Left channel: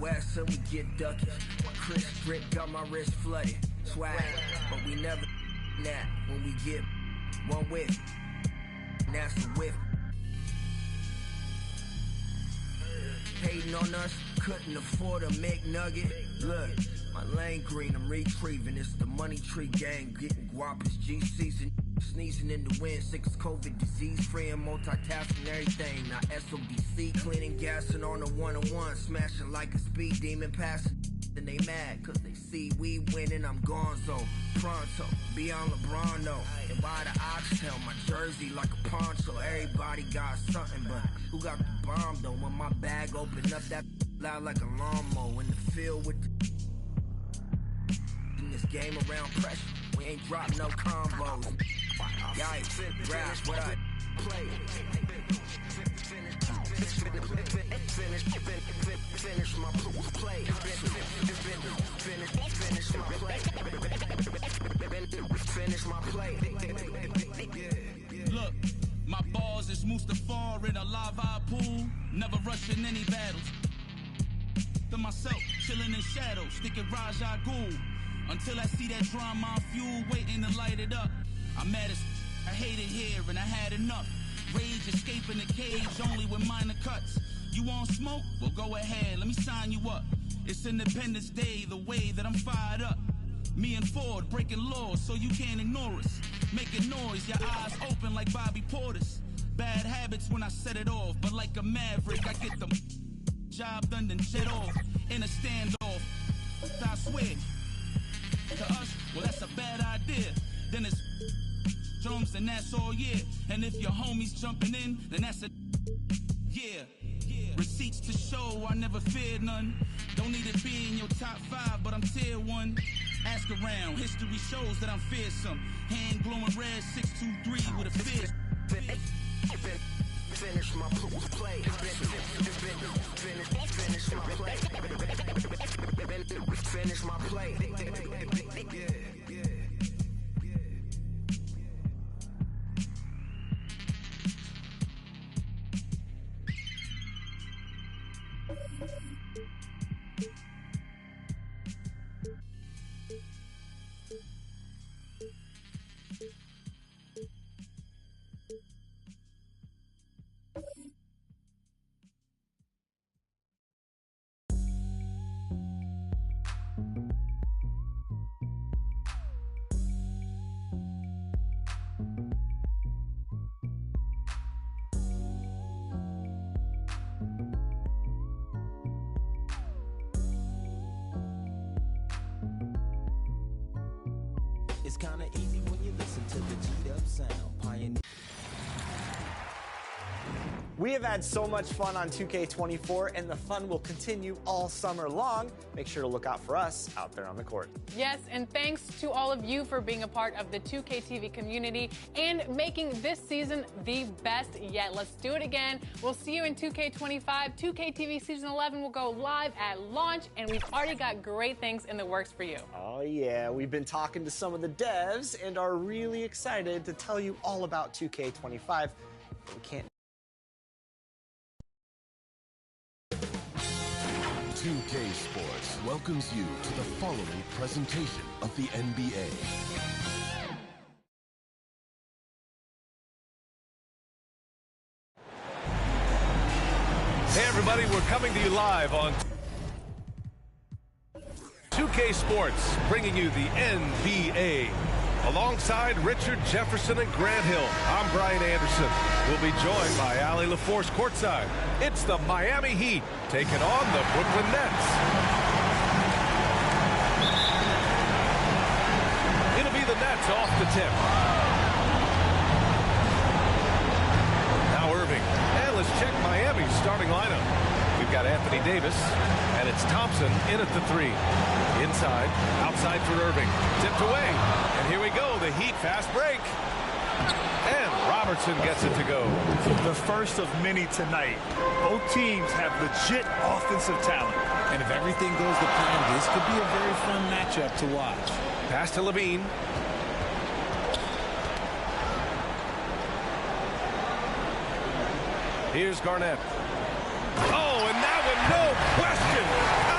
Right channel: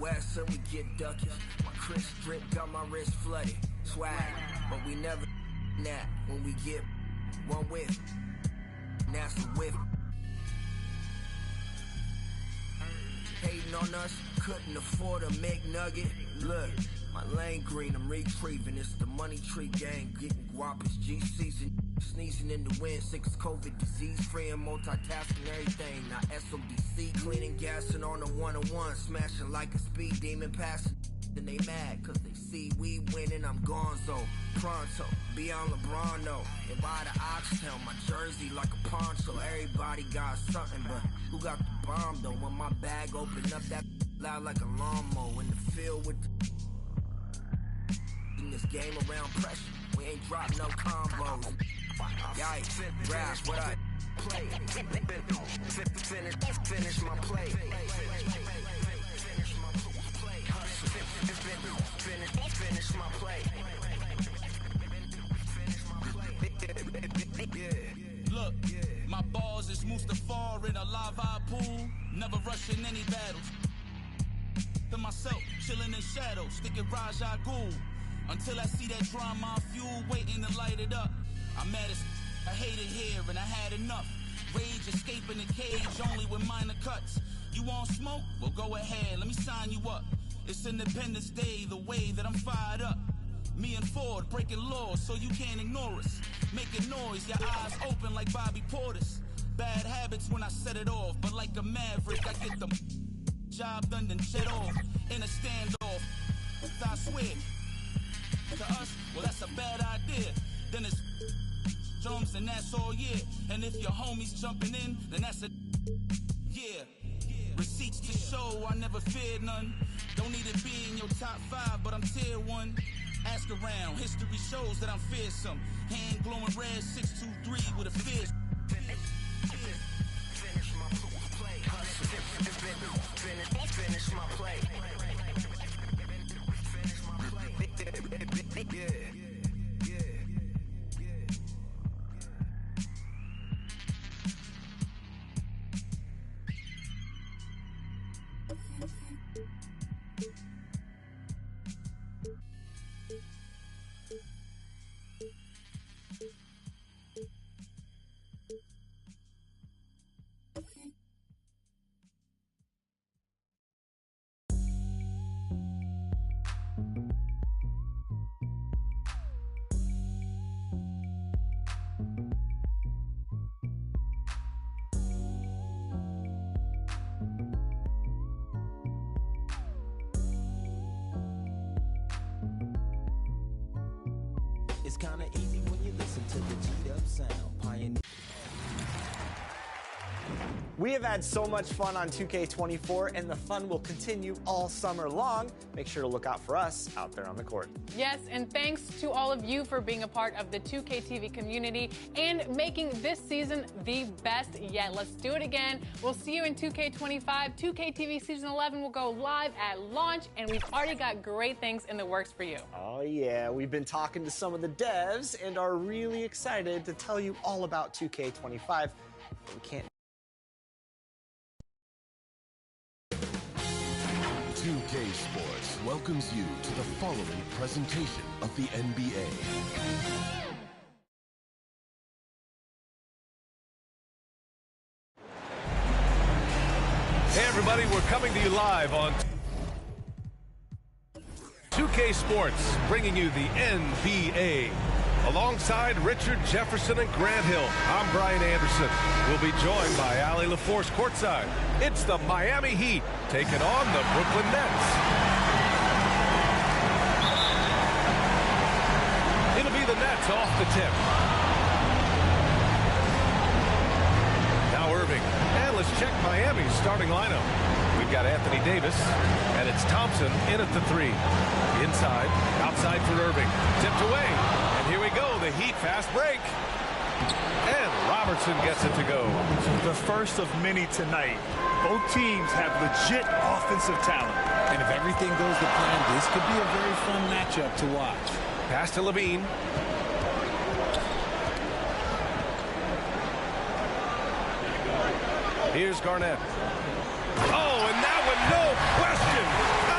West and we get duckies. My crisp drip got my wrist flooded. Swag, but we never that when we get one whiff. That's the whiff. Hating on us, couldn't afford a McNugget. Look, my lane green, I'm retrieving. It's the money tree gang, getting guap, it's G season. Sneezing in the wind, sick as COVID, disease free and multitasking everything. Now SODC, cleaning, gassing on the one-on-one, smashing like a speed demon, passing. Then they mad, cause they see we winning, I'm gonzo. Pronto, beyond LeBron though. And by the oxtail, my jersey like a poncho. Everybody got something, but who got the bomb though? When my bag open up, that loud like a lawnmower. In the field with the in this game around pressure, we ain't dropping no combos. Yikes, rap, what I play. Finish my play. Finish my play. Finish my play. Finish my play. Look, my balls is Mustafar in a lava pool. Never rushing any battles. To myself, chilling in shadows, sticking Raja Ghul. Until I see that drama on fuel waiting to light it up. I'm mad as I hate it here and I had enough. Rage escaping the cage only with minor cuts. You want smoke? Well go ahead, let me sign you up. It's Independence Day, the way that I'm fired up. Me and Ford breaking laws so you can't ignore us. Making noise, your eyes open like Bobby Portis. Bad habits when I set it off, but like a maverick I get the job done then jet off. In a standoff, I swear. To us, well that's a bad idea. Then it's drums and that's all year. And if your homies jumping in, then that's a yeah. Receipts to show I never feared none. Don't need to be in your top 5, but I'm tier 1. Ask around, history shows that I'm fearsome. Hand glowing red 623 with a fist. Finish my play. Finish my play. Finish my play. Yeah. It's kinda easy when you listen to the G'd up sound. Pioneer. We have had so much fun on 2K24, and the fun will continue all summer long. Make sure to look out for us out there on the court. Yes, and thanks to all of you for being a part of the 2K TV community and making this season the best yet. Let's do it again. We'll see you in 2K25. 2K TV Season 11 will go live at launch, and we've already got great things in the works for you. Oh, yeah. We've been talking to some of the devs and are really excited to tell you all about 2K25. But we can't. 2K Sports welcomes you to the following presentation of the NBA. Hey everybody, we're coming to you live on 2K Sports, bringing you the NBA. Alongside Richard Jefferson and Grant Hill, I'm Brian Anderson. We'll be joined by Ali LaForce courtside. It's the Miami Heat taking on the Brooklyn Nets. It'll be the Nets off the tip. Now Irving. And let's check Miami's starting lineup. We've got Anthony Davis, and it's Thompson in at the 3. Inside, outside for Irving. Tipped away, and here we go, the Heat fast break. And Robertson gets it to go. The first of many tonight. Both teams have legit offensive talent. And if everything goes to plan, this could be a very fun matchup to watch. Pass to Levine. Here's Garnett. Oh, and that one, no question.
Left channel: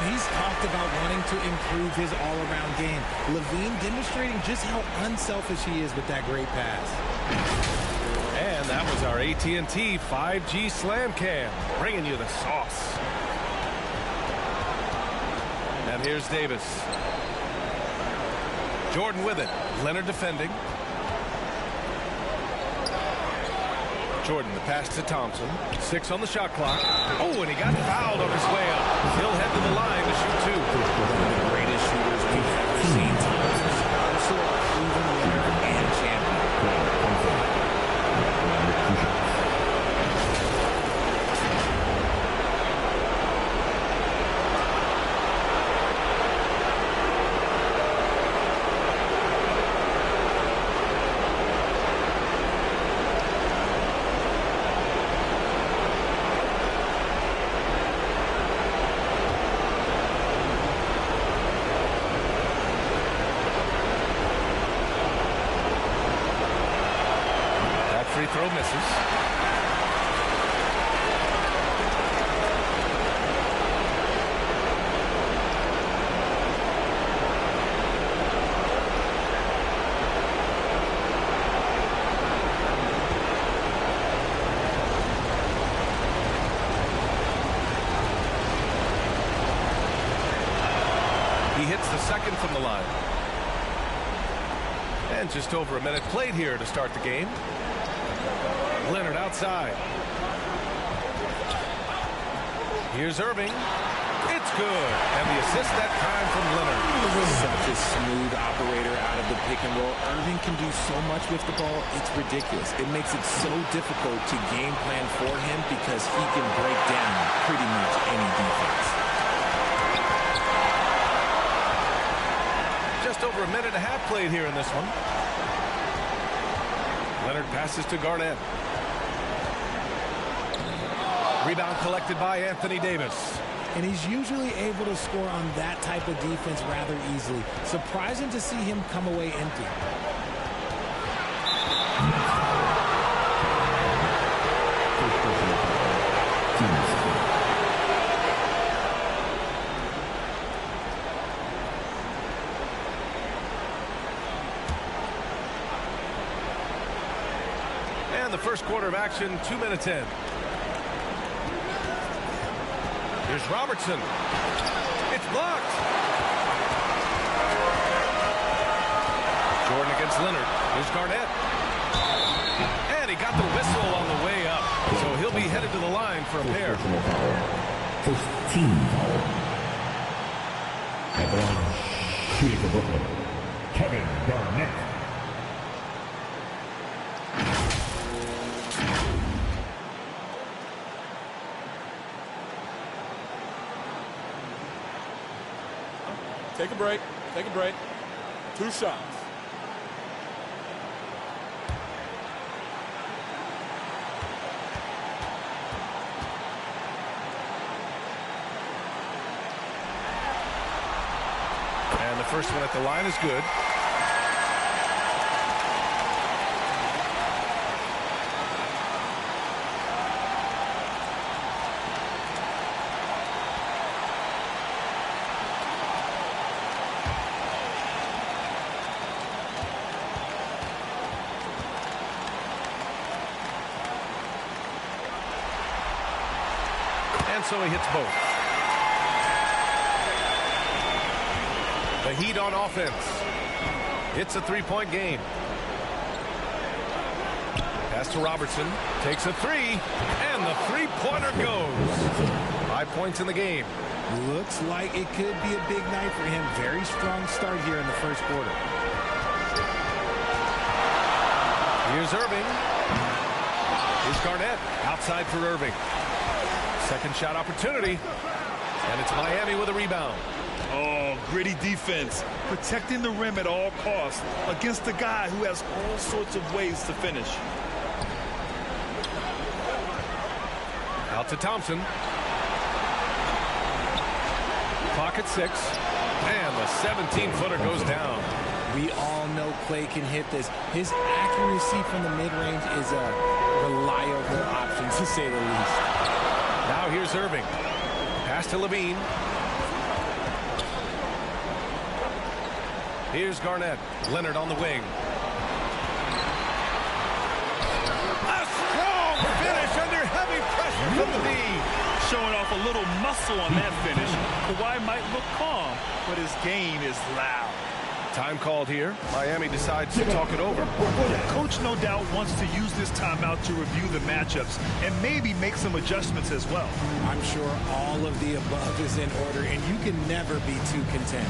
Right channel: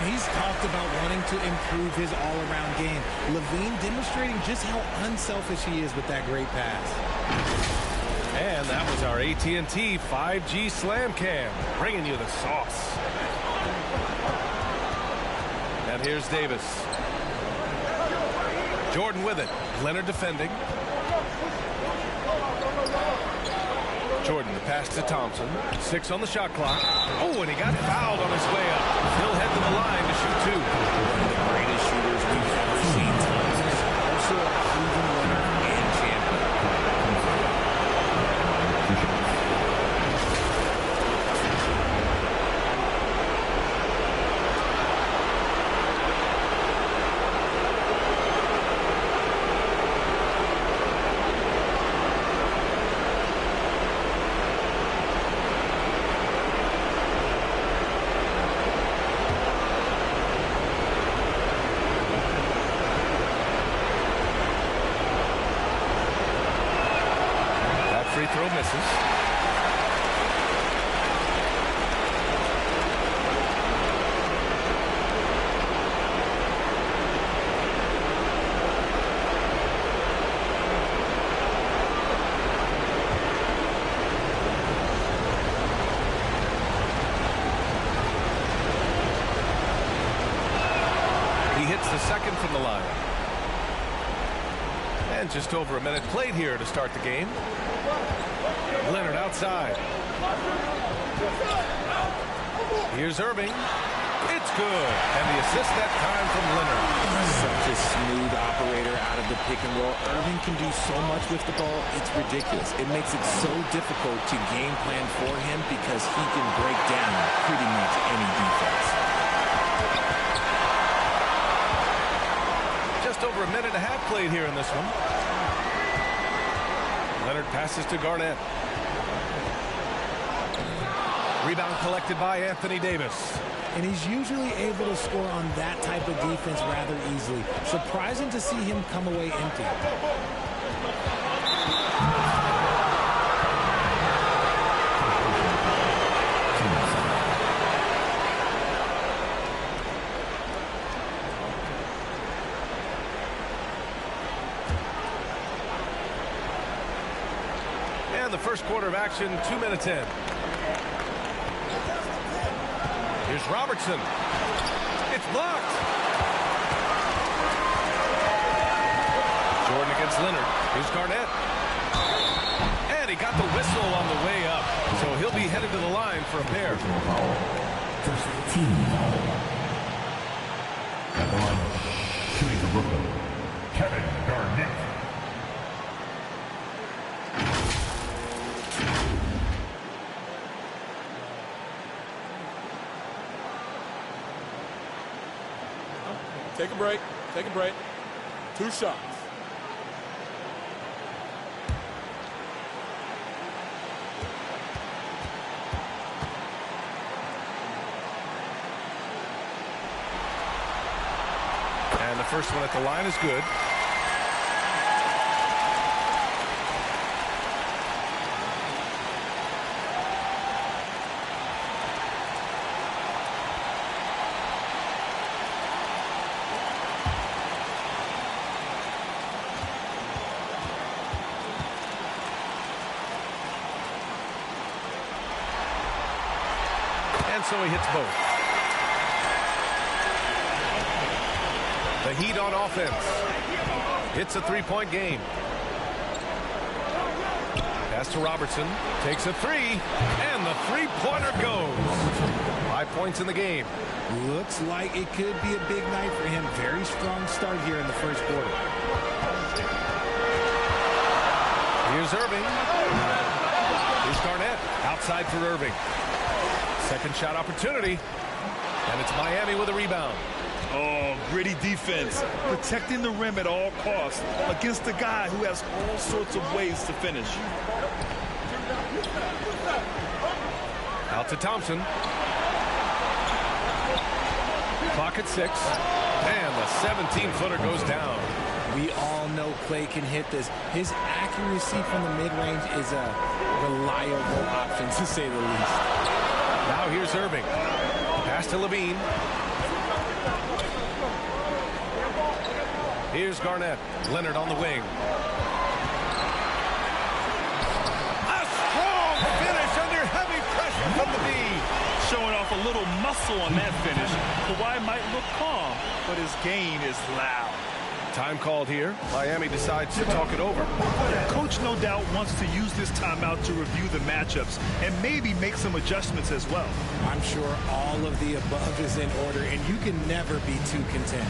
And he's talked about wanting to improve his all-around game. Levine demonstrating just how unselfish he is with that great pass. And that was our AT&T 5G Slam Cam, bringing you the sauce. And here's Davis. Jordan with it. Leonard defending. Jordan, the pass to Thompson. 6 on the shot clock. Oh, and he got fouled on his way up. He'll head to the line to shoot 2. One of the greatest shooters we've ever seen. Thompson is also a proven winner and champion. Free throw misses. He hits the second from the line. And just over a minute played here to start the game. Leonard outside. Here's Irving. It's good. And the assist that time from Leonard. Such a smooth operator out of the pick and roll. Irving can do so much with the ball. It's ridiculous. It makes it so difficult to game plan for him because he can break down pretty much any defense. Just over a minute and a half played here in this one. Leonard passes to Garnett. Rebound collected by Anthony Davis. And he's usually able to score on that type of defense rather easily. Surprising to see him come away empty. And the first quarter of action, 2 minutes in. Here's Robertson. It's blocked. Jordan against Leonard. Here's Garnett. And he got the whistle on the way up. So he'll be headed to the line for a pair. Personal foul. First team foul. At the line, shooting for Brooklyn, Kevin Garnett. Take a break. Take a break. 2 shots. And the first one at the line is good. And so he hits both. The Heat on offense. It's a 3-point game. Pass to Robertson. Takes a 3. And the 3-pointer goes. 5 points in the game. Looks like it could be a big night for him. Very strong start here in the first quarter. Here's Irving. Here's Garnett. Outside for Irving. Second shot opportunity. And it's Miami with a rebound. Oh, gritty defense. Protecting the rim at all costs against a guy who has all sorts of ways to finish. Out to Thompson. Clock at 6. And the 17-footer goes down. We all know Clay can hit this. His accuracy from the mid-range is a reliable option, to say the least. Now here's Irving. Pass to Levine. Here's Garnett. Leonard on the wing. A strong finish under heavy pressure from the D. Showing off a little muscle on that finish. Kawhi might look calm, but his game is loud. Time called here. Miami decides to talk it over. Coach no doubt wants to use this timeout to review the matchups and maybe make some adjustments as well. I'm sure all of the above is in order, and you can never be too content.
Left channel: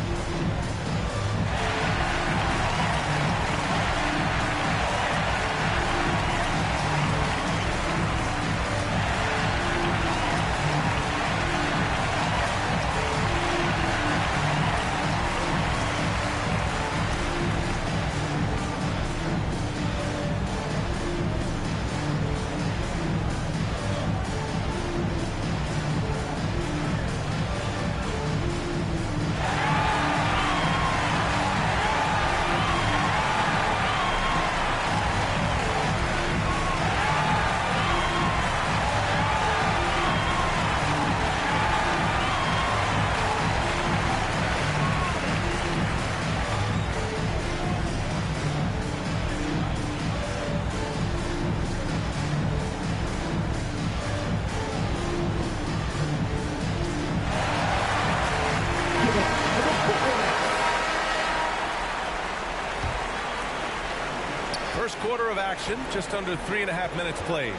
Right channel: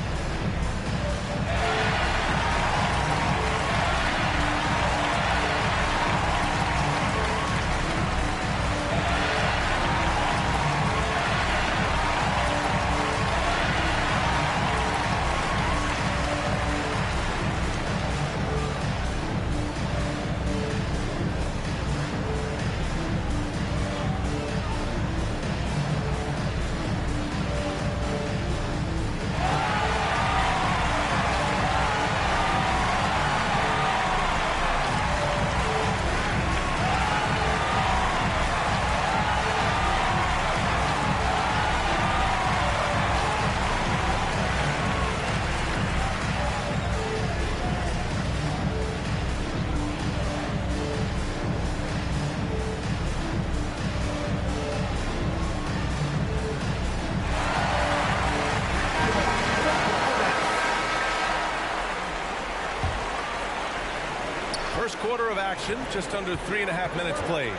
First quarter of action, just under 3.5 minutes played.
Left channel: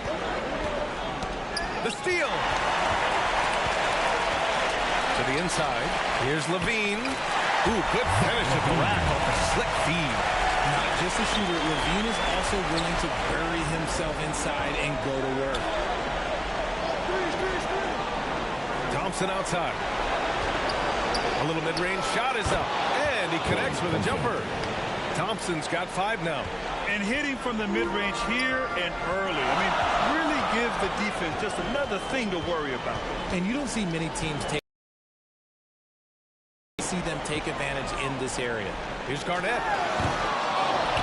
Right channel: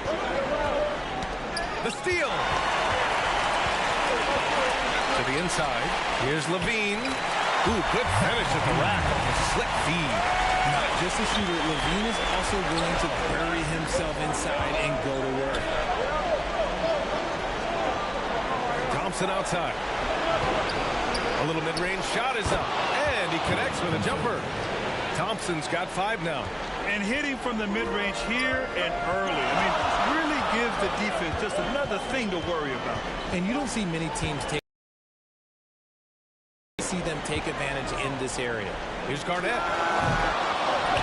The steal. To the inside. Here's Levine. Ooh, good finish at the rack off the slick feed. Not just a shooter, Levine is also willing to bury himself inside and go to work. Thompson outside. A little mid-range shot is up, and he connects with a jumper. Thompson's got 5 now. And hitting from the mid-range here and early. I mean, really gives the defense just another thing to worry about. And you don't see many teams see them take advantage in this area. Here's Garnett.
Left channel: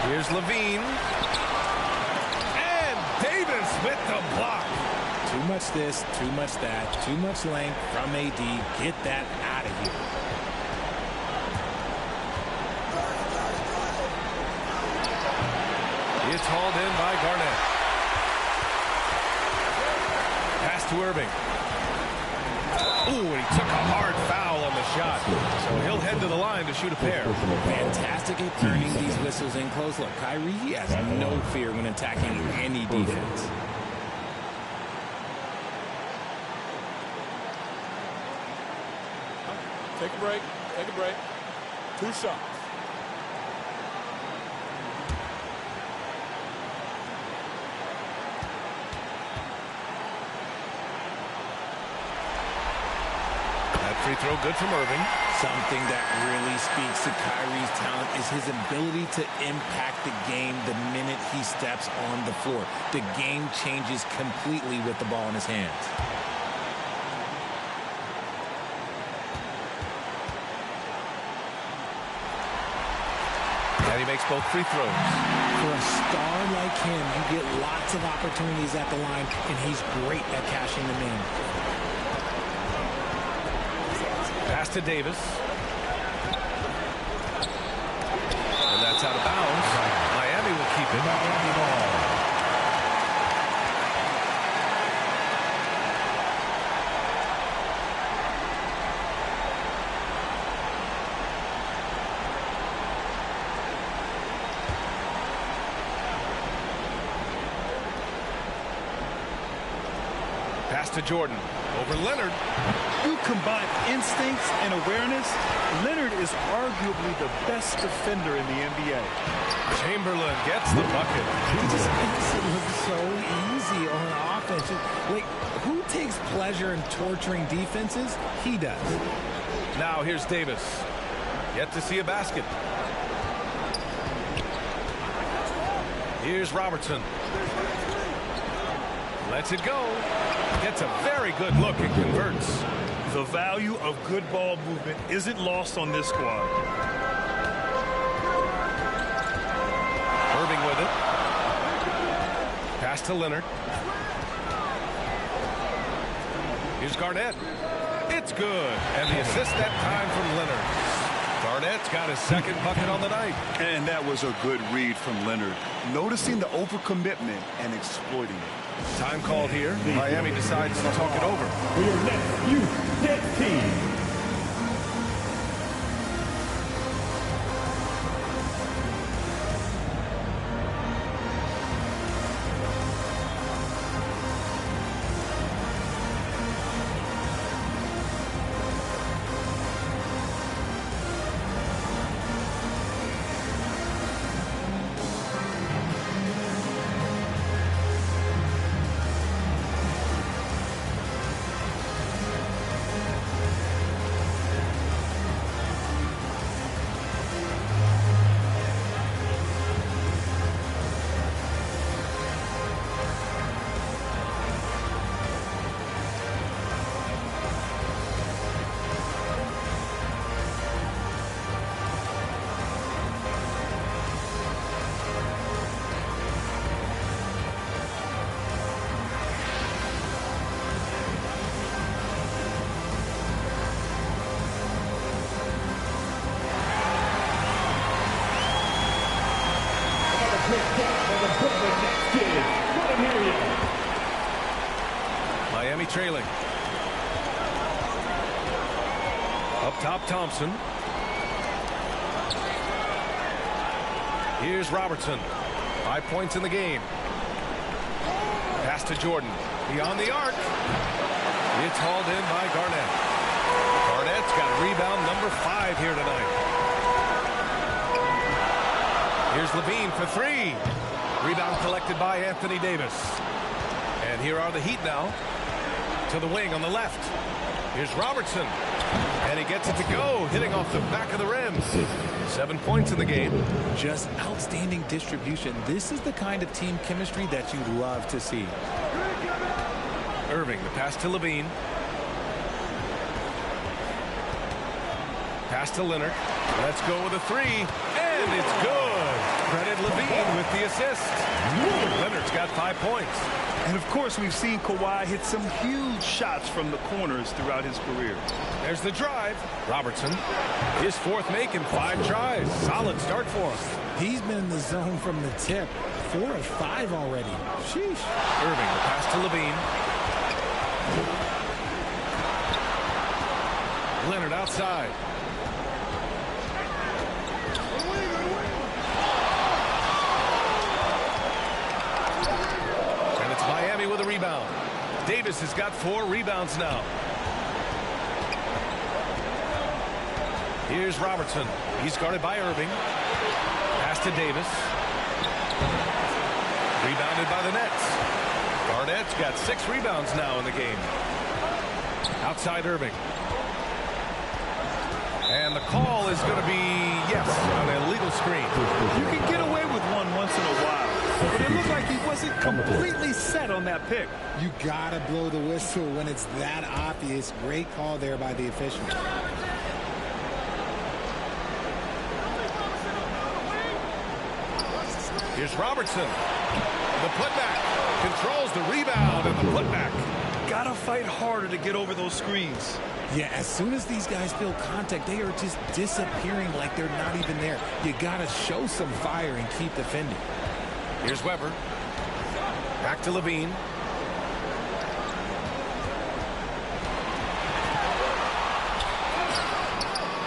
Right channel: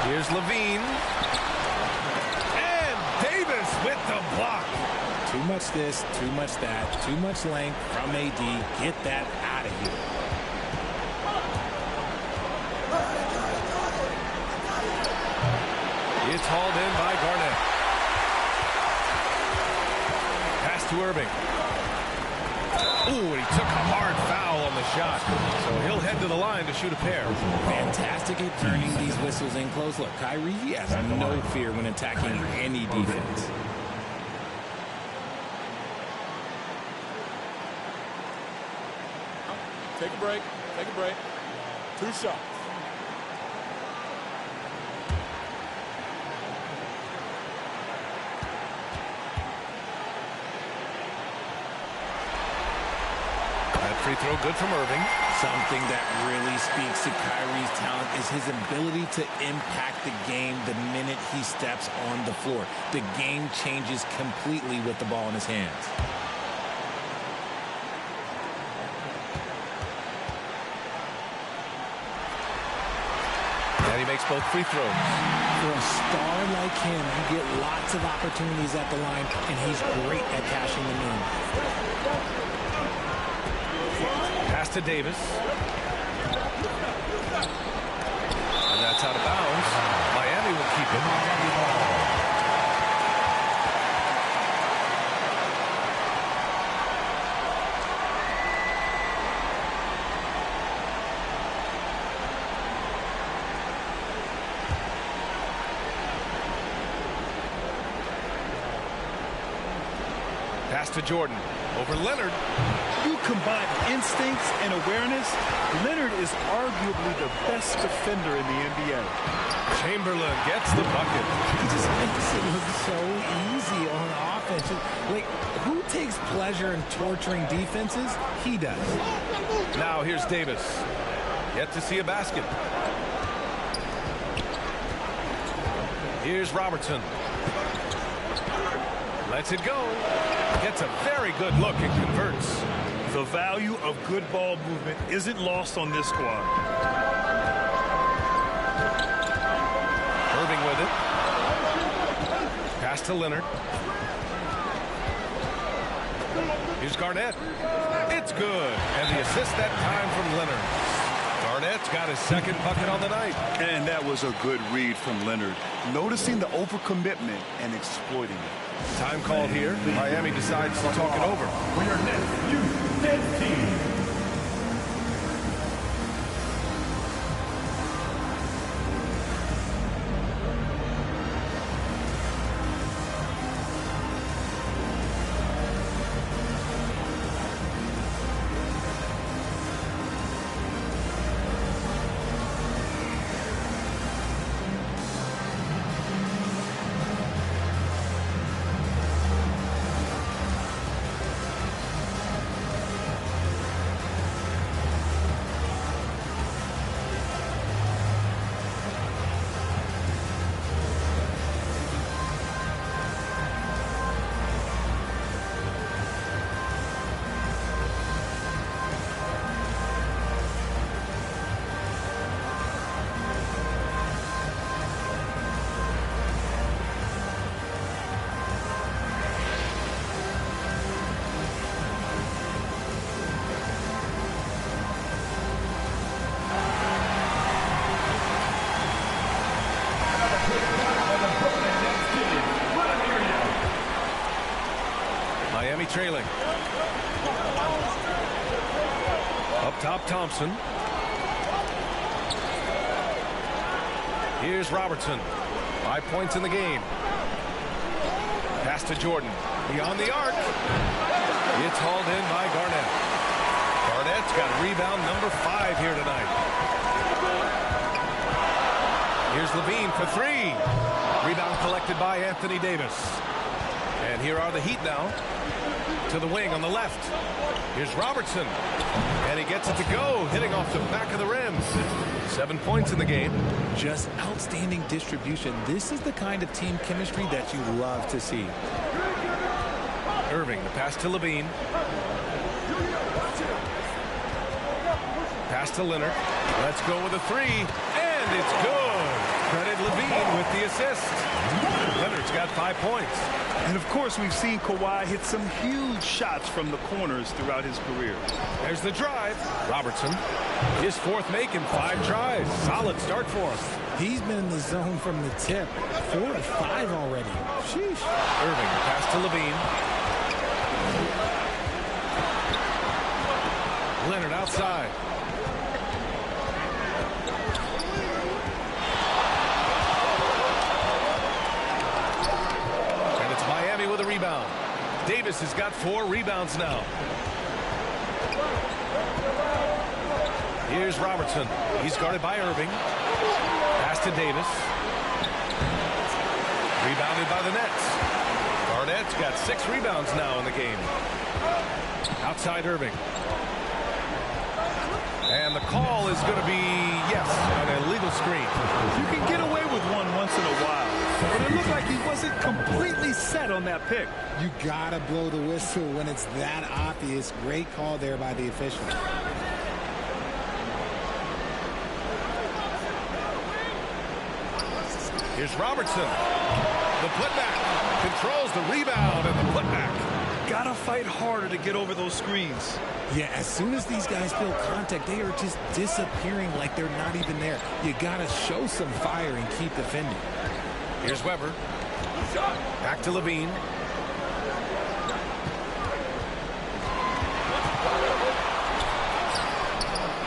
Here's Levine. And Davis with the block. Too much this, too much that, too much length from AD. Get that out of here. It's hauled in by Garnett. Pass to Irving. Ooh, and he took a hard foul on the shot. So he'll head to the line to shoot a pair. Fantastic at turning these whistles in close. Look, Kyrie, he has no fear when attacking any defense. Take a break. Take a break. 2 shots. That free throw good from Irving. Something that really speaks to Kyrie's talent is his ability to impact the game the minute he steps on the floor. The game changes completely with the ball in his hands. And he makes both free throws. For a star like him, you get lots of opportunities at the line, and he's great at cashing them in. Pass to Davis. And that's out of bounds. Miami will keep it. Pass to Jordan. Over Leonard. You combine instincts and awareness, Leonard is arguably the best defender in the NBA. Chamberlain gets the bucket. He just makes it look so easy on offense. Like, who takes pleasure in torturing defenses? He does. Now here's Davis. Yet to see a basket. Here's Robertson. Lets it go. Gets a very good look and converts. The value of good ball movement isn't lost on this squad. Irving with it. Pass to Leonard. Here's Garnett. It's good. And the assist that time from Leonard. Garnett's got his second bucket on the night. And that was a good read from Leonard. Noticing the overcommitment and exploiting it. Time called here. Miami decides to talk it over. For your next youth dead team. Miami trailing. Up top, Thompson. Here's Robertson. 5 points in the game. Pass to Jordan. Beyond the arc. It's hauled in by Garnett. Garnett's got rebound number 5 here tonight. Here's Levine for 3. Rebound collected by Anthony Davis. And here are the Heat now. To the wing on the left. Here's Robertson. And he gets it to go, hitting off the back of the rim. 7 points in the game. Just outstanding distribution. This is the kind of team chemistry that you love to see. Irving, the pass to Levine. Pass to Leonard. Let's go with a 3. And it's good. Credit Levine with the assist. Leonard's got 5 points. And of course, we've seen Kawhi hit some huge shots from the corners throughout his career. There's the drive. Robertson, his 4th make in 5 tries. Solid start for him. He's been in the zone from the tip. 4 of 5 already. Sheesh. Irving, the pass to Levine. Leonard outside. Miami with a rebound. Davis has got 4 rebounds now. Here's Robertson. He's guarded by Irving. Pass to Davis. Rebounded by the Nets. Garnett's got 6 rebounds now in the game. Outside Irving. And the call is going to be, yes, an illegal screen. You can get away with one once in a while. But it looked like he wasn't completely set on that pick. You gotta blow the whistle when it's that obvious. Great call there by the official. Here's Robertson. The putback. Controls the rebound and the putback. Gotta fight harder to get over those screens. Yeah, as soon as these guys feel contact, they are just disappearing like they're not even there. You gotta show some fire and keep defending. Here's Weber. Back to Levine.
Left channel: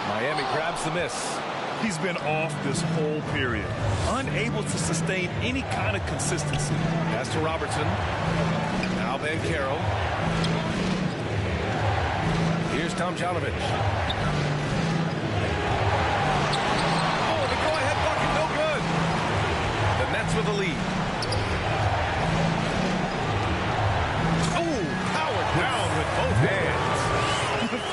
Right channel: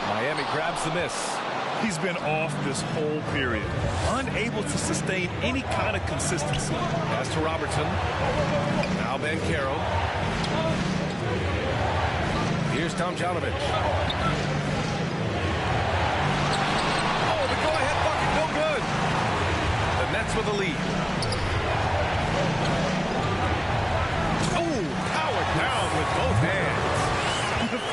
Miami grabs the miss. He's been off this whole period. Unable to sustain any kind of consistency. Pass to Robertson. Now Bankero. Here's Tomjanovich. Oh, the go-ahead bucket, no good. The Nets with the lead. Oh, powered down with both hands.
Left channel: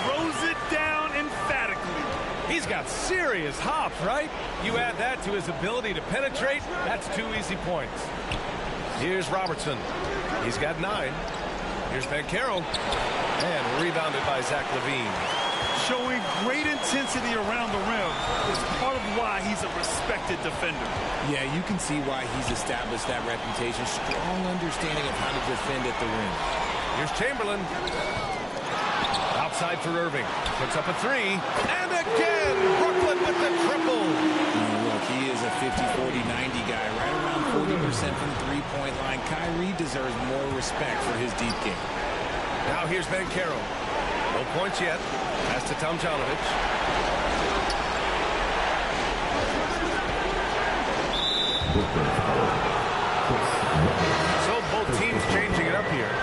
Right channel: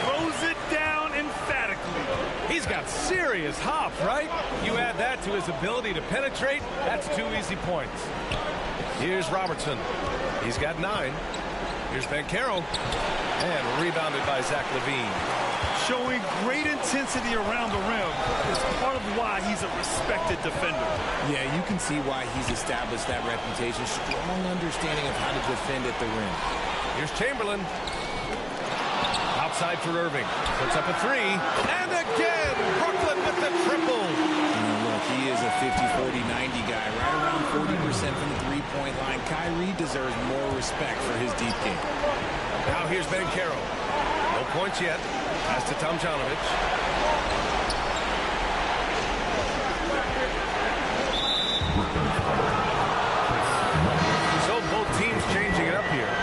Throws it down emphatically. He's got serious hops, right? You add that to his ability to penetrate, that's 2 easy points. Here's Robertson. He's got 9. Here's Bankero. And rebounded by Zach LaVine. Showing great intensity around the rim is part of why he's a respected defender. Yeah, you can see why he's established that reputation. Strong understanding of how to defend at the rim. Here's Chamberlain. Outside for Irving. Puts up a three. And again, Brooklyn with the triple. Look, he is a 50-40-90 guy, right around 40% from the three-point line. Kyrie deserves more respect for his deep game. Now here's Banchero. No points yet. Pass to Tomjanovich. So both teams changing it up here.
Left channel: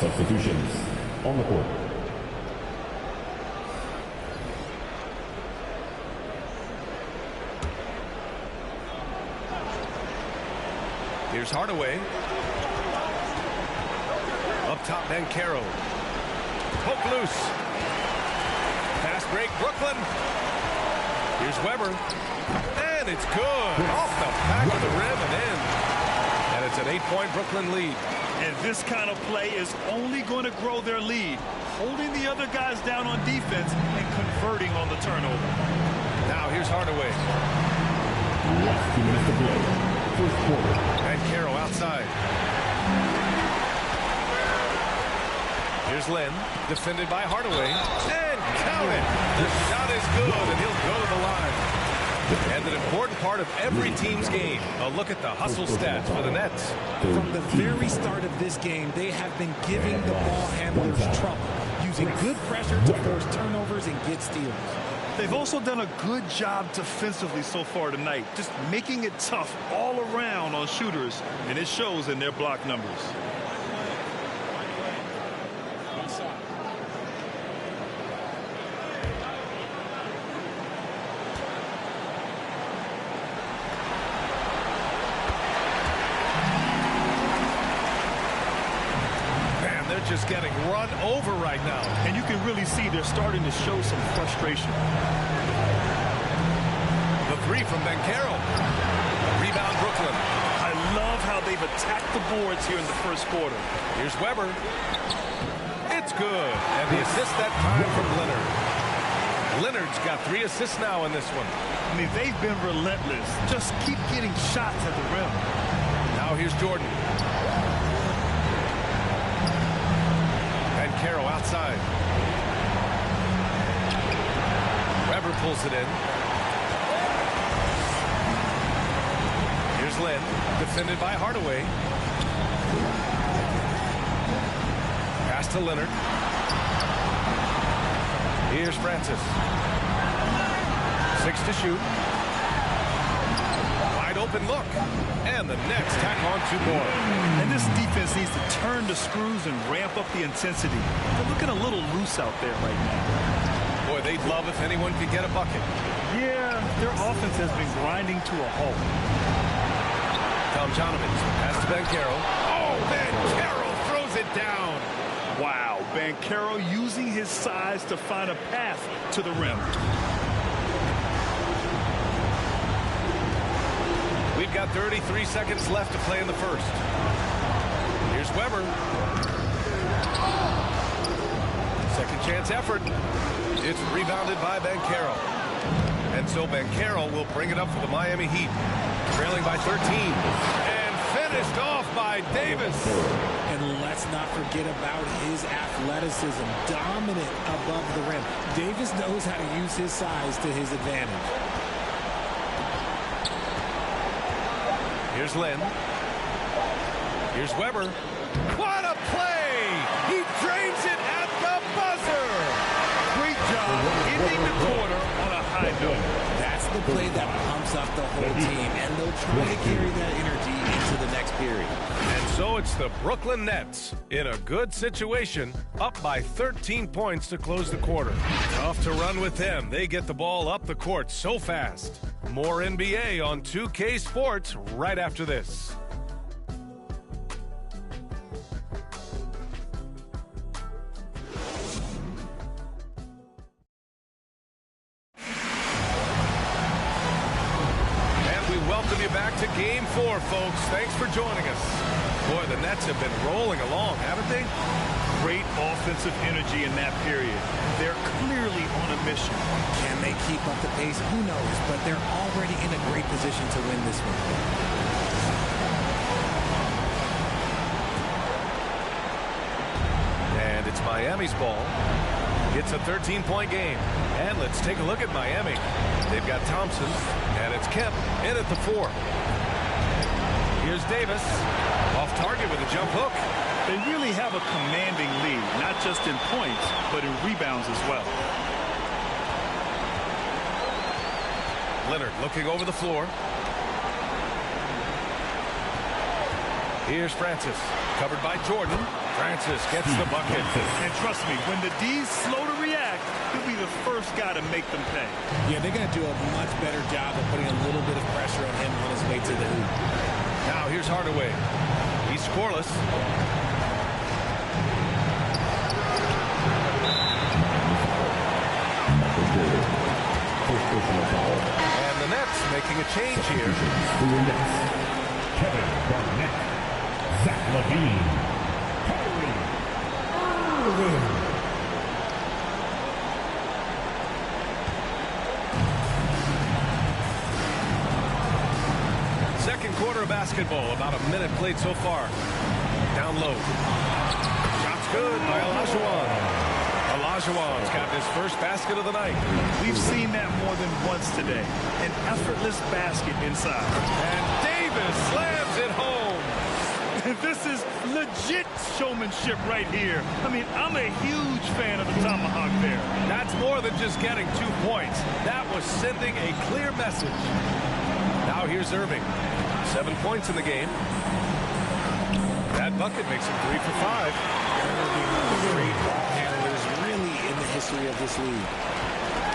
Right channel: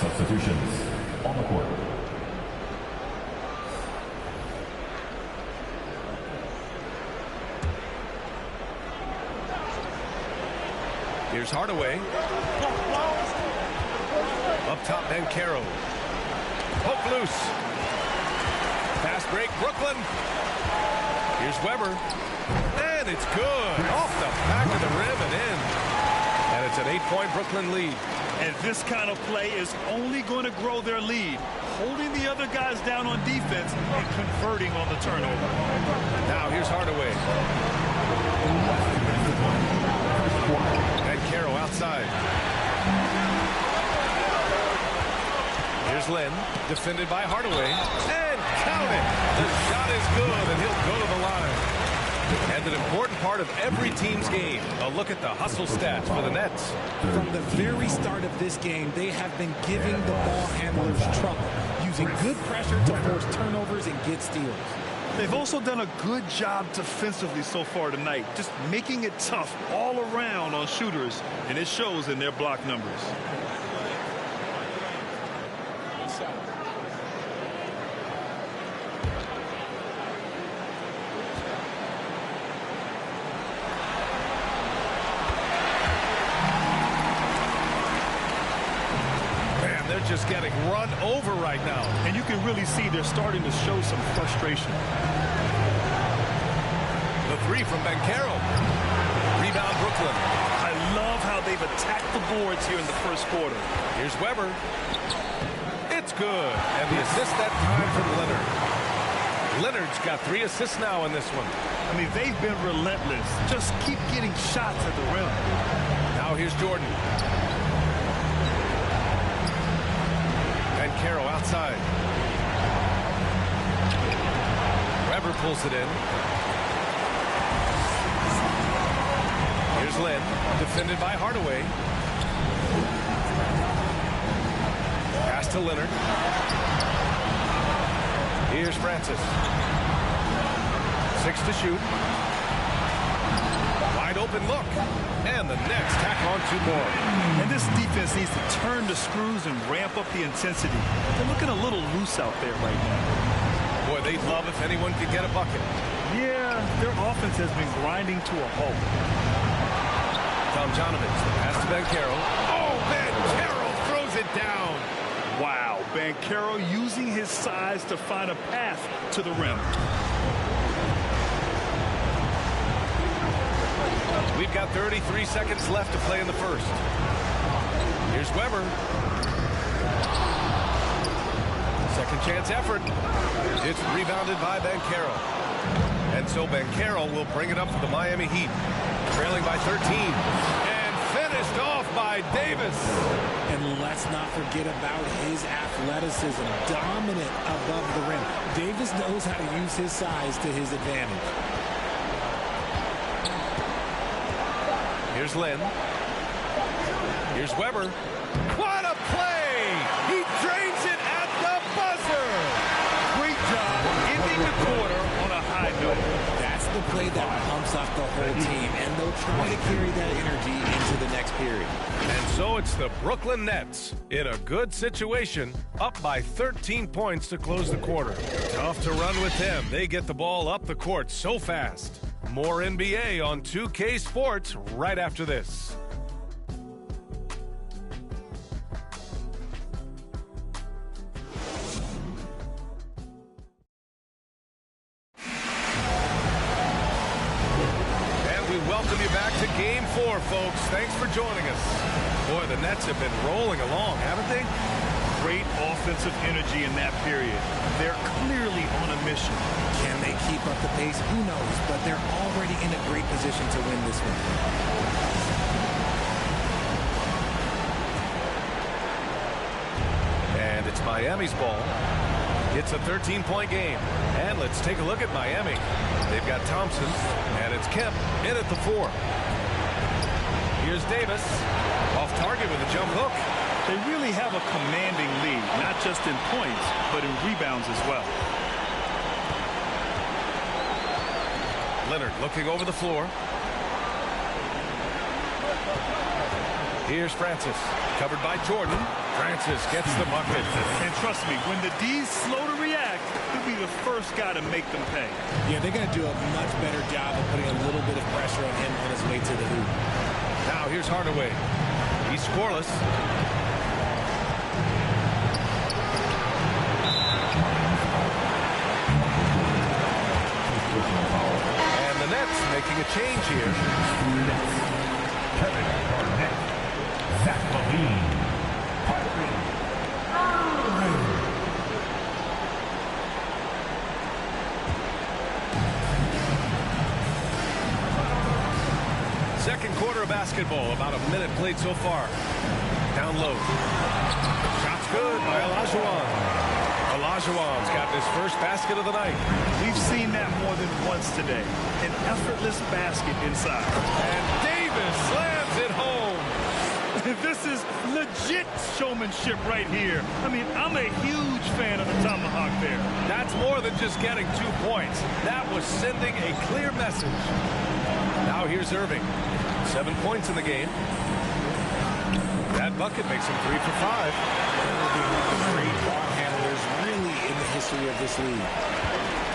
Substitutions on the court. Here's Hardaway. Up top, Banchero. Poke loose. Fast break, Brooklyn. Here's Weber. And it's good. Off the back of the rim and in. And it's an 8-point Brooklyn lead. And this kind of play is only going to grow their lead, holding the other guys down on defense and converting on the turnover. Now here's Hardaway. Last 2 minutes to play. First quarter. Banchero outside. Here's Lynn, defended by Hardaway. And count it. The shot is good, and he'll go to the line. And an important part of every team's game. A look at the hustle stats for the Nets. From the very start of this game, they have been giving the ball handlers trouble, using good pressure to force turnovers and get steals. They've also done a good job defensively so far tonight, just making it tough all around on shooters, and it shows in their block numbers. They're just getting run over right now. And you can really see they're starting to show some frustration. The three from Banchero. Rebound Brooklyn. I love how they've attacked the boards here in the first quarter. Here's Weber. It's good. And the assist that time from Leonard. Leonard's got 3 assists now in this one. I mean, they've been relentless. Just keep getting shots at the rim. Now here's Jordan. Banchero outside. Weber pulls it in. Here's Lynn, defended by Hardaway. Pass to Leonard. Here's Francis. 6 to shoot. Wide open look. And the Nets tack on 2 more. And this defense needs to turn the screws and ramp up the intensity. They're looking a little loose out there right now. Boy, they'd love if anyone could get a bucket. Yeah, their offense has been grinding to a halt. Tomjanovich, the pass to Banchero. Oh, Banchero throws it down. Wow, Banchero using his size to find a path to the rim. We've got 33 seconds left to play in the first. Here's Weber. Second chance effort. It's rebounded by Banchero. And so Banchero will bring it up for the Miami Heat. Trailing by 13. And finished off by Davis. And let's not forget about his athleticism. Dominant above the rim. Davis knows how to use his size to his advantage. Here's Lynn. Here's Weber. What a play! He drains it at the buzzer! Great job ending the quarter on a high note. That's the play that pumps up the whole team, and they'll try to carry that energy into the next period. And so it's the Brooklyn Nets in a good situation, up by 13 points to close the quarter. Tough to run with them. They get the ball up the court so fast. More NBA on 2K Sports right after this. And we welcome you back to Game 4, folks. Thanks for joining us. Boy, the Nets have been rolling along, haven't they? Great offensive energy in that period. They're clearly on a mission. Can they keep up the pace? Who knows? But they're already in a great position to win this one. And it's Miami's ball. It's a 13-point game. And let's take a look at Miami. They've got Thompson, and it's Kemp in at the 4. Here's Davis, off target with a jump hook. They really have a commanding lead, not just in points, but in rebounds as well. Leonard looking over the floor. Here's Francis, covered by Jordan. Francis gets the bucket. And trust me, when the D's slow to react, he'll be the first guy to make them pay. Yeah, they're going to do a much better job of putting a little bit of pressure on him on his way to the hoop. Now here's Hardaway. He's scoreless. And the Nets making a change here. Kevin Garnett, Zach LaVine, Kyrie Irving. Second quarter of basketball, about a minute played so far. Down low. Shot's good by Olajuwon. Olajuwon's gotten his first basket of the night. We've seen that more than once today. An effortless basket inside. And Davis slams it home. This is legit showmanship right here. I mean, I'm a huge fan of the tomahawk there. That's more than just getting 2 points. That was sending a clear message. Now here's Irving. 7 points in the game. That bucket makes him 3 for 5. Irving, one of the great ball handlers really in the history of this league.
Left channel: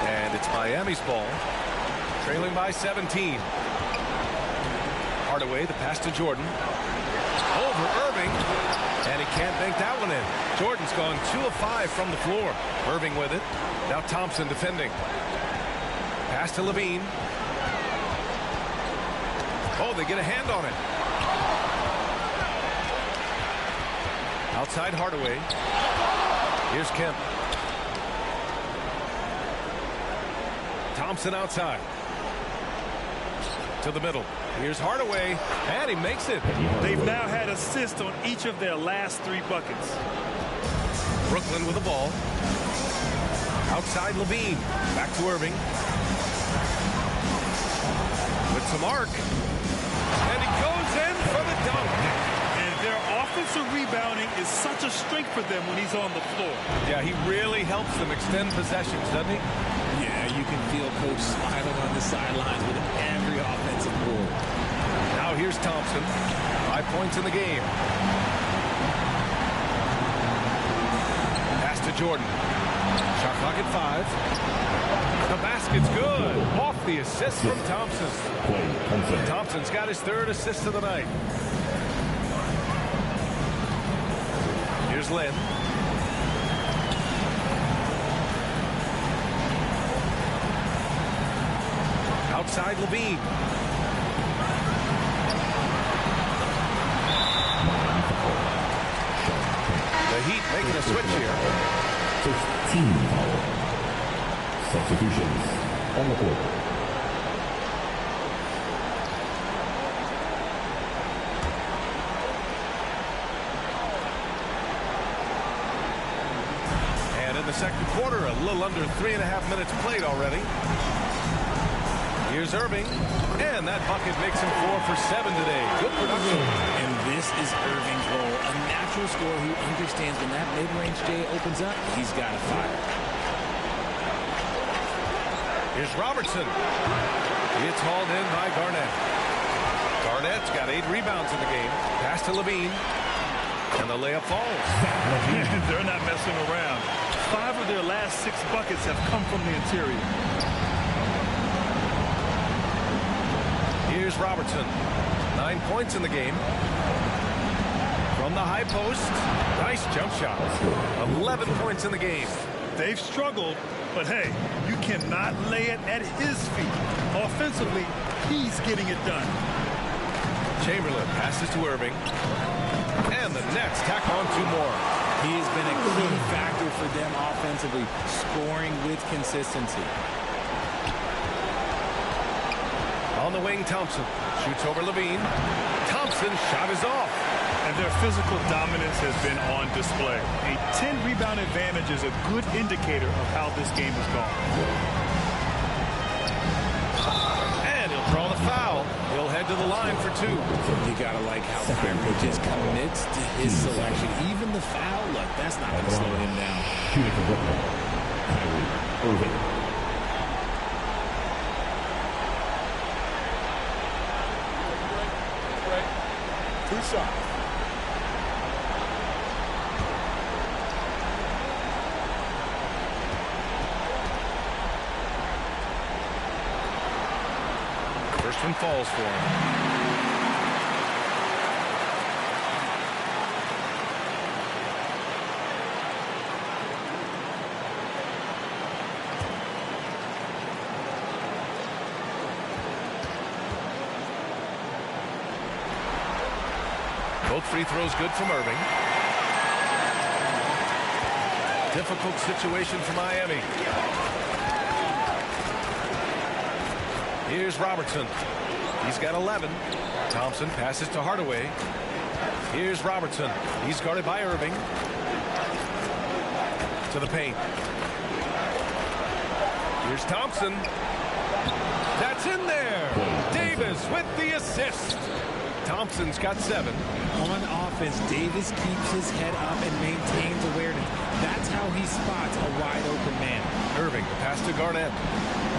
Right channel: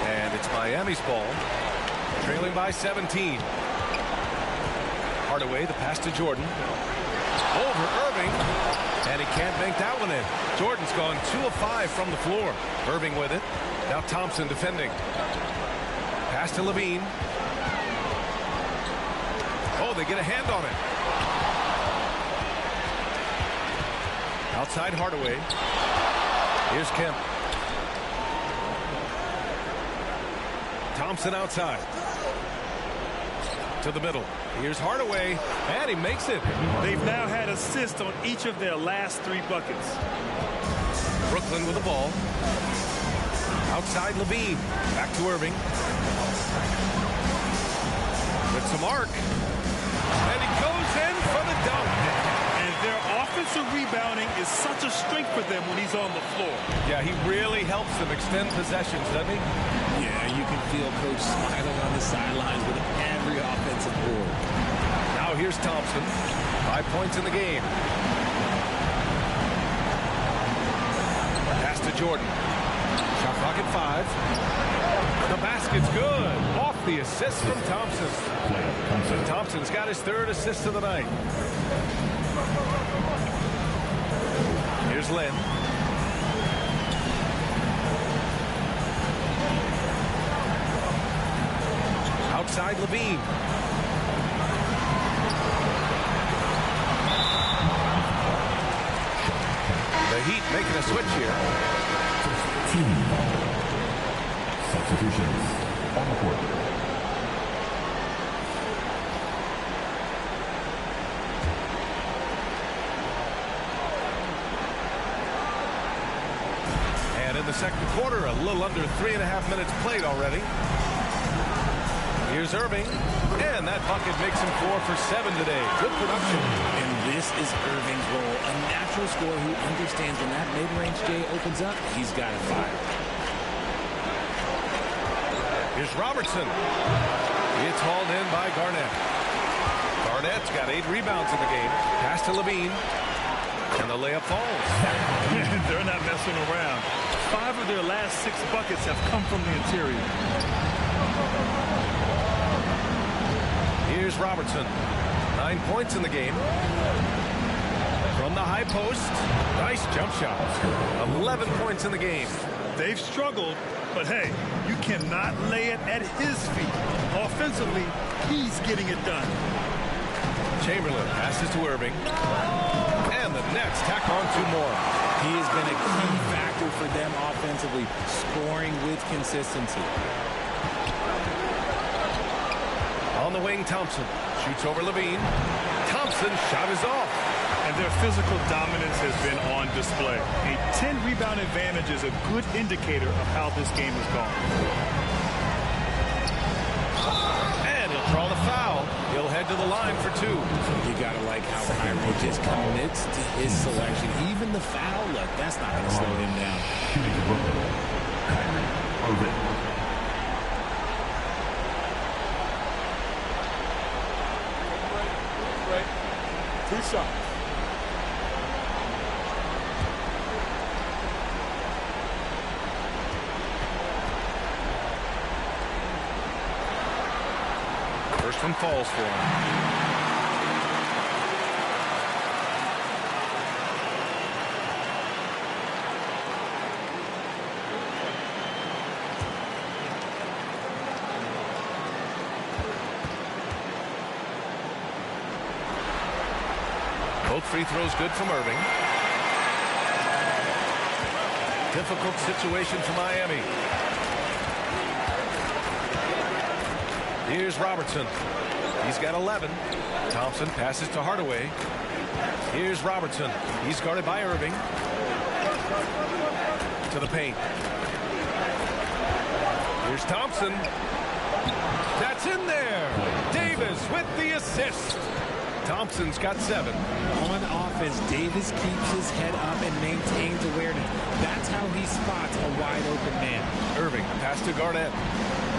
And it's Miami's ball. Trailing by 17. Hardaway, the pass to Jordan. Over Irving. And he can't bank that one in. Jordan's gone 2 of 5 from the floor. Irving with it. Now Thompson defending. Pass to LaVine. Oh, they get a hand on it. Outside Hardaway. Here's Kemp. Thompson outside. To the middle. Here's Hardaway. And he makes it. They've now had assists on each of their last 3 buckets. Brooklyn with the ball. Outside LaVine. Back to Irving. With some arc. And he goes in for the dunk. And their offensive rebounding is such a strength for them when he's on the floor. Yeah, he really helps them extend possessions, doesn't he? Yeah, you can feel Coach smiling on the sidelines with every offensive board. Now here's Thompson. 5 points in the game. Pass to Jordan. Shot clock at 5. The basket's good. Off the assist from Thompson. Thompson's got his 3rd assist of the night. Here's Len. Outside LaVine. The Heat making a switch here. First team foul. Substitutions on the court. And in the second quarter, a little under 3.5 minutes played already. Here's Irving, and that bucket makes him 4 for 7 today. Good production. And this is Irving's role, a natural scorer who understands when that mid-range J opens up, he's got to fire. Here's Robertson. It's hauled in by Garnett. Garnett's got 8 rebounds in the game. Pass to LaVine. And the layup falls. They're not messing around. 5 of their last 6 buckets have come from the interior. Here's Robertson. 9 points in the game. From the high post. Nice jump shot. 11 points in the game. They've struggled, but hey, you cannot lay it at his feet. Offensively, he's getting it done. Chamberlain passes to Irving. And the Nets tack on 2 more. He has been a key factor for them offensively, scoring with consistency. On the wing, Thompson shoots over LaVine. Thompson's shot is off. and their physical dominance has been on display. A 10-rebound advantage is a good indicator of how this game has gone. And he'll draw the foul. He'll head to the line for 2. You got to like how Kyrie just commits to his selection. Even the foul, look, that's not going to slow him down. Shooting for Brooklyn, Kyrie Irving. Take a break. 2 shots. First one falls for him. Both free throws good from Irving. Difficult situation for Miami. Here's Robertson. He's got 11. Thompson passes to Hardaway. Here's Robertson. He's guarded by Irving. To the paint. Here's Thompson. That's in there. Davis with the assist. Thompson's got 7. On offense, Davis keeps his head up and maintains awareness. That's how he spots a wide open man. Irving, the pass to Garnett.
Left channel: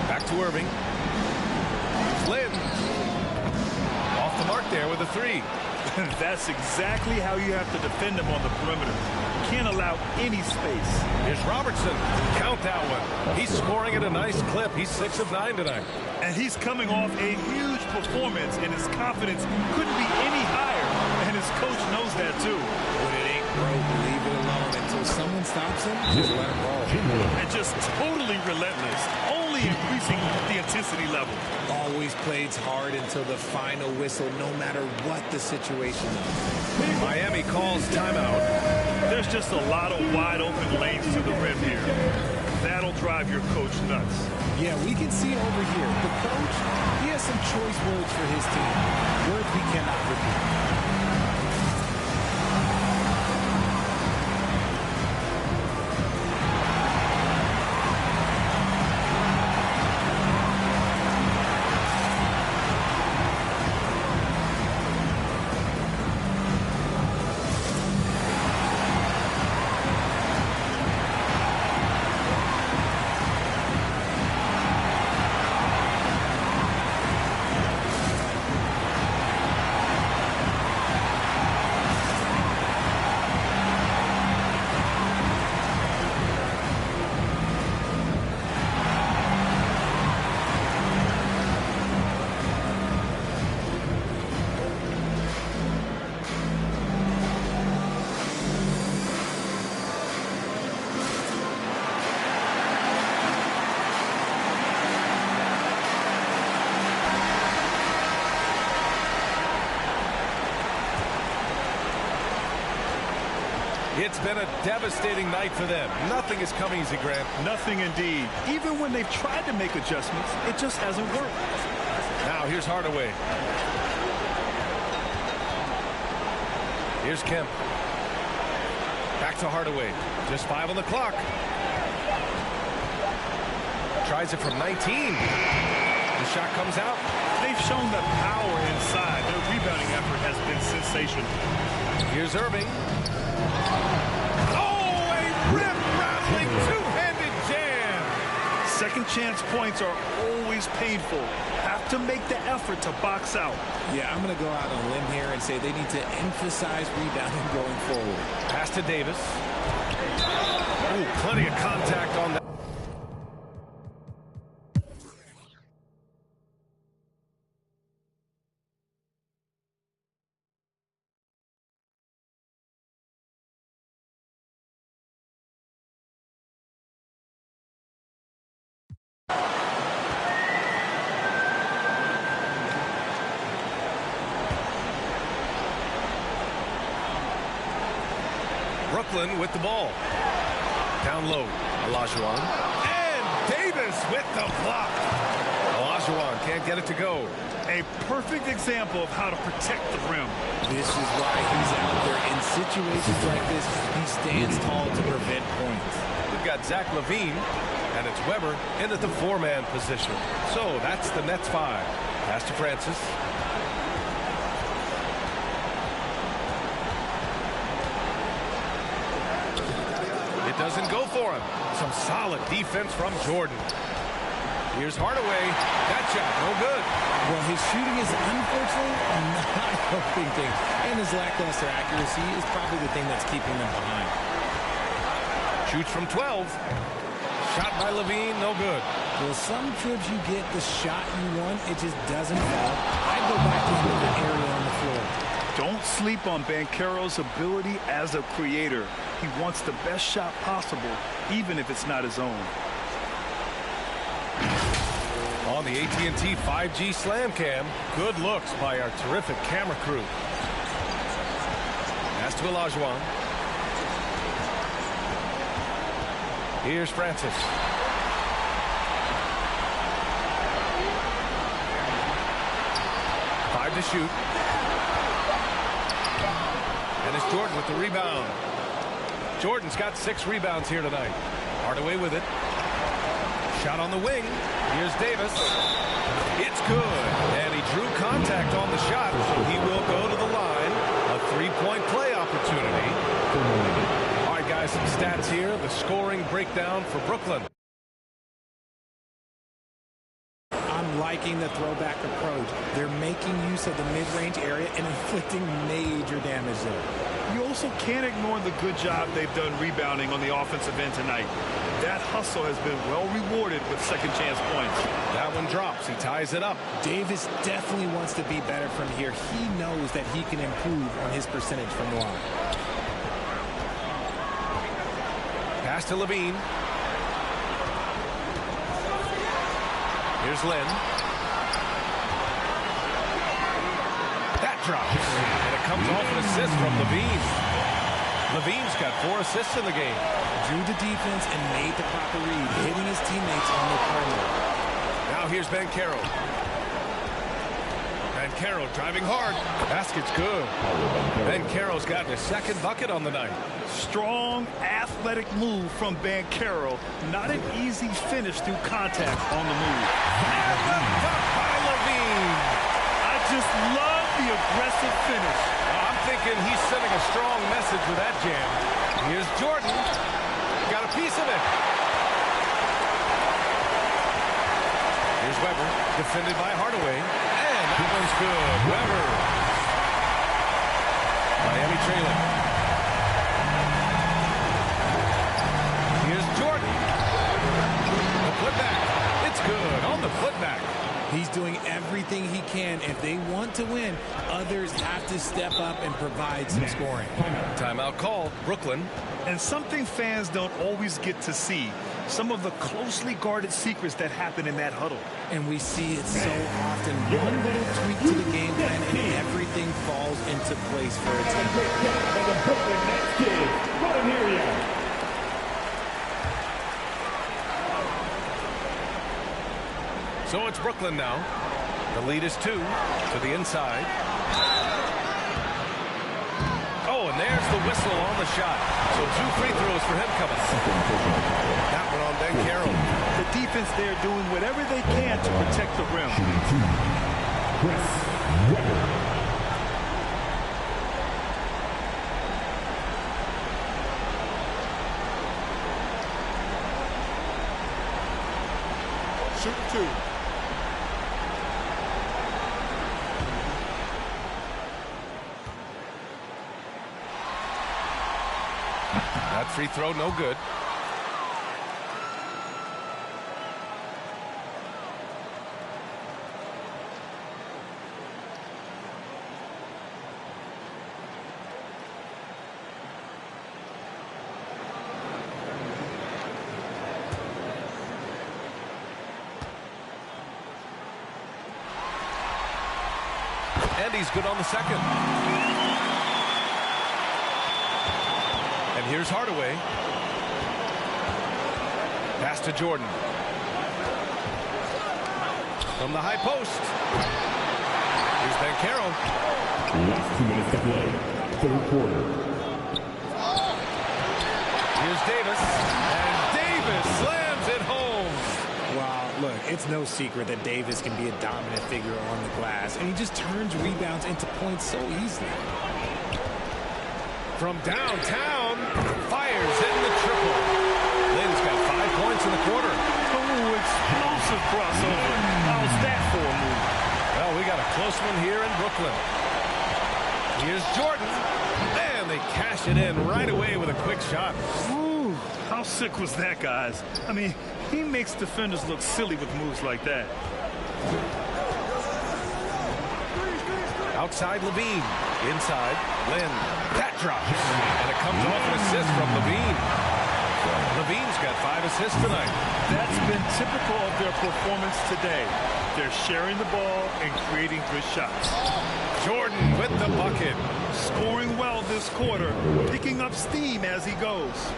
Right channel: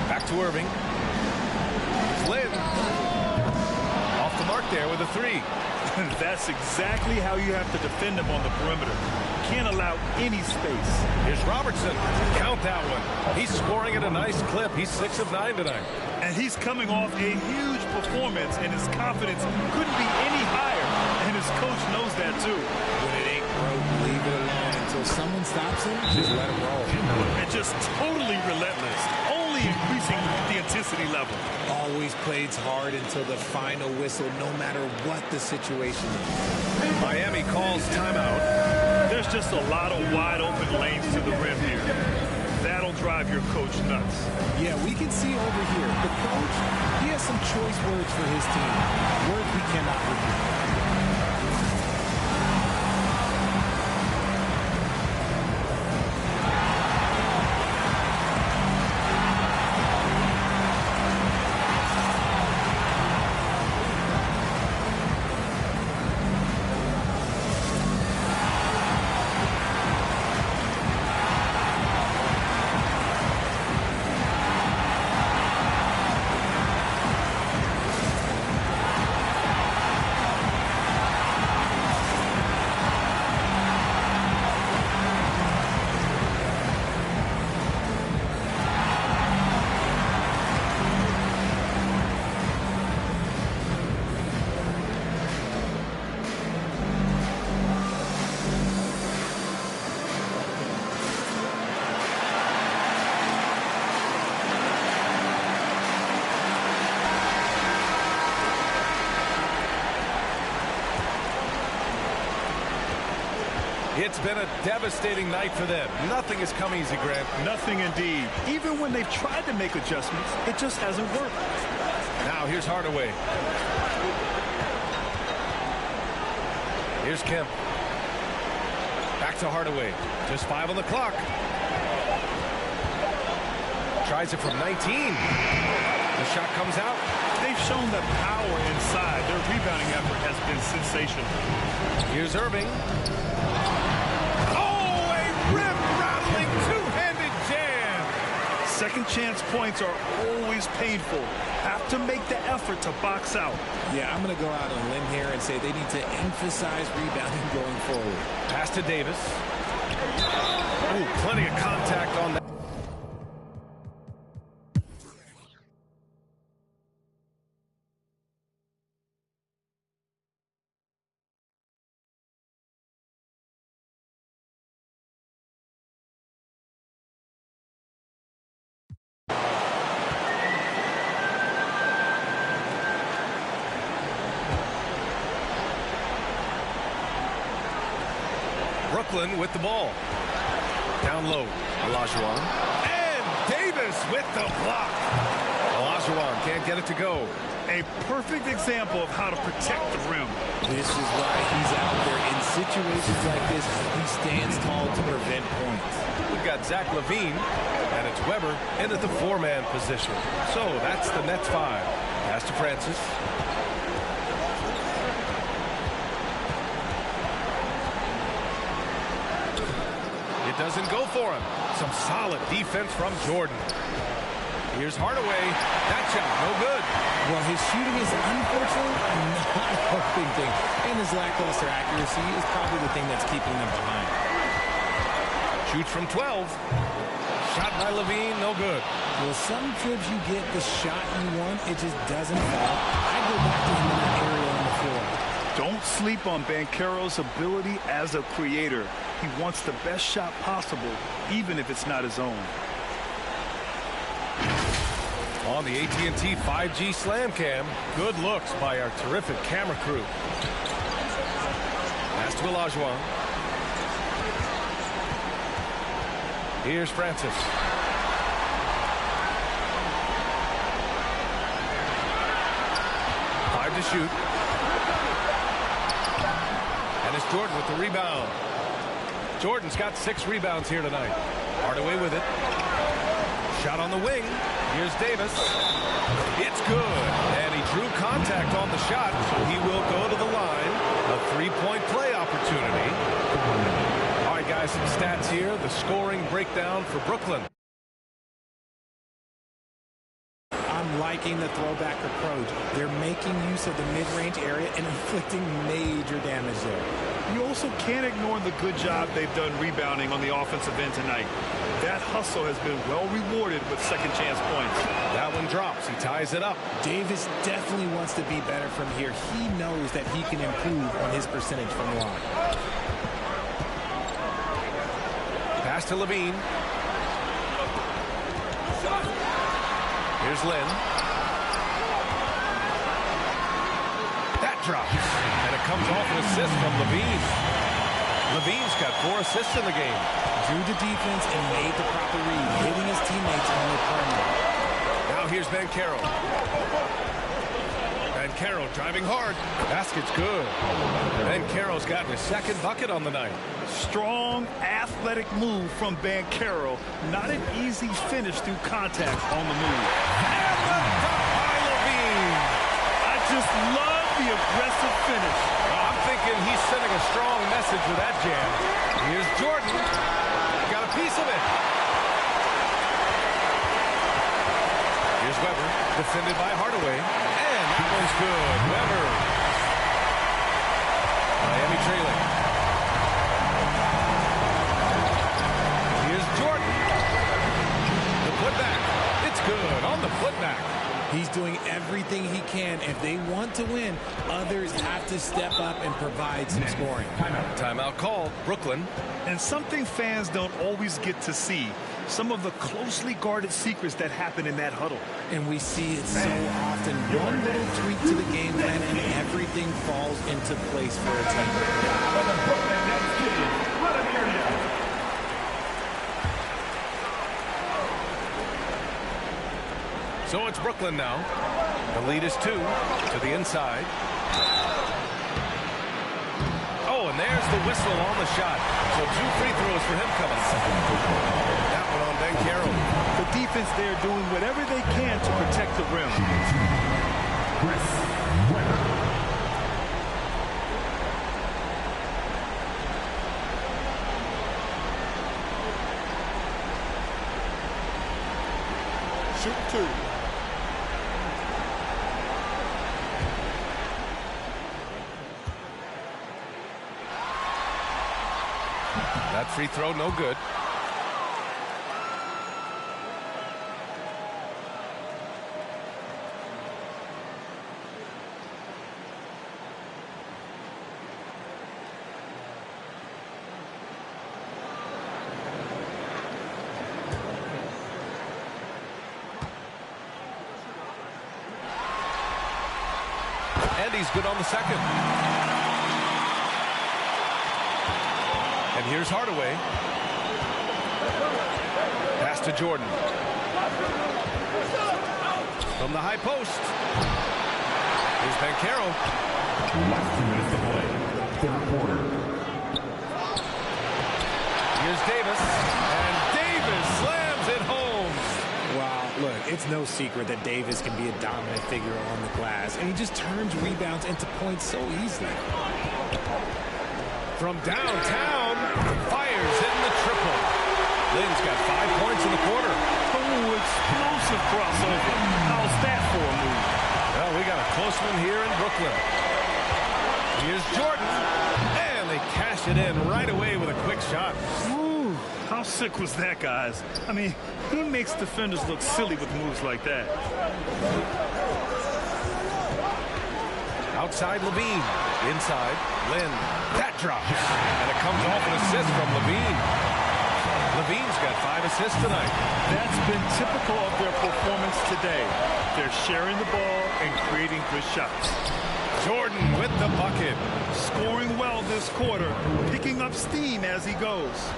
Back to Irving. Here's Lynn. Off the mark there with a 3. That's exactly how you have to defend him on the perimeter. Can't allow any space. Here's Robertson. Count that one. He's scoring at a nice clip. He's 6 of 9 tonight. And he's coming off a huge performance, and his confidence couldn't be any higher. And his coach knows that, too. When it ain't broke, leave it alone until someone stops him. Just let him roll. And just totally relentless, only increasing the intensity level. Always plays hard until the final whistle, no matter what the situation is. Miami calls timeout. There's just a lot of wide open lanes to the rim here. That'll drive your coach nuts. Yeah, we can see over here. The coach, he has some choice words for his team. Words we cannot repeat. It's been a devastating night for them. Nothing has come easy, Grant. Nothing indeed. Even when they've tried to make adjustments, it just hasn't worked. Now here's Hardaway. Here's Kemp. Back to Hardaway. Just 5 on the clock. Tries it from 19. The shot comes out. They've shown the power inside. Their rebounding effort has been sensational. Here's Irving. Oh, a rim-rattling two-handed jam. Second chance points are always painful. Have to make the effort to box out. Yeah, I'm going to go out on a limb here and say they need to emphasize rebounding going forward. Pass to Davis. Oh, plenty of contact on that. Brooklyn with the ball. Down low. Olajuwon. And Davis with the block. Olajuwon can't get it to go. A perfect example of how to protect the rim. This is why he's out there. In situations like this, he stands tall to prevent points. We've got Zach LaVine, and it's Weber in at the four-man position. So that's the Nets 5. Pass to Francis. It doesn't go for him. Some solid defense from Jordan. Here's Hardaway. That shot, no good. Well, his shooting is unfortunately not helping things. And his lackluster accuracy is probably the thing that's keeping them behind. Shoots from 12. Shot by LaVine, no good. Well, some trips you get the shot you want, it just doesn't fall. I'd go back to him in that area on the floor. Don't sleep on Banchero's ability as a creator. He wants the best shot possible, even if it's not his own. On the AT&T 5G Slam Cam, good looks by our terrific camera crew. Pass to Olajuwon. Here's Francis. Five to shoot. And it's Jordan with the rebound. Jordan's got 6 rebounds here tonight. Hardaway with it. Shot on the wing. Here's Davis. It's good. And he drew contact on the shot, so he will go to the line. A 3-point play opportunity. All right, guys, some stats here. The scoring breakdown for Brooklyn. I'm liking the throwback approach. They're making use of the mid-range area and inflicting major damage there. You also can't ignore the good job they've done rebounding on the offensive end tonight. That hustle has been well rewarded with second chance points. That one drops. He ties it up. Davis definitely wants to be better from here. He knows that he can improve on his percentage from the line. Pass to LaVine. Here's Lynn. That drops. And it comes off an assist from LaVine. LaVine's got 4 assists in the game. Drew the defense and made the proper read, hitting his teammates on the perimeter. Now here's Banchero. Banchero driving hard. Basket's good. Banchero's gotten his 2nd bucket on the night. Strong, athletic move from Banchero. Not an easy finish through contact on the move. And the dunk by LaVine. I just love the aggressive finish. I'm thinking he's sending a strong message with that jam. Here's Jordan. Got a piece of it. Here's Weber, defended by Hardaway. And that one's good. Weber. Miami trailing. Here's Jordan. The putback. It's good on the putback. He's doing everything he can. If they want to win, others have to step up and provide some scoring. Timeout called. Brooklyn. And something fans don't always get to see. Some of the closely guarded secrets that happen in that huddle. And we see it so often. One little tweak to the game plan and everything falls into place for a team. So it's Brooklyn now. The lead is 2 to the inside. Oh, and there's the whistle on the shot. So 2 free throws for him coming up. That one on Banchero. The defense there doing whatever they can to protect the rim. Chris Weber. Shoot 2. That free throw, no good. And he's good on the second. And here's Hardaway. Pass to Jordan. From the high post. Here's Bankero. Last 2 minutes to play. Third quarter. Here's Davis. And Davis slams it home. Wow, look, it's no secret that Davis can be a dominant figure on the glass, and he just turns rebounds into points so easily. From downtown, fires hitting the triple. Lynn's got 5 points in the quarter. Oh, explosive crossover. How's that for a move? Well, we got a close one here in Brooklyn. Here's Jordan, and they cash it in right away with a quick shot. Ooh, how sick was that, guys? I mean, he makes defenders look silly with moves like that. Outside Levine, inside Lynn. That drops, and it comes off an assist from Levine. Levine's got 5 assists tonight. That's been typical of their performance today. They're sharing the ball and creating good shots. Jordan with the bucket. Scoring well this quarter, picking up steam as he goes.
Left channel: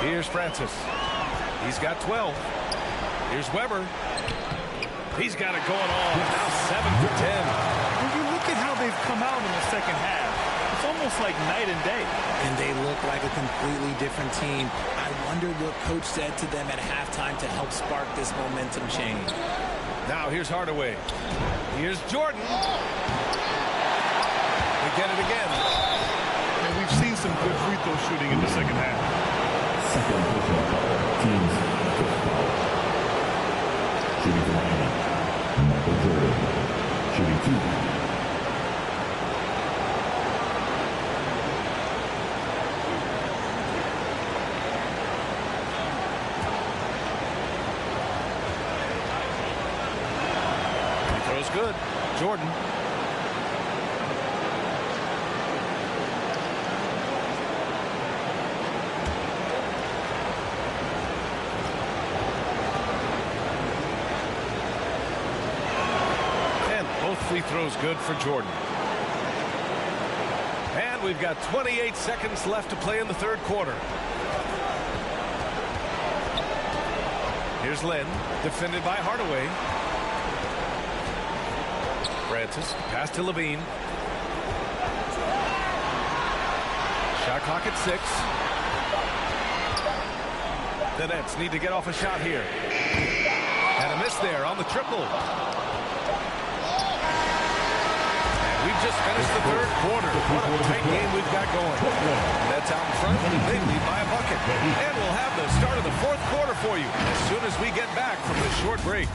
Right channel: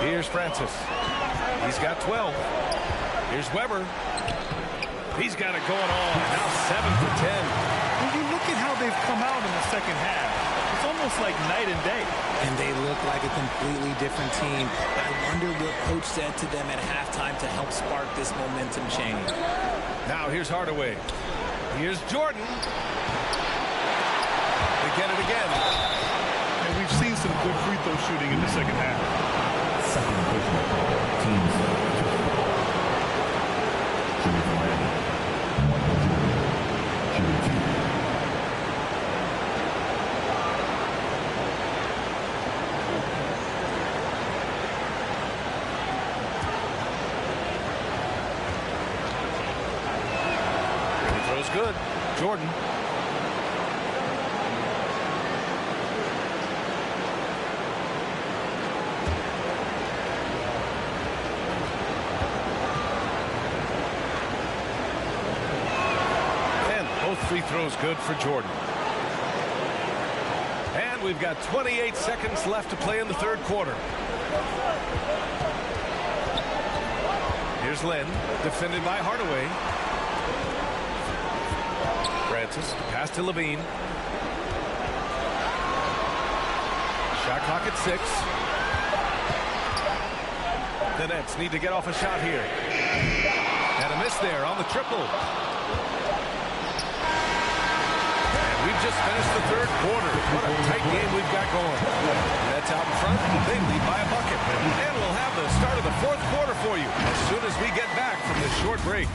Here's Francis. He's got 12. Here's Weber. He's got it going on. Now 7 for 10. When you look at how they've come out in the second half, it's almost like night and day. And they look like a completely different team. I wonder what coach said to them at halftime to help spark this momentum change. Now here's Hardaway. Here's Jordan. They get it again. And we've seen some good free throw shooting in the second half. Second personal foul. Teams first foul. Shooting for Miami. Michael Jordan. Shooting 2. Throws good. Jordan. And both free throws good for Jordan. And we've got 28 seconds left to play in the third quarter. Here's Lynn, defended by Hardaway. Francis, pass to Levine. Shot clock at 6. The Nets need to get off a shot here. And a miss there on the triple. And we've just finished the third quarter. What a tight game we've got going. Nets out in front. They lead by a bucket. And we'll have the start of the fourth quarter for you as soon as we get back from this short break.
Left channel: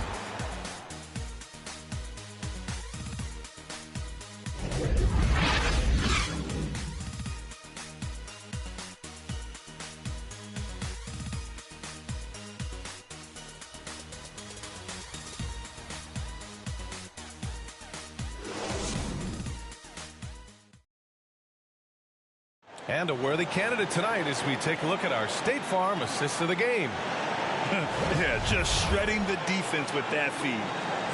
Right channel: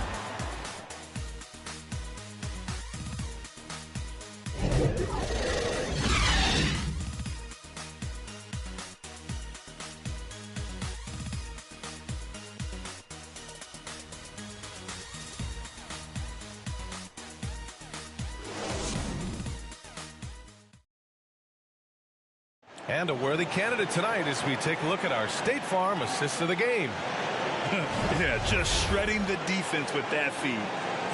And a worthy candidate tonight as we take a look at our State Farm assist of the game. Yeah, just shredding the defense with that feed.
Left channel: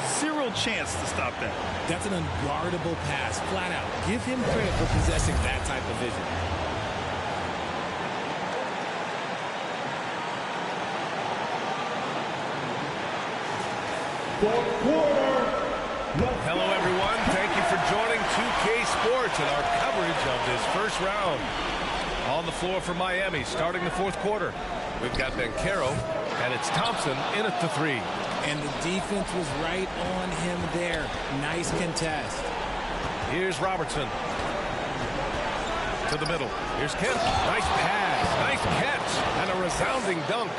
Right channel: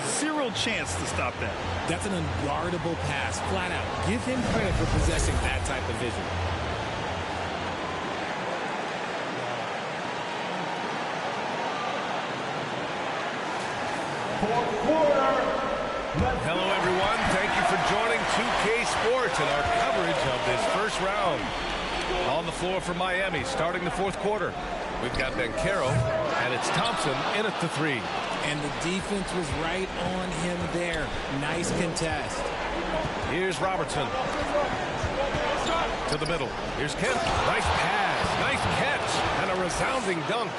Zero chance to stop that. That's an unguardable pass, flat out. Give him credit for possessing that type of vision. Fourth quarter. Hello, everyone. Thank you for joining 2K Sports and our coverage of this first round. On the floor for Miami, starting the fourth quarter. We've got Bankero, and it's Thompson in at the 3. And the defense was right on him there. Nice contest. Here's Robertson. To the middle. Here's Kemp. Nice pass. Nice catch. And a resounding dunk.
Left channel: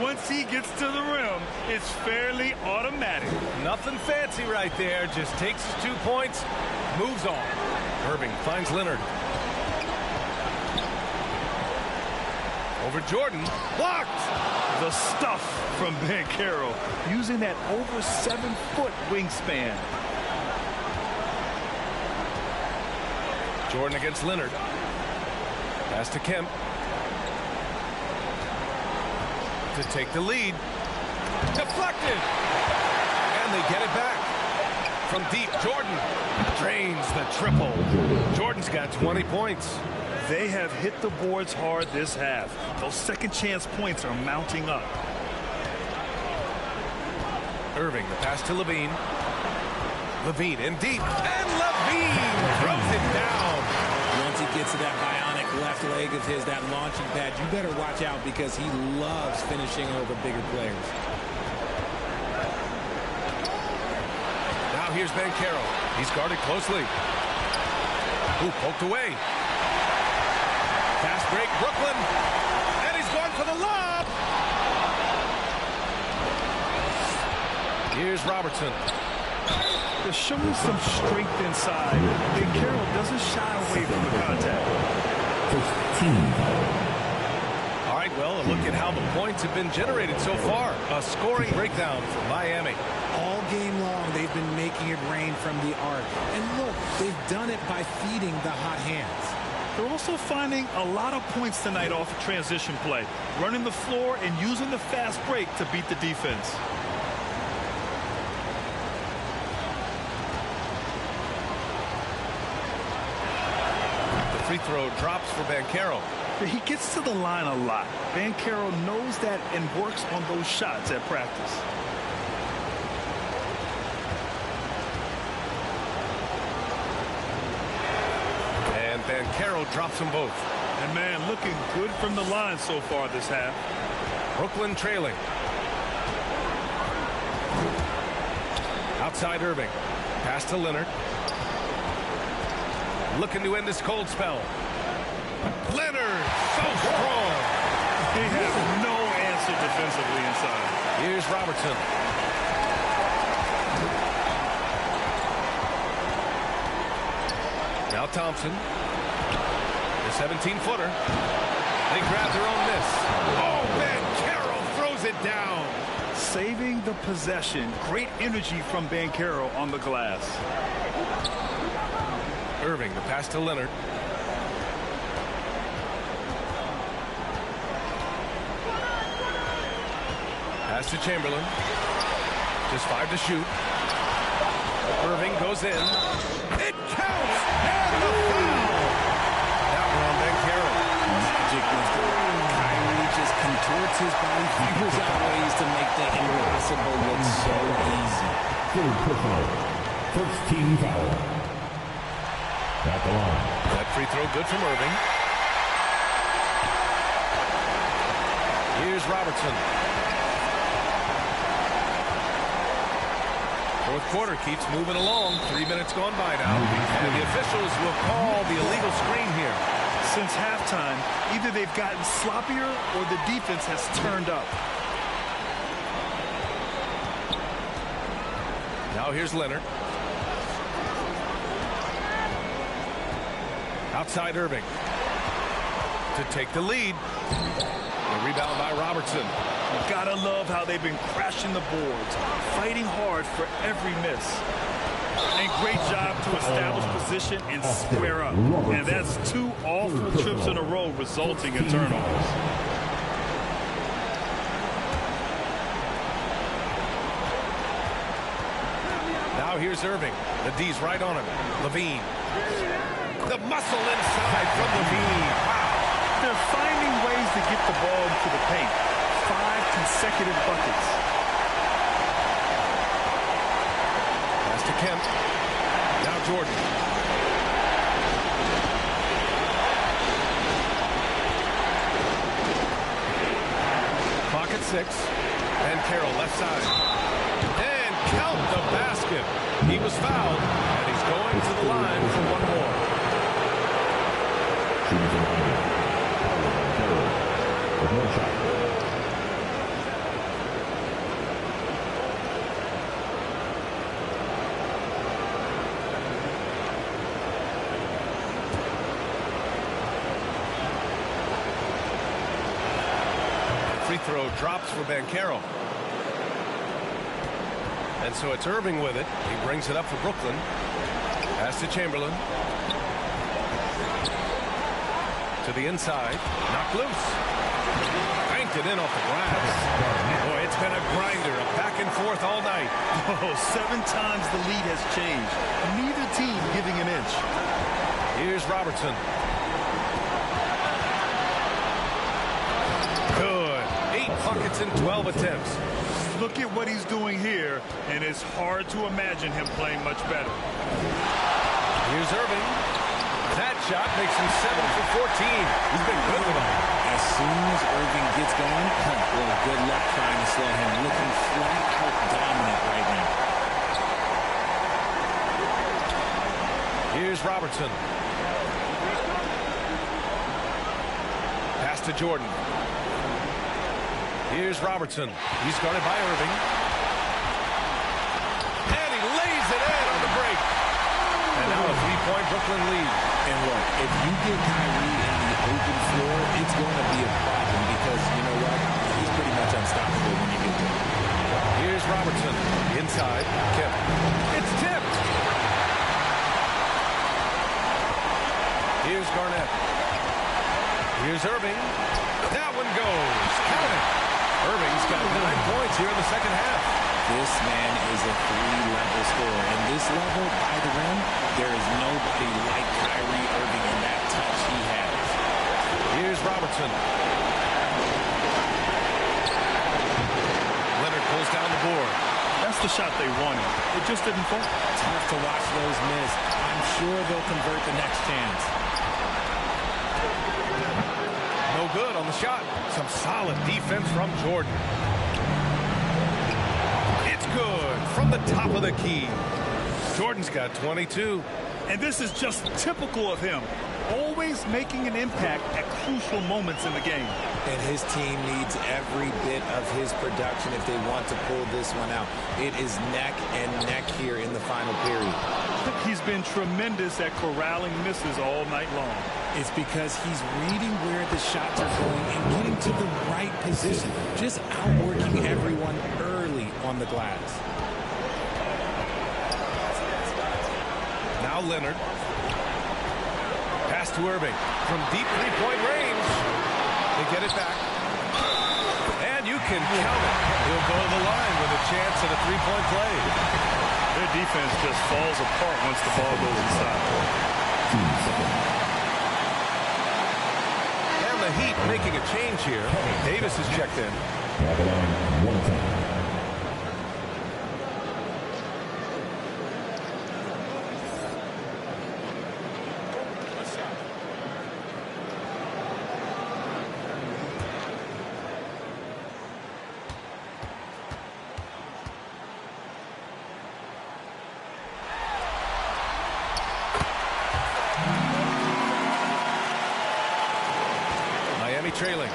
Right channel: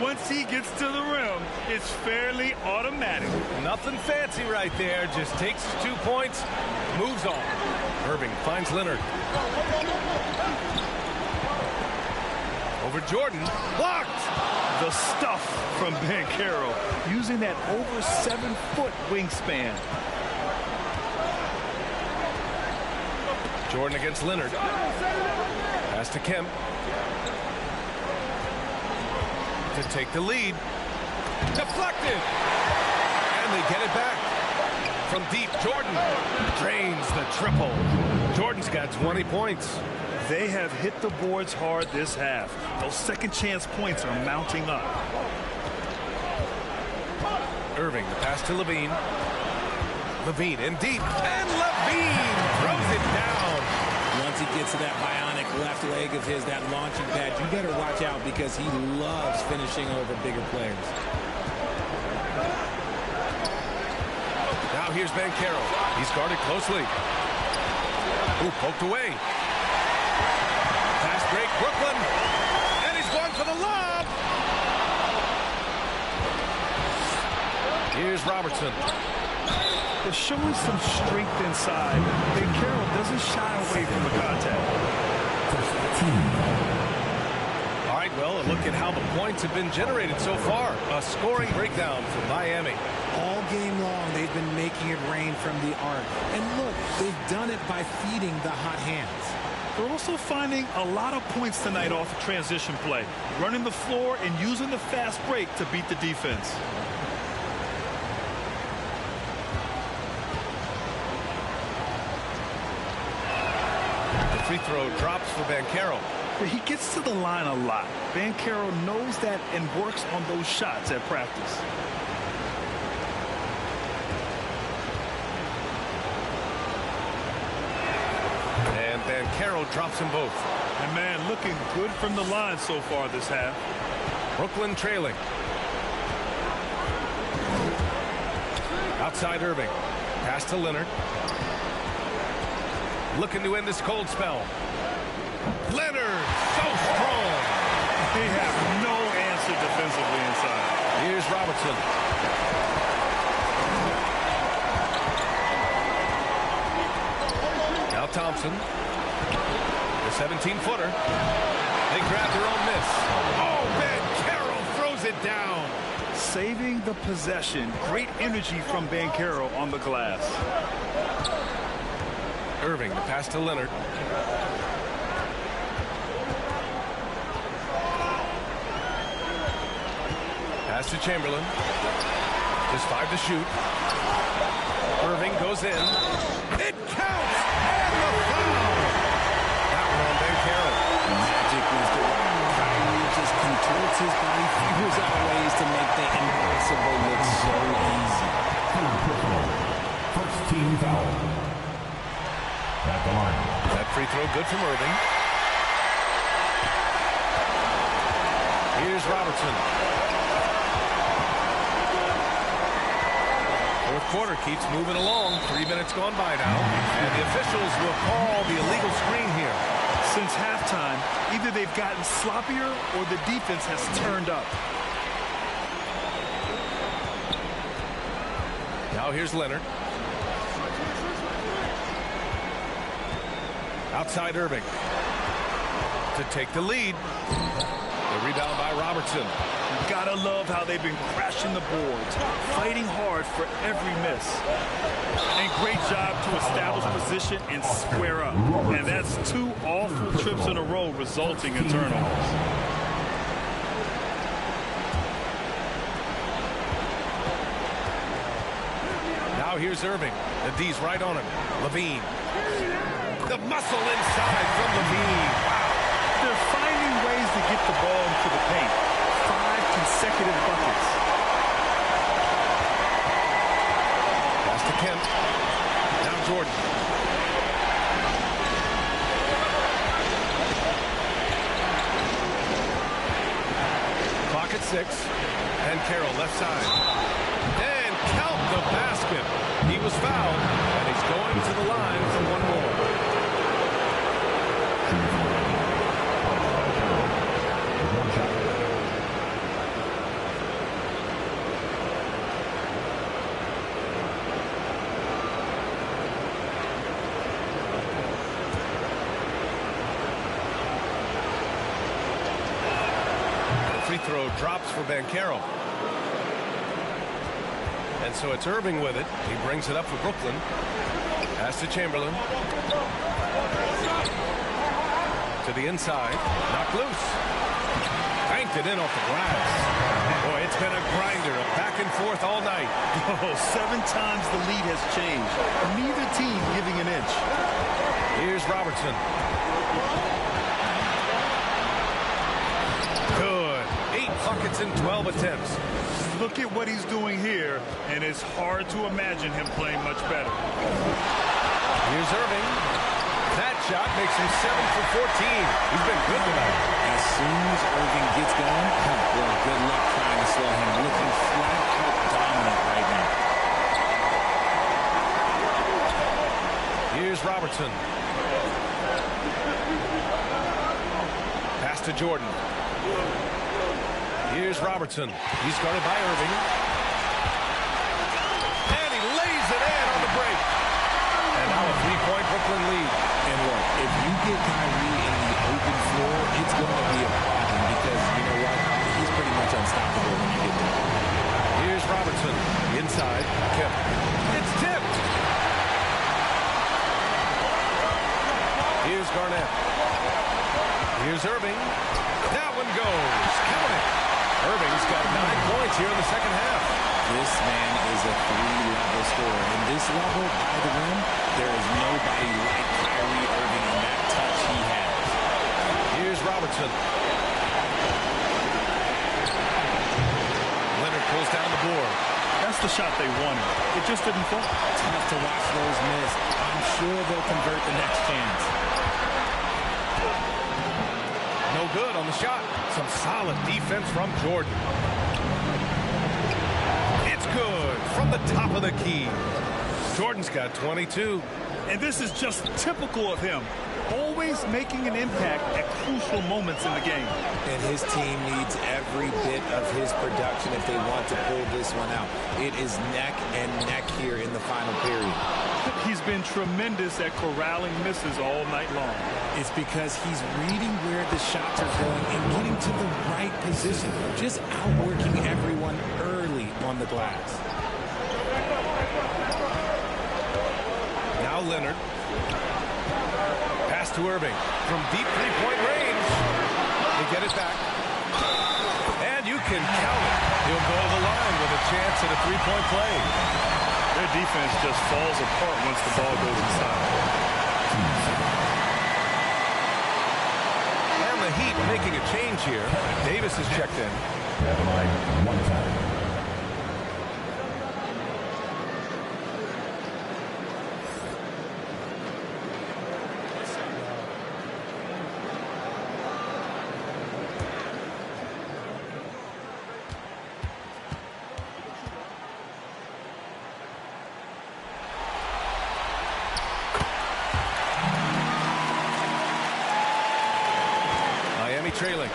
Once he gets to the rim, it's fairly automatic. Nothing fancy right there. Just takes his 2 points, moves on. Irving finds Leonard. Over Jordan. Blocked. The stuff from Bankero, using that over 7-foot wingspan. Jordan against Leonard. Pass to Kemp. To take the lead. Deflected. And they get it back. From deep, Jordan drains the triple. Jordan's got 20 points. They have hit the boards hard this half. Those second chance points are mounting up. Irving, the pass to Levine. Levine in deep, and Levine throws it down. Once he gets to that bionic left leg of his, that launching pad, you better watch out because he loves finishing over bigger players. Now here's Banchero. He's guarded closely. Ooh, poked away. Fast break, Brooklyn. And he's going for the lob. Here's Robertson. They're showing some strength inside. Banchero doesn't shy away from the contact. All right, well, a look at how the points have been generated so far. A scoring breakdown for Miami. All game long, they've been making it rain from the arc. And look, they've done it by feeding the hot hands. They're also finding a lot of points tonight off of transition play, running the floor and using the fast break to beat the defense. Free throw drops for Banchero. He gets to the line a lot. Banchero knows that and works on those shots at practice. And Banchero drops them both. And man, looking good from the line so far this half. Brooklyn trailing. Outside Irving. Pass to Leonard. Looking to end this cold spell. Leonard, so strong. They have no answer defensively inside. Here's Robertson. Now Thompson. The 17-footer. They grab their own miss. Oh, Banchero throws it down. Saving the possession. Great energy from Banchero on the glass. Irving, the pass to Leonard. Pass to Chamberlain. Just 5 to shoot. Irving goes in. It counts! And the foul! That one on Banchero. Magic with the rock. Kyrie just contorts his body, figures out ways to make the impossible look so easy. Third personal. First team foul. At the line. That free throw good from Irving. Here's Robertson. Fourth quarter keeps moving along. 3 minutes gone by now. And the officials will call the illegal screen here. Since halftime, either they've gotten sloppier or the defense has turned up. Now here's Leonard. Outside Irving to take the lead. The rebound by Robertson. You gotta love how they've been crashing the boards, fighting hard for every miss. And great job to establish position and square up. And that's 2 awful trips in a row resulting in turnovers. Now here's Irving. The D's right on him. Levine. The muscle inside from Levine. Wow. They're finding ways to get the ball into the paint. 5 consecutive buckets. Pass to Kemp. Now Jordan. Clock at 6. And Carroll left side. And count the basket. He was fouled, and he's going to the line for one more. Shooting from Miami. Carroll with 1 shot. Free throw drops for Banchero. And so it's Irving with it. He brings it up for Brooklyn. Pass to Chamberlain. To the inside. Knocked loose. Banked it in off the glass. Boy, it's been a grinder. A back and forth all night. Oh, 7 times the lead has changed. Neither team giving an inch. Here's Robertson. Good. 8 buckets in 12 attempts. look at what he's doing here, and it's hard to imagine him playing much better. Here's Irving. That shot makes him 7 for 14. He's been good tonight. As soon as Irving gets going, well, good luck trying to slow him. Looking flat out dominant right now. Here's Robertson. Pass to Jordan. Here's Robertson. He's guarded by Irving. And he lays it in on the break. And now a three-point Brooklyn lead. And look, if you get Kyrie in the open floor, it's going to be a problem because, you know what, he's pretty much unstoppable when you get there. Here's Robertson. Inside. Kemp. It's tipped. Here's Garnett. Here's Irving. That one goes. Count it. Irving's got 9 points here in the second half. This man is a three-level scorer. And this level, by the rim, there is nobody like Kyrie Irving in that touch he has. Here's Robertson. Leonard pulls down the board. That's the shot they wanted. It just didn't fall. Tough to watch those miss. I'm sure they'll convert the next chance. No good on the shot. Some solid defense from Jordan. It's good from the top of the key. Jordan's got 22. And this is just typical of him. Always making an impact at crucial moments in the game. And his team needs every bit of his production if they want to pull this one out. It is neck and neck here in the final period. He's been tremendous at corralling misses all night long. It's because he's reading where the shots are going and getting to the right position. Just outworking everyone early on the glass. Now Leonard. Pass to Irving from deep three-point range. They get it back. And you can count it. He'll go to the line with a chance at a three-point play. Their defense just falls apart once the ball goes inside. And the Heat making a change here. Davis is checked in. At the line one time. Trailing.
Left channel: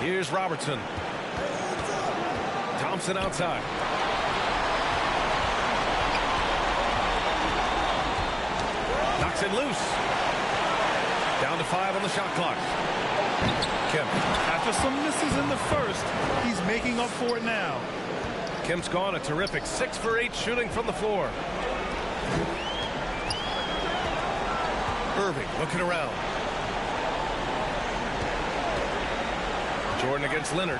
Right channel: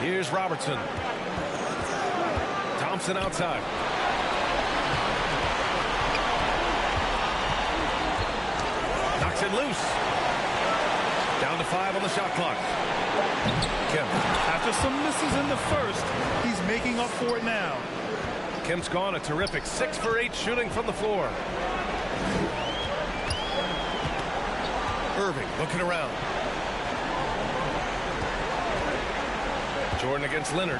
Here's Robertson. Thompson outside. Knocks it loose. Down to 5 on the shot clock. Kemp. After some misses in the first, he's making up for it now. Kemp's gone a terrific 6 for 8 shooting from the floor. Irving looking around. Jordan against Leonard.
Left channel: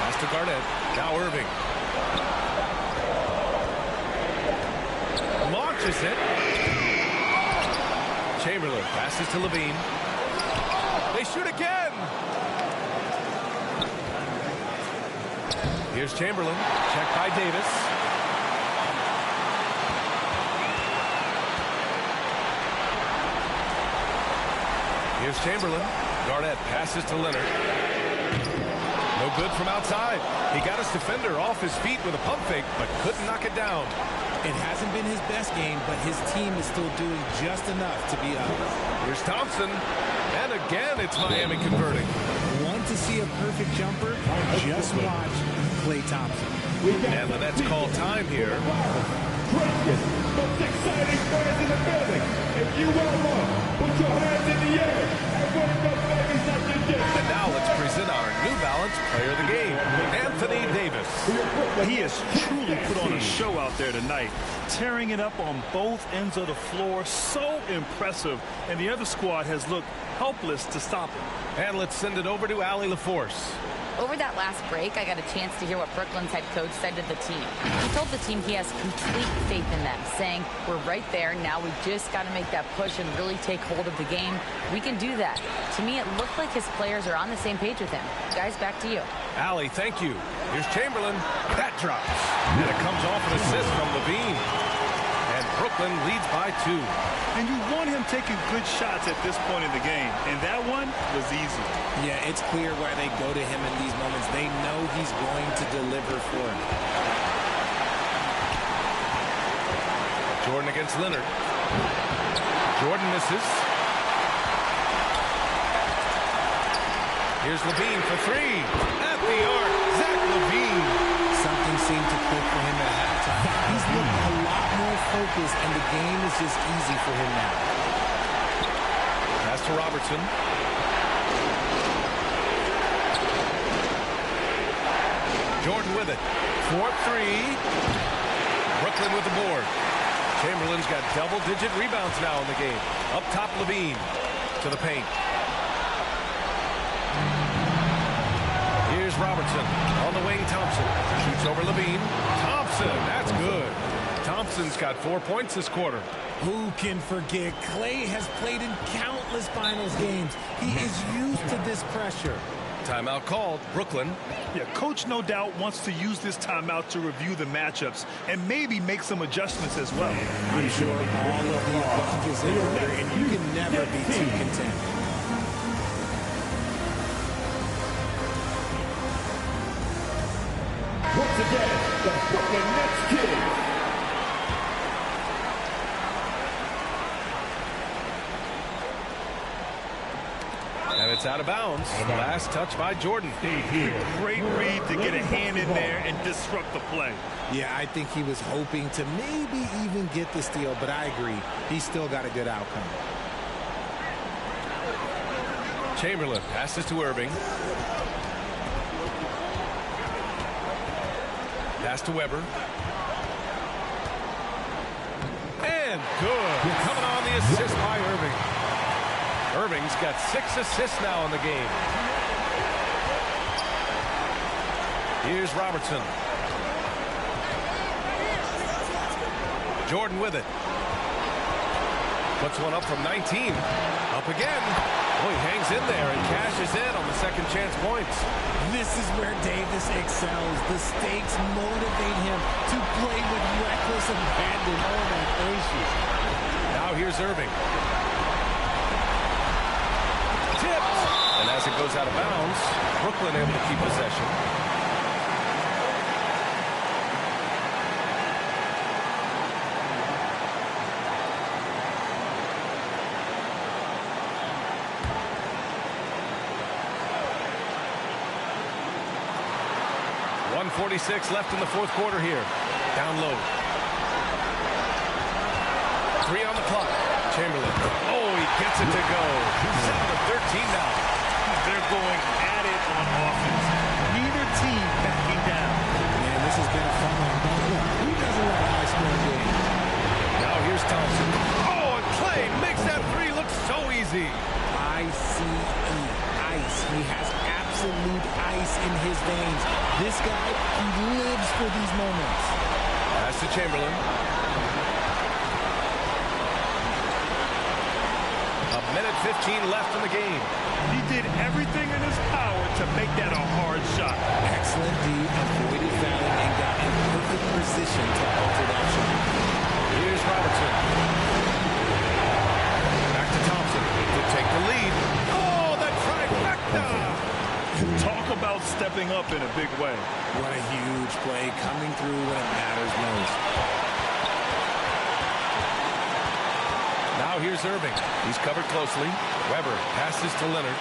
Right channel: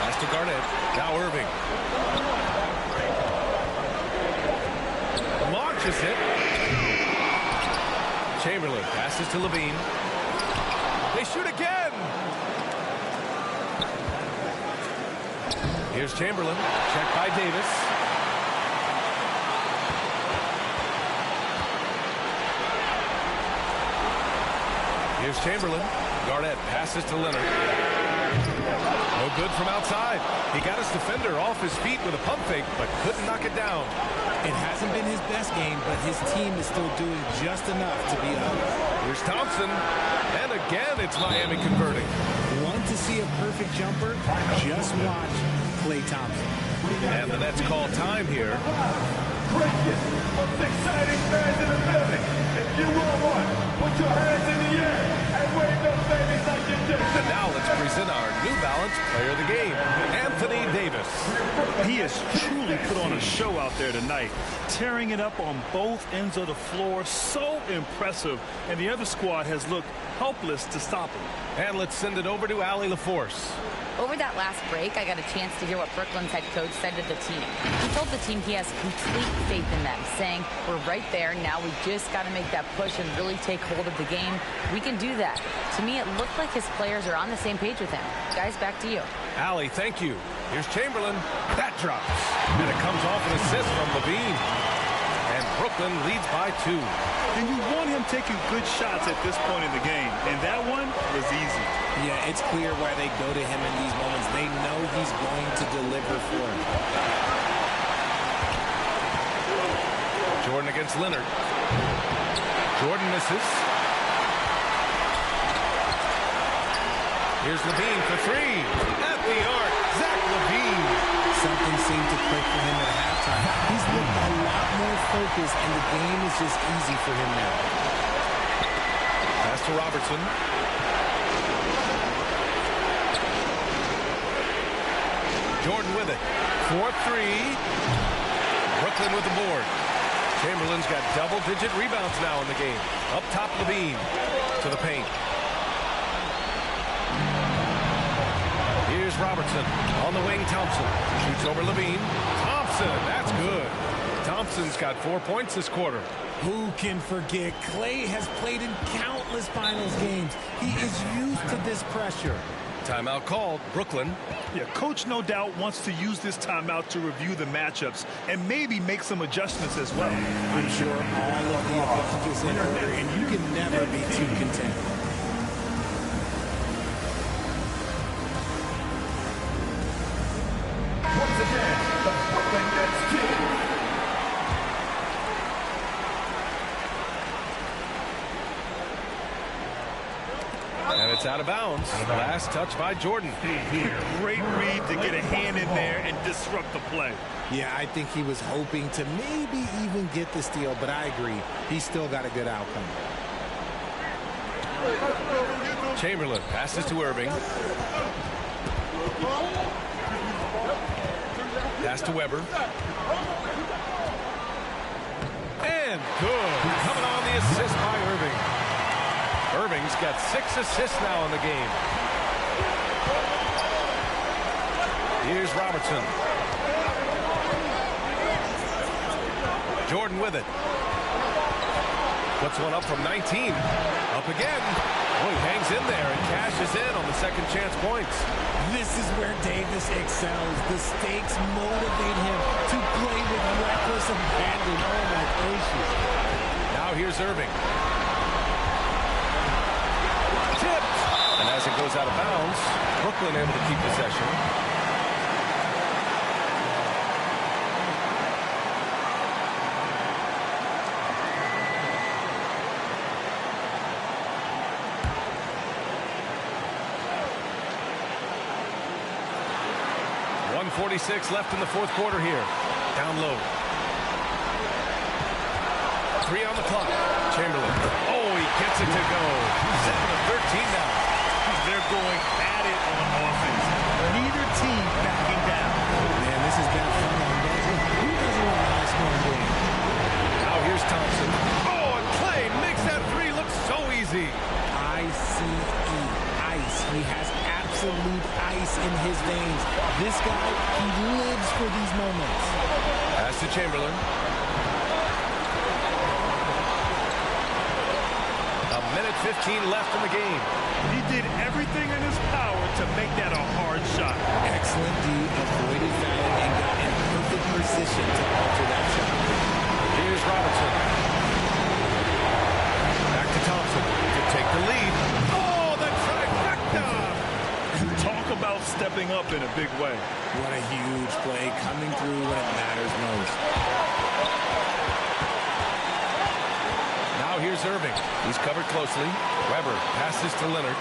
Pass to Garnett. Now Irving. Launches it. Chamberlain passes to Levine. They shoot again. Here's Chamberlain. Checked by Davis. Here's Chamberlain. Garnett passes to Leonard. No good from outside. He got his defender off his feet with a pump fake, but couldn't knock it down. It hasn't been his best game, but his team is still doing just enough to be up. Here's Thompson. And again, it's Miami converting. Want to see a perfect jumper? Just watch Klay Thompson. And the Nets call time here. Greatness, most exciting fans in the building. If you are one, put your hands in the air and wave those babies like you just. And now let's present our New Balance player of the game, Anthony Davis. He has truly put on a show out there tonight, tearing it up on both ends of the floor. So impressive, and the other squad has looked helpless to stop him. And let's send it over to Allie LaForce. Over that last break, I got a chance to hear what Brooklyn's head coach said to the team. He told the team he has complete faith in them, saying, we're right there, now we just got to make that push and really take hold of the game. We can do that. To me, it looked like his players are on the same page with him. Guys, back to you. Allie, thank you. Here's Chamberlain. That drops. And it comes off an assist from Levine. And Brooklyn leads by 2. And you want him taking good shots at this point in the game. And that one was easy. Yeah, it's clear why they go to him in these moments. They know he's going to deliver for him. Jordan against Leonard. Jordan misses. Here's Levine for 3. At the arc, Zach Levine. Something seemed to click for him at halftime. He's looked a lot more focused, and the game is just easy for him now. Pass to Robertson. Jordan with it. 4-3. Brooklyn with the board. Chamberlain's got double-digit rebounds now in the game. Up top, Levine to the paint. Here's Robertson. On the wing, Thompson. Shoots over Levine. Thompson, that's good. Thompson's got 4 points this quarter. Who can forget? Clay has played in countless finals games. He is used to this pressure. Timeout called. Brooklyn. Yeah, coach no doubt wants to use this timeout to review the matchups and maybe make some adjustments as well. I'm sure all of the above is in order, and you can never be too content. Once again, the Brooklyn Nets Kid. And it's out of bounds. Last touch by Jordan. Great read to get a hand in there and disrupt the play. Yeah, I think he was hoping to maybe even get the steal, but I agree. He still got a good outcome. Chamberlain passes to Irving. Pass to Weber. And good. Coming on the assist by Irving. Irving's got 6 assists now in the game. Here's Robertson. Jordan with it. Puts one up from 19. Up again. Oh, he hangs in there and cashes in on the second chance points. This is where Davis excels. The stakes motivate him to play with reckless abandon. Oh, my gracious. Now here's Irving. Tipped. And as it goes out of bounds, Brooklyn able to keep possession. .146 left in the fourth quarter here. Down low. 3 on the clock. Chamberlain. Oh, he gets it to go. 7 of 13 now. They're going at it on offense. Neither team backing down. Man, this has been a fun one. But look, who doesn't love a high-scoring game? Now here's Thompson. Oh, and Clay makes that 3 look so easy. I-C-E. Ice. He has absolute ice in his veins. This guy, he lives for these moments. Pass to Chamberlain. A minute 15 left in the game. He did everything in his power to make that a hard shot. Excellent D, avoided fouling and got in perfect position to alter that shot. Here's Robertson. Back to Thompson to take the lead. Oh, the trifecta! Talk about stepping up in a big way. What a huge play coming through when it matters most. Now here's Irving. He's covered closely. Weber passes to Leonard.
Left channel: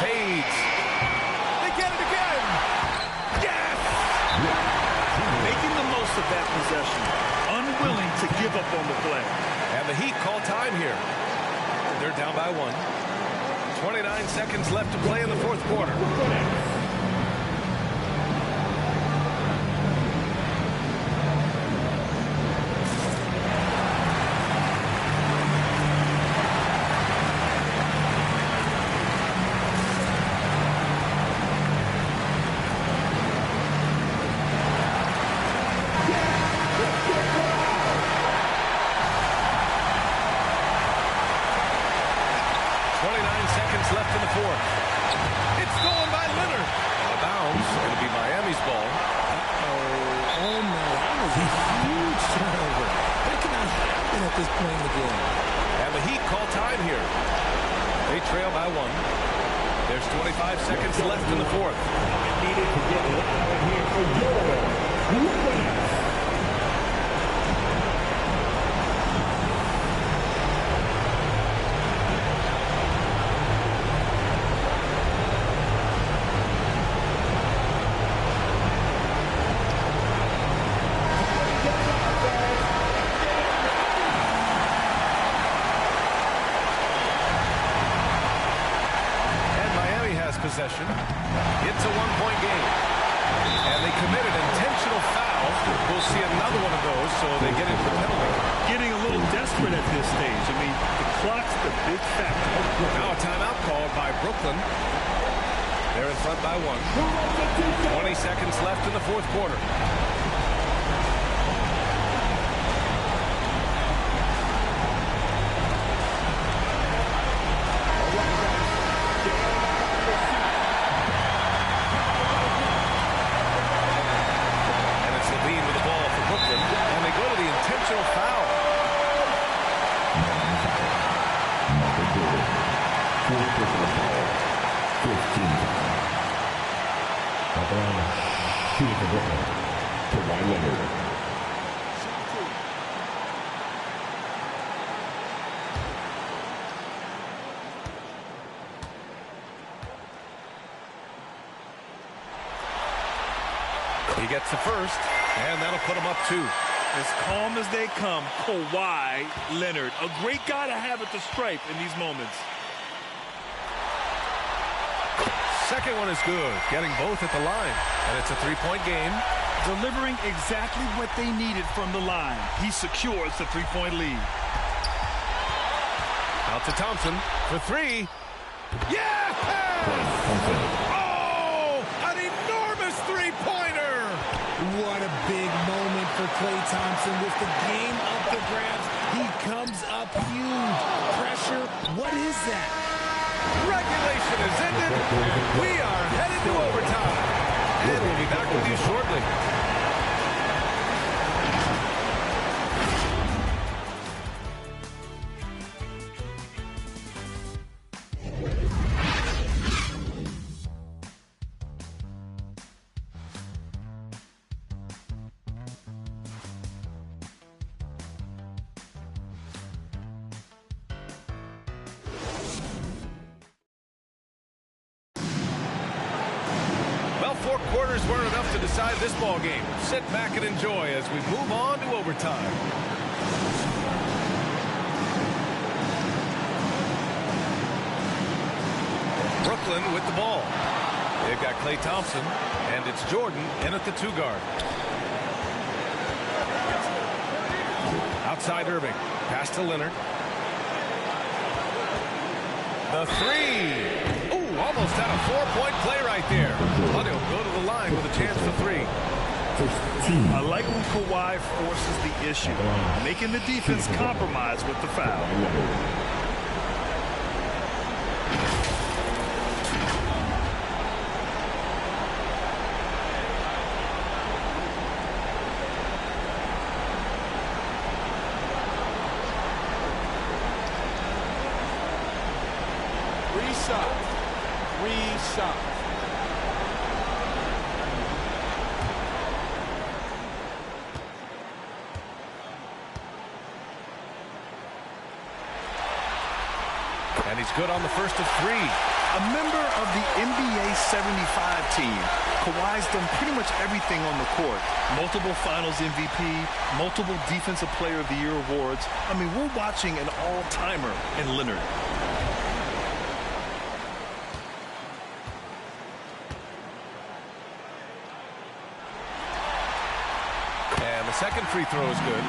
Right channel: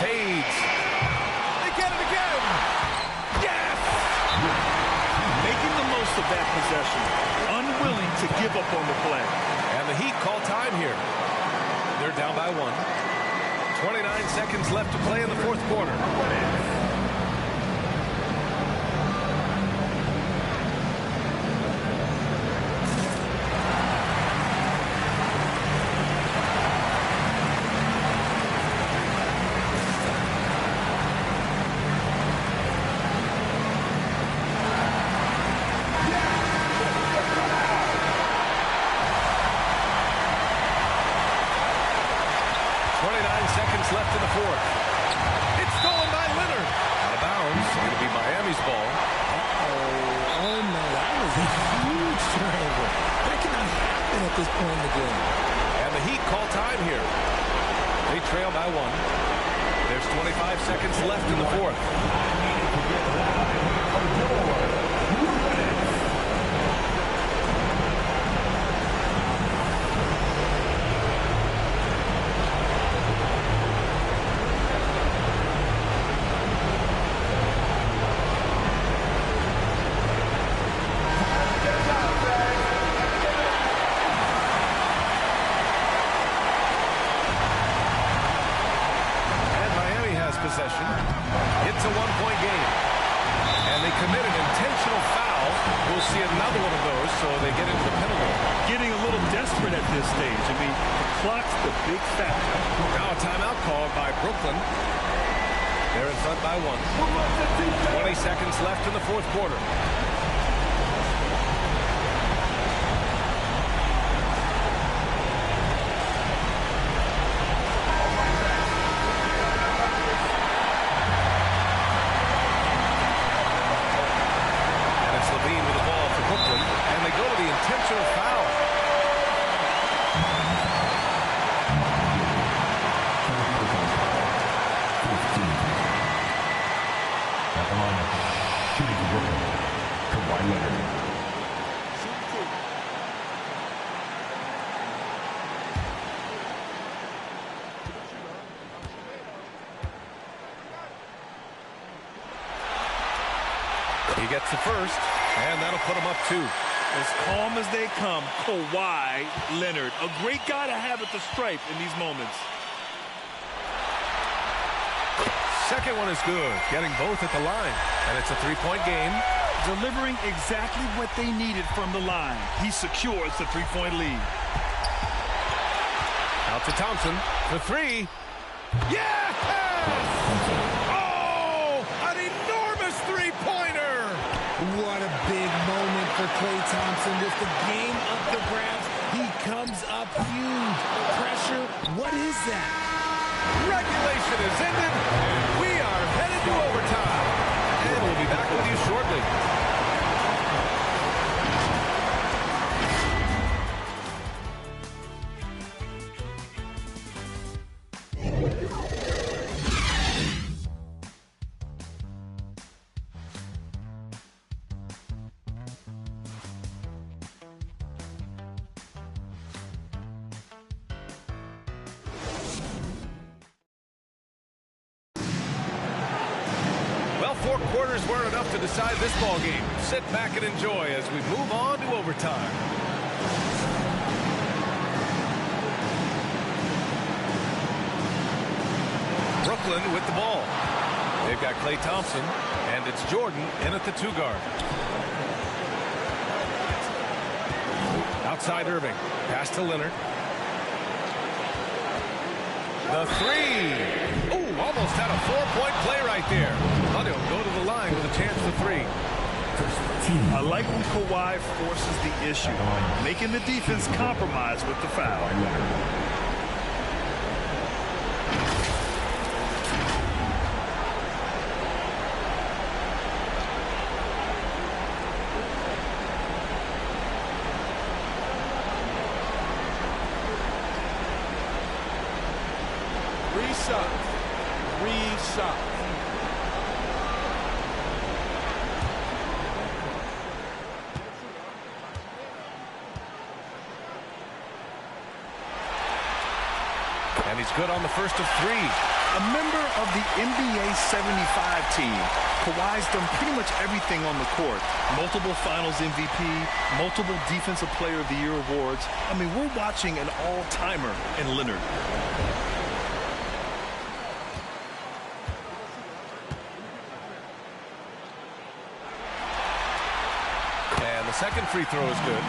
Fades. They get it again. Yes! Making the most of that possession. Unwilling to give up on the play. And the Heat call time here. They're down by 1. 29 seconds left to play in the fourth quarter. seconds left in the fourth. It's stolen by Leonard. Out of bounds. It'll be Miami's ball. Oh no, that was a huge turnover. That cannot happen at this point in the game. And the Heat call time here. They trail by 1. There's 25 seconds left in the fourth. Needed to get loud in here for your Brooklyn. Possession. It's a 1-point game. And they committed intentional foul. We'll see another one of those, so they get into the penalty. Getting a little desperate at this stage. I mean, the clock's the big factor. Now a timeout called by Brooklyn. They're in front by 1. 20 seconds left in the fourth quarter. With the ball for Brooklyn, and they go to the intentional foul. At the line, shooting for Brooklyn, Kawhi Leonard. He gets the first, and that'll put him up 2. As calm as they come, Kawhi Leonard. A great guy to have at the stripe in these moments. Second one is good, getting both at the line. And it's a 3-point game. Delivering exactly what they needed from the line. He secures the 3-point lead. Out to Thompson for 3. Yeah! Pass! Oh! An enormous 3-pointer! What a big moment for Klay Thompson. With the game up for grabs, he comes up huge. Pressure, what is that? Regulation is ended, and we are headed to overtime. And we'll be back with you shortly. Well, 4 quarters weren't enough to decide this ball game. Sit back and enjoy as we move on to overtime. Brooklyn with the ball. They've got Klay Thompson, and it's Jordan in at the 2 guard. Outside Irving. Pass to Leonard. The 3. Ooh, almost had a 4-point play right there. But he'll go to the line with a chance for 3. I like when Kawhi forces the issue, making the defense compromise with the foul. Three shots. And he's good on the first of 3. A member of the NBA 75 team, Kawhi's done pretty much everything on the court. Multiple Finals MVP, multiple Defensive Player of the Year awards. I mean, we're watching an all-timer in Leonard. And the second free throw is good.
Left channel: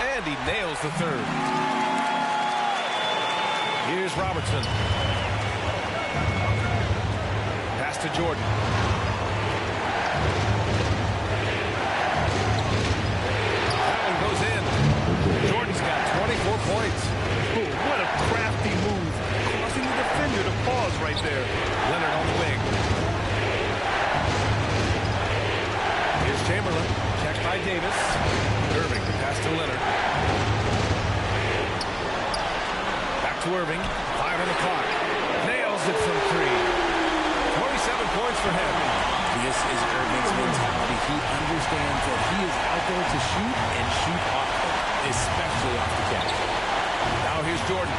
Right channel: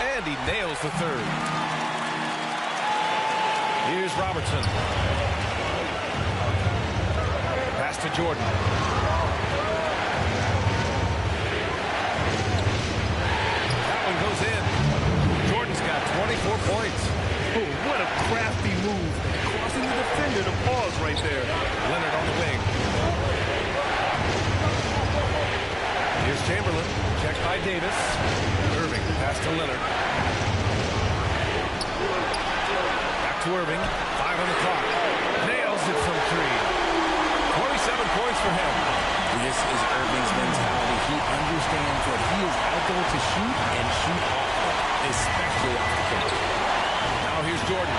And he nails the third. Here's Robertson. Pass to Jordan. That one goes in. Jordan's got 24 points. Oh, what a crafty move. Causing the defender to pause right there. Leonard on the wing. Here's Chamberlain. Checked by Davis. Irving, the pass to Leonard. Back to Irving. 5 on the clock. Nails it from 3. 27 points for him. This is Irving's mentality. He understands that he is out there to shoot and shoot often, especially off the catch. Now here's Jordan.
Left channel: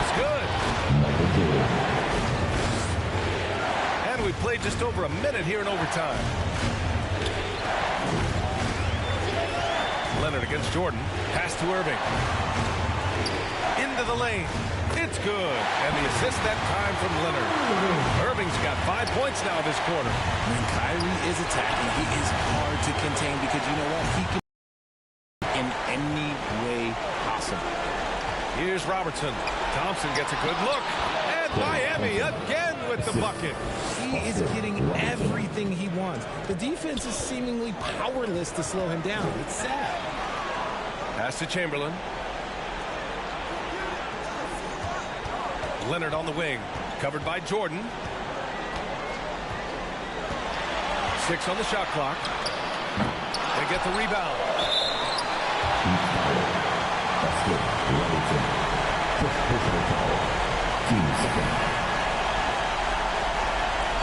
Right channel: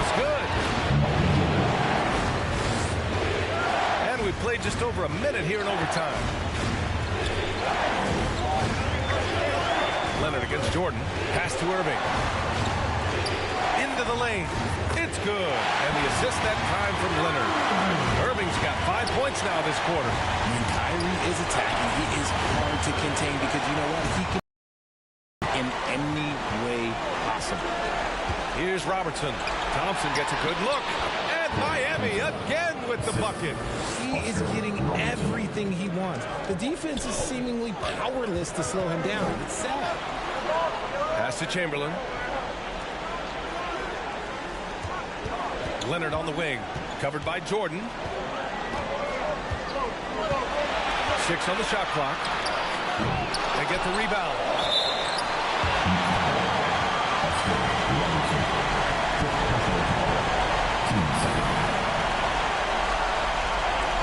It's good. And we played just over a minute here in overtime. Leonard against Jordan. Pass to Irving. Into the lane. It's good. And the assist that time from Leonard. Irving's got 5 points now this quarter. When Kyrie is attacking, he is hard to contain because you know what? He can in any way possible. Here's Robertson. Thompson gets a good look. And Miami again with the bucket. He is getting everything he wants. The defense is seemingly powerless to slow him down. It's sad. Pass to Chamberlain. Leonard on the wing. Covered by Jordan. 6 on the shot clock. They get the rebound. That's good. Robinson. First personal foul. Team second.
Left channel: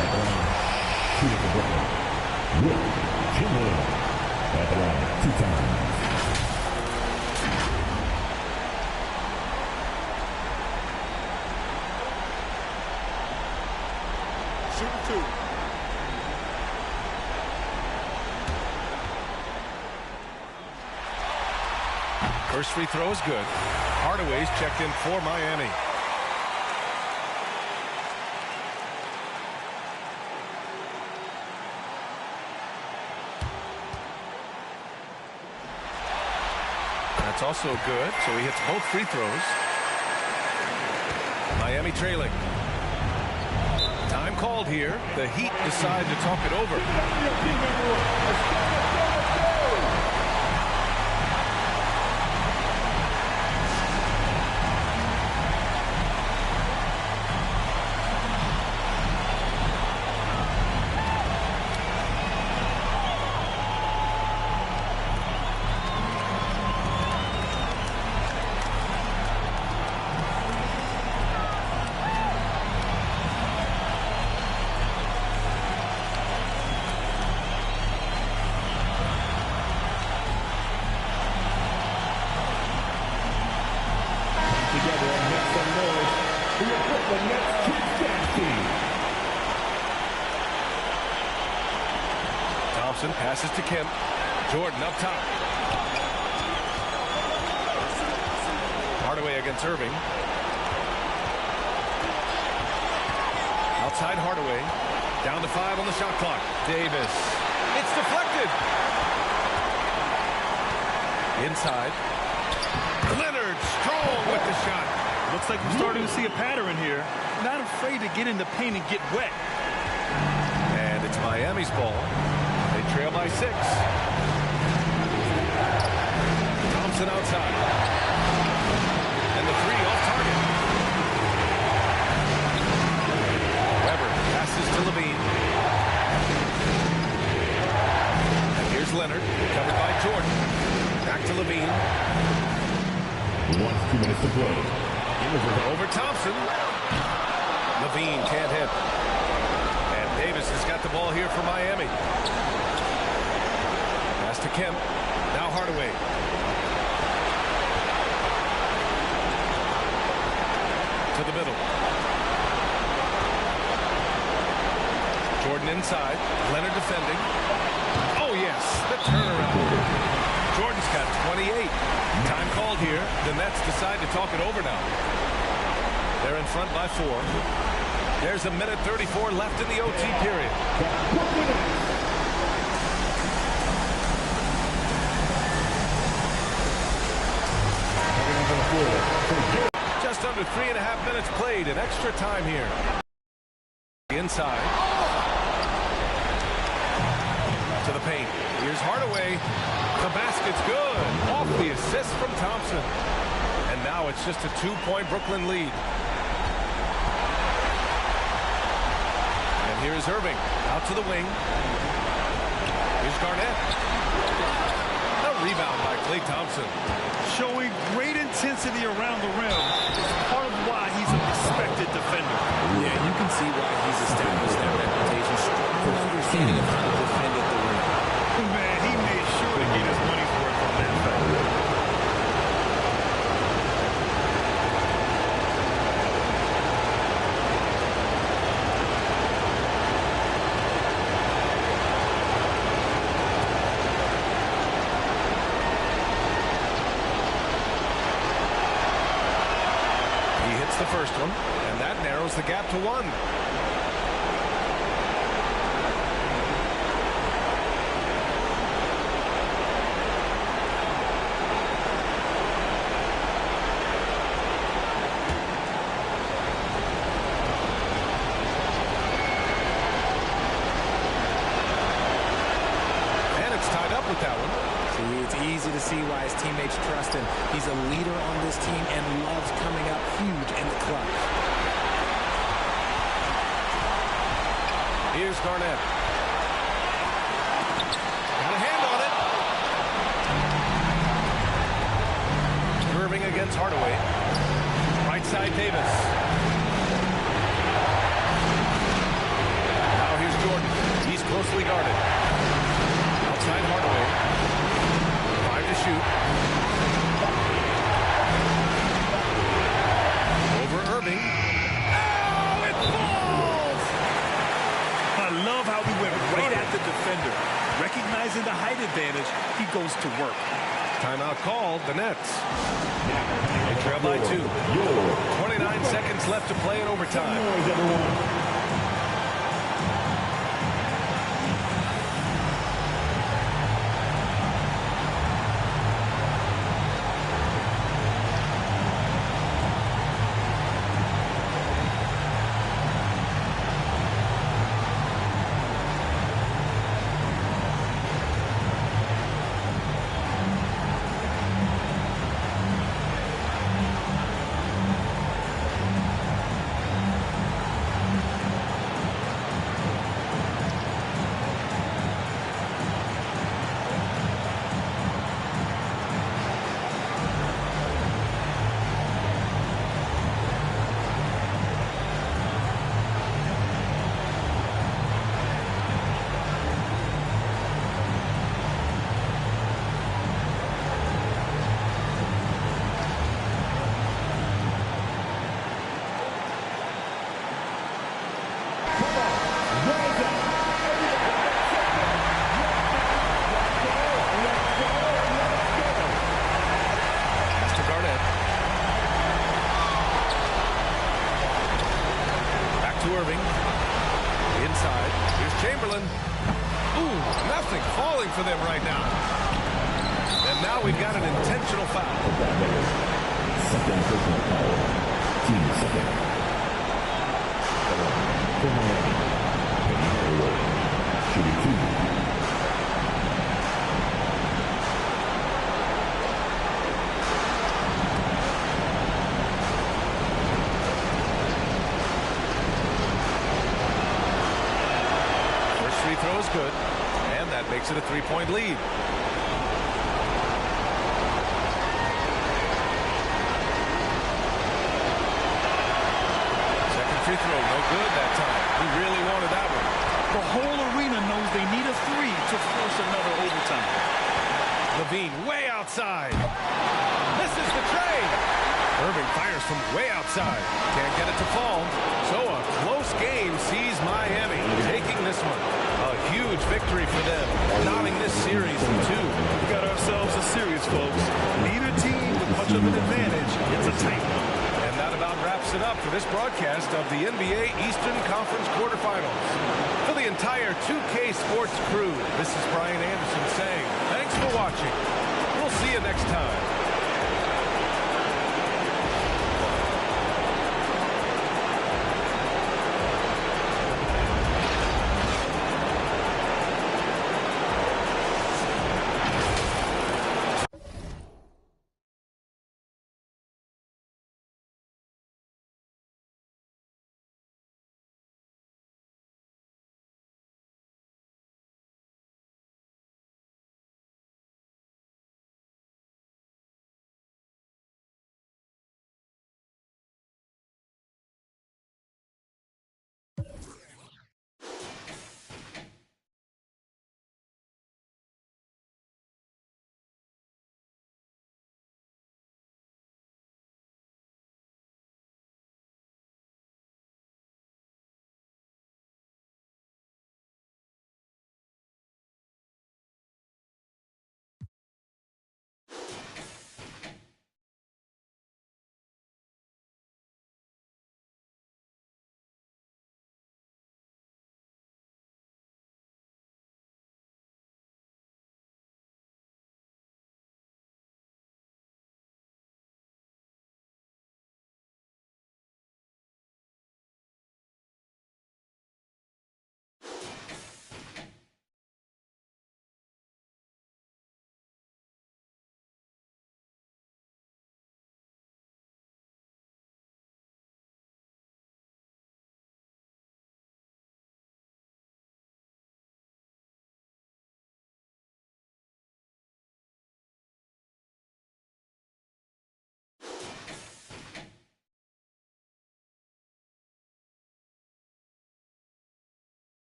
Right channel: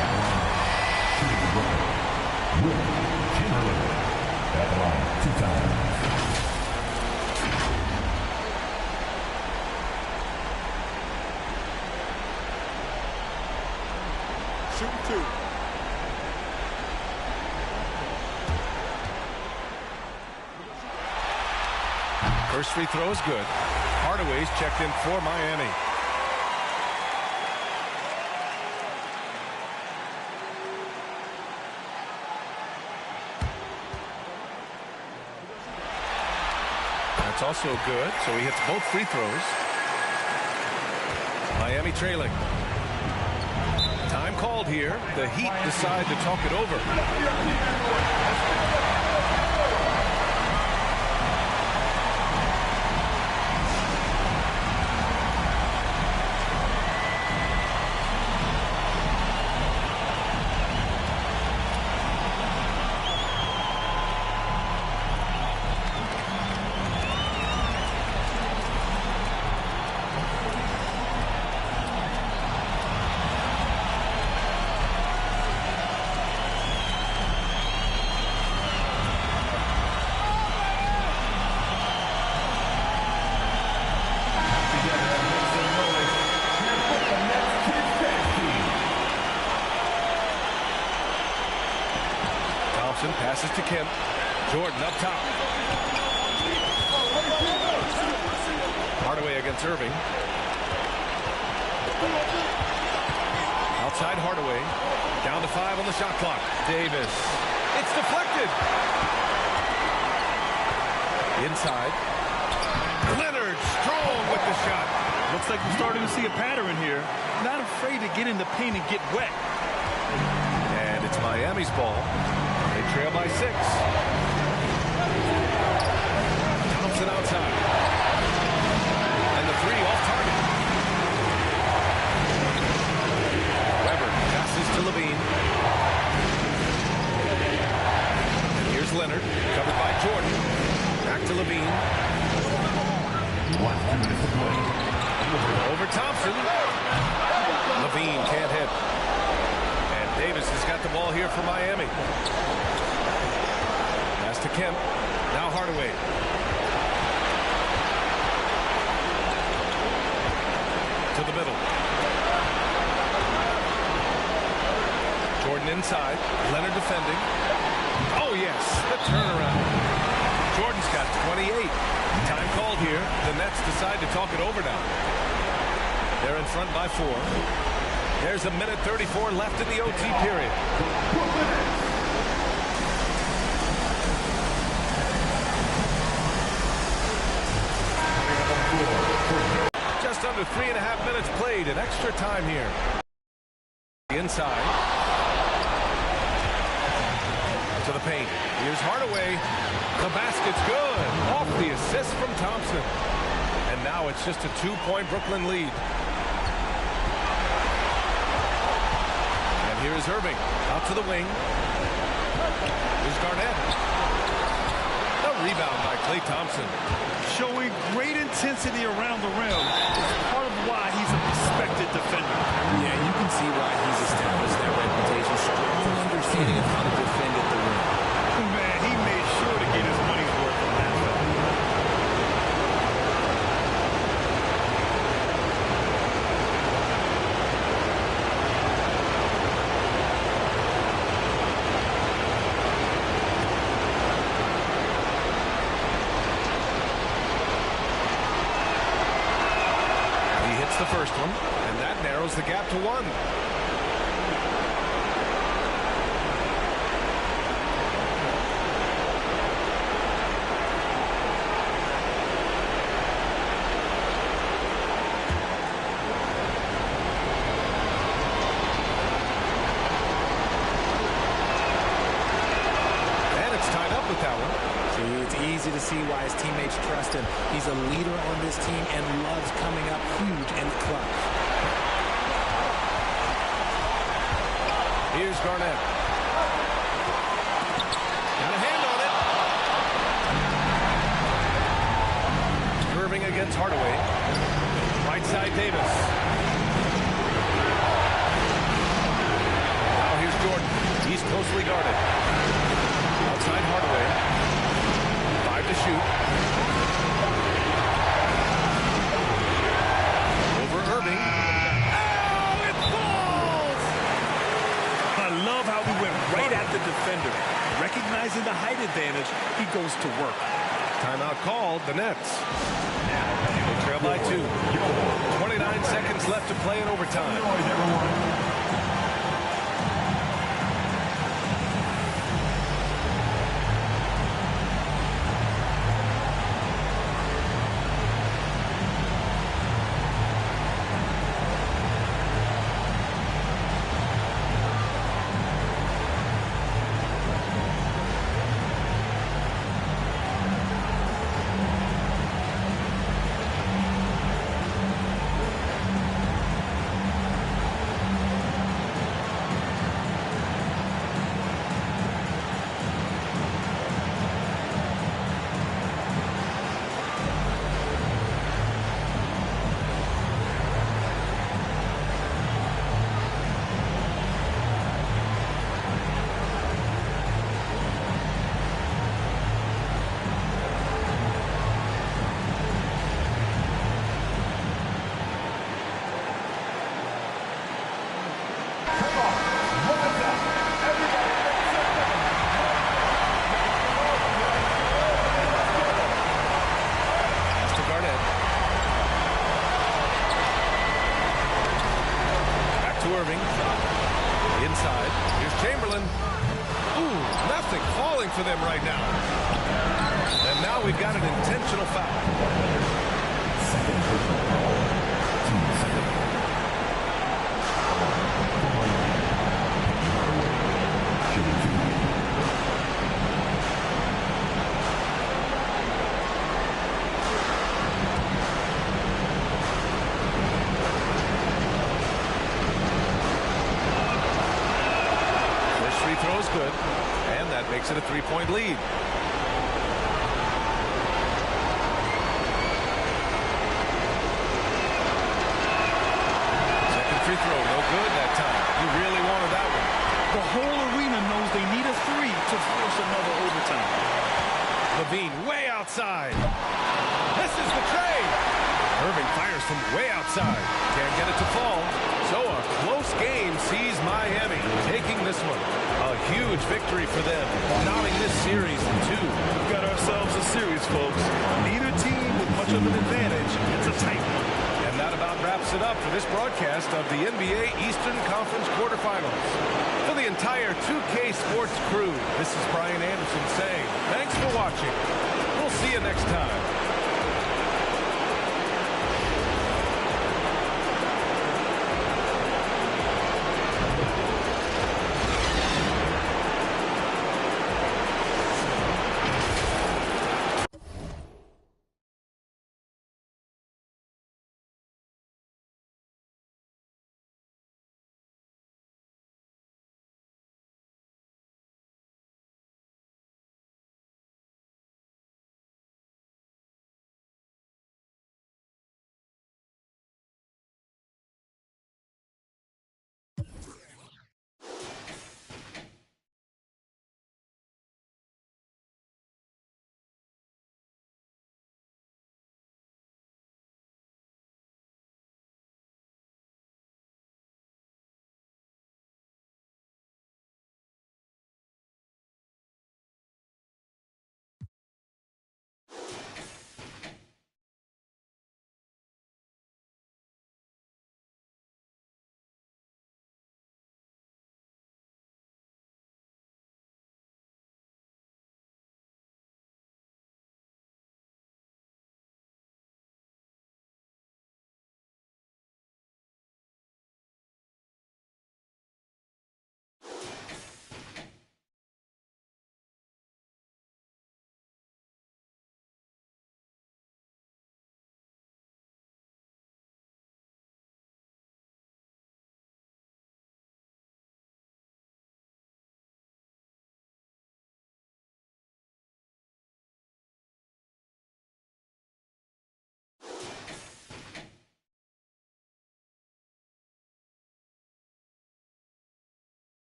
At the line, shooting for Brooklyn. Wilt Chamberlain. At the line, 2 times. Shooting 2. First free throw is good. Hardaway's checked in for Miami. That's also good, so he hits both free throws. Miami trailing. Time called here. The Heat decide to talk it over. Thompson passes to Kemp. Jordan up top. Hardaway against Irving. Outside Hardaway. Down to 5 on the shot clock. Davis. It's deflected. Inside. Leonard strong with the shot. Looks like we're starting to see a pattern here. Not afraid to get in the paint and get wet. And it's Miami's ball. They trail by 6. Thompson outside. And the 3 off target. Weber passes to Levine. And here's Leonard, covered by Jordan. Back to Levine. 2 minutes to play. Over Thompson. Levine can't hit. And Davis has got the ball here for Miami. Pass to Kemp. Now Hardaway. To the middle. Jordan inside. Leonard defending. Oh, yes. The turnaround. Jordan's got 28. Time called here. The Nets decide to talk it over now. They're in front by 4. There's a minute 34 left in the OT period. Just under 3.5 minutes played in extra time here. Inside. To the paint. Here's Hardaway. The basket's good. Off the assist from Thompson. And now it's just a 2-point Brooklyn lead. And here's Irving. Out to the wing. Here's Garnett. A rebound by Klay Thompson. Showing great intensity around the rim is part of why he's a respected defender. Yeah, you can see why he's established that reputation. Strong understanding of how to defend at the rim. Man, he made sure to get his money's worth on that foul. He hits the first one, and that narrows the gap to 1. And it's tied up with that one. See, it's easy to see why his teammates trust him. He's a leader on this team and loves coming up huge in the clutch. Here's Garnett. Got a hand on it. Irving against Hardaway. Right side Davis. Now here's Jordan. He's closely guarded. Outside Hardaway. 5 to shoot. Over Irving. Oh, it falls! I love how he went right at the defender. Recognizing the height advantage, he goes to work. Timeout called, the Nets. They trail by 2. 29 seconds left to play in overtime. Irving. Inside. Here's Chamberlain. Ooh, nothing falling for them right now. And now we've got an intentional foul. Second personal foul. Team second. For Miami. Penny Hardaway. Shooting 2. Free throw is good, and that makes it a 3-point lead. Second free throw, no good that time. He really wanted that one. The whole arena knows they need a 3 to force another overtime. Levine way outside. Misses the trade. Irving fires from way outside. Can't get it to fall. So a close game sees Miami taking this one. A huge victory for them, knotting this series in 2. We've got ourselves a series, folks. Neither team with much of an advantage. It's a tight one. And that about wraps it up for this broadcast of the NBA Eastern Conference quarterfinals. For the entire 2K Sports crew, this is Brian Anderson saying thanks for watching. We'll see you next time.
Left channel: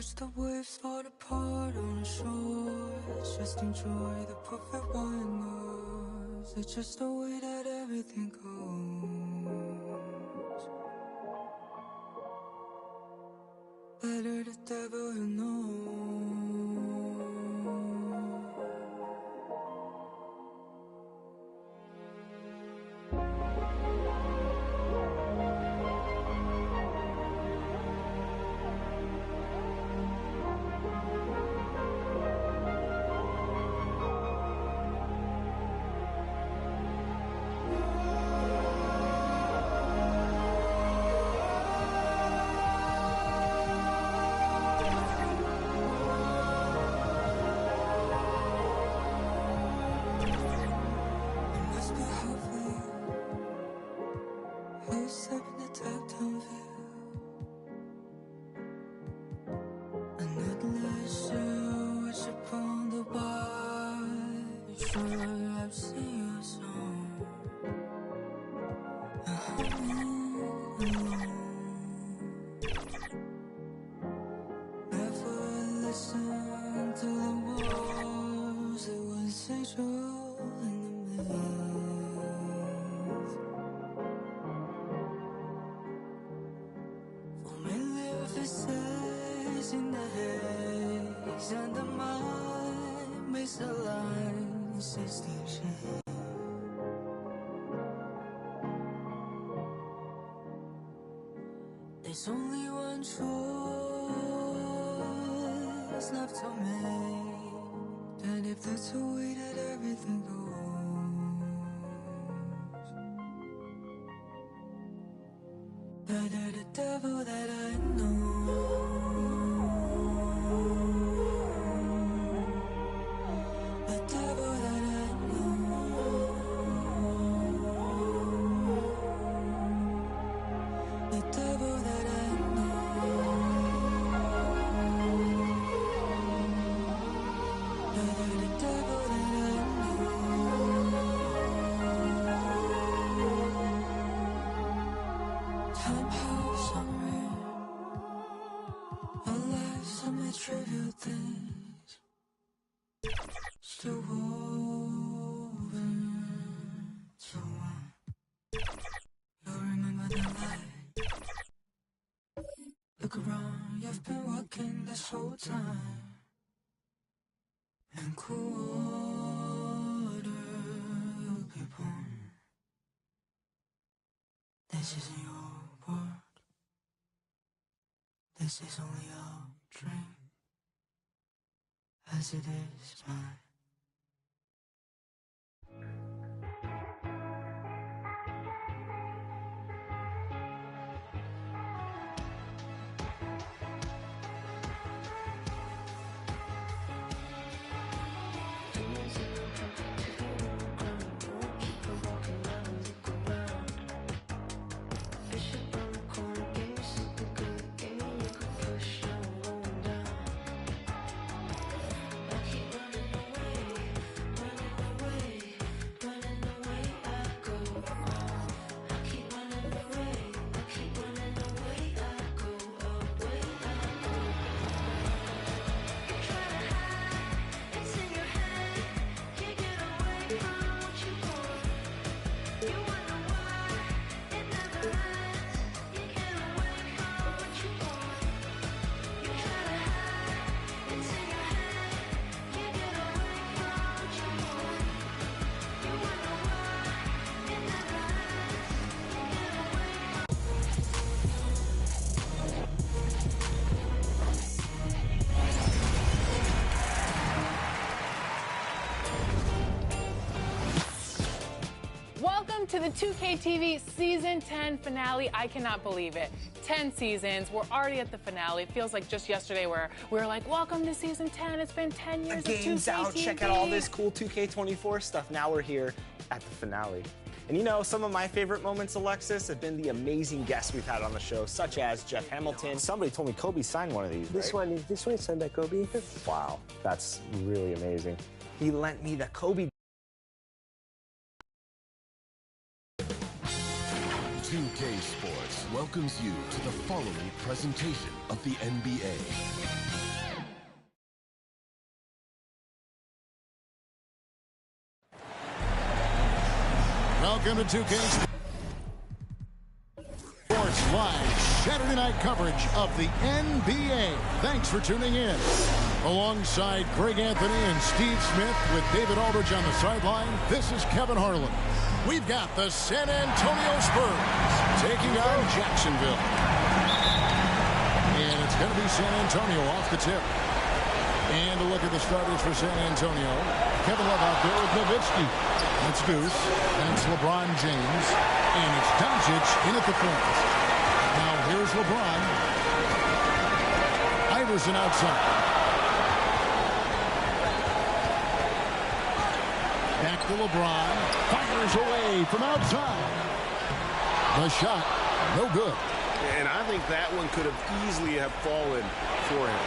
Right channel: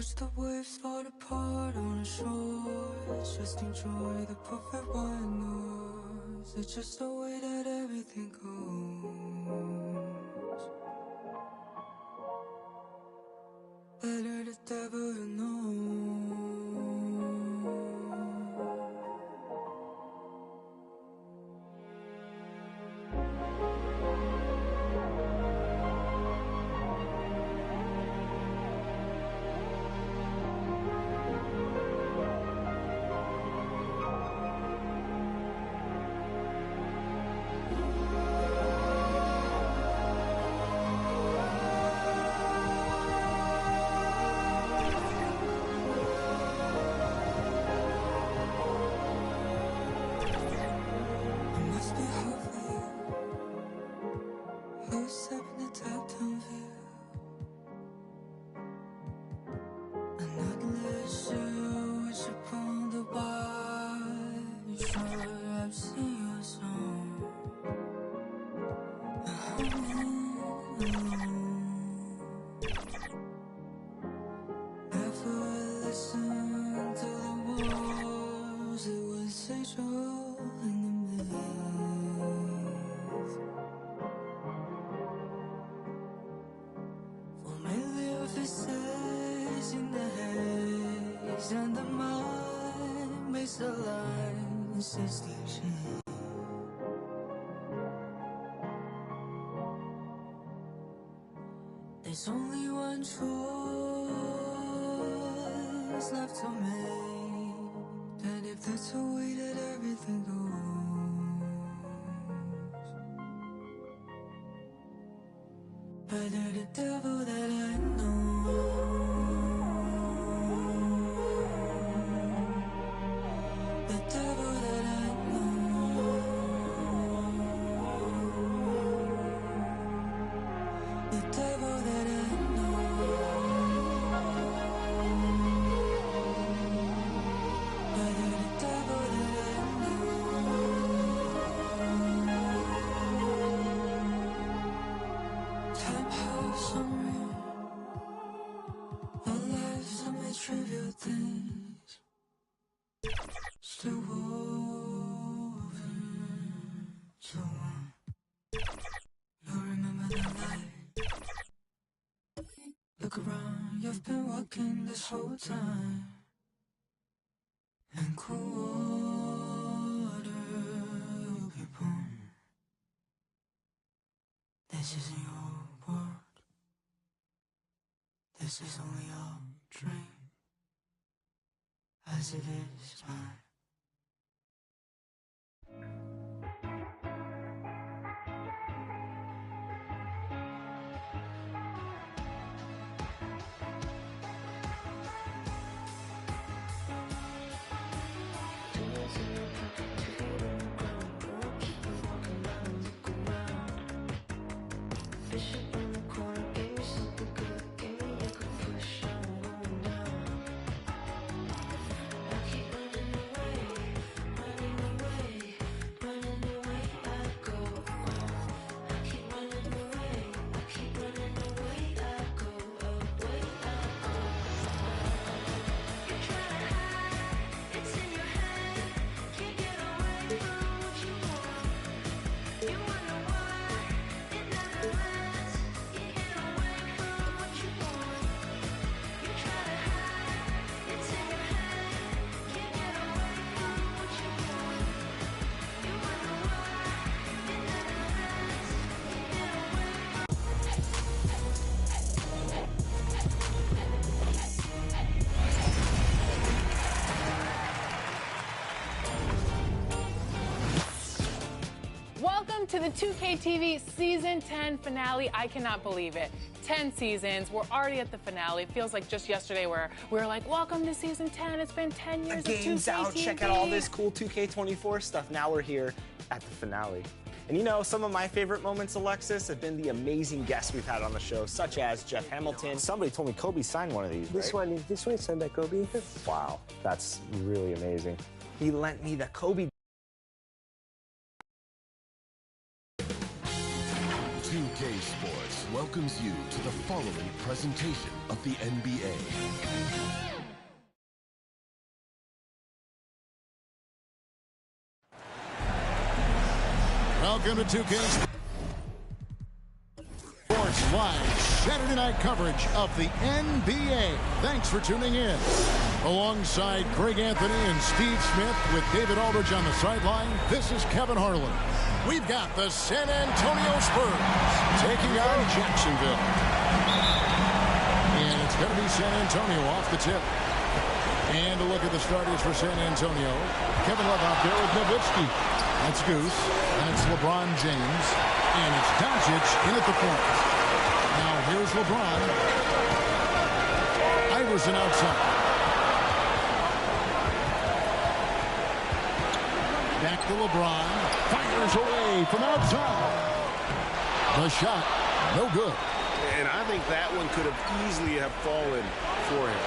watch the waves fall apart on the shores. Just enjoy the perfect white noise. It's just the way that everything goes. Better the devil you know. Up in the top-down view, an atleast which upon the bar. Sure, I've seen your song. Never listened to the walls. It was sexual in the maze. Faces in the haze, and the mind makes the lines distinction. There's only one choice left to make, and if that's the way that everything goes, better the devil that I know. The devil that I know. The devil that I know. Better the devil that I know. Time has unreal. Our lives are made trivial things, still woven so one. You'll remember the light. Look around, you've been walking this whole time, and quarter you'll be born. This isn't your world. This is only your dream, as it is mine. To the 2K TV Season 10 finale. I cannot believe it. 10 seasons. We're already at the finale. It feels like just yesterday where we were like, welcome to Season 10. It's been 10 years of 2K game's out. TV. Check out all this cool 2K24 stuff. Now we're here at the finale. And you know, some of my favorite moments, Alexis, have been the amazing guests we've had on the show, such as Jeff Hamilton. Somebody told me Kobe signed one of these, This one is signed by Kobe. Wow, that's really amazing. He lent me the Kobe. 2K Sports welcomes you to the following presentation of the NBA. Welcome to 2K Sports Live Saturday night coverage of the NBA. Thanks for tuning in. Alongside Greg Anthony and Steve Smith with David Aldridge on the sideline, this is Kevin Harlan. We've got the San Antonio Spurs taking on Jacksonville. And it's going to be San Antonio off the tip. And a look at the starters for San Antonio. Kevin Love out there with Nowitzki. That's Goose. And it's LeBron James. And it's Doncic in at the point. Now here's LeBron. Iverson outside. Back to LeBron. Fires away from outside. The shot, no good. And I think that one could have easily have fallen for him.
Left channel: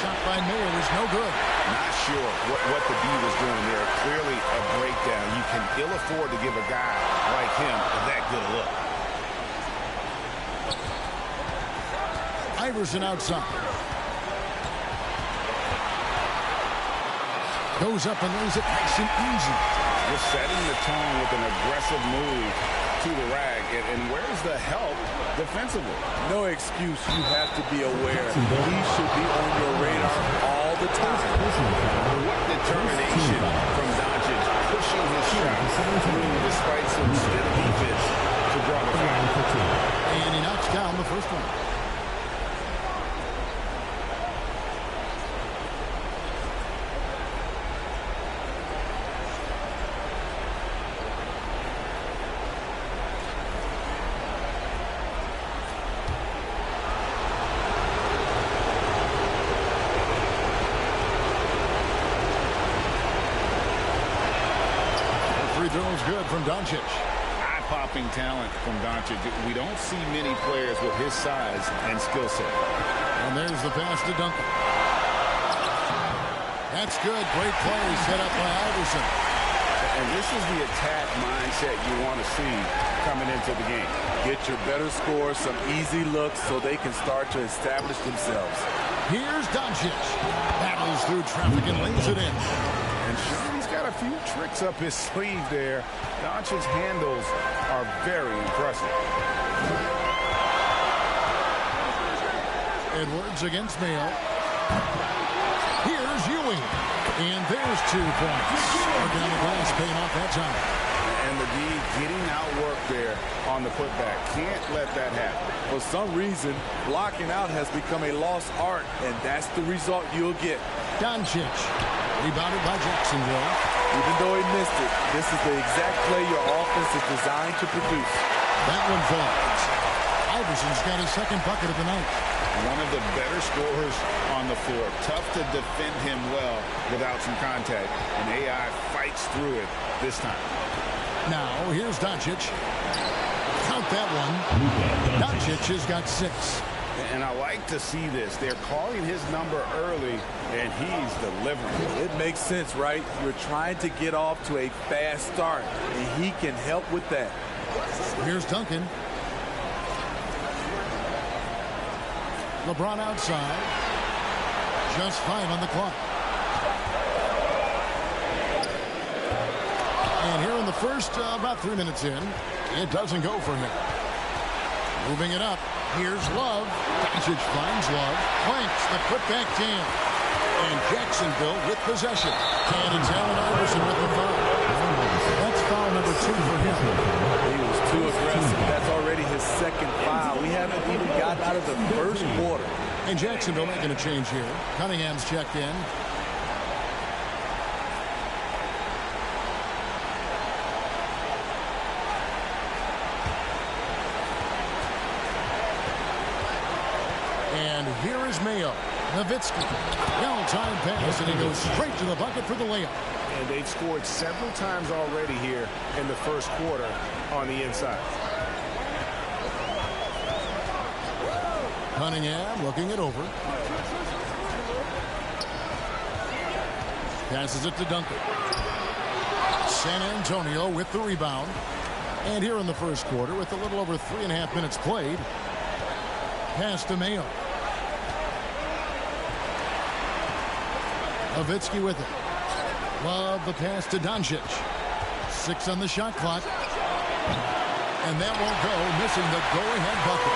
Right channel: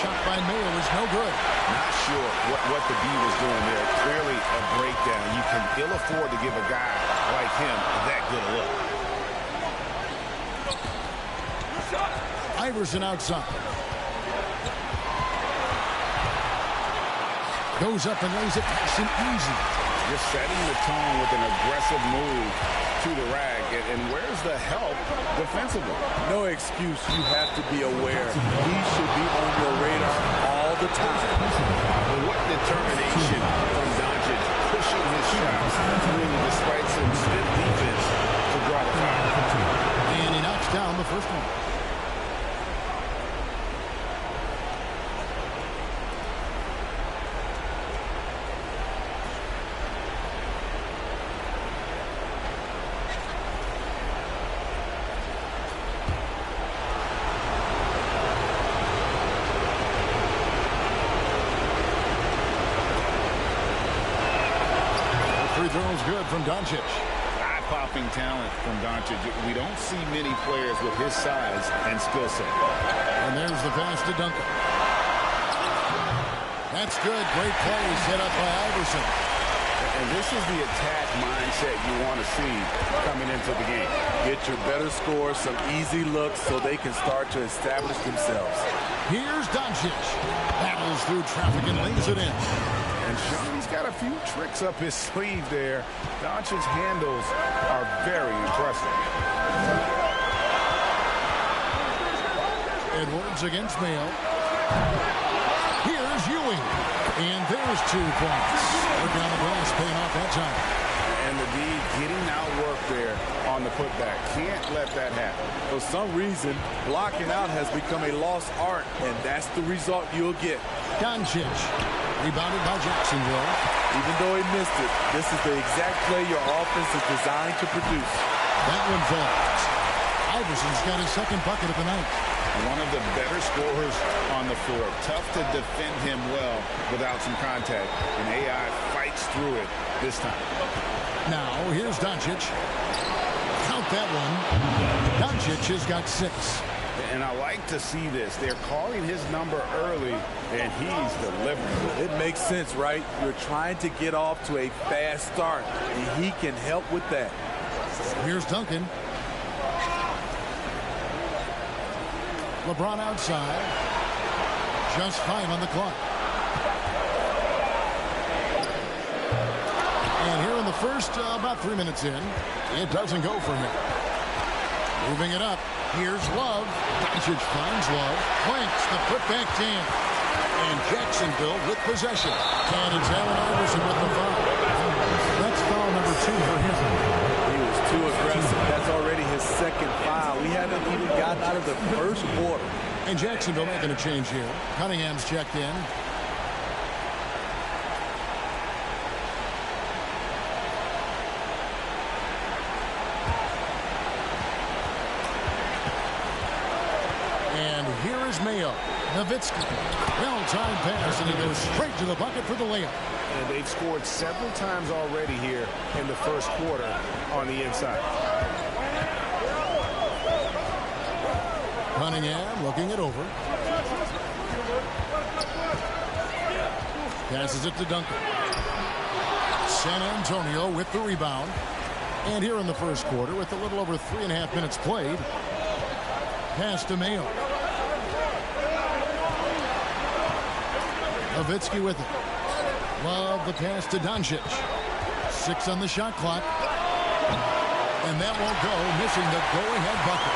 Shot by Mayo is no good. Not sure what the D was doing there. Clearly a breakdown. You can ill afford to give a guy like him that good a look. Iverson outside. Goes up and lays it nice and easy. Just setting the tone with an aggressive move to the rack. And where's the help defensively? No excuse. You have to be aware. He should be on your radar all the time. What determination from Doncic pushing his shot through despite some stiff defense to draw the foul. And he knocks down the first one. Free throw's good from Doncic. Eye-popping talent from Doncic. We don't see many players with his size and skill set. And there's the pass to Duncan. That's good. Great play set up by Iverson. And this is the attack mindset you want to see coming into the game. Get your better score, some easy looks so they can start to establish themselves. Here's Doncic. Battles through traffic and lays it in. And sure, he's got a few tricks up his sleeve there. Doncic's handles are very impressive. Edwards against Mayo. Here's Ewing. And there's 2 points. Working on the glass, paying off that time. And the D getting outworked there on the putback. Can't let that happen. For some reason, blocking out has become a lost art, and that's the result you'll get. Doncic. Rebounded by Jacksonville. Even though he missed it, this is the exact play your offense is designed to produce. That one falls. Iverson's got his second bucket of the night. One of the better scorers on the floor. Tough to defend him well without some contact. And AI fights through it this time. Now, here's Doncic. Count that one. Doncic has got 6. And I like to see this. They're calling his number early, and he's delivering. It makes sense, right? You're trying to get off to a fast start, and he can help with that. Here's Duncan. LeBron outside. Just 5 on the clock. And here in the first, about 3 minutes in, it doesn't go for him. Moving it up. Here's Love. Doncic finds Love. Clanks the putback jam. And Jacksonville with possession. And it's Allen Iverson with the foul. That's foul number 2 for him. He was too aggressive. That's already his second foul. We haven't even gotten out of the first quarter. And Jacksonville making a change here. Cunningham's checked in. And here is Mayo. Nowitzki. Well-timed pass, and he goes straight to the bucket for the layup. And they've scored several times already here in the first quarter on the inside. Cunningham looking it over. Passes it to Duncan. San Antonio with the rebound. And here in the first quarter, with a little over 3.5 minutes played, pass to Mayo. Nowitzki with it. Love the pass to Doncic. 6 on the shot clock. And that won't go, missing the go-ahead bucket.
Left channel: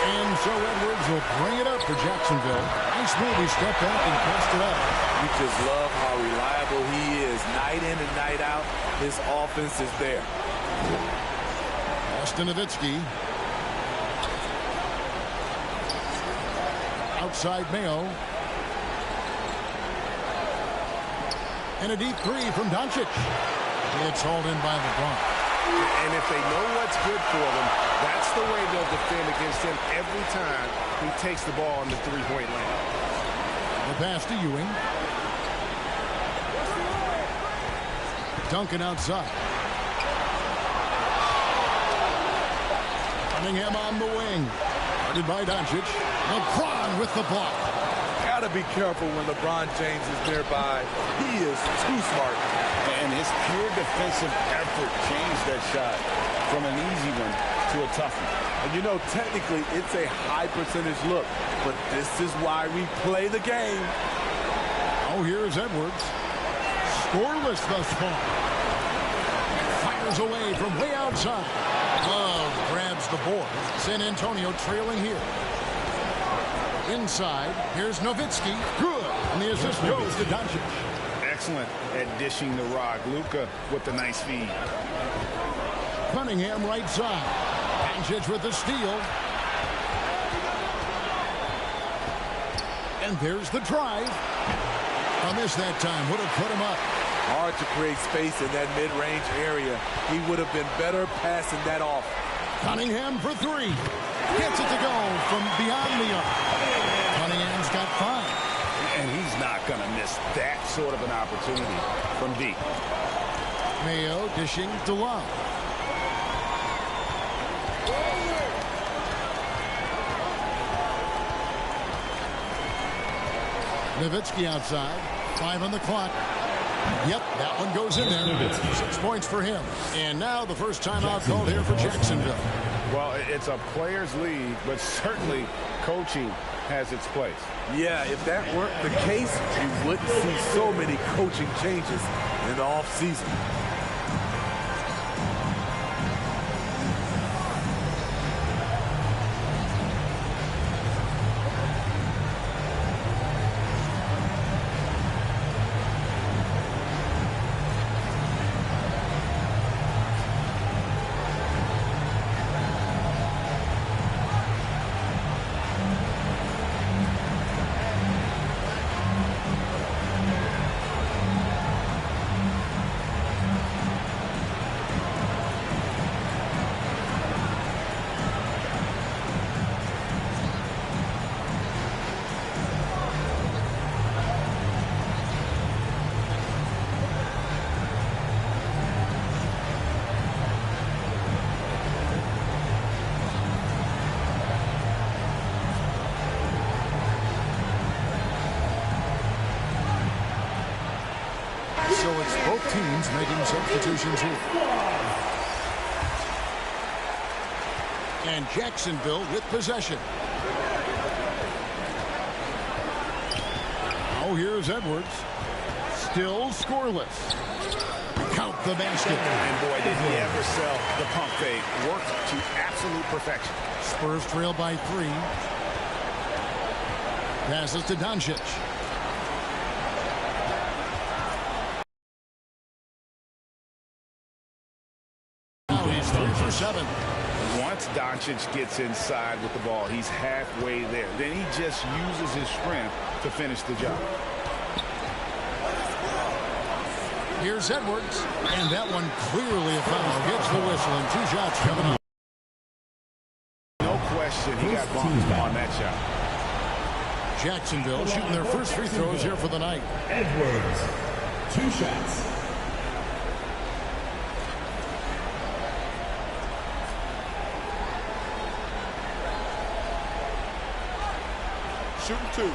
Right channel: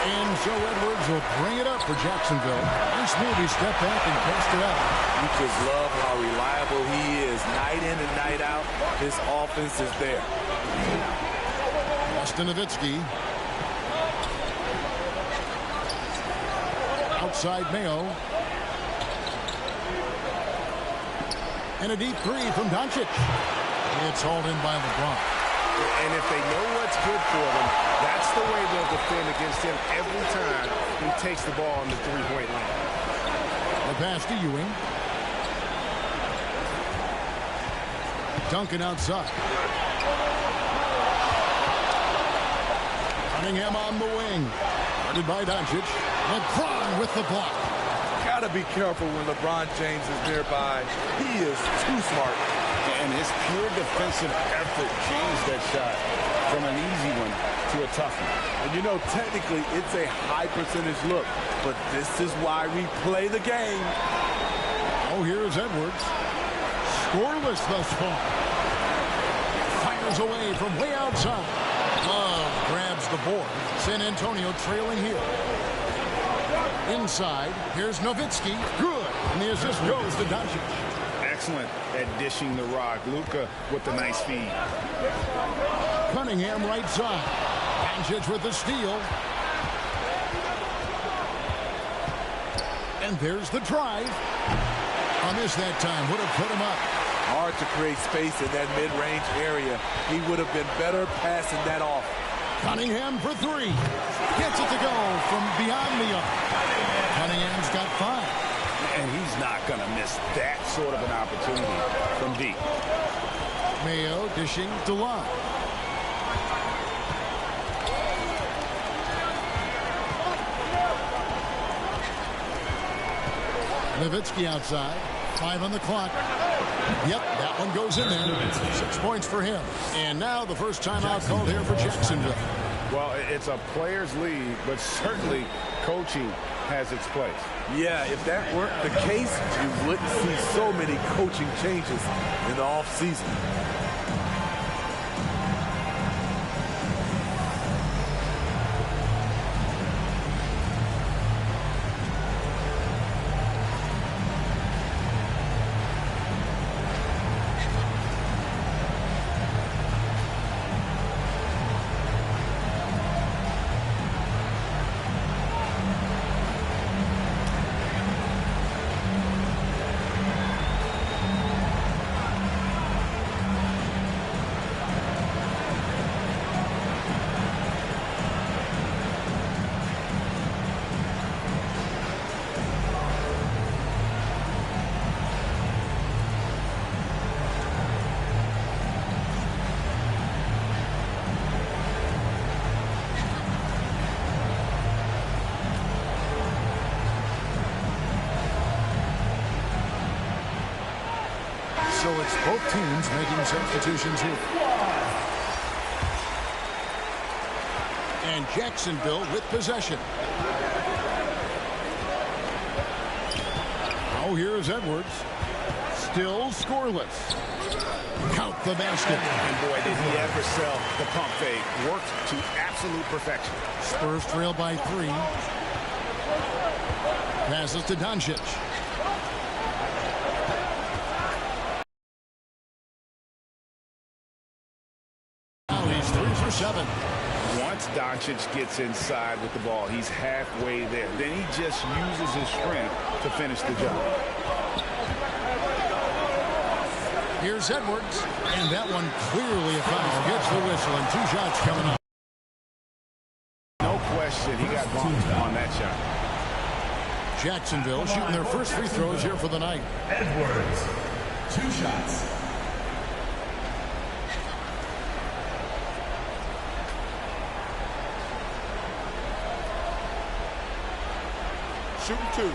And so Edwards will bring it up for Jacksonville. Nice move. He stepped back and cast it up. You just love how reliable he is. Night in and night out, his offense is there. Austin Nowitzki. Outside Mayo. And a deep three from Doncic. It's hauled in by LeBron. And if they know what's good for them, that's the way they'll defend against him every time he takes the ball in the three-point lane. The pass to Ewing. Duncan outside. Cunningham on the wing. Guarded by Doncic. LeBron with the block. Gotta be careful when LeBron James is nearby. He is too smart. And his pure defensive effort changed that shot from an easy one to a tough one. And you know, technically, it's a high percentage look, but this is why we play the game. Oh, here's Edwards. Scoreless thus far. Fires away from way outside. Love grabs the board. San Antonio trailing here. Inside, here's Nowitzki. Good. And the assist goes to Doncic. Excellent at dishing the rock. Luka with the nice feed. Cunningham right side. Doncic with the steal. And there's the drive. A miss that time. Would have put him up. Hard to create space in that mid-range area. He would have been better passing that off. Cunningham for three. Gets it to go from beyond the arc. Cunningham's got 5. And he's not going to miss that sort of an opportunity from deep. Mayo dishing to Love. Nowitzki outside. 5 on the clock. Yep, that one goes in there. 6 points for him. And now the first timeout called here for Jacksonville. Well, it's a players' league, but certainly coaching has its place. Yeah, if that weren't the case, you wouldn't see so many coaching changes in the offseason. So it's both teams making substitutions here. And Jacksonville with possession. Oh, here's Edwards. Still scoreless. Count the basket. And boy, did he ever sell the pump fake. Worked to absolute perfection. Spurs trail by 3. Passes to Doncic. Now he's 3 for 7. Once Doncic gets inside with the ball, he's halfway there. Then he just uses his strength to finish the job. Here's Edwards, and that one clearly a foul. Gets the whistle, and 2 shots coming up. No question, he got bumped on that shot. Jacksonville shooting their first free throws here for the night. Edwards, 2 shots. Shooting 2.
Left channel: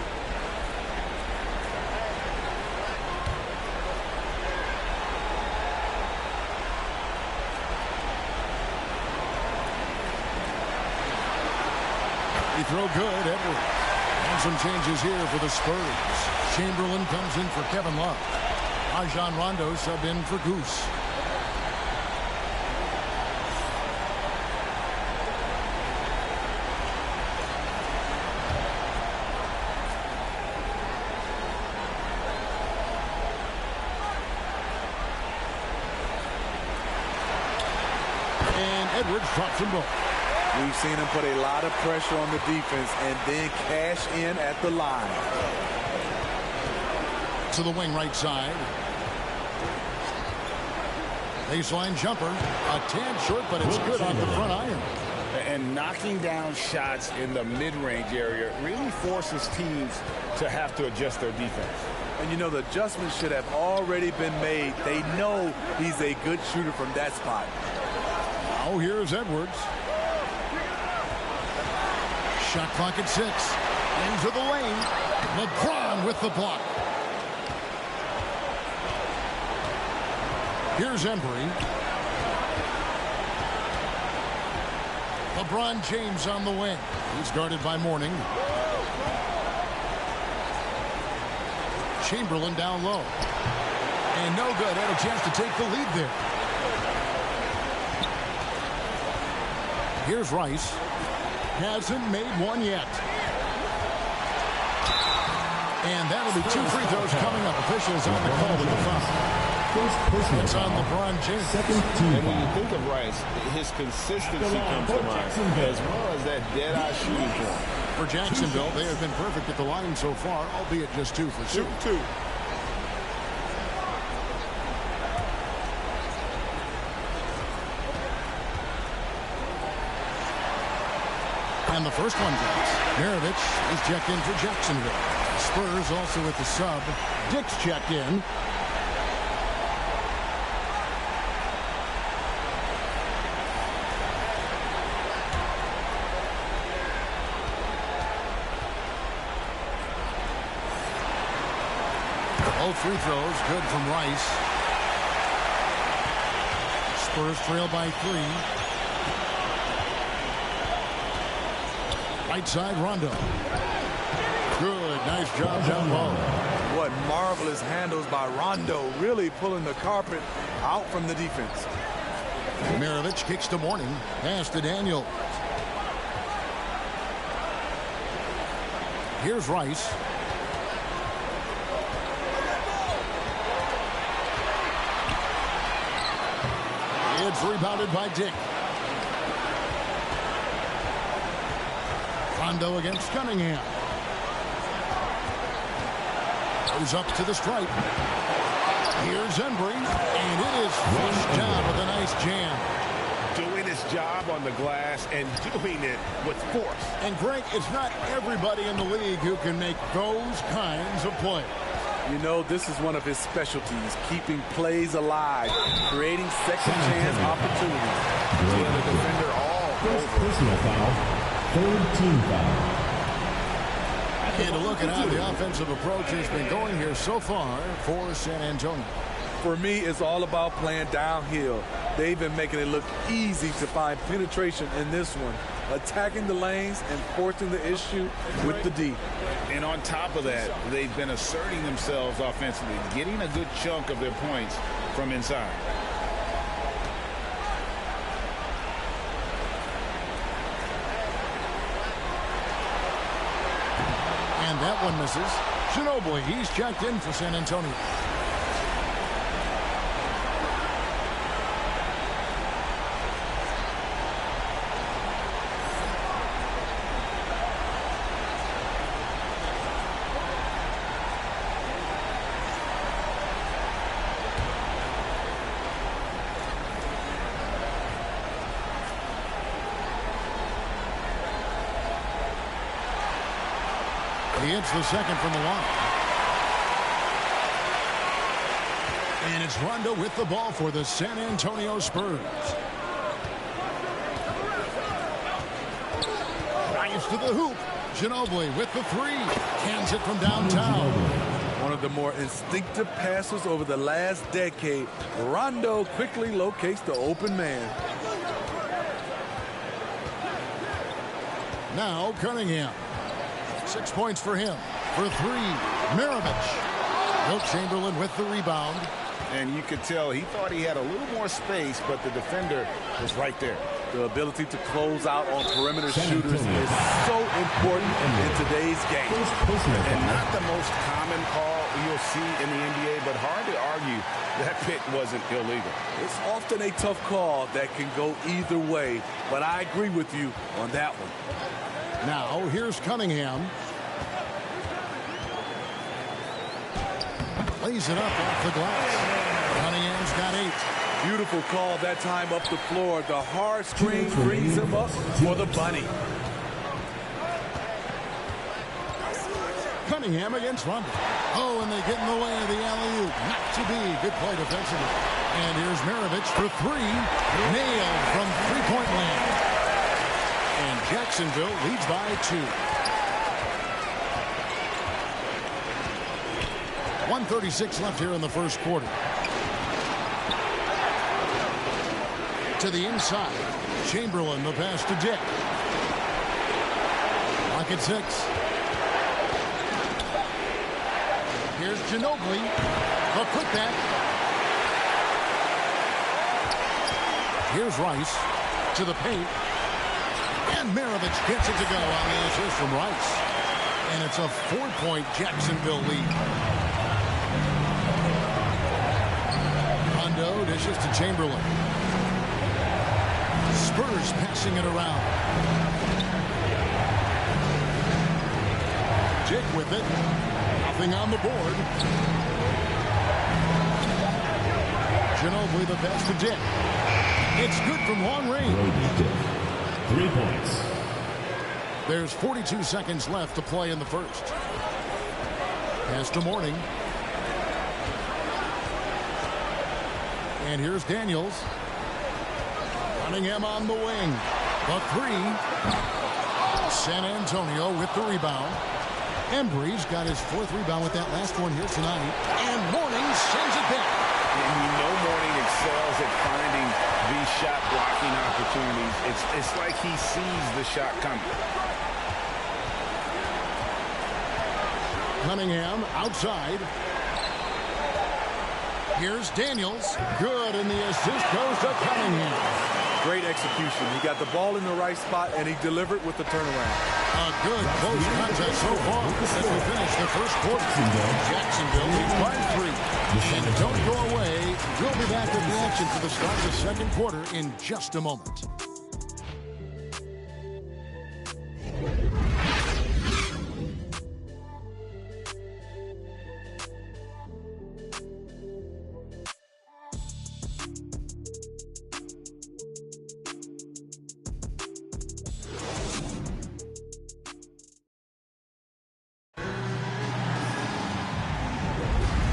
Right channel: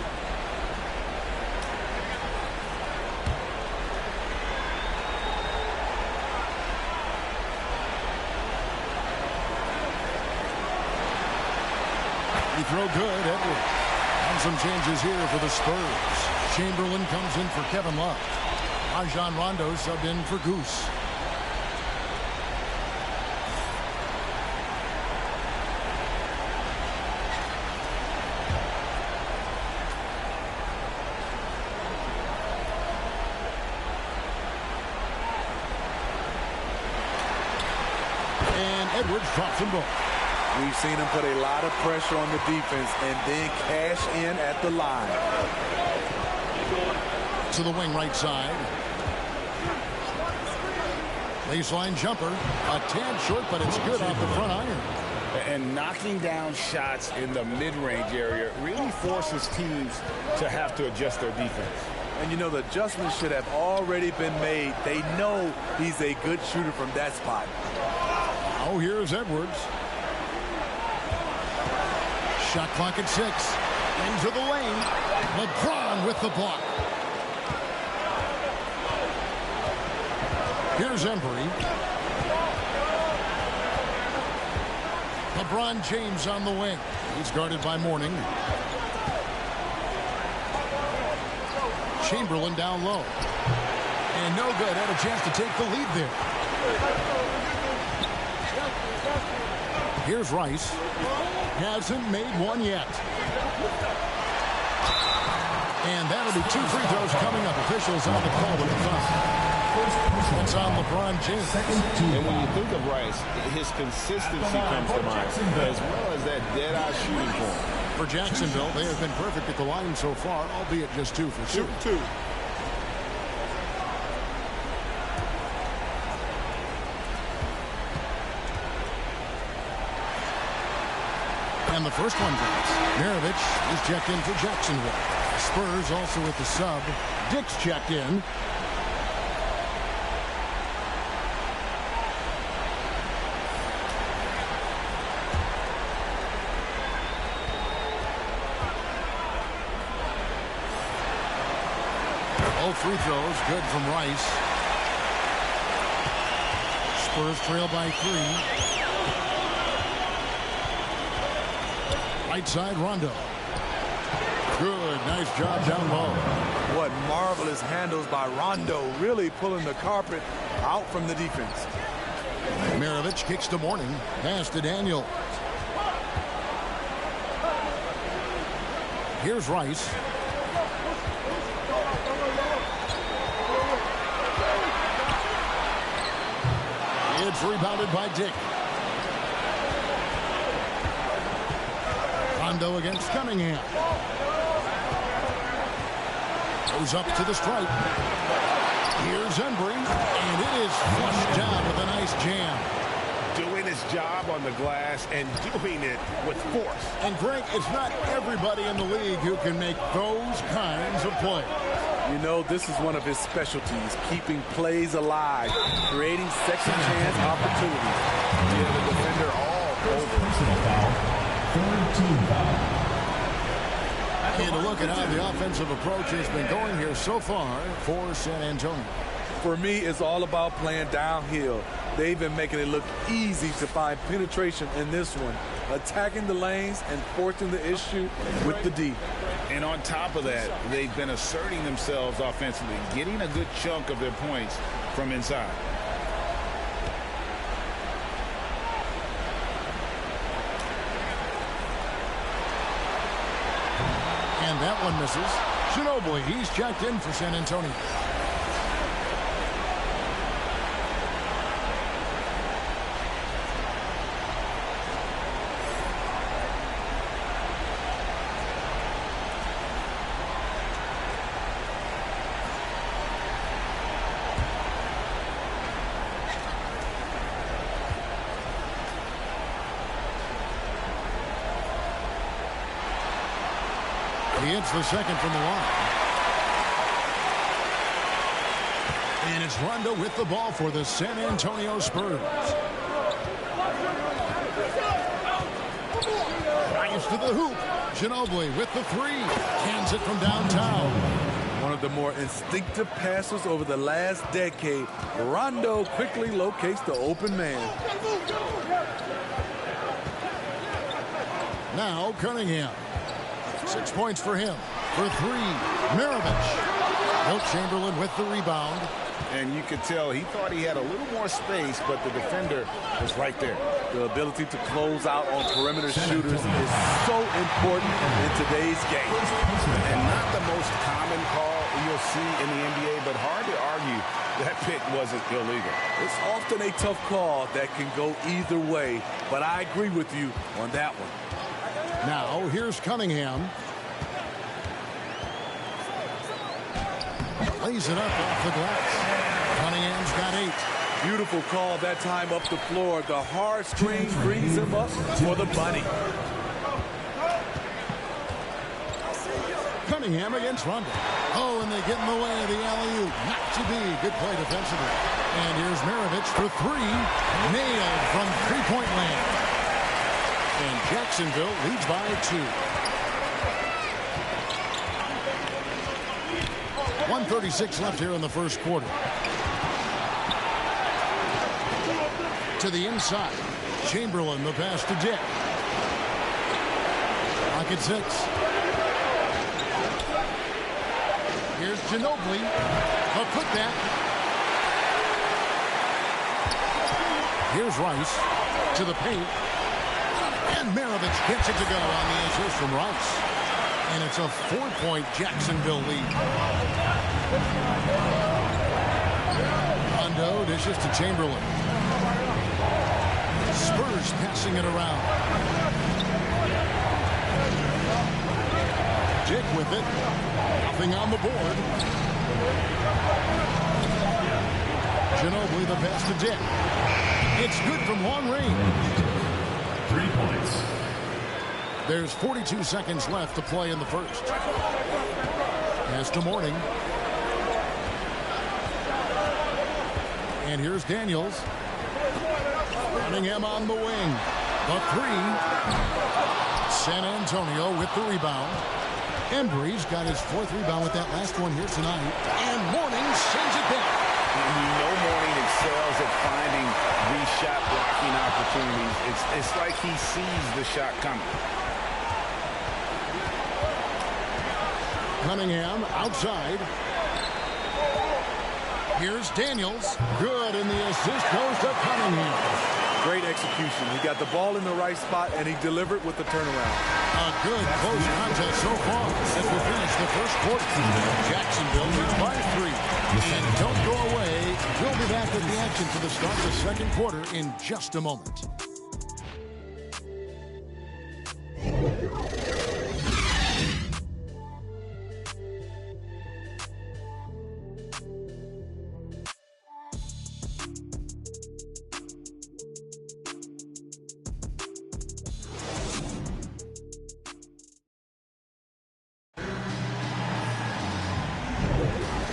Free throw good, Edwards. And some changes here for the Spurs. Chamberlain comes in for Kevin Love. Rajon Rondo subbed in for Goose. Edwards drops them both. We've seen him put a lot of pressure on the defense and then cash in at the line. To the wing right side. Baseline jumper. A tad short, but it's good off the front iron. And knocking down shots in the mid-range area really forces teams to have to adjust their defense. And you know, the adjustments should have already been made. They know he's a good shooter from that spot. Now here's Edwards. Shot clock at 6. Into the lane. LeBron with the block. Here's Embry. LeBron James on the wing. He's guarded by Mourning. Chamberlain down low. And no good. Had a chance to take the lead there. Here's Rice. Hasn't made one yet. And that'll be 2 free throws coming up. Officials on the call with the foul. It's on LeBron James. And when you think of Rice, his consistency comes to mind, as well as that dead-eye shooting form. For Jacksonville, they have been perfect at the line so far, albeit just 2 for 2. And the first one drops. Maravich is checked in for Jacksonville. Spurs also with the sub. Dick's checked in. Both free throws good from Rice. Spurs trail by 3. Right side, Rondo. Good, nice job down low. What marvelous handles by Rondo, really pulling the carpet out from the defense. Maravich kicks to Mourning. Pass to Daniels. Here's Rice. It's rebounded by Dick. Rondo against Cunningham. Goes up to the stripe. Here's Embry, and it is flushed down with a nice jam. Doing his job on the glass and doing it with force. And Greg, it's not everybody in the league who can make those kinds of plays. You know, this is one of his specialties, keeping plays alive, creating second chance opportunities. Yeah, the defender all over. Personal foul. 3rd team foul. And a look at how the offensive approach has been going here so far for San Antonio. For me, it's all about playing downhill. They've been making it look easy to find penetration in this one, attacking the lanes and forcing the issue with the D. And on top of that, they've been asserting themselves offensively, getting a good chunk of their points from inside. And that one misses. Ginobili, he's checked in for San Antonio. He hits the second from the line. And it's Rondo with the ball for the San Antonio Spurs. Drives to the hoop. Ginobili with the 3. Cans it from downtown. One of the more instinctive passes over the last decade. Rondo quickly locates the open man. Now Cunningham. 6 points for him. For 3, Maravich. Wilt Chamberlain with the rebound. And you could tell he thought he had a little more space, but the defender was right there. The ability to close out on perimeter shooters is so important in today's game. And not the most common call you'll see in the NBA, but hard to argue that pick wasn't illegal. It's often a tough call that can go either way, but I agree with you on that one. Now, here's Cunningham. Lays it up off the glass. Cunningham's got 8. Beautiful call that time up the floor. The hard screen brings him up for the bunny. Cunningham against Rondo. Oh, and they get in the way of the alley-oop. Not to be. Good play defensively. And here's Maravich for 3. Nailed from three-point land. And Jacksonville leads by 2. 1:36 left here in the first quarter. To the inside. Chamberlain, the pass to Dick. Clock at 6. Here's Ginobili. The putback. Here's Rice to the paint. And Maravich gets it to go on the assist from Rice. And it's a 4-point Jacksonville lead. Rondo dishes to Chamberlain. Spurs passing it around. Dick with it. Nothing on the board. Ginobili the pass to Dick. It's good from long range. 3 points. There's 42 seconds left to play in the first. Pass to Morning. And here's Daniels. Cunningham on the wing. The 3. San Antonio with the rebound. Embry's got his 4th rebound with that last one here tonight. And Morning sends it back. And we know Morning excels at finding these shot blocking opportunities. It's like he sees the shot coming. Cunningham outside. Here's Daniels. Good, and the assist goes to Cunningham. Great execution. He got the ball in the right spot, and he delivered with the turnaround. A good close contest so far as we finish the first quarter. Jacksonville leads by 3. And don't go away. We'll be back with the action for the start of the second quarter in just a moment.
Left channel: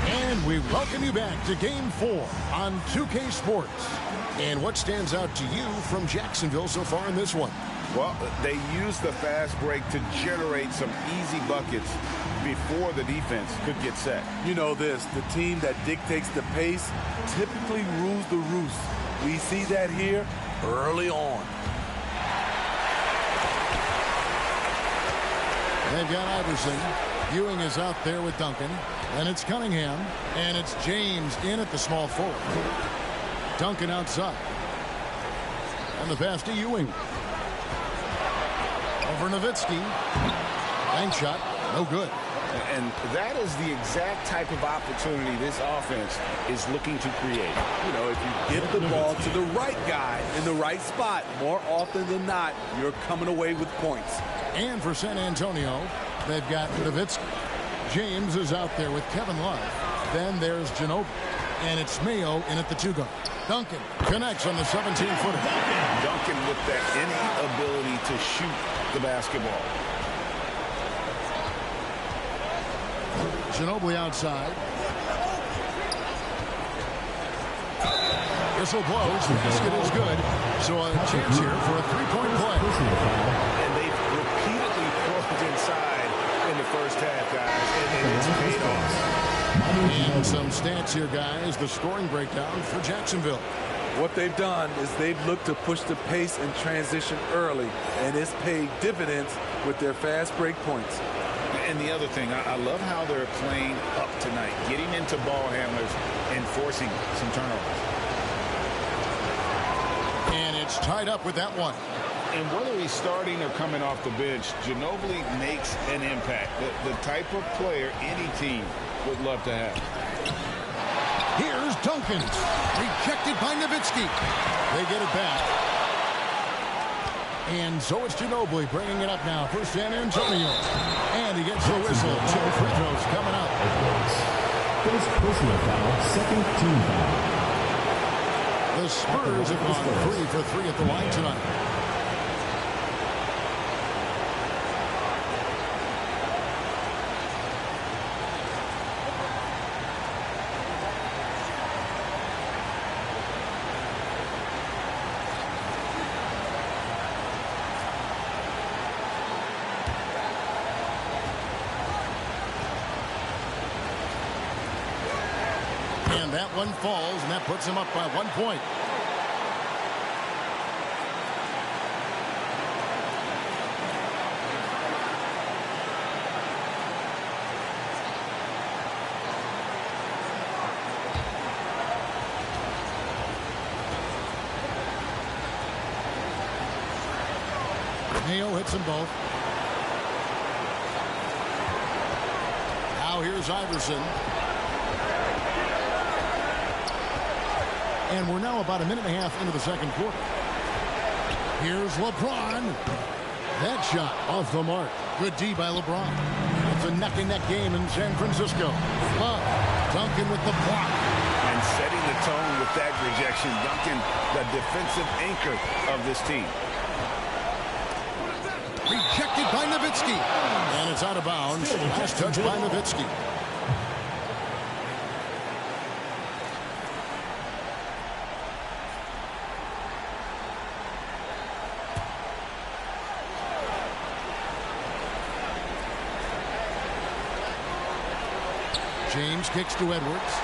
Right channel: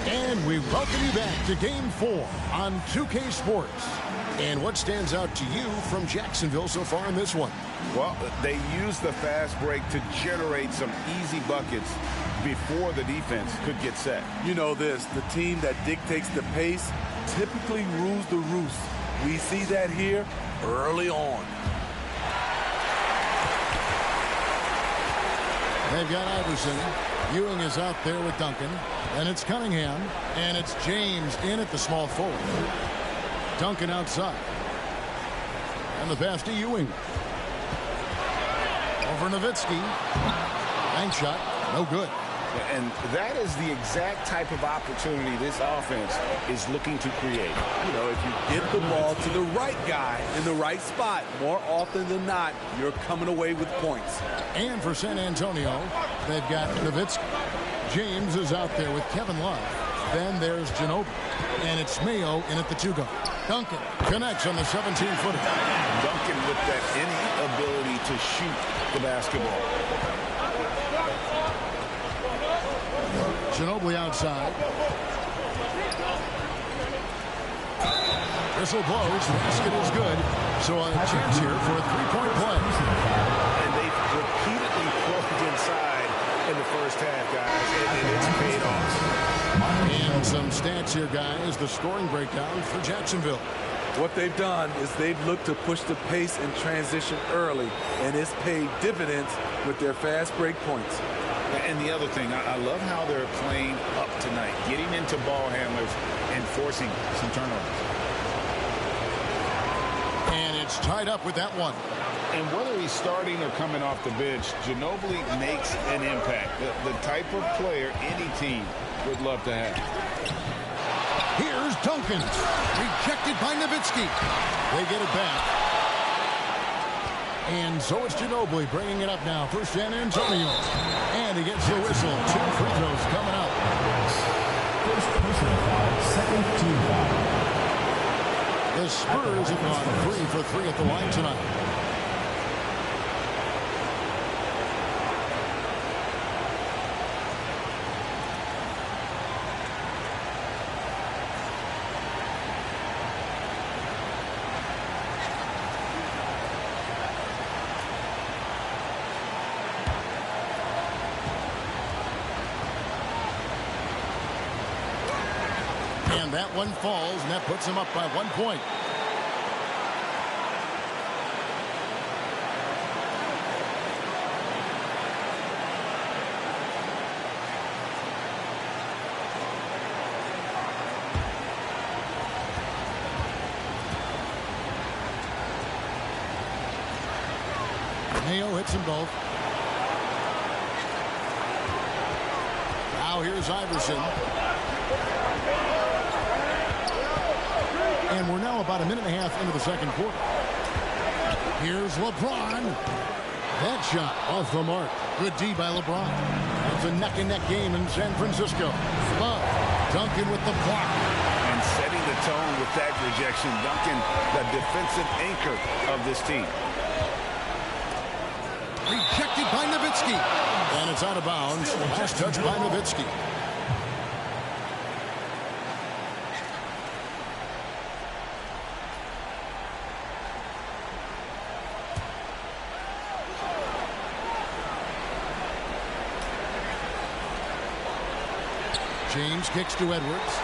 And we welcome you back to Game 4 on 2K Sports. And what stands out to you from Jacksonville so far in this one? Well, they used the fast break to generate some easy buckets before the defense could get set. You know this, the team that dictates the pace typically rules the roost. We see that here early on. They've got Iverson. Ewing is out there with Duncan. Then it's Cunningham. And it's James in at the small forward. Duncan outside. And the pass to Ewing. Over Nowitzki. Bank shot. No good. And that is the exact type of opportunity this offense is looking to create. You know, if you get the ball to the right guy in the right spot, more often than not, you're coming away with points. And for San Antonio, they've got Nowitzki. James is out there with Kevin Love. Then there's Ginobili. And it's Mayo in at the 2-guard. Duncan connects on the 17-footer. Duncan with that innate ability to shoot the basketball. Ginobili outside. Whistle blows. Basket is good. So a chance here for a 3-point play. And they've repeatedly pulled inside in the first half, guys, and it's paid off. And some stats here, guys. The scoring breakdown for Jacksonville. What they've done is they've looked to push the pace and transition early, and it's paid dividends with their fast break points. And the other thing, I love how they're playing up tonight, getting into ball handlers and forcing some turnovers. And it's tied up with that one. And whether he's starting or coming off the bench, Ginobili makes an impact. The type of player any team would love to have. Here's Duncan. Rejected by Nowitzki. They get it back. And so it's Ginobili bringing it up now for San Antonio. And he gets the whistle. 2 free throws coming up. First personal foul, second team foul. The Spurs have gone 3 for 3 at the line tonight. And that one falls, and that puts him up by 1 point. Mayo hits them both. Now here's Iverson. And we're now about a minute and a half into the second quarter. Here's LeBron. That shot off the mark. Good D by LeBron. It's a neck-and-neck game in San Francisco. Love. Duncan with the block. And setting the tone with that rejection. Duncan, the defensive anchor of this team. Rejected by Nowitzki. And it's out of bounds. Last touch by Nowitzki. James kicks to Edwards.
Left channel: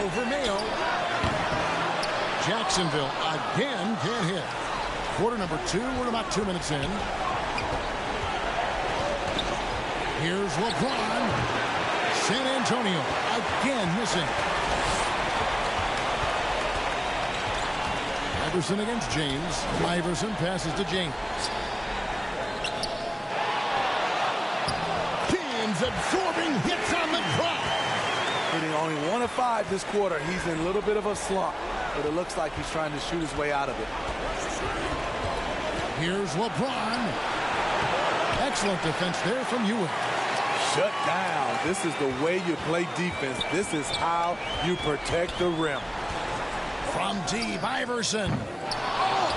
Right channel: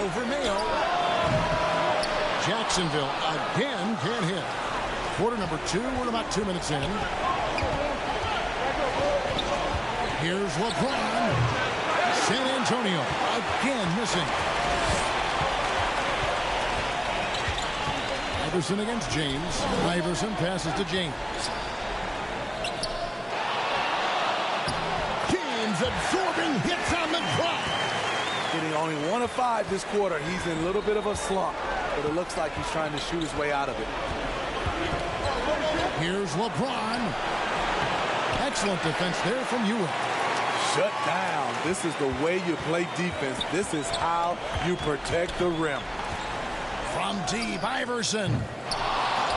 Over Mayo. Jacksonville again can't hit. Quarter number 2. We're about 2 minutes in. Here's LeBron. San Antonio again missing. Iverson against James. Iverson passes to James. Absorbing hits on the drop. Hitting only 1 of 5 this quarter. He's in a little bit of a slump, but it looks like he's trying to shoot his way out of it. Here's LeBron. Excellent defense there from Ewing. Shut down. This is the way you play defense. This is how you protect the rim. From deep, Iverson.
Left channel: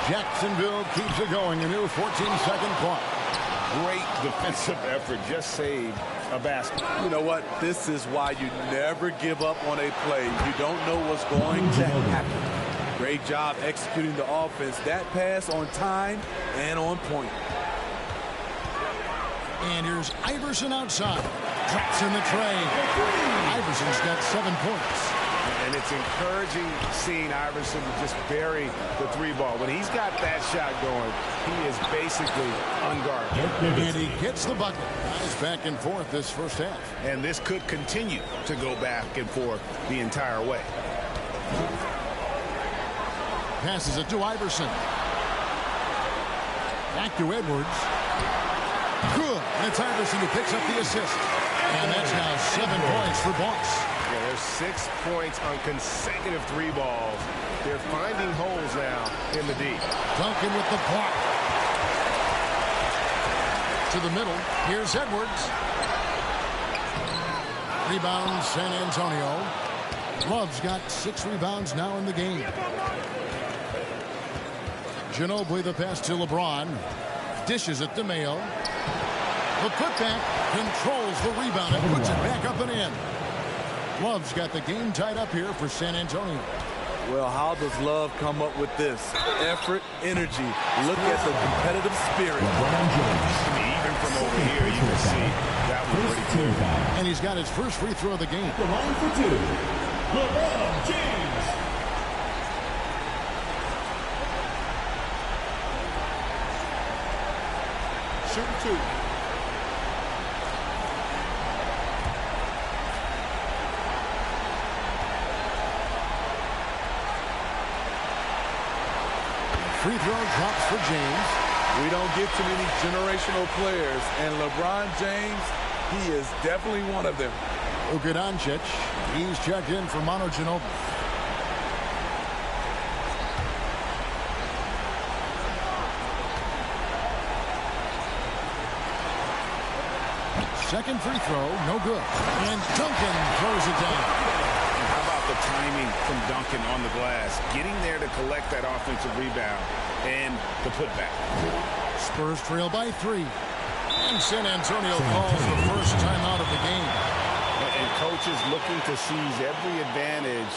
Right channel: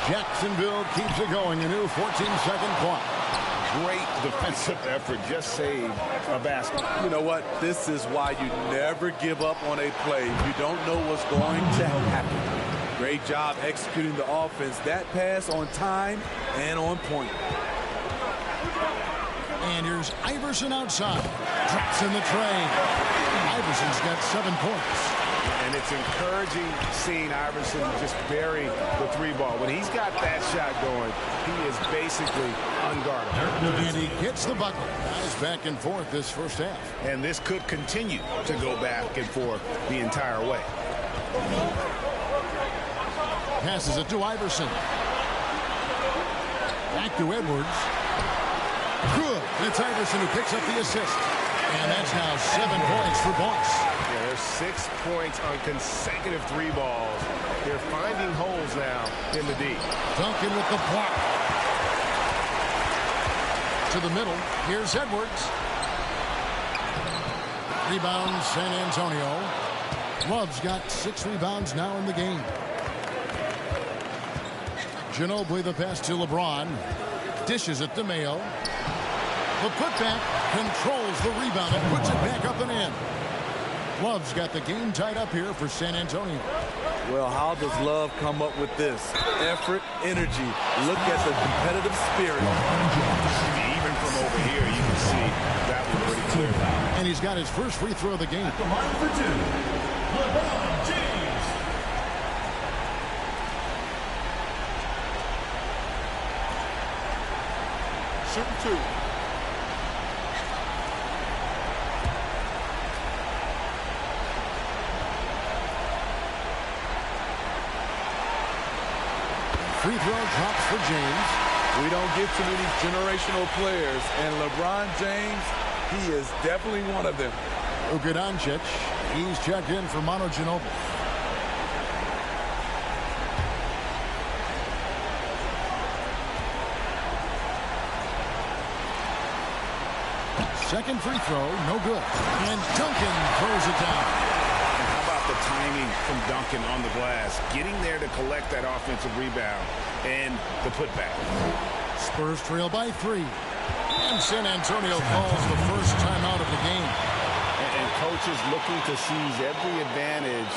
Jacksonville keeps it going. A new 14-second clock. Great defensive effort. Just saved a basket. You know what? This is why you never give up on a play. You don't know what's going to happen. Great job executing the offense. That pass on time and on point. And here's Iverson outside. Drops in the tray. Iverson's got 7 points. And it's encouraging seeing Iverson just bury the 3-ball. When he's got that shot going, he is basically unguardable. And he gets the bucket. Guys back and forth this first half. And this could continue to go back and forth the entire way. Passes it to Iverson. Back to Edwards. Good. And it's Iverson who picks up the assist. And that's now 7 points for Boss. Yeah, there's 6 points on consecutive 3-balls. They're finding holes now in the D. Duncan with the block. To the middle. Here's Edwards. Rebound, San Antonio. Love's got 6 rebounds now in the game. Ginobili the pass to LeBron. Dishes it to Mayo. The putback controls the rebound and puts it back up and in. Love's got the game tied up here for San Antonio. Well, how does Love come up with this? Effort, energy. Look at the competitive spirit. I mean, even from over here, you can see that was pretty clear. And he's got his first free throw of the game. At the line for 2, LeBron James. shooting 2. Free throw drops for James. We don't get too many generational players, and LeBron James, he is definitely one of them. Luka Doncic, he's checked in for Manu Ginobili. Second free throw, no good. And Duncan throws it down. And how about the timing from Duncan on the glass? Getting there to collect that offensive rebound and the putback. Spurs trail by 3. And San Antonio calls the first timeout of the game. And coaches looking to seize every advantage,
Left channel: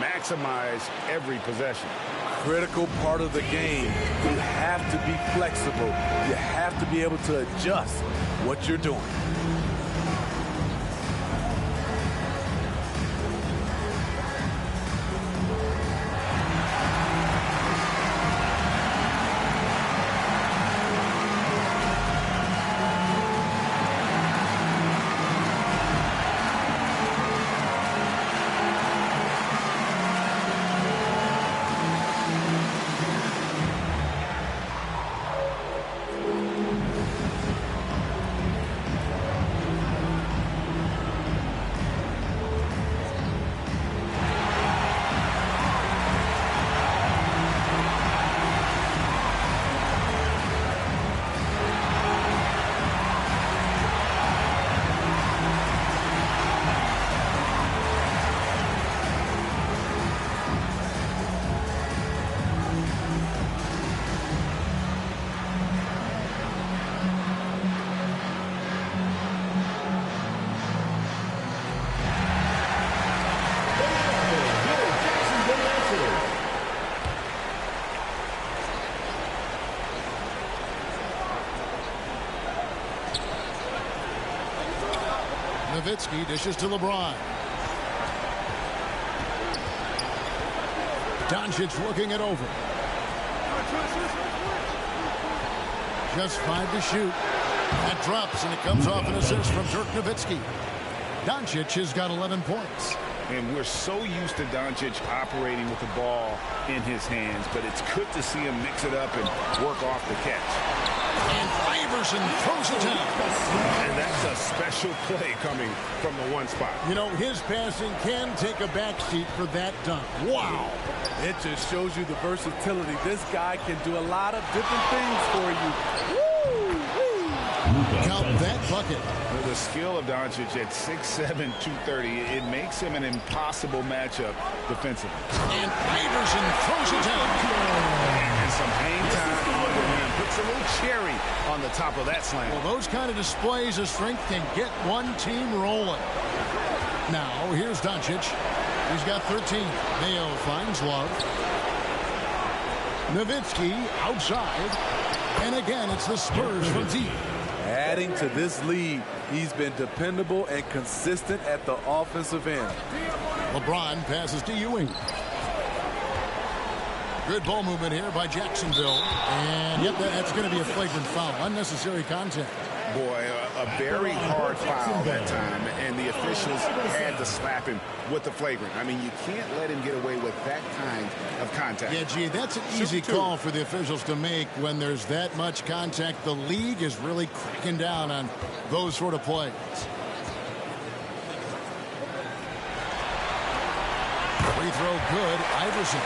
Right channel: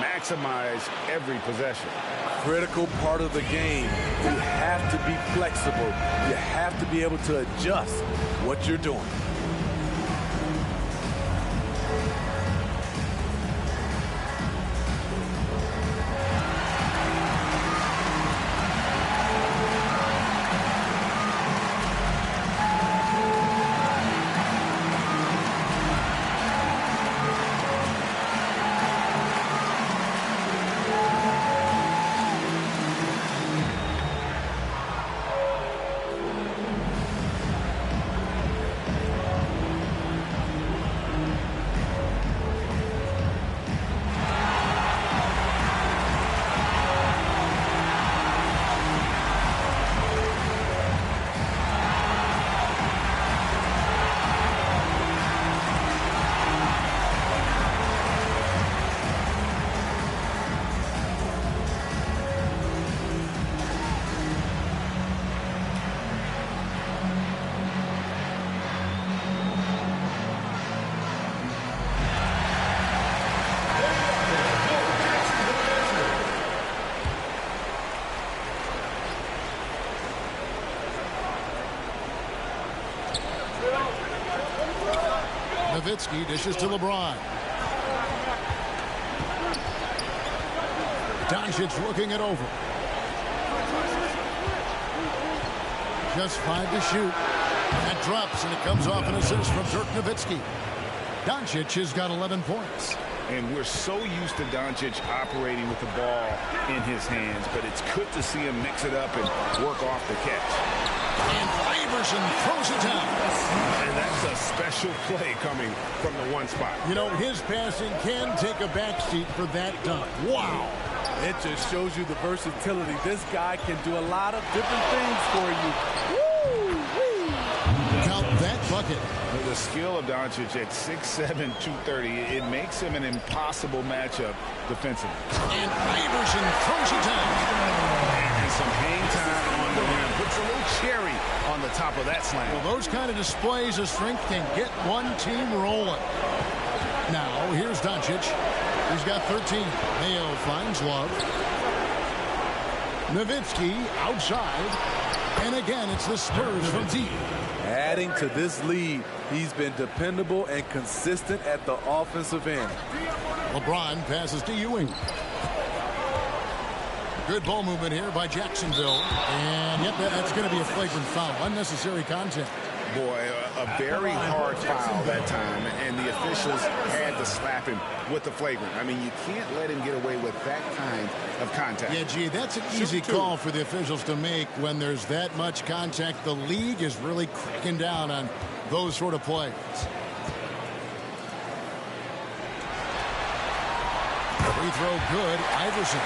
maximize every possession. Critical part of the game. You have to be flexible. You have to be able to adjust what you're doing. Nowitzki dishes to LeBron. Doncic looking it over. Just 5 to shoot. That drops, and it comes off an assist from Dirk Nowitzki. Doncic has got 11 points. And we're so used to Doncic operating with the ball in his hands, but it's good to see him mix it up and work off the catch. And Iverson throws it down. And that's a special play coming from the one spot. You know, his passing can take a backseat for that dunk. Wow. It just shows you the versatility. This guy can do a lot of different things for you. Woo-wee. Count that bucket. The skill of Doncic at 6'7", 230, it makes him an impossible matchup defensively. And Iverson throws it down. And some hang time on the rim. Puts a little cherry on the top of that slam. Well, those kind of displays of strength can get one team rolling. Now, here's Doncic. He's got 13. Mayo finds Love. Nowitzki outside. And again, it's the Spurs from deep. Adding to this lead, he's been dependable and consistent at the offensive end. LeBron passes to Ewing. Good ball movement here by Jacksonville. And, yep, that's going to be a flagrant foul. Unnecessary contact. Boy, a very hard foul that time, and the officials had to slap him with the flagrant. I mean, you can't let him get away with that kind of contact. Yeah, gee, that's an easy call for the officials to make when there's that much contact. The league is really cracking down on those sort of plays. Free throw good. Iverson.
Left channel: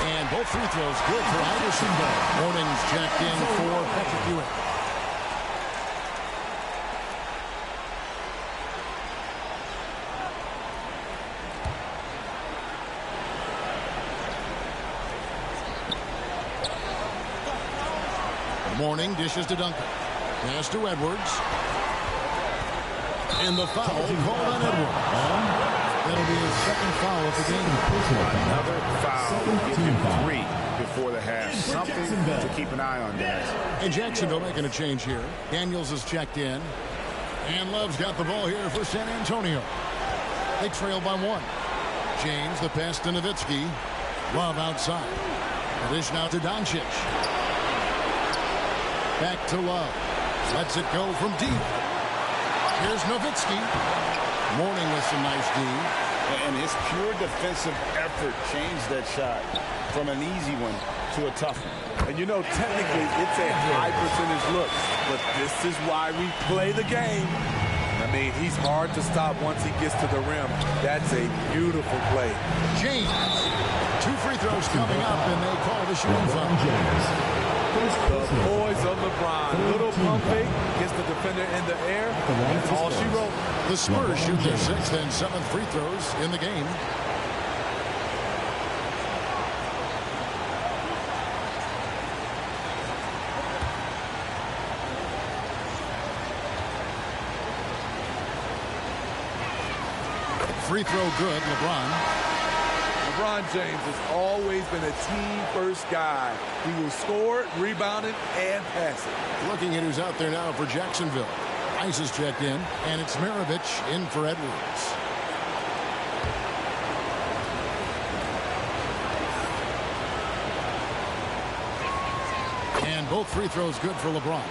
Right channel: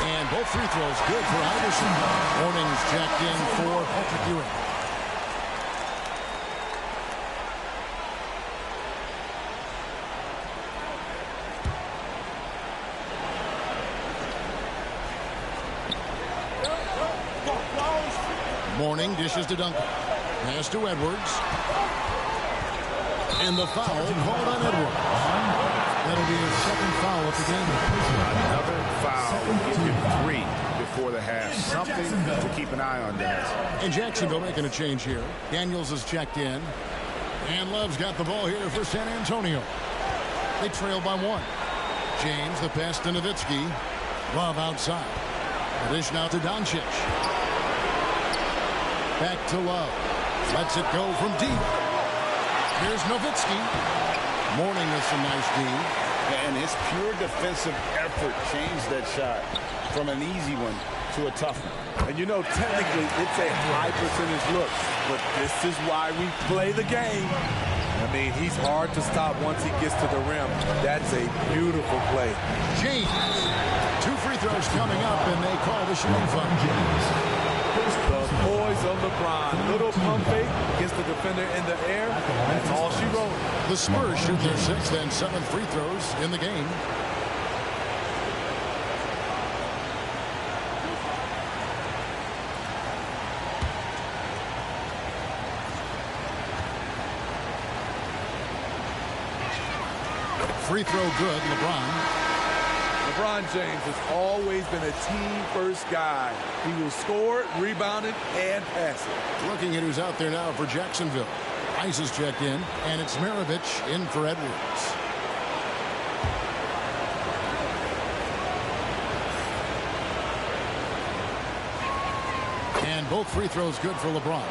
And both free throws good for Iverson. Morning's checked in for Patrick Ewing. Morning dishes to Duncan. Pass to Edwards. And the foul called on Edwards. That'll be his second foul of the game. Another foul. Give him 3 before the half. Something to keep an eye on, guys. And Jacksonville making a change here. Daniels is checked in. And Love's got the ball here for San Antonio. They trail by 1. James, the pass to Nowitzki. Love outside. The dish now to Doncic. Back to Love. Lets it go from deep. Here's Nowitzki. Mourning with some nice D. And his pure defensive effort changed that shot from an easy one to a tough one. And you know, technically, it's a high percentage look. But this is why we play the game. I mean, he's hard to stop once he gets to the rim. That's a beautiful play. James. 2 free throws coming up, and they call the shooting foul. The boys of LeBron. Little pump fake, gets the defender in the air. That's all she wrote. The Spurs shoot their 6th and 7th free throws in the game. Free throw good, LeBron. LeBron James has always been a team-first guy. He will score it, rebound it, and pass it. Looking at who's out there now for Jacksonville. Rice is checked in, and it's Maravich in for Edwards. And both free throws good for LeBron.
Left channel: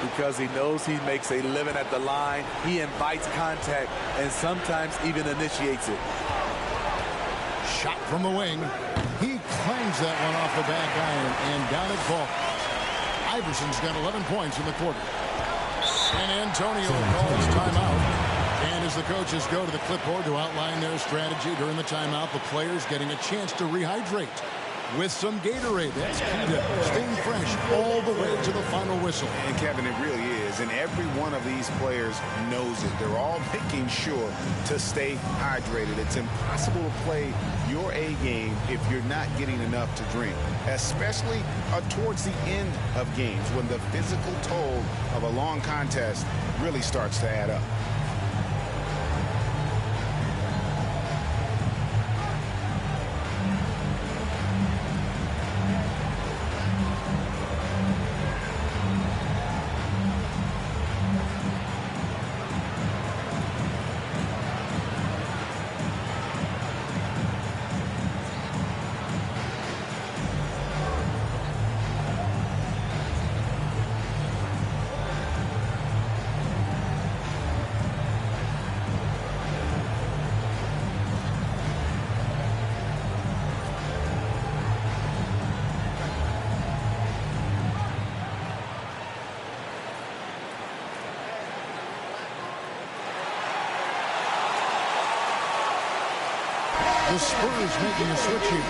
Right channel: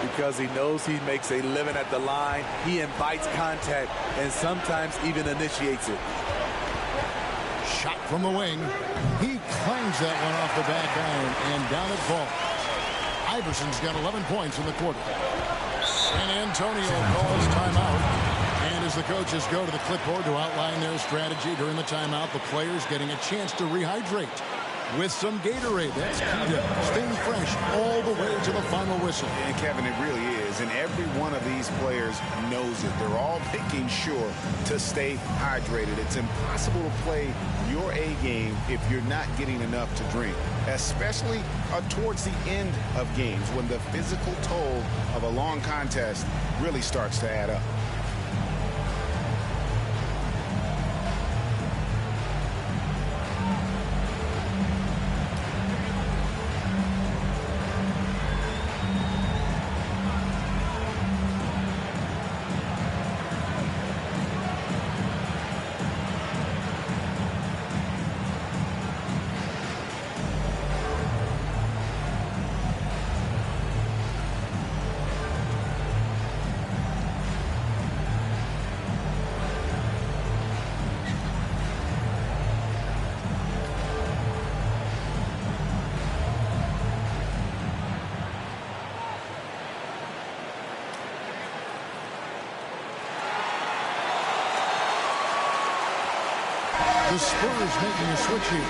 Because he knows he makes a living at the line, he invites contact and sometimes even initiates it. Shot from the wing. He clangs that one off the back iron, and down it falls. Iverson's got 11 points in the quarter. San Antonio calls timeout. And as the coaches go to the clipboard to outline their strategy during the timeout, the players getting a chance to rehydrate with some Gatorade. That's key to staying fresh all the way to the final whistle. And Kevin, it really is. And every one of these players knows it. They're all making sure to stay hydrated. It's impossible to play your A game if you're not getting enough to drink, especially towards the end of games when the physical toll of a long contest really starts to add up. The Spurs making a switch here.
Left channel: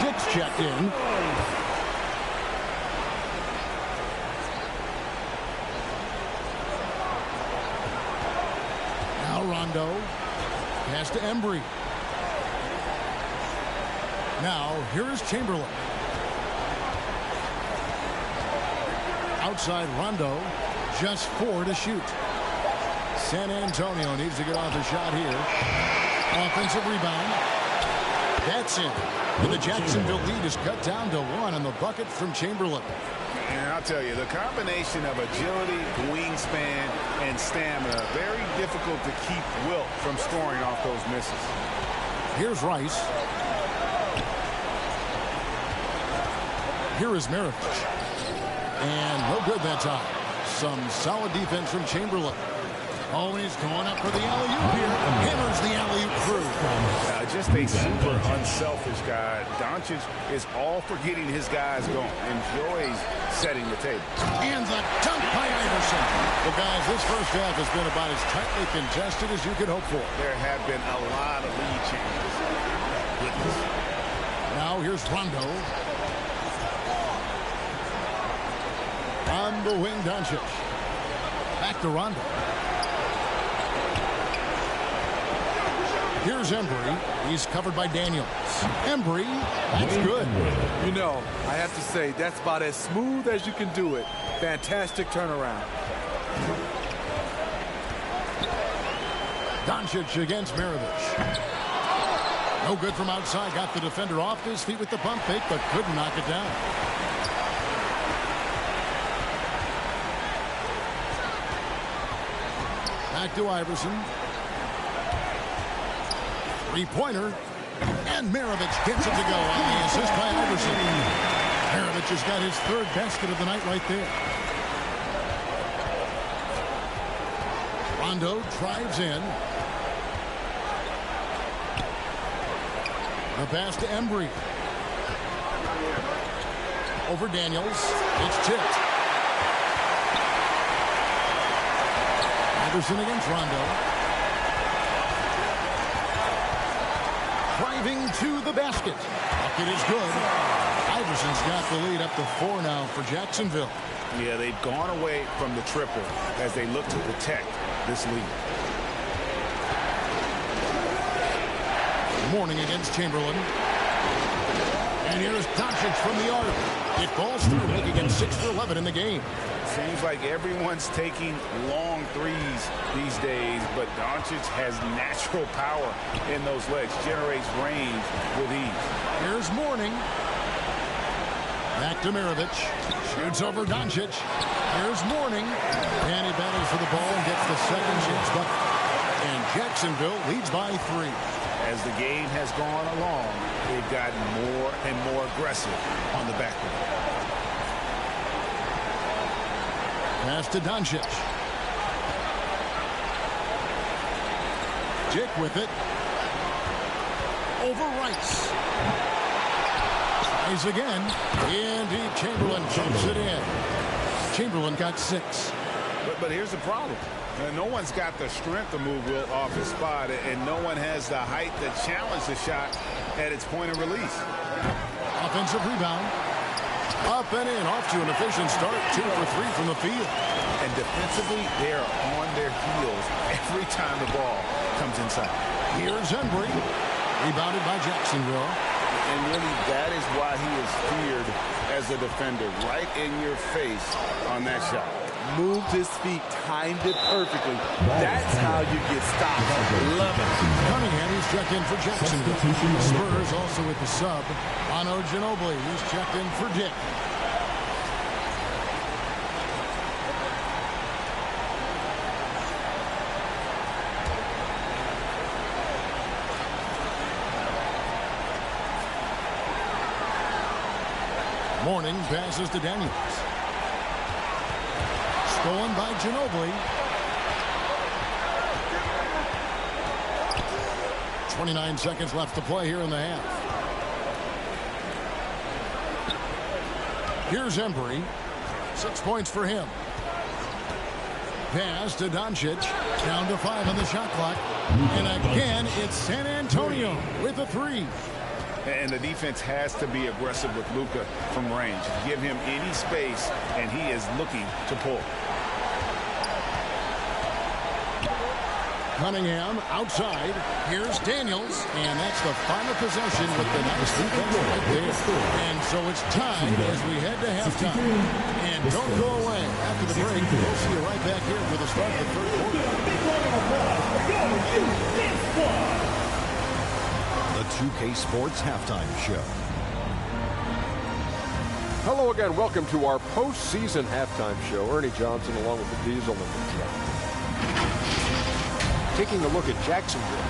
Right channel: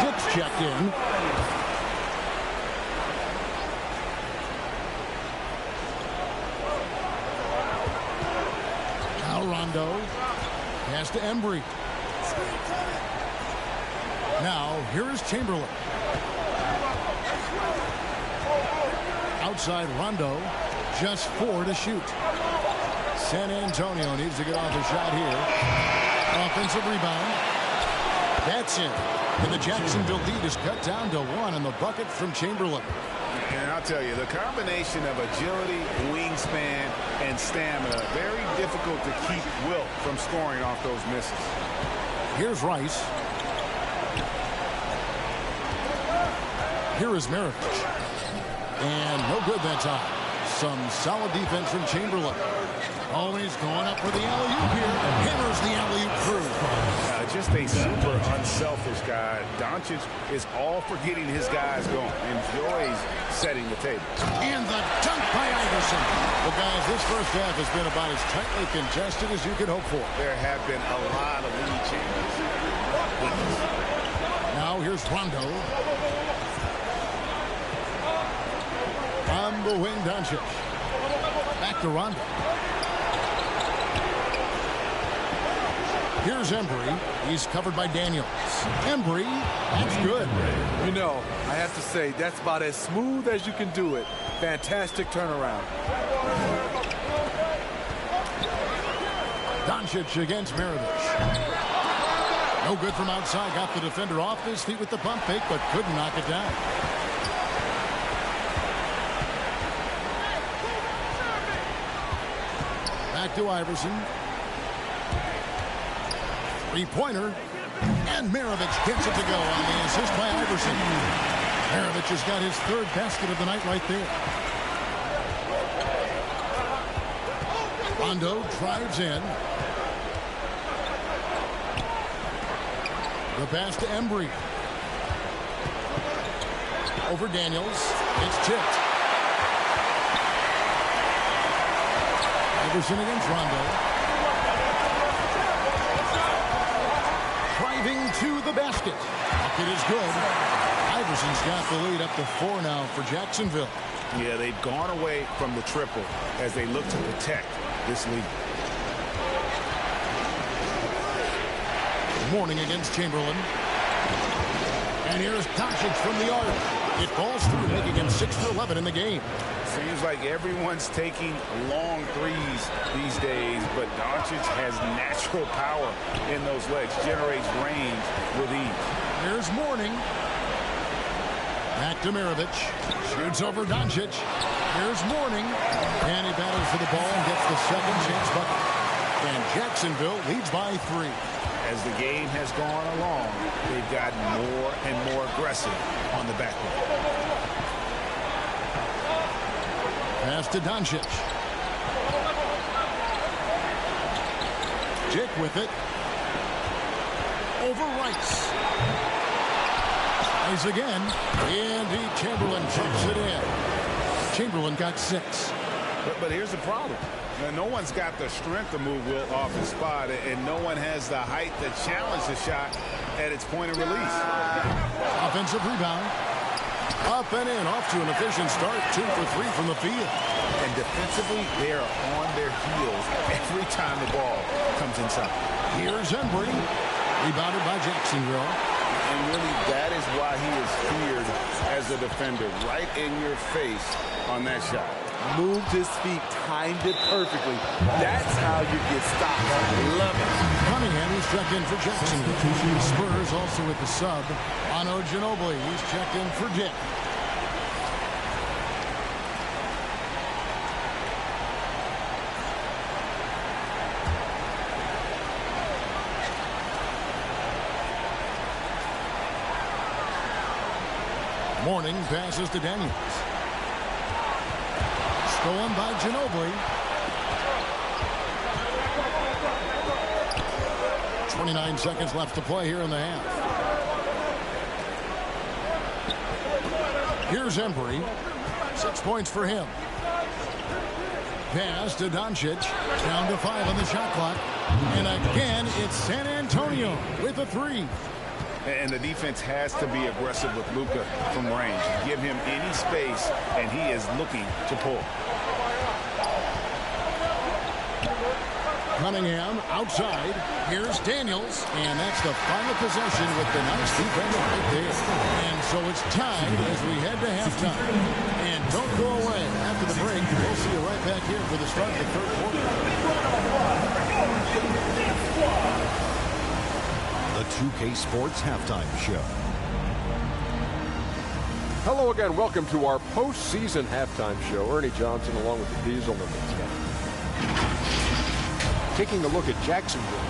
Dick's checked in. Now Rondo. Pass to Embry. Now here is Chamberlain. Outside Rondo. Just 4 to shoot. San Antonio needs to get off the shot here. Offensive rebound. That's in. And the Jacksonville lead is cut down to 1 on the bucket from Chamberlain. And I'll tell you, the combination of agility, wingspan, and stamina, very difficult to keep Wilt from scoring off those misses. Here's Rice. Here is Maravich. And no good that time. Some solid defense from Chamberlain. Always going up for the alley-oop here. Hammers the alley-oop through. Just a super unselfish guy. Doncic is all for getting his guys going. Enjoys setting the table. And the dunk by Iverson. Well, guys, this first half has been about as tightly contested as you could hope for. There have been a lot of lead changes. Goodness. Now here's Rondo. On the wing, Doncic. Back to Rondo. Here's Embry. He's covered by Daniels. Embry, that's good. You know, I have to say, that's about as smooth as you can do it. Fantastic turnaround. Doncic against Maravich. No good from outside. Got the defender off his feet with the pump fake, but couldn't knock it down. Back to Iverson. Three-pointer. And Maravich gets it to go on the assist by Iverson. Maravich has got his third basket of the night right there. Rondo drives in. The pass to Embry. Over Daniels. It's tipped. Iverson against Rondo. Driving to the basket. Bucket is good. Iverson's got the lead up to 4 now for Jacksonville. Yeah, they've gone away from the triple as they look to protect this lead. Mourning against Chamberlain. And here's Doncic from the arc. It falls through, making him 6 for 11 in the game. Seems like everyone's taking long threes these days, but Doncic has natural power in those legs, generates range with ease. Here's Mourning. Back to Maravich. Shoots over Doncic. Here's Mourning. And he battles for the ball and gets the second chance bucket. And Jacksonville leads by 3. As the game has gone along, they've gotten more and more aggressive on the backcourt. Pass to Doncic. Dick with it. Over Rice. Tries again. Indeed, Chamberlain chumps it in. Chamberlain got 6. But here's the problem. No one's got the strength to move Wilt off his spot, and no one has the height to challenge the shot at its point of release. Offensive rebound. Up and in, off to an efficient start. 2 for 3 from the field. And defensively, they are on their heels every time the ball comes inside. Here's Embry. Rebounded by Jacksonville. And really, that is why he is feared as a defender. Right in your face on that shot. Moved his feet, timed it perfectly. That's how you get stopped. Love it. Cunningham, he's checked in for Jacksonville. Spurs also with the sub. Manu Ginobili, he's checked in for Dick. Mourning passes to Daniels. Stolen by Ginobili. 29 seconds left to play here in the half. Here's Embry. 6 points for him. Pass to Doncic. Down to 5 on the shot clock. And again, it's San Antonio with a 3. And the defense has to be aggressive with Luka from range. Give him any space, and he is looking to pull. Cunningham outside. Here's Daniels. And that's the final possession with the nice defense right there. And so it's tied as we head to halftime. And don't go away. After the break, we'll see you right back here for the start of the third quarter. The 2K Sports Halftime Show. Hello again. Welcome to our postseason halftime show. Ernie Johnson along with the Diesel and the Jet. Taking a look at Jacksonville,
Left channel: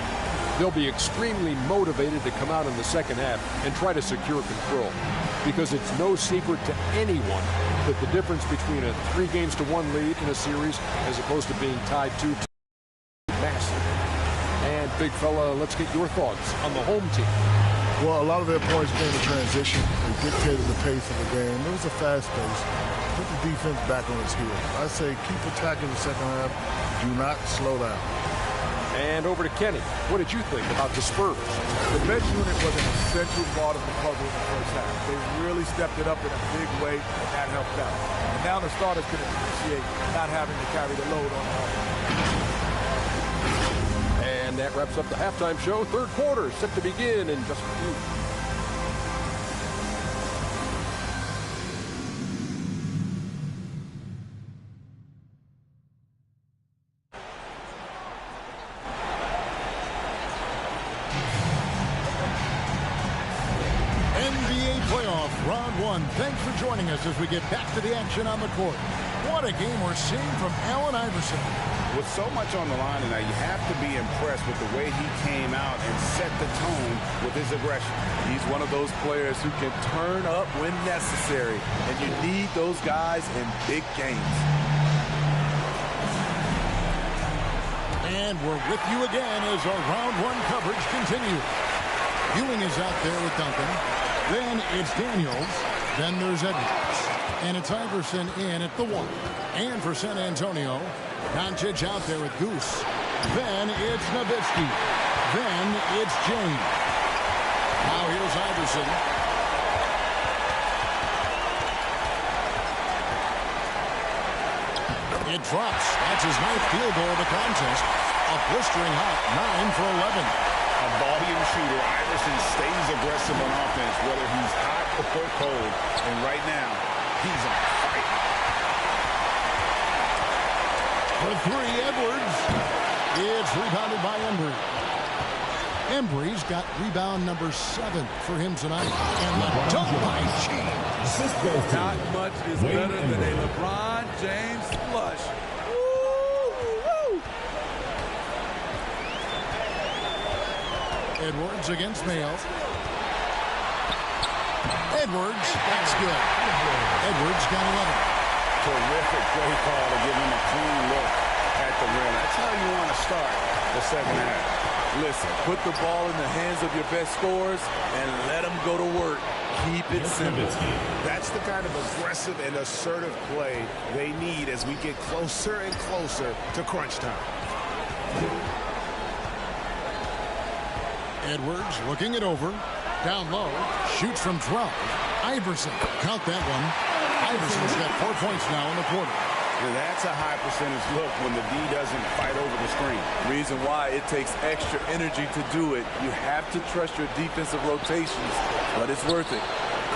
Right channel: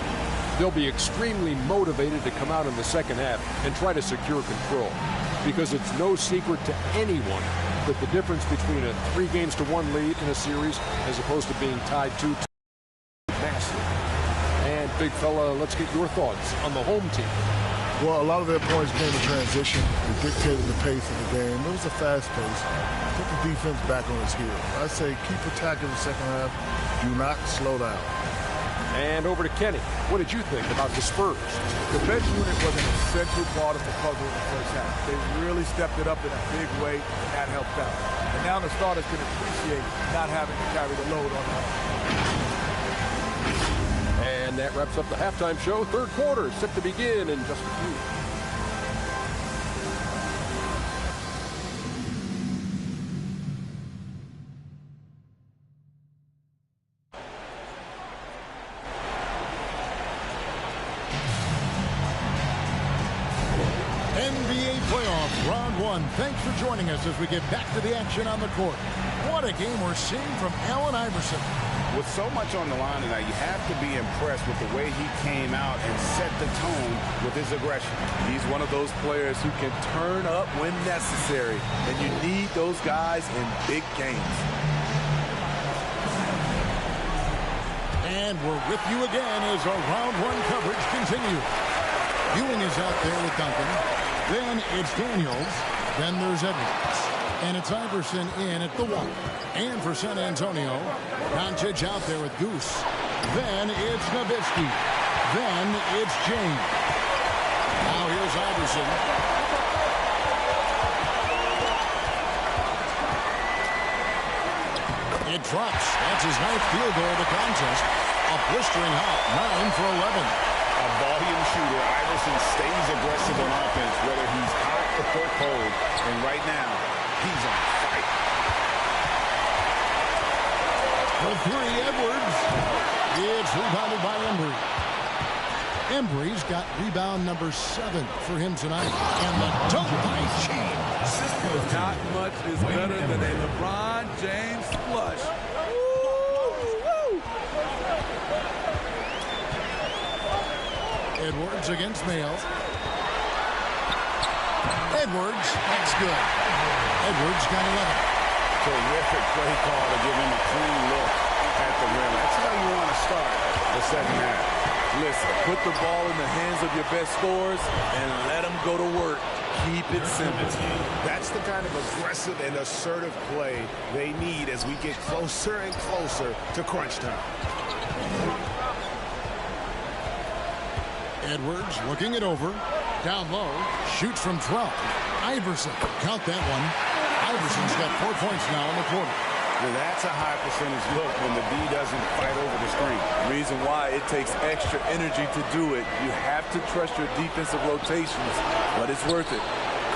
they'll be extremely motivated to come out in the second half and try to secure control, because it's no secret to anyone that the difference between a 3-1 lead in a series as opposed to being tied 2-2 is massive. And big fella, let's get your thoughts on the home team. Well, a lot of their points came in transition. They dictated the pace of the game. It was a fast pace. Put the defense back on its heels. I say keep attacking the second half. Do not slow down. And over to Kenny. What did you think about the Spurs? The bench unit was an essential part of the puzzle in the first half. They really stepped it up in a big way, and that helped out. And now the starters can appreciate not having to carry the load on their own. And that wraps up the halftime show. Third quarter set to begin in just a few. NBA playoff round 1. Thanks for joining us as we get back to the action on the court. What a game we're seeing from Allen Iverson. With so much on the line tonight, you have to be impressed with the way he came out and set the tone with his aggression. He's one of those players who can turn up when necessary, and you need those guys in big games. And we're with you again as our round one coverage continues. Ewing is out there with Duncan. Then it's Daniels. Then there's Edwards. And it's Iverson in at the 1. And for San Antonio, Doncic out there with Goose. Then it's Nowitzki. Then it's James. Now here's Iverson. It drops. That's his 9th field goal of the contest. A blistering hot 9 for 11. A volume shooter. Iverson stays aggressive on offense, whether he's hot or cold. And right now, he's on fire. For 3, Edwards. It's rebounded by Embry. Embry's got rebound number 7 for him tonight. And the dunk by James. Not much is better than a LeBron James flush. Edwards against Mayo. Edwards, that's good. Edwards got 11. Terrific play call to give him a clean look at the rim. That's how you want to start the second half. Listen, put the ball in the hands of your best scorers and let them go to work. Keep it simple. That's the kind of aggressive and assertive play they need as we get closer and closer to crunch time. Edwards looking it over. Down low. Shoots from 12. Iverson. Count that one. Iverson's got 4 points now in the quarter. And that's a high percentage look when the D doesn't fight over the screen. Reason why it takes extra energy to do it. You have to trust your defensive rotations, but it's worth it.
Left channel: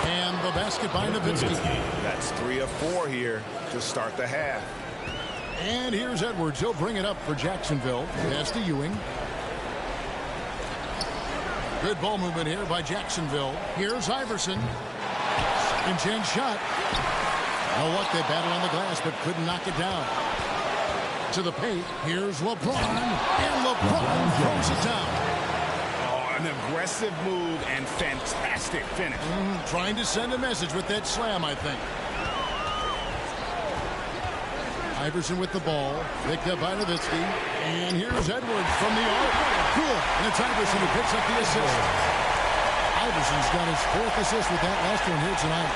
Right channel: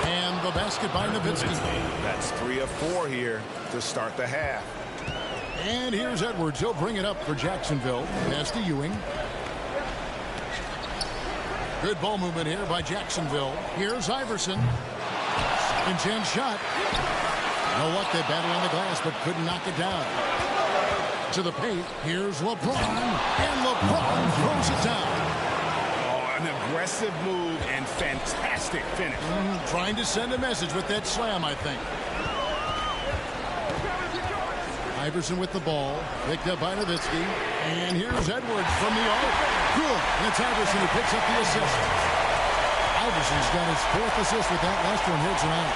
And the basket by Nowitzki. That's 3 of 4 here to start the half. And here's Edwards. He'll bring it up for Jacksonville. Pass to Ewing. Good ball movement here by Jacksonville. Here's Iverson. Second chance shot. You know what? They battled on the glass, but couldn't knock it down. To the paint. Here's LeBron. And LeBron throws it down. Oh, an aggressive move and fantastic finish. Trying to send a message with that slam, I think. Iverson with the ball. Picked up by Nowitzki. And here's Edwards from the arc. Good. And it's Iverson who picks up the assist. Iverson's got his 4th assist with that last one here tonight.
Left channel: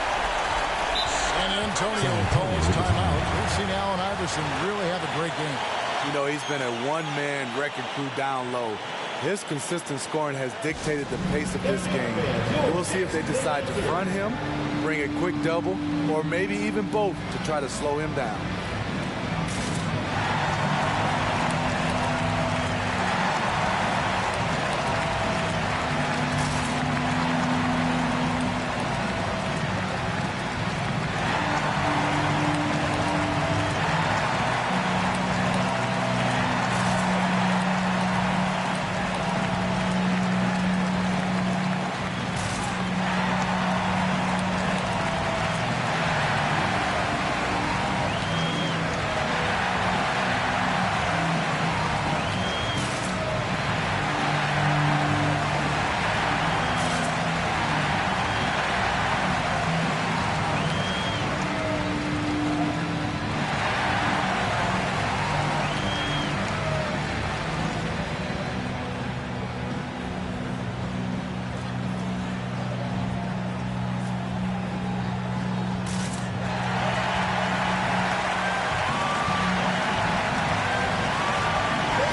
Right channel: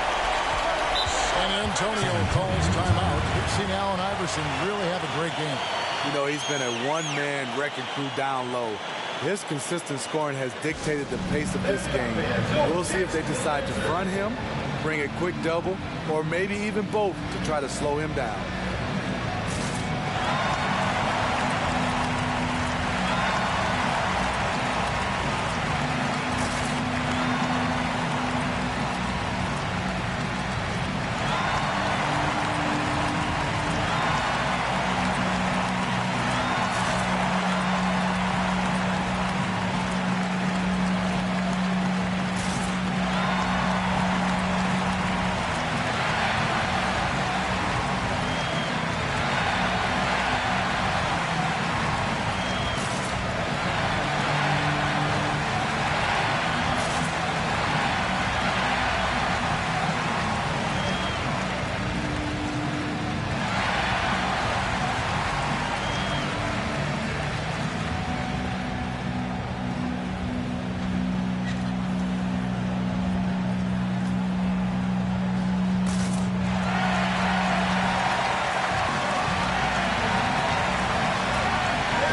San Antonio calls timeout. We've seen Allen Iverson really have a great game. You know, he's been a one-man wrecking crew down low. His consistent scoring has dictated the pace of this game. We'll see if they decide to front him, bring a quick double, or maybe even both to try to slow him down.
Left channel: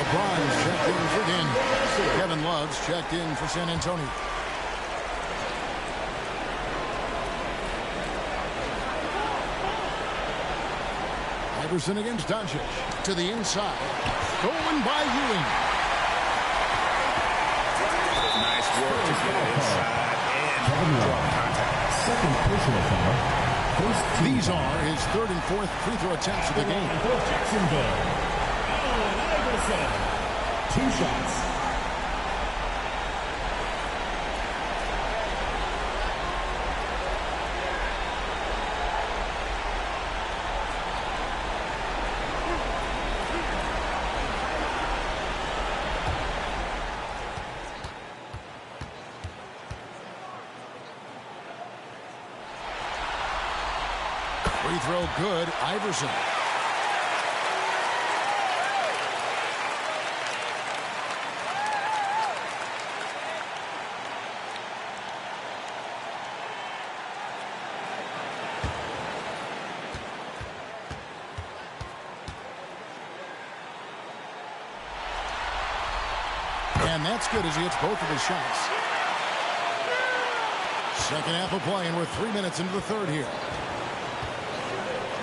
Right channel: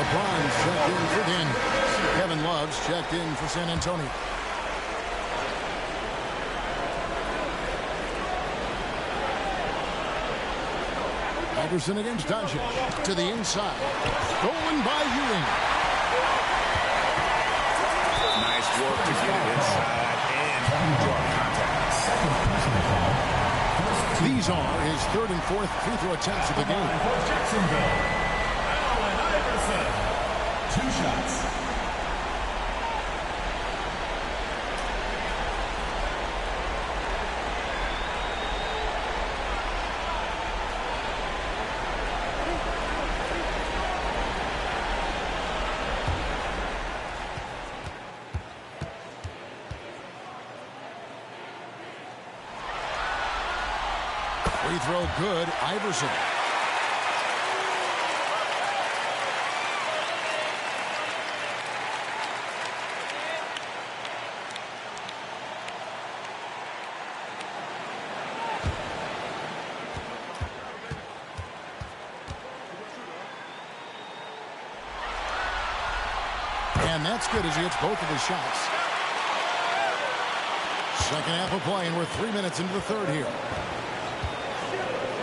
LeBron's checked in for Daniels. Kevin Love's checked in for San Antonio. Iverson against Doncic. To the inside. Stolen by Ewing. Nice work to get it inside and draw contact. Second personal foul. These are his 3rd and 4th free throw attempts of the game. For Jacksonville, Allen Iverson. 2 shots. Free throw good. Iverson. And that's good as he hits both of his shots. Second half of play, and we're 3 minutes into the third here.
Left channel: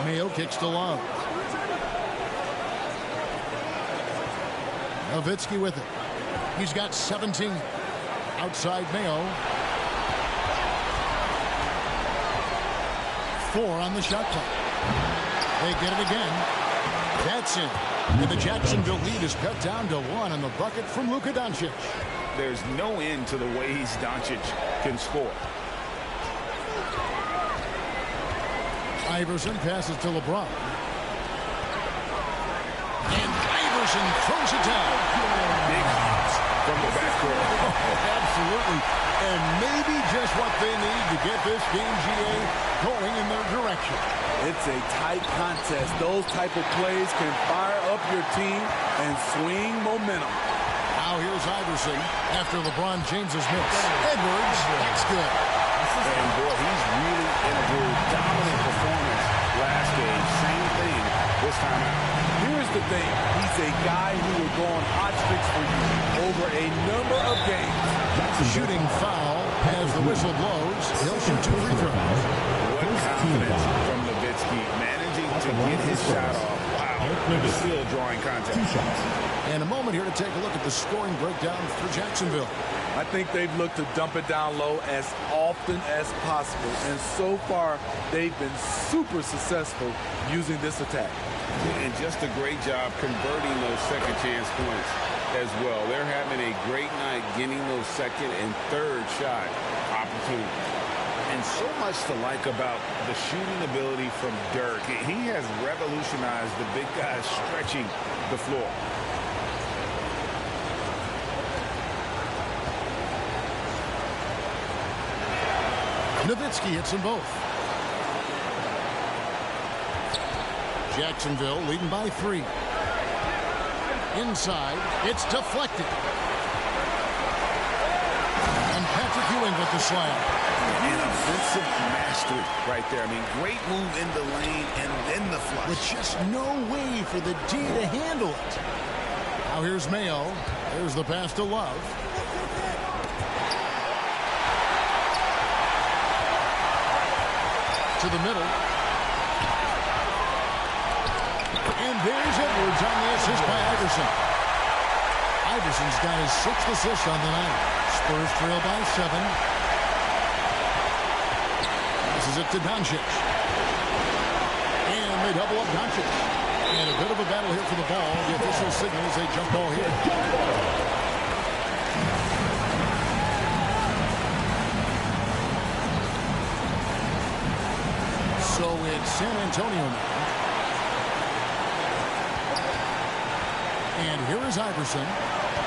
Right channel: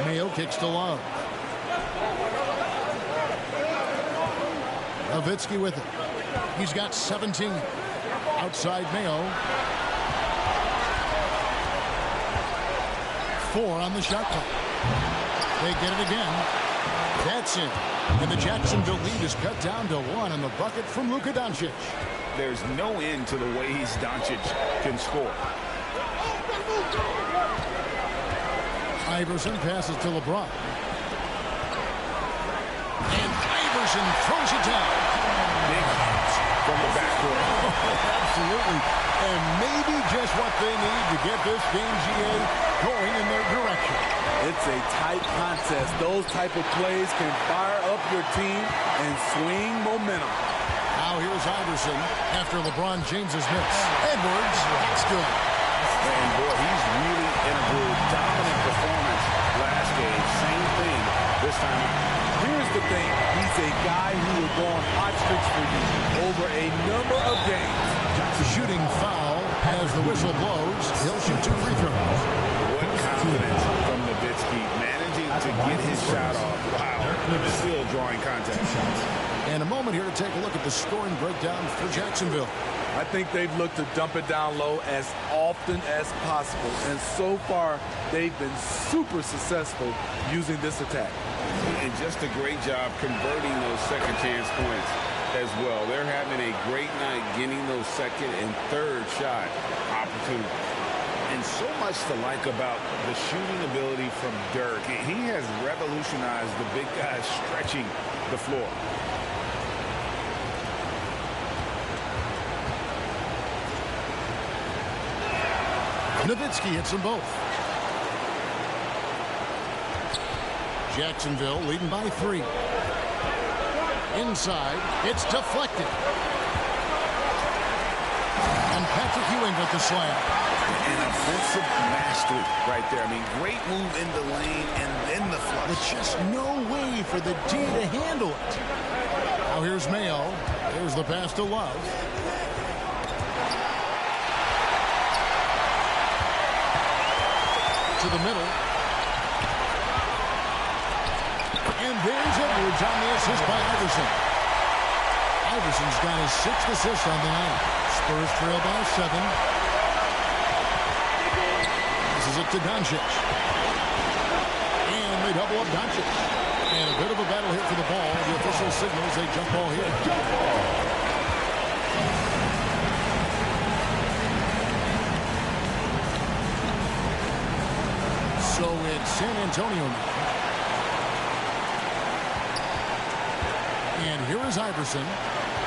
Mayo kicks to Love. Nowitzki with it. He's got 17. Outside Mayo. 4 on the shot clock. They get it again. That's in. And the Jacksonville lead is cut down to 1 on the bucket from Luka Doncic. There's no end to the ways Doncic can score. Iverson passes to LeBron. And Iverson throws it down. Big hops from the backcourt. Oh, absolutely. And maybe just what they need to get this game, GA, going in their direction. It's a tight contest. Those type of plays can fire up your team and swing momentum. Now here's Iverson after LeBron James's miss. Edwards, that's good. And boy, he's really in a groove. Dominant performance last game. Same thing this time out. Here's the thing. He's a guy who will go on hot streaks for you over a number of games. Shooting foul as the whistle blows. He'll shoot 2 free throws. What confidence from Nowitzki, managing to get his shot off. Wow, still drawing contact. And a moment here to take a look at the scoring breakdown for Jacksonville. I think they've looked to dump it down low as often as possible. And so far, they've been super successful using this attack. And just a great job converting those second chance points as well. They're having a great night getting those second and third shot opportunities. And so much to like about the shooting ability from Dirk. He has revolutionized the big guys stretching the floor. Nowitzki hits them both. Jacksonville leading by 3. Inside, it's deflected. And Patrick Ewing with the slam. An offensive mastery right there. I mean, great move in the lane and then the flush. With just no way for the D to handle it. Now here's Mayo. There's the pass to Love. To the middle. And there's Edwards on the assist by Iverson. Iverson's got his 6th assist on the night. Spurs trail by 7. Passes it to Doncic. And they double up Doncic. And a bit of a battle here for the ball. The official signals a jump ball here. So it's San Antonio now. And here is Iverson.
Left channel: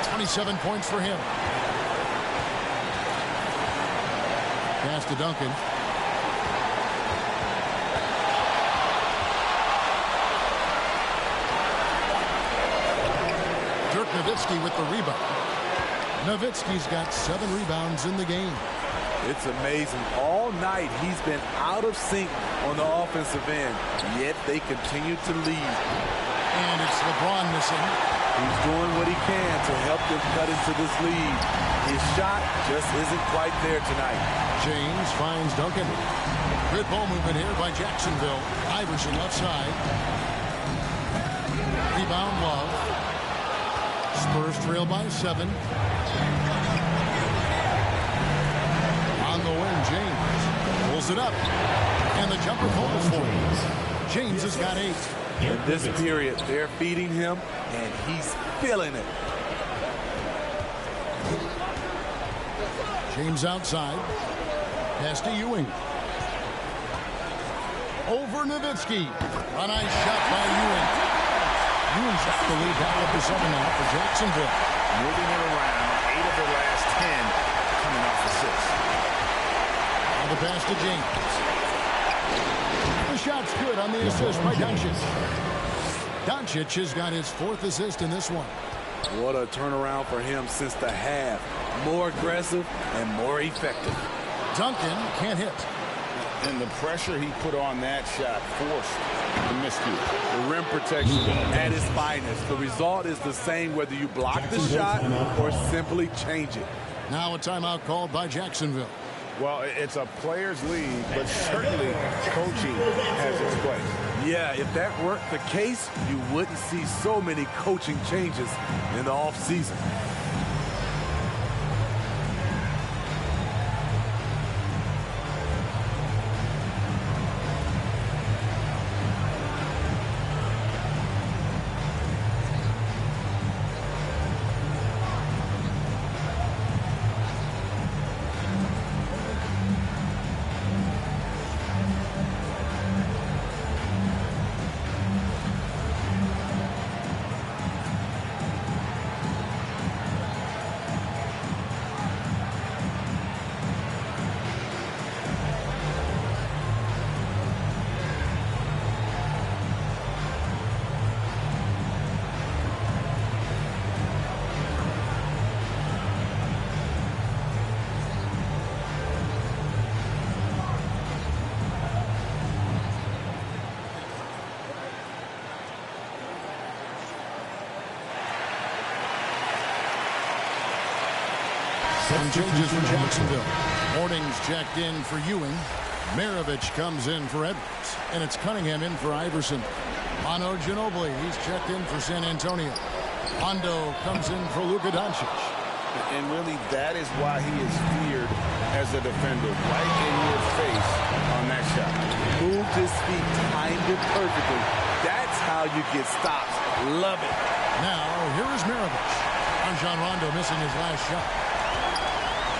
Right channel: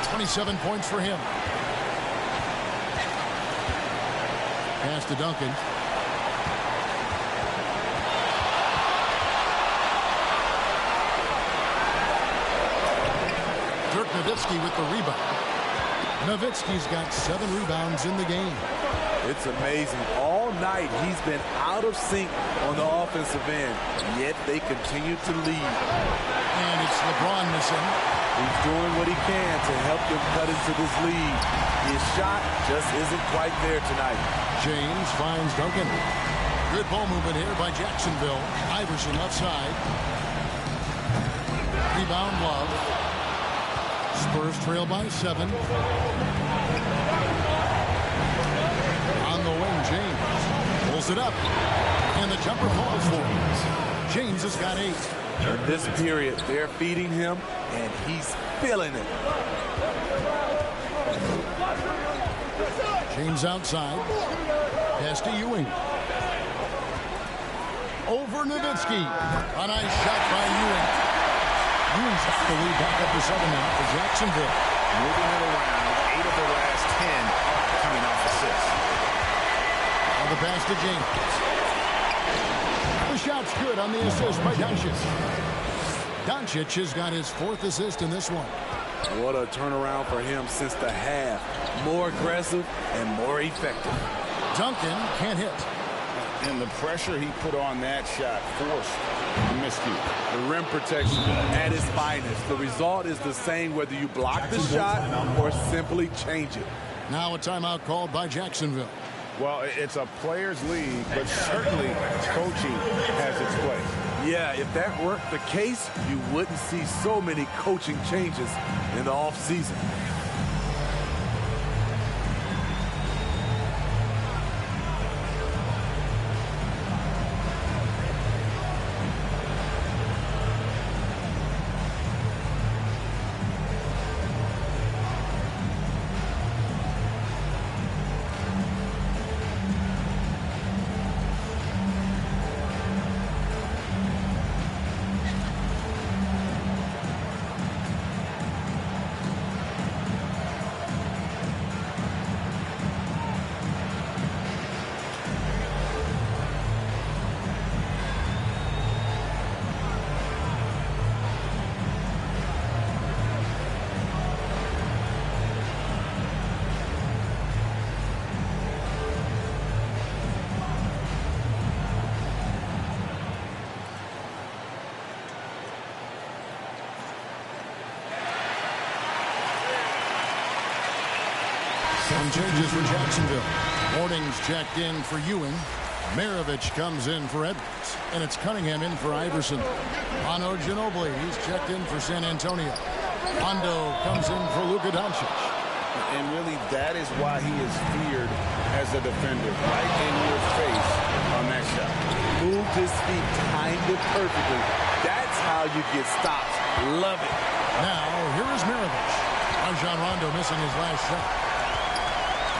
27 points for him. Pass to Duncan. Dirk Nowitzki with the rebound. Nowitzki's got 7 rebounds in the game. It's amazing. All night he's been out of sync on the offensive end, yet they continue to lead. And it's LeBron missing. He's doing what he can to help them cut into this lead. His shot just isn't quite there tonight. James finds Duncan. Good ball movement here by Jacksonville. Iverson left side. Rebound Love. Spurs trail by 7. On the wing, James pulls it up. And the jumper falls for him. James has got 8. In this period, they're feeding him, and he's feeling it. James outside. Pass to Ewing. Over Nowitzki. A nice shot by Ewing. Ewing's got the lead back up to 7 now for Jacksonville. Moving it around. 8 of their last 10 coming off assists. Now the pass to James. The shot's good on the assist by Doncic. Doncic has got his 4th assist in this one. What a turnaround for him since the half. More aggressive and more effective. Duncan can't hit. And the pressure he put on that shot forced the miscue. The rim protection at its finest. The result is the same whether you block the shot or simply change it. Now a timeout called by Jacksonville. Well, it's a players' league, but certainly coaching has its place. Yeah, if that weren't the case, you wouldn't see so many coaching changes in the offseason. Some changes for Jacksonville. Morning's checked in for Ewing. Maravich comes in for Edwards. And it's Cunningham in for Iverson. Manu Ginobili, he's checked in for San Antonio. Rondo comes in for Luka Doncic. And really, that is why he is feared as a defender. Right in your face on that shot. Moved his feet, timed it perfectly. That's how you get stops. Love it. Now, here is Maravich. Rajon Rondo missing his last shot.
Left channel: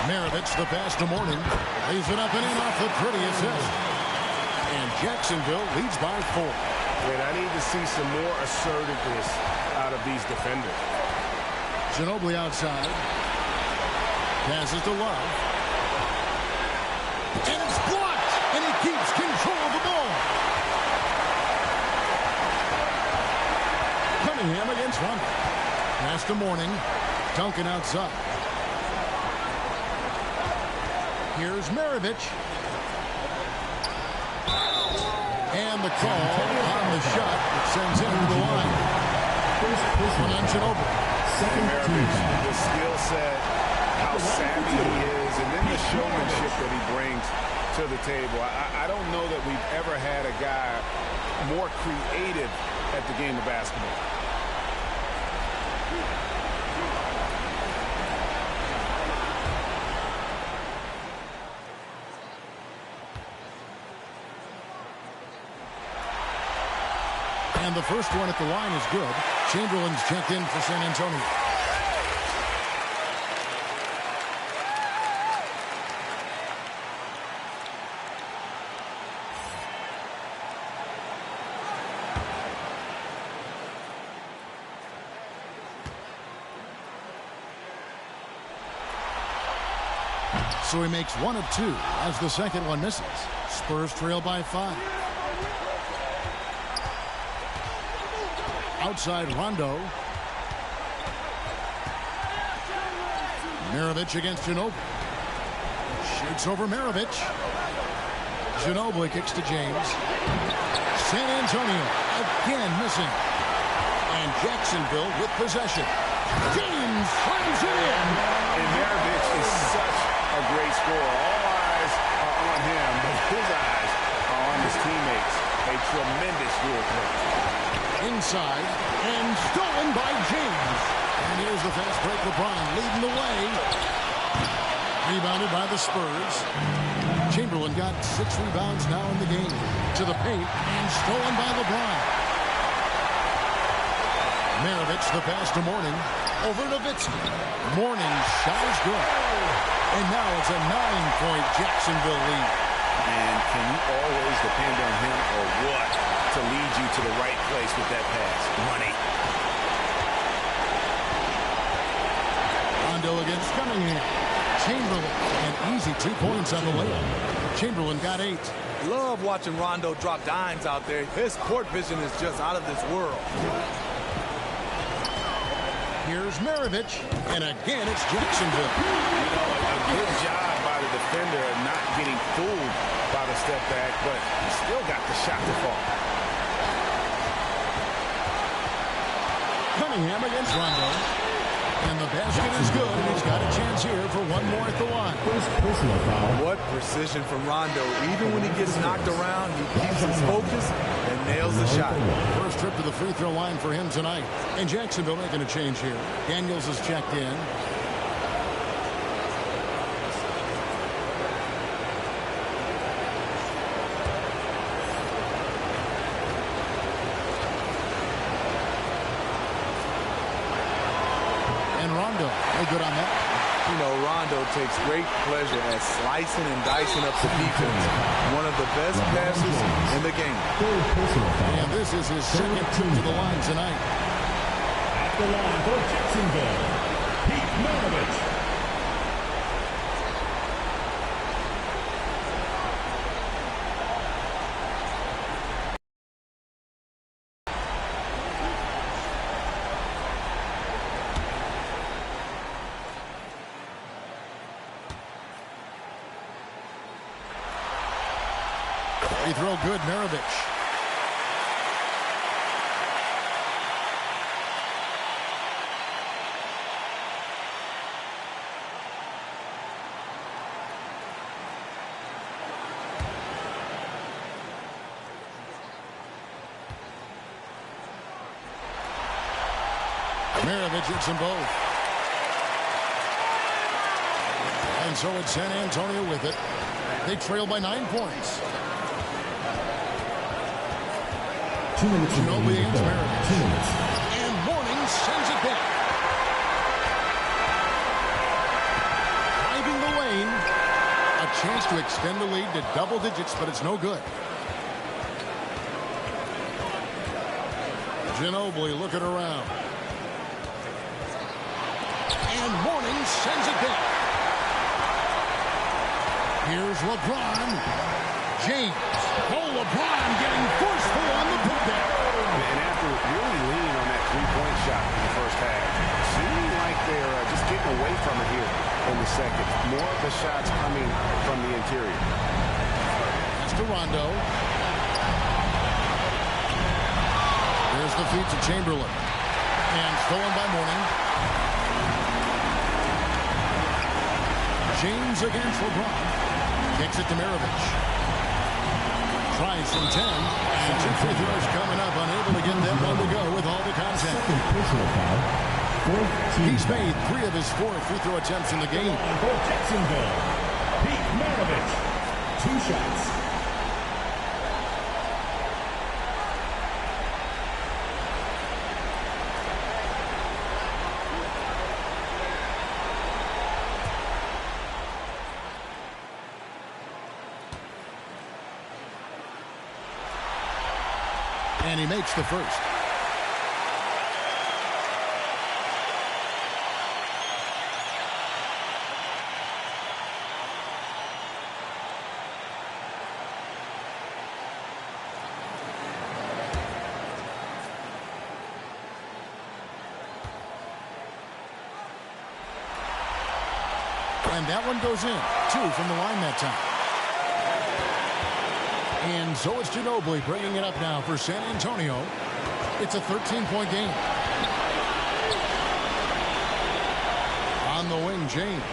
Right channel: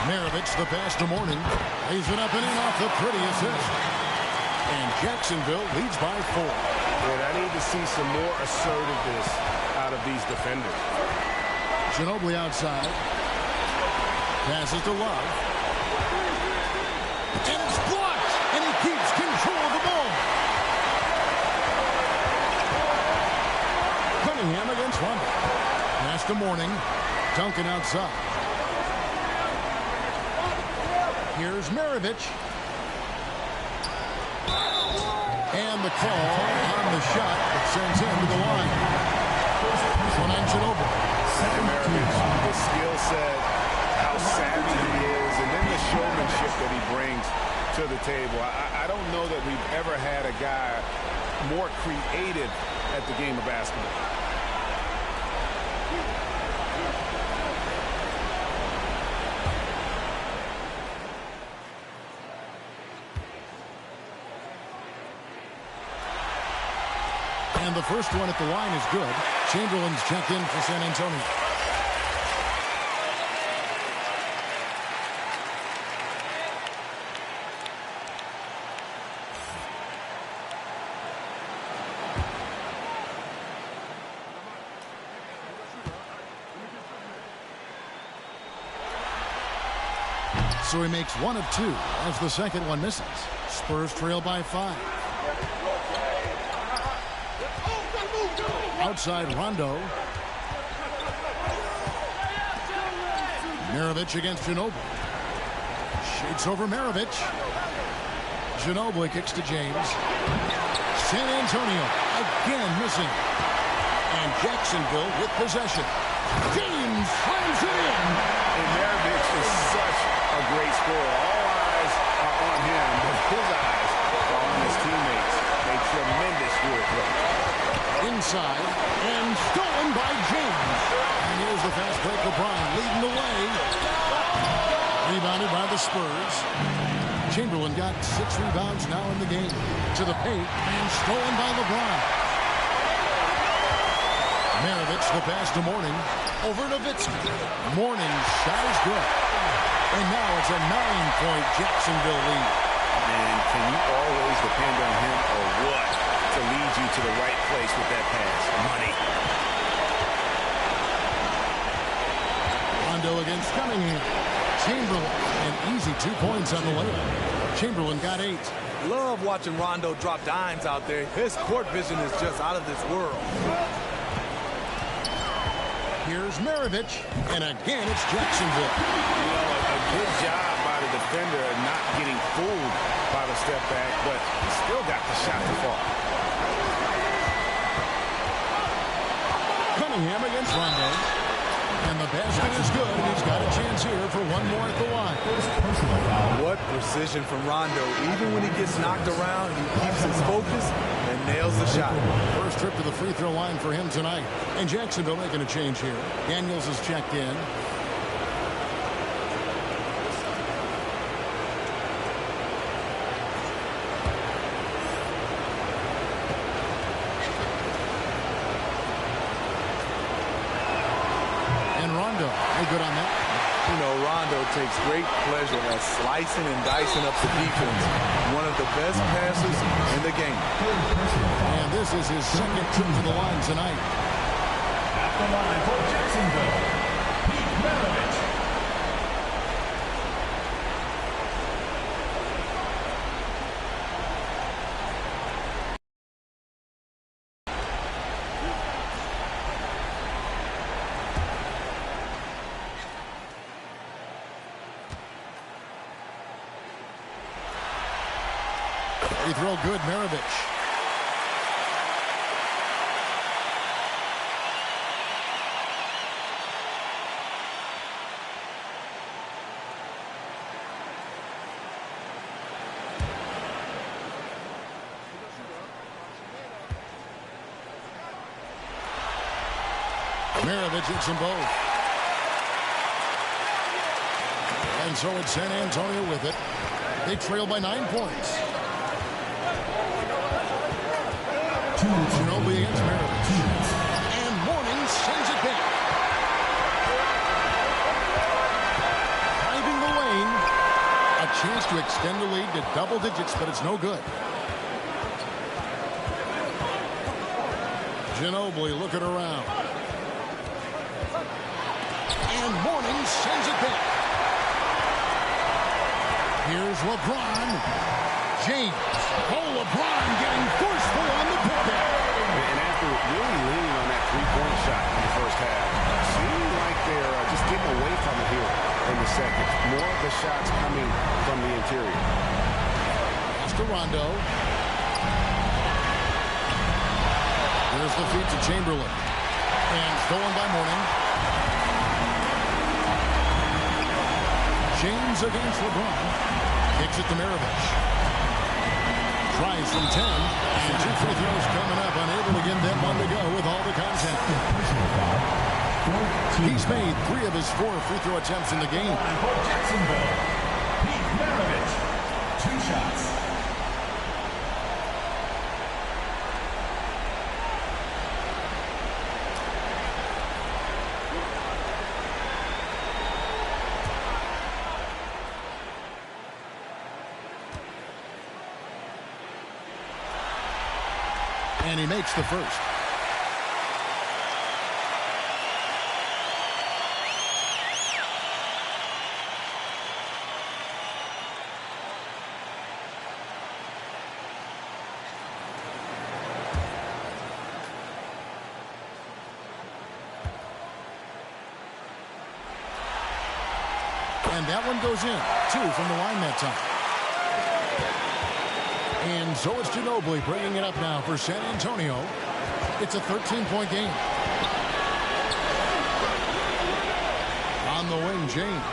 Maravich, the pass to Morning. Lays it up and in off the pretty assist. And Jacksonville leads by 4. And I need to see some more assertiveness out of these defenders. Ginobili outside. Passes to Love. And it's blocked. And he keeps control of the ball. Cunningham against Rondo. Pass to Morning. Duncan outside. Here's Maravich. And the call on the shot that sends him to the line. One on Ginobili. And Maravich, the skill set, how savvy he is, and then the showmanship that he brings to the table. I don't know that we've ever had a guy more creative at the game of basketball. And the first one at the line is good. Chamberlain's checked in for San Antonio. So he makes 1 of 2 as the second one misses. Spurs trail by 5. Outside Rondo. Maravich against Ginobili. Shoots over Maravich. Ginobili kicks to James. San Antonio again missing. And Jacksonville with possession. James slams it in. And Maravich is such a great scorer. All eyes are on him, but his eyes are on his teammates. A tremendous dual play. Inside and stolen by James. And here's the fast break. LeBron leading the way. Rebounded by the Spurs. Chamberlain got 6 rebounds now in the game. To the paint and stolen by LeBron. Maravich the pass to Morning. Over to Nowitzki. Morning's shot is good. And now it's a 9-point Jacksonville lead. And can you always depend on him or what to lead you to the right place with that pass? Money. Rondo against Cunningham. Chamberlain, an easy 2 points on the layup. Chamberlain got 8. Love watching Rondo drop dimes out there. His court vision is just out of this world. Here's Maravich, and again it's Jacksonville. You know, a good job by the defender of not getting fooled by the step back, but he still got the shot to fall. Cunningham against Rondo. And the basket is good, and he's got a chance here for one more at the line. Personal foul. What precision from Rondo. Even when he gets knocked around, he keeps his focus and nails the shot. First trip to the free throw line for him tonight. And Jacksonville making a change here. Daniels is checked in. And Rondo, no good on that. You know, Rondo takes great pleasure at slicing and dicing up the defense. One of the best passes in the game. And this is his second trip to the line tonight. At the line for Jacksonville, Pete Maravich. Free throw good, Maravich. Maravich hits them both. And so it's San Antonio with it. They trail by 9 points. Ginobili against Maravich. And Mourning sends it back. Driving the lane. A chance to extend the lead to double digits, but it's no good. Ginobili looking around. And Mourning sends it back. Here's LeBron. James. Oh, LeBron getting forceful on the putback. And after really leaning on that three-point shot in the first half, seeming like they're just getting away from it here in the second. More of the shots coming from the interior. Pass to Rondo. There's the feed to Chamberlain. And stolen by Mourning. James against LeBron. Kicks it to Maravich. Tries from 10. And 2 free throws coming up. Unable to get that one to go with all the contact. He's made 3 of his 4 free throw attempts in the game. For Jacksonville, Pete Maravich. 2 shots. And he makes the first. And that one goes in. 2 from the line that time. And so it's Ginobili bringing it up now for San Antonio. It's a 13-point game. On the wing, James.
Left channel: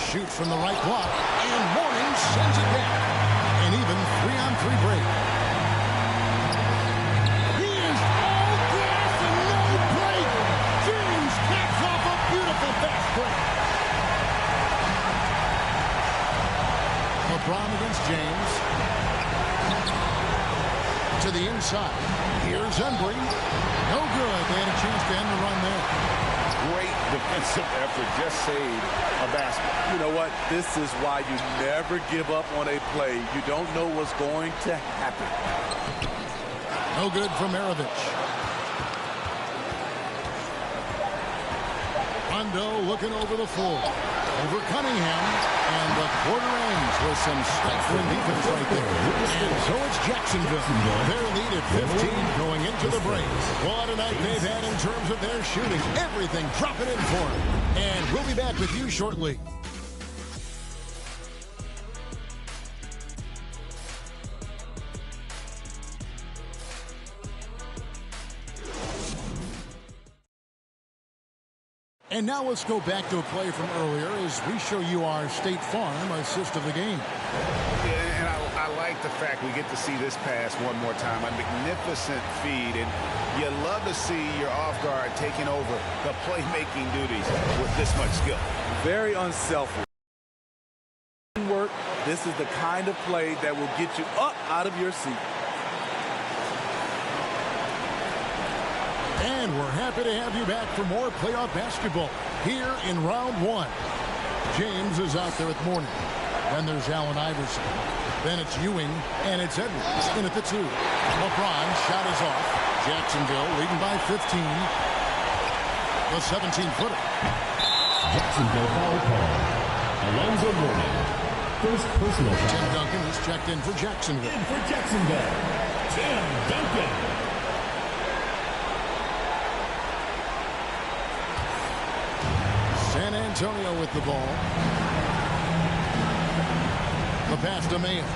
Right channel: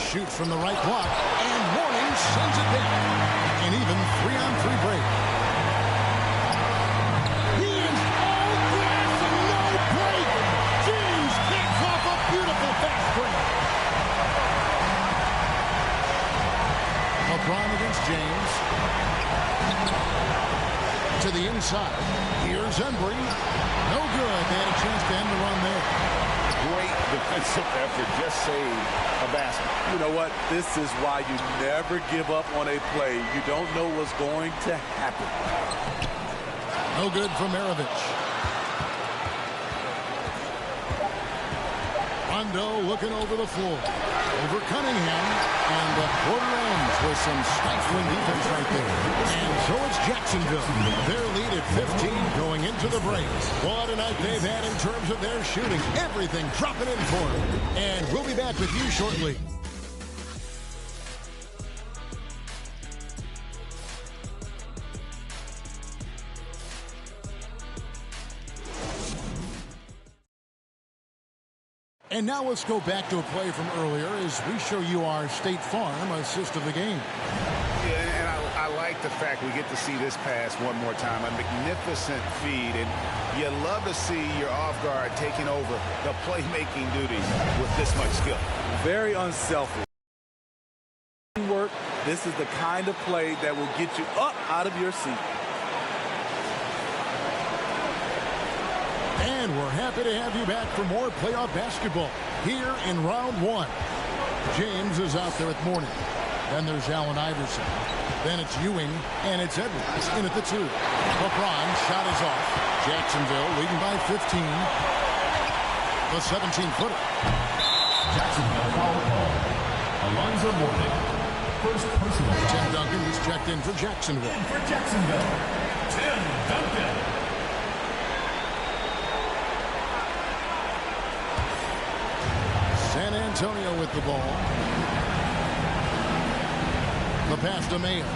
Shoots from the right block. And Mourning sends it down. An even 3-on-3 break. He is all gas and no break. James caps off a beautiful fast break. LeBron against James. To the inside. Here's Embry. No good. They had a chance to end the run there. Great defensive effort. Just saved a basket. You know what? This is why you never give up on a play. You don't know what's going to happen. No good from Maravich. Rondo looking over the floor. Over Cunningham. And the quarter ends with some stifling defense right there. And so it's Jacksonville. Their lead at 15 going into the break. What a night they've had in terms of their shooting. Everything dropping in for them. And we'll be back with you shortly. And now let's go back to a play from earlier as we show you our State Farm assist of the game. Yeah, and I like the fact we get to see this pass one more time. A magnificent feed, and you love to see your off guard taking over the playmaking duties with this much skill. Very unselfish. Work. This is the kind of play that will get you up out of your seat. And we're happy to have you back for more playoff basketball here in round one. James is out there with Mourning. Then there's Allen Iverson. Then it's Ewing, and it's Edwards in at the 2. LeBron shot is off. Jacksonville leading by 15. The 17-footer. Jacksonville foul call. Alonzo Mourning. First personal foul. Tim Duncan, he's checked in for Jacksonville. In for Jacksonville, Tim Duncan. San Antonio with the ball. The pass to Mayo.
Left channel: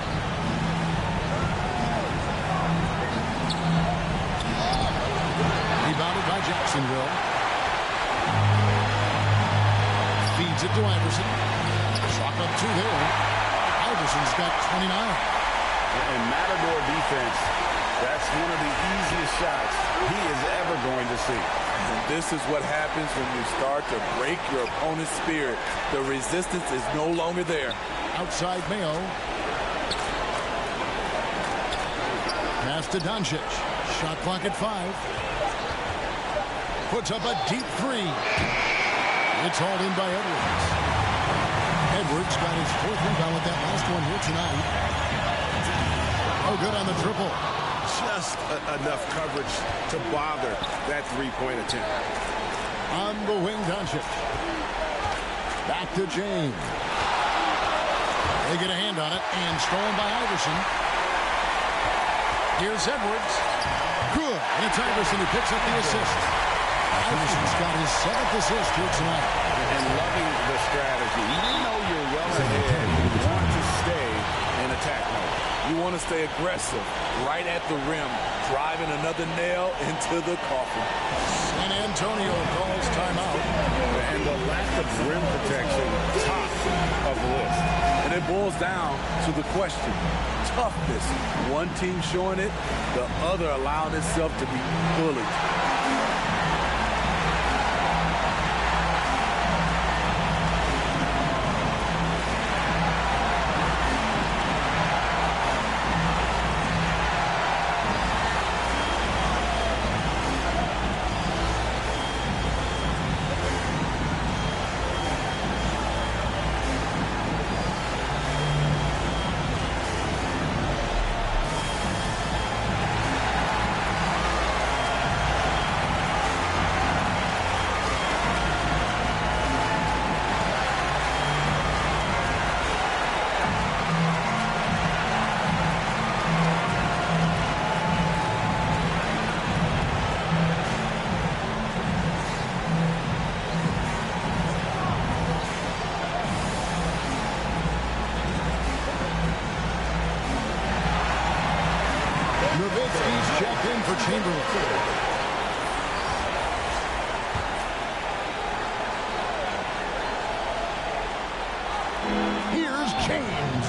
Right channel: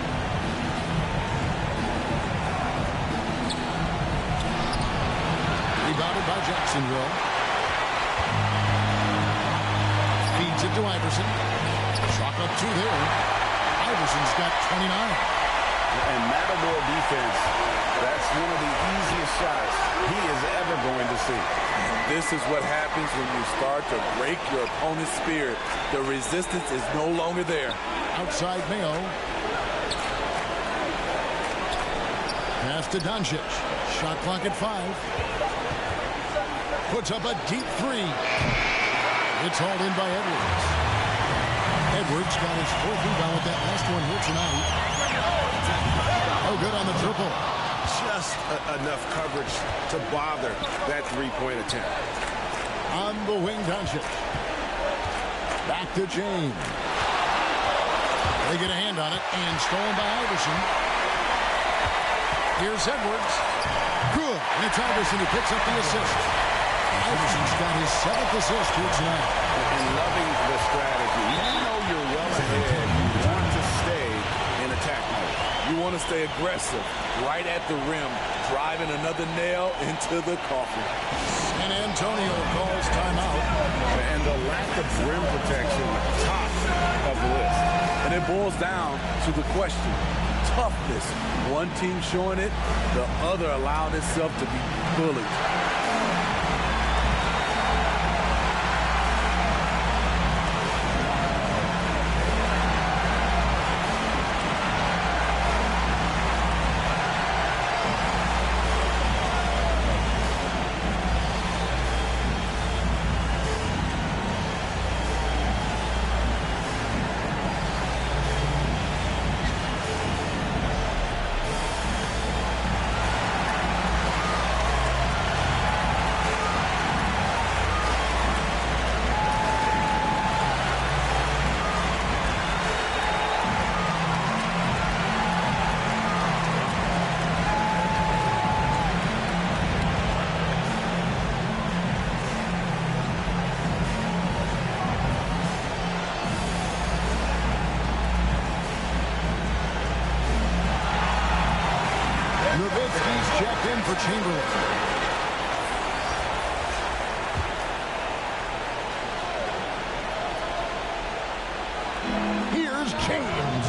Rebounded by Jacksonville. Feeds it to Iverson. Chalk up 2 there. Iverson's got 29. And Matador defense, that's one of the easiest shots he is ever going to see. And this is what happens when you start to break your opponent's spirit. The resistance is no longer there. Outside Mayo. Pass to Doncic. Shot clock at 5. Puts up a deep 3. It's hauled in by Edwards. Edwards got his 4th rebound with that last one here tonight. Oh, good on the triple. Just enough coverage to bother that three-point attempt. On the wing, Doncic. Back to James. They get a hand on it, and stolen by Iverson. Here's Edwards. Good, and it's Iverson who picks up the assist. Iverson's got his 7th assist here tonight. And loving the strategy. Even though you're well ahead, you want to stay in attack mode. You want to stay aggressive, right at the rim, driving another nail into the coffin. San Antonio calls timeout. And the lack of rim protection, top of the list. And it boils down to the question, toughness. One team showing it, the other allowing itself to be bullied. Nowitzki's checked in for Chamberlain. Here's James.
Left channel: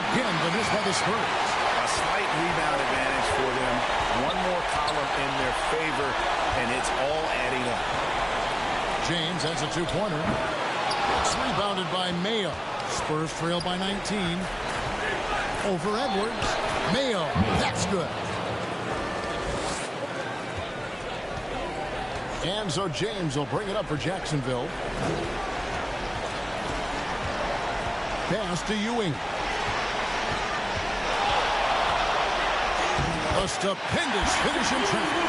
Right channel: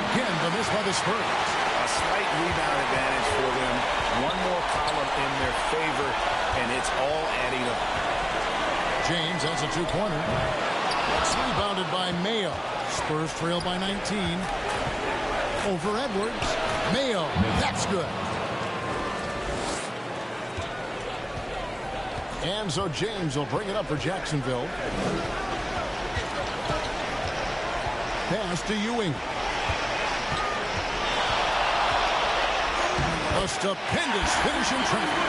Again, the miss by the Spurs. A slight rebound advantage for them. One more column in their favor, and it's all adding up. James has a 2-pointer. It's rebounded by Mayo. Spurs trail by 19. Over Edwards. Mayo. That's good. And so James will bring it up for Jacksonville. Pass to Ewing. A stupendous finish in traffic.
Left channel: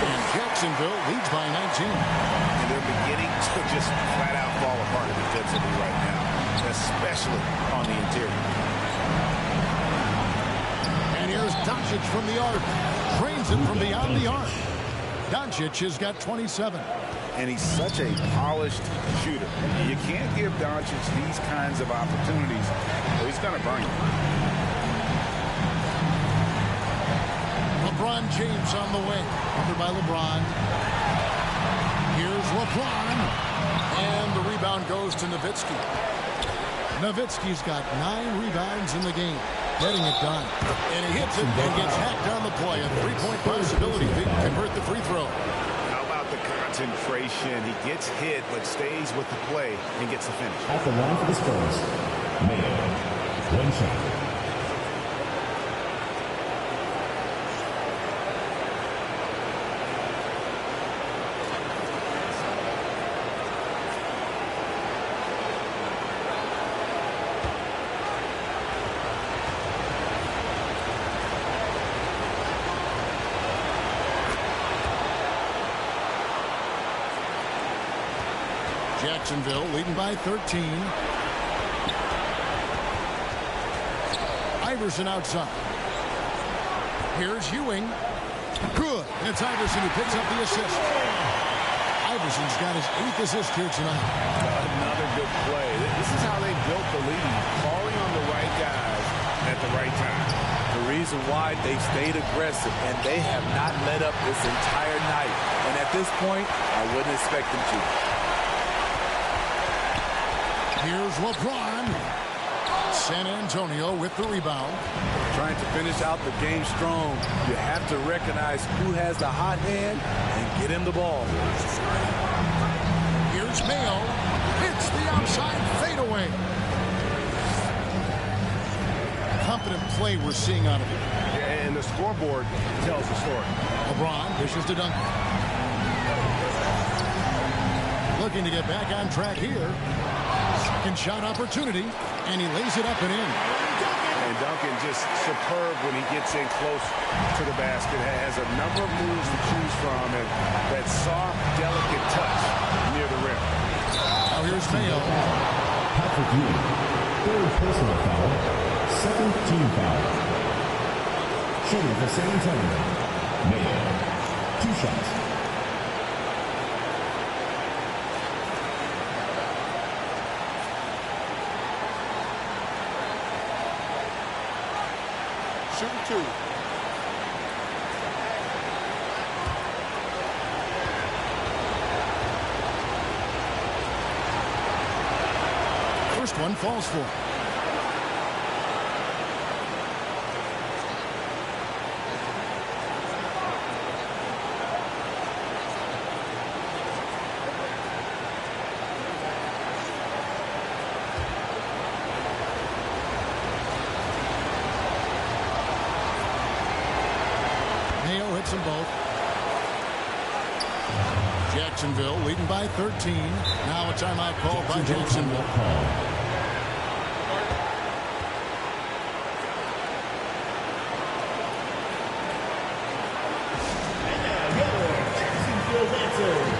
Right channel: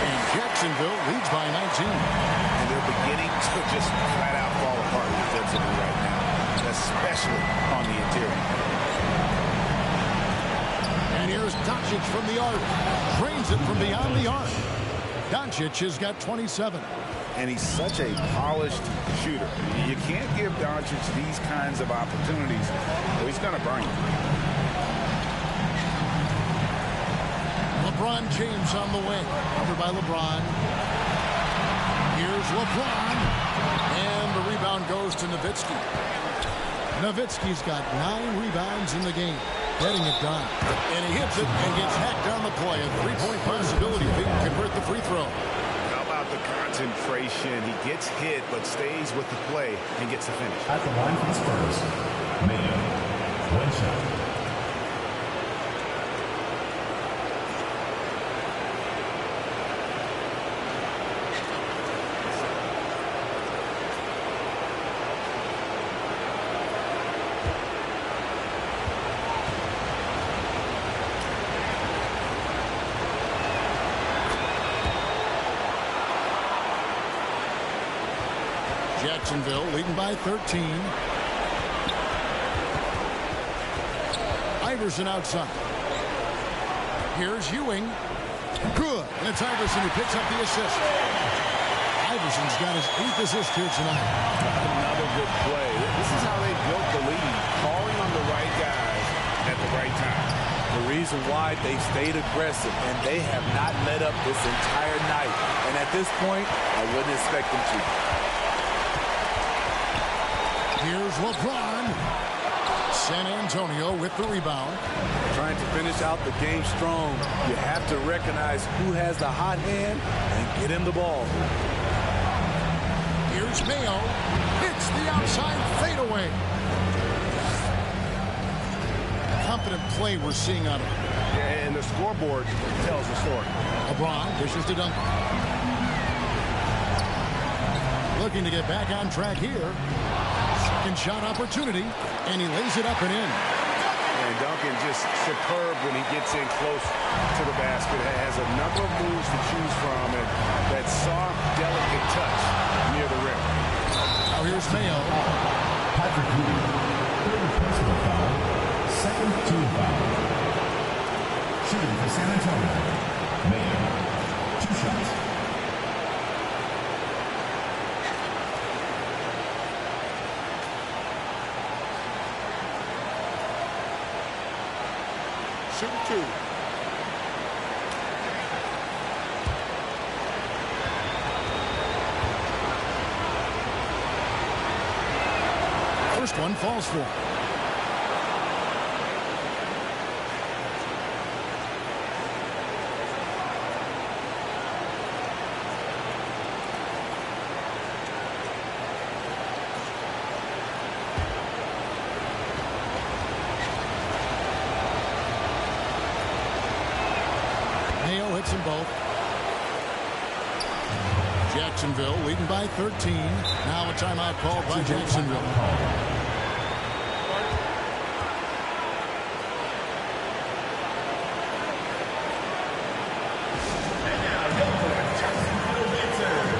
And Jacksonville leads by 19. And they're beginning to just flat out fall apart defensively right now, especially on the interior. And here's Doncic from the arc. Drains it from beyond the arc. Doncic has got 27. And he's such a polished shooter. You can't give Doncic these kinds of opportunities, or he's going to burn you. LeBron James on the wing. Covered by LeBron. Here's LeBron. And the rebound goes to Nowitzki. Nowitzki's got 9 rebounds in the game. Getting it done. And he hits it and gets hacked on the play. A 3-point possibility if he can convert the free throw. How about the concentration? He gets hit but stays with the play and gets the finish. At the line for the Spurs, Mayo. One shot. Jacksonville leading by 13. Iverson outside. Here's Ewing. Good. And it's Iverson who picks up the assist. Iverson's got his 8th assist here tonight. Another good play. This is how they built the lead, calling on the right guys at the right time. The reason why they stayed aggressive, and they have not let up this entire night. And at this point, I wouldn't expect them to. Here's LeBron. San Antonio with the rebound. Trying to finish out the game strong. You have to recognize who has the hot hand and get him the ball. Here's Mayo. Hits the outside fadeaway. Confident play we're seeing out of him. Yeah, and the scoreboard tells the story. LeBron dishes to Duncan. Looking to get back on track here. Second shot opportunity, and he lays it up and in. And Duncan just superb when he gets in close to the basket. Has a number of moves to choose from, and that soft, delicate touch near the rim. Now here's Mayo. Patrick Ewing, 3rd personal foul, 2nd team foul. Shooting for San Antonio, Mayo, 2 shots. Shooting 2. First one falls for him. Mayo hits them both. Jacksonville leading by 13. Now a timeout called by Jacksonville. And now your Jacksonville answer.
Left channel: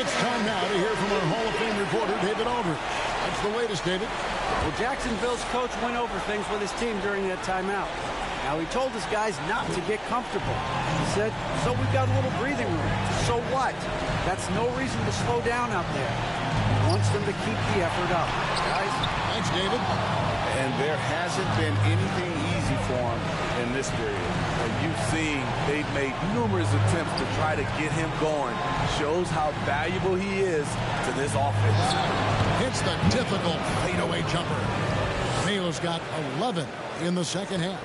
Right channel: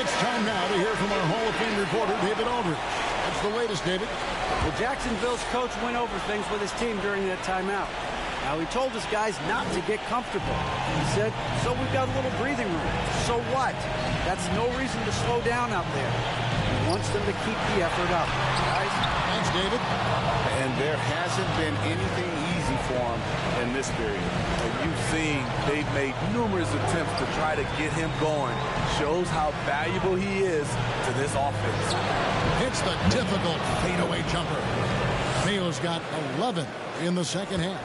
It's time now to hear from our Hall of Fame reporter, David Aldridge. What's the latest, David? Well, Jacksonville's coach went over things with his team during that timeout. Now, he told his guys not to get comfortable. He said, so we've got a little breathing room. So what? That's no reason to slow down out there. He wants them to keep the effort up. Guys? Thanks, David. And there hasn't been anything easy for him in this period. And you've seen they've made numerous attempts to try to get him going. Shows how valuable he is to this offense. Hits the difficult fadeaway jumper. Mayo's got 11 in the second half.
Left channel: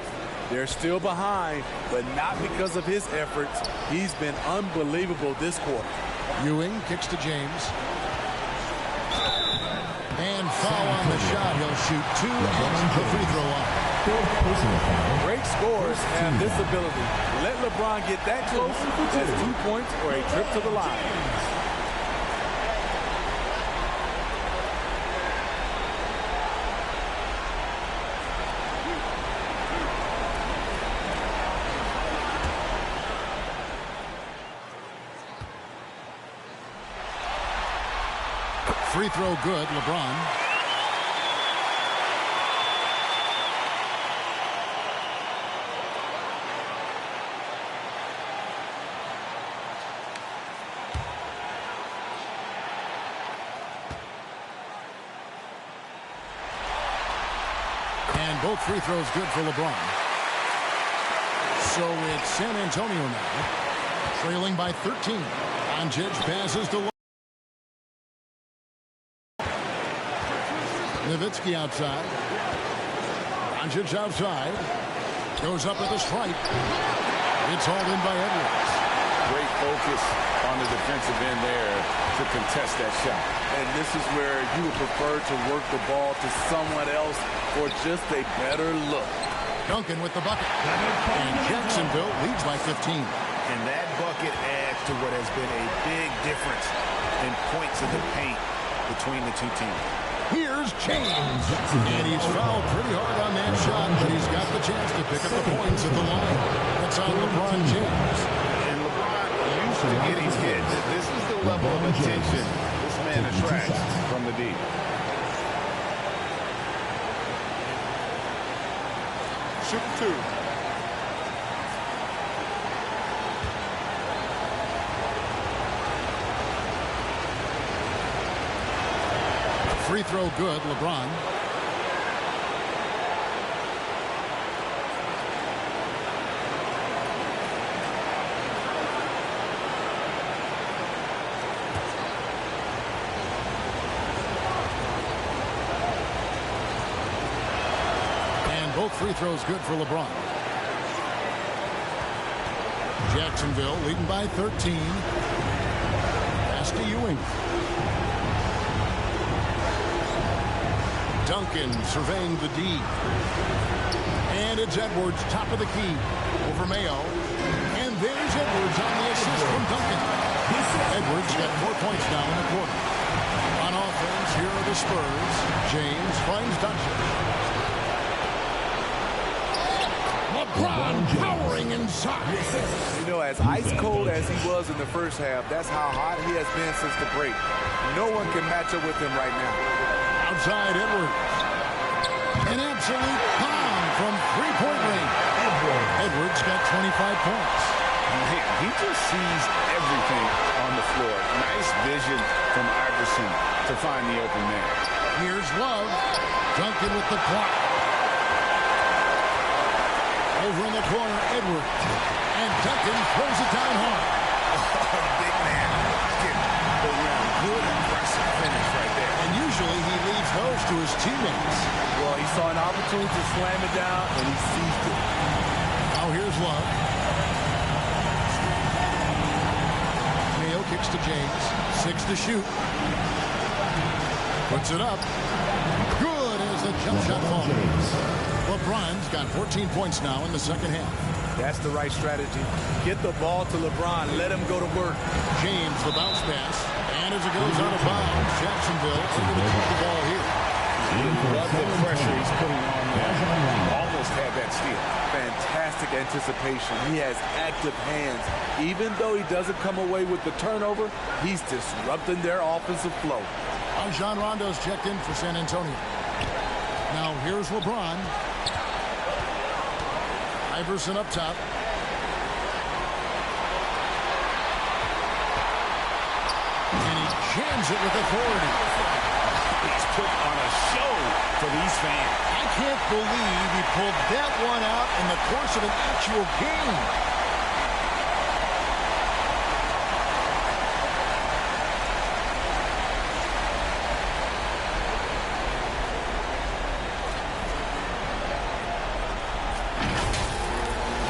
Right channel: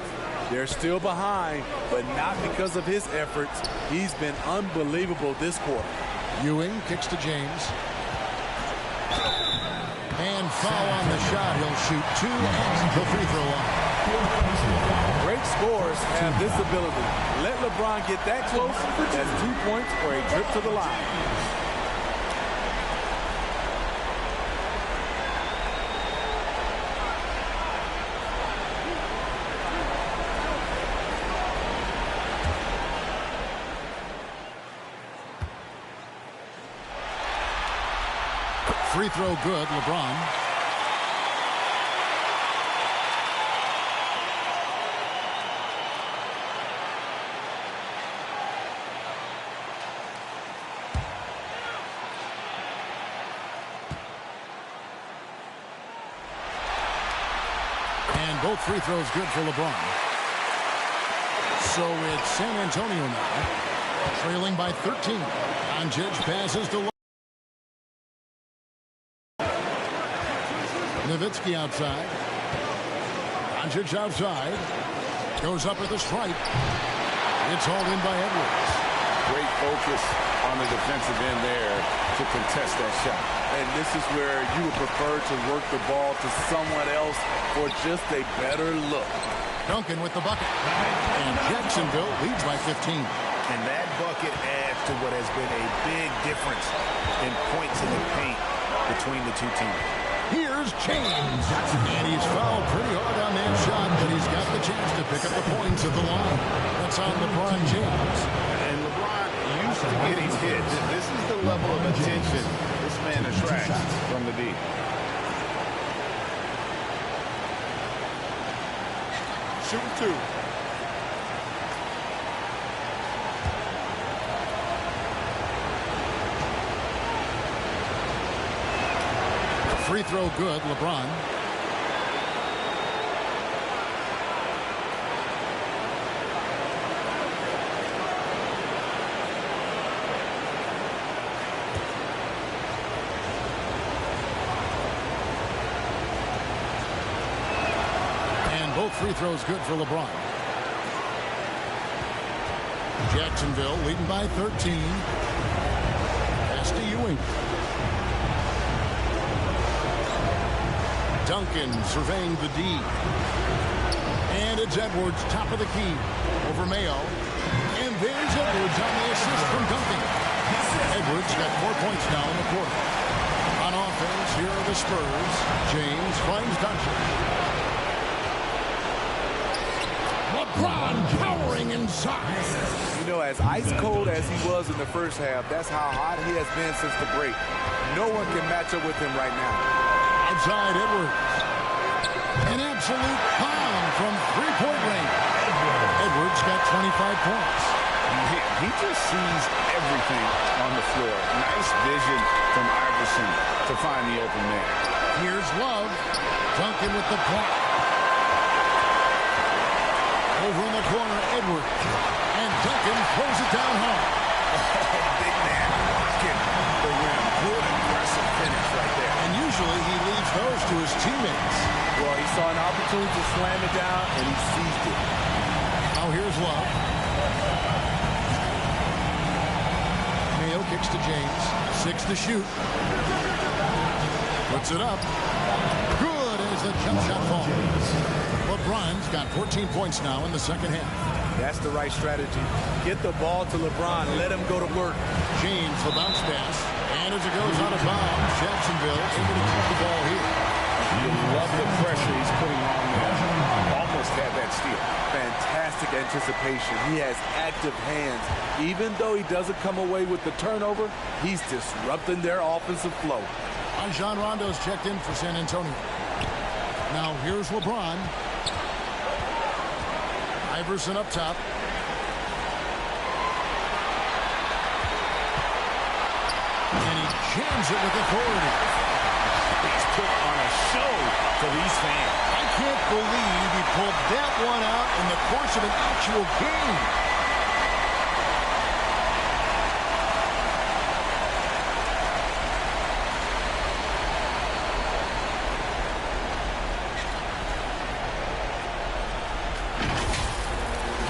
They're still behind, but not because of his efforts. He's been unbelievable this quarter. Ewing kicks to James. And foul on the shot. He'll shoot 2 at the free throw line. Great scorers have this ability. Let LeBron get that close, that's 2 points or a trip to the line. Free throw good, LeBron. And both free throws good for LeBron. So it's San Antonio now, trailing by 13. Doncic passes to Nowitzki outside. Doncic outside. Goes up at the stripe. It's hauled in by Edwards. Great focus on the defensive end there to contest that shot. And this is where you would prefer to work the ball to someone else for just a better look. Duncan with the bucket. And Jacksonville leads by 15. And that bucket adds to what has been a big difference in points in the paint between the two teams. Here's James. And he's fouled pretty hard on that shot, but he's got the chance to pick up the points at the line. That's on LeBron James. And LeBron used to getting hit. This is the level of attention this man attracts from the deep. Shooting 2. Free throw good, LeBron. And both free throws good for LeBron. Jacksonville leading by 13. Pass to Ewing. Duncan surveying the D. And it's Edwards, top of the key, over Mayo. And there's Edwards on the assist from Duncan. Edwards got 4 points now in the quarter. On offense, here are the Spurs. James finds Doncic. LeBron powering inside. You know, as ice cold as he was in the first half, that's how hot he has been since the break. No one can match up with him right now. Outside Edwards. An absolute bomb from three-point range. Edwards got 25 points. Man, he just sees everything on the floor. Nice vision from Iverson to find the open man. Here's Love. Duncan with the block. Over in the corner, Edwards. And Duncan throws it down hard. Oh, big man rocking the rim. Good aggressive finish right there. And usually he leaves those to his teammates. Well, he saw an opportunity to slam it down, and he seized it. Now here's Love. Mayo kicks to James. 6 to shoot. Puts it up. Good as the jump shot falls. LeBron's got 14 points now in the second half. That's the right strategy. Get the ball to LeBron. Let him go to work. James, the bounce pass. And as it goes out of bounds, Jacksonville able to keep the ball here. You love the pressure he's putting on there. Almost almost had that steal. Fantastic anticipation. He has active hands. Even though he doesn't come away with the turnover, he's disrupting their offensive flow. Rajon Rondo's checked in for San Antonio. Now here's LeBron. Iverson up top. And he jams it with authority. He's put on a show for these fans. I can't believe he pulled that one out in the course of an actual game.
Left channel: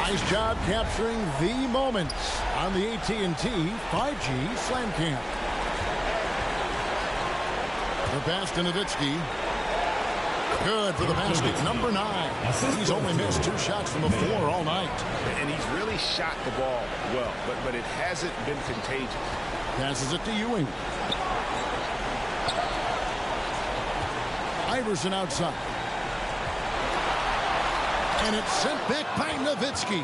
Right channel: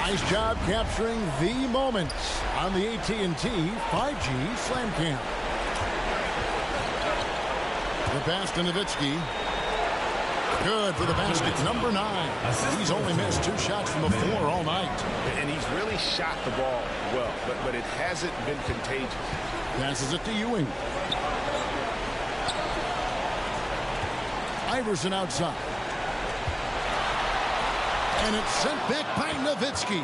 Nice job capturing the moments on the AT&T 5G Slam Cam. The pass to Nowitzki. Good for the basket. Number 9. He's only missed 2 shots from the floor all night. And he's really shot the ball well, but it hasn't been contagious. Passes it to Ewing. Iverson outside. And it's sent back by Nowitzki.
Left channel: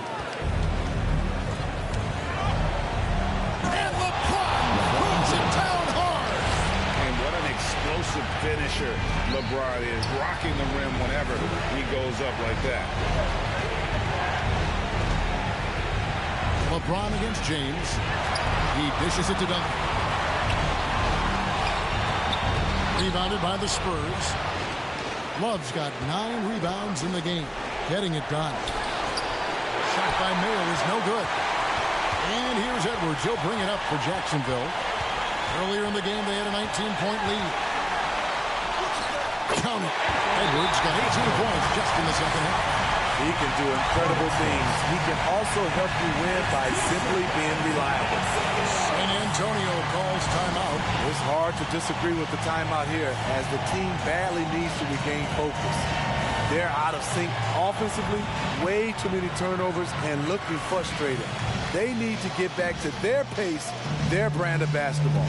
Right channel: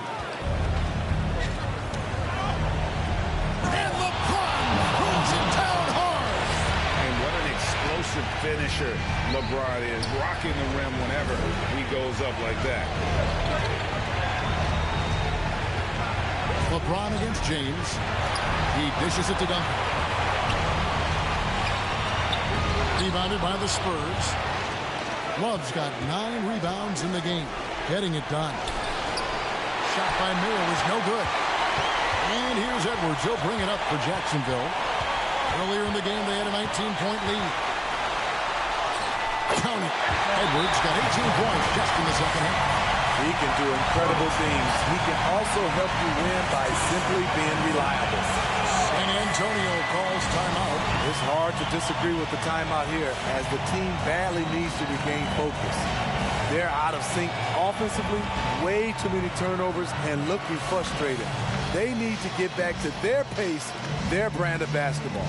And LeBron brings it down hard. And what an explosive finisher LeBron is, rocking the rim whenever he goes up like that. LeBron against James. He dishes it to Duncan. Rebounded by the Spurs. Love's got 9 rebounds in the game. Getting it done. Shot by Mayo is no good. And here's Edwards. He'll bring it up for Jacksonville. Earlier in the game, they had a 19-point lead. Count it. Edwards got 18 points just in the second half. He can do incredible things. He can also help you win by simply being reliable. San Antonio calls timeout. It's hard to disagree with the timeout here, as the team badly needs to regain focus. They're out of sync offensively, way too many turnovers, and looking frustrated. They need to get back to their pace, their brand of basketball.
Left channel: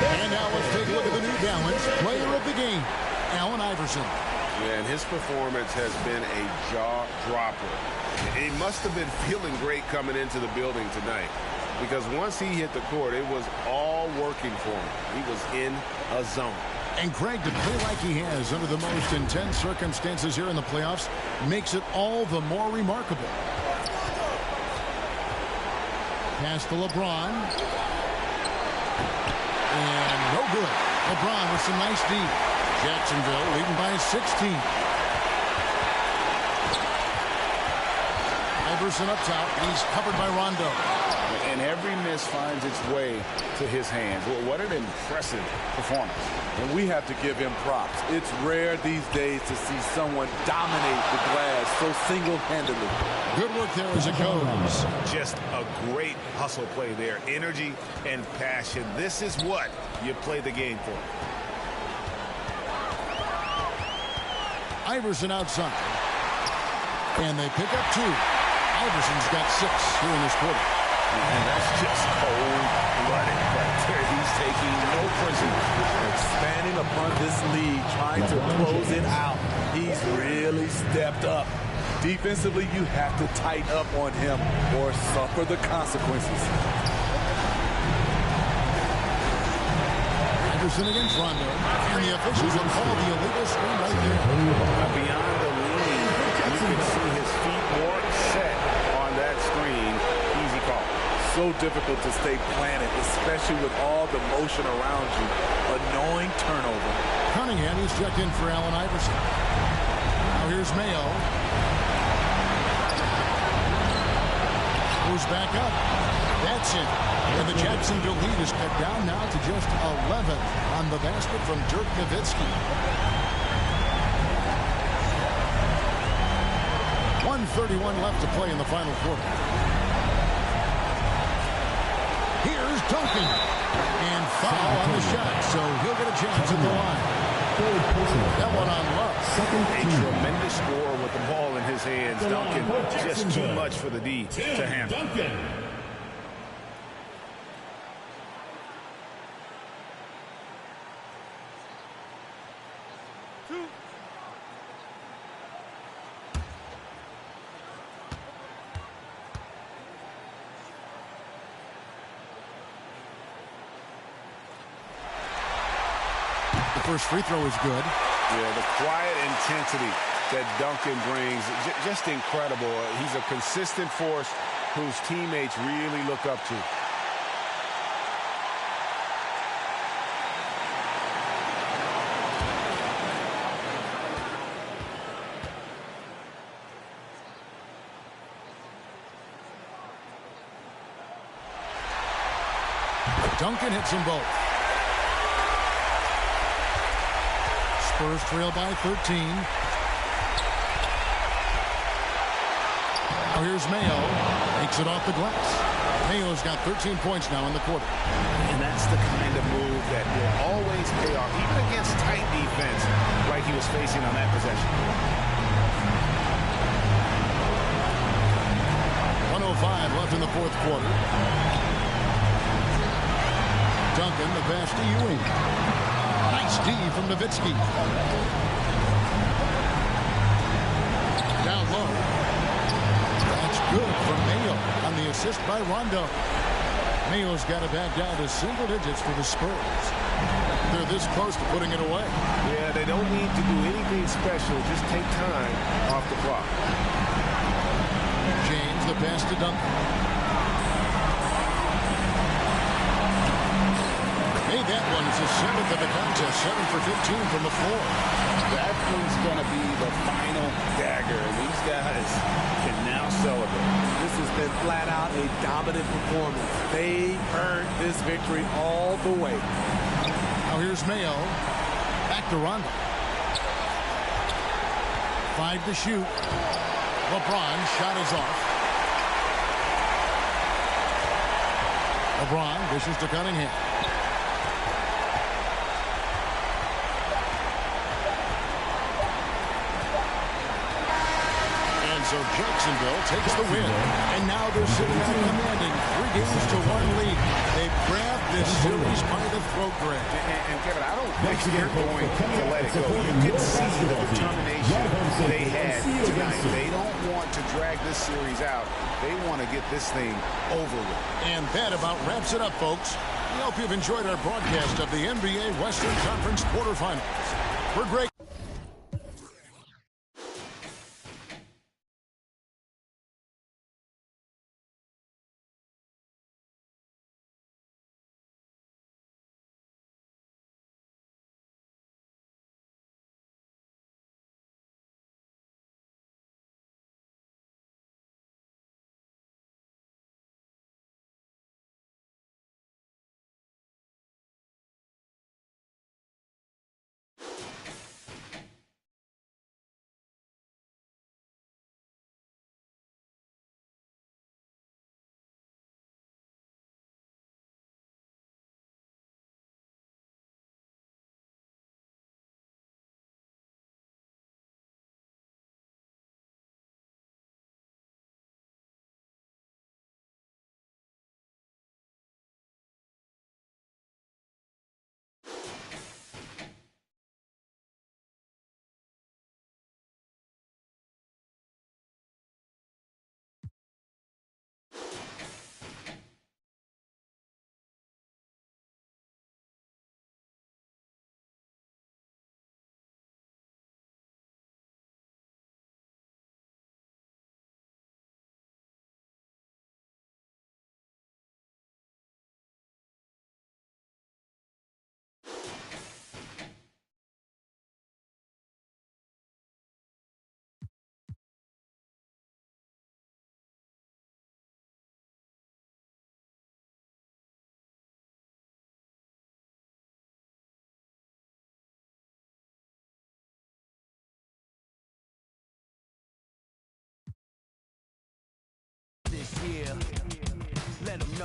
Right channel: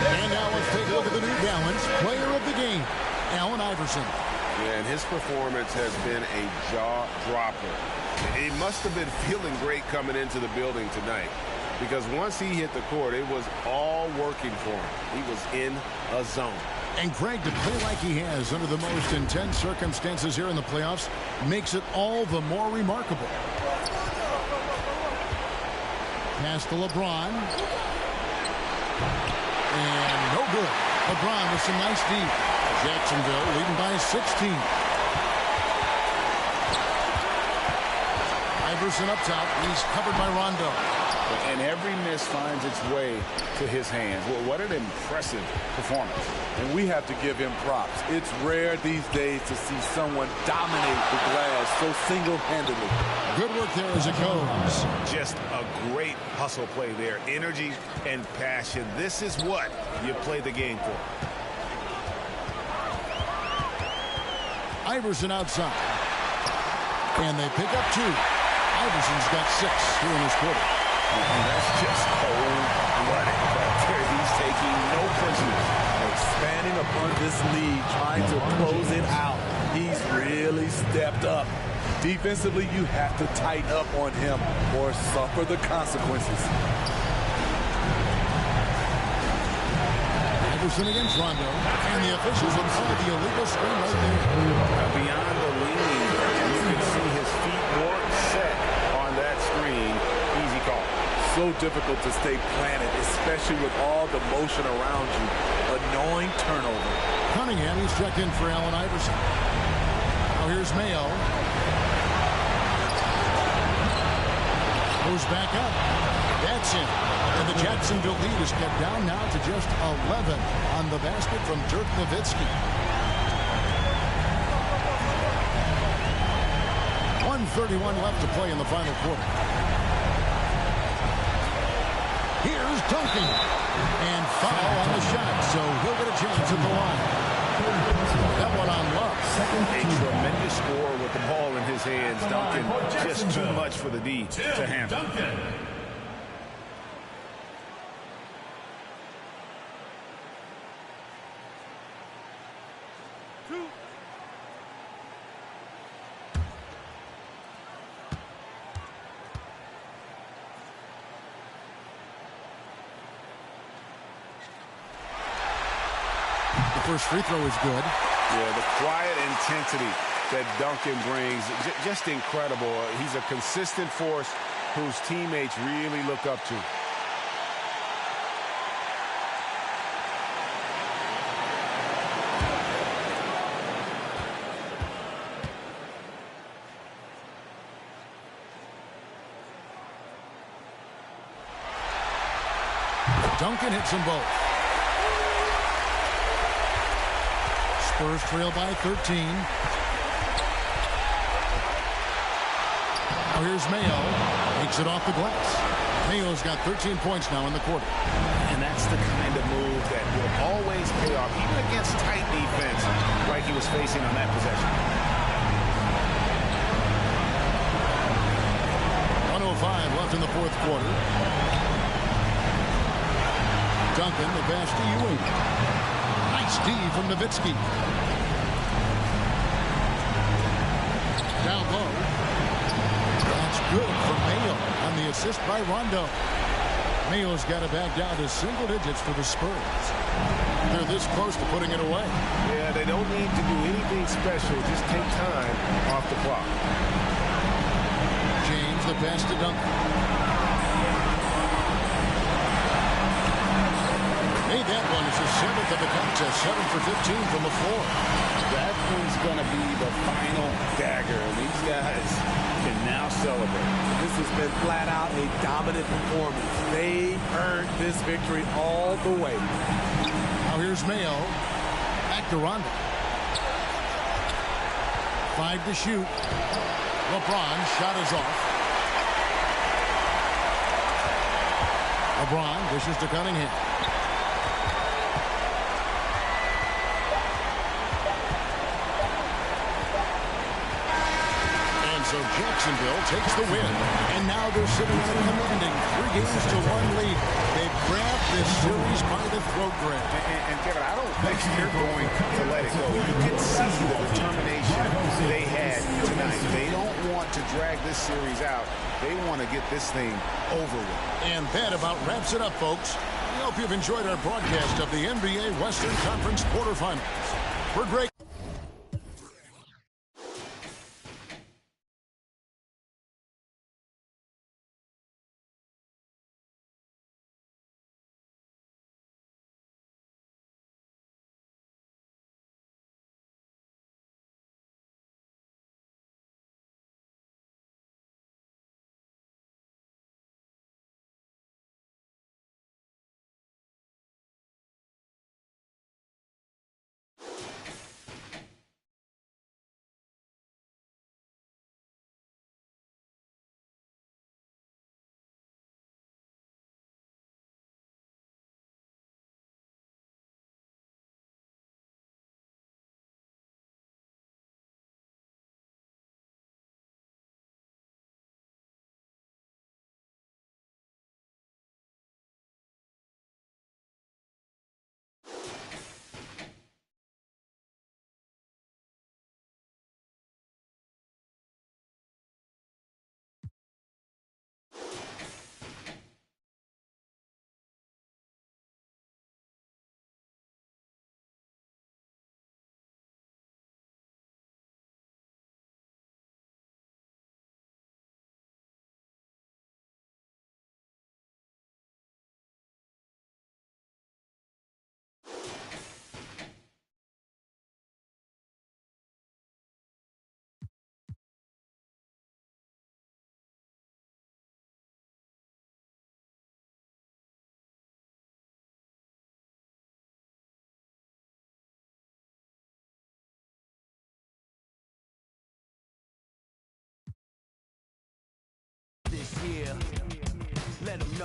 And now let's take a look at the New Balance player of the game, Allen Iverson. Yeah, and his performance has been a jaw-dropper. He must have been feeling great coming into the building tonight, because once he hit the court, it was all working for him. He was in a zone. And Greg, to play like he has under the most intense circumstances here in the playoffs makes it all the more remarkable. Pass to LeBron. And no good. LeBron with some nice D. Jacksonville leading by 16. Iverson up top. He's covered by Rondo. And every miss finds its way to his hands. Well, what an impressive performance. And we have to give him props. It's rare these days to see someone dominate the glass so single-handedly. Good work there as it goes. Just a great hustle play there. Energy and passion. This is what you play the game for. Iverson outside. And they pick up 2. Iverson's got 6 here in this quarter. And that's just cold-blooded right there. He's taking no prisoners. Expanding upon this lead, trying to close it out. He's really stepped up. Defensively, you have to tighten up on him or suffer the consequences. Iverson against Rondo. And the officials will call the illegal screen right there. Beyond the lean, you can see his feet more set on that screen. Easy call. so difficult to stay planted, especially with all the motion around you. Annoying turnover. Cunningham, he's checked in for Allen Iverson. Now here's Mayo. Goes back up. That's it. And the Jacksonville lead is cut down now to just 11 on the basket from Dirk Nowitzki. 1:31 left to play in the final quarter. Here's Duncan. And foul on the shot, so he'll get a chance at the line. That one on Love. A tremendous score with the ball in his hands. Duncan, just too much for the D to handle. First free throw is good. Yeah, the quiet intensity that Duncan brings, just incredible. He's a consistent force whose teammates really look up to. Duncan hits them both. Spurs trail by 13. Now here's Mayo. Makes it off the glass. Mayo's got 13 points now in the quarter. And that's the kind of move that will always pay off, even against tight defense like he was facing on that possession. 1:05 left in the fourth quarter. Duncan, the pass to Ewing. Nice D from Nowitzki. Down low. That's good from Mayo on the assist by Rondo. Mayo's got it back down to single digits for the Spurs. They're this close to putting it away. Yeah, they don't need to do anything special. Just take time off the clock. James, the pass to Duncan. Made that one. It's the 7th of the contest. 7 for 15 from the floor. That one's going to be the final dagger, and these guys can now celebrate. This has been flat out a dominant performance. They earned this victory all the way. Now here's Mayo. Back to Rondo. 5 to shoot. LeBron shot is off. LeBron dishes to Cunningham. So Jacksonville takes the win, and now they're sitting on a commanding 3-1 lead. They've grabbed this series by the throat, Greg. And Kevin, I don't think they're going to let it go. You can see the determination they had tonight. They don't want to drag this series out. They want to get this thing over with. And that about wraps it up, folks. We hope you've enjoyed our broadcast of the NBA Western Conference quarterfinals. For Greg.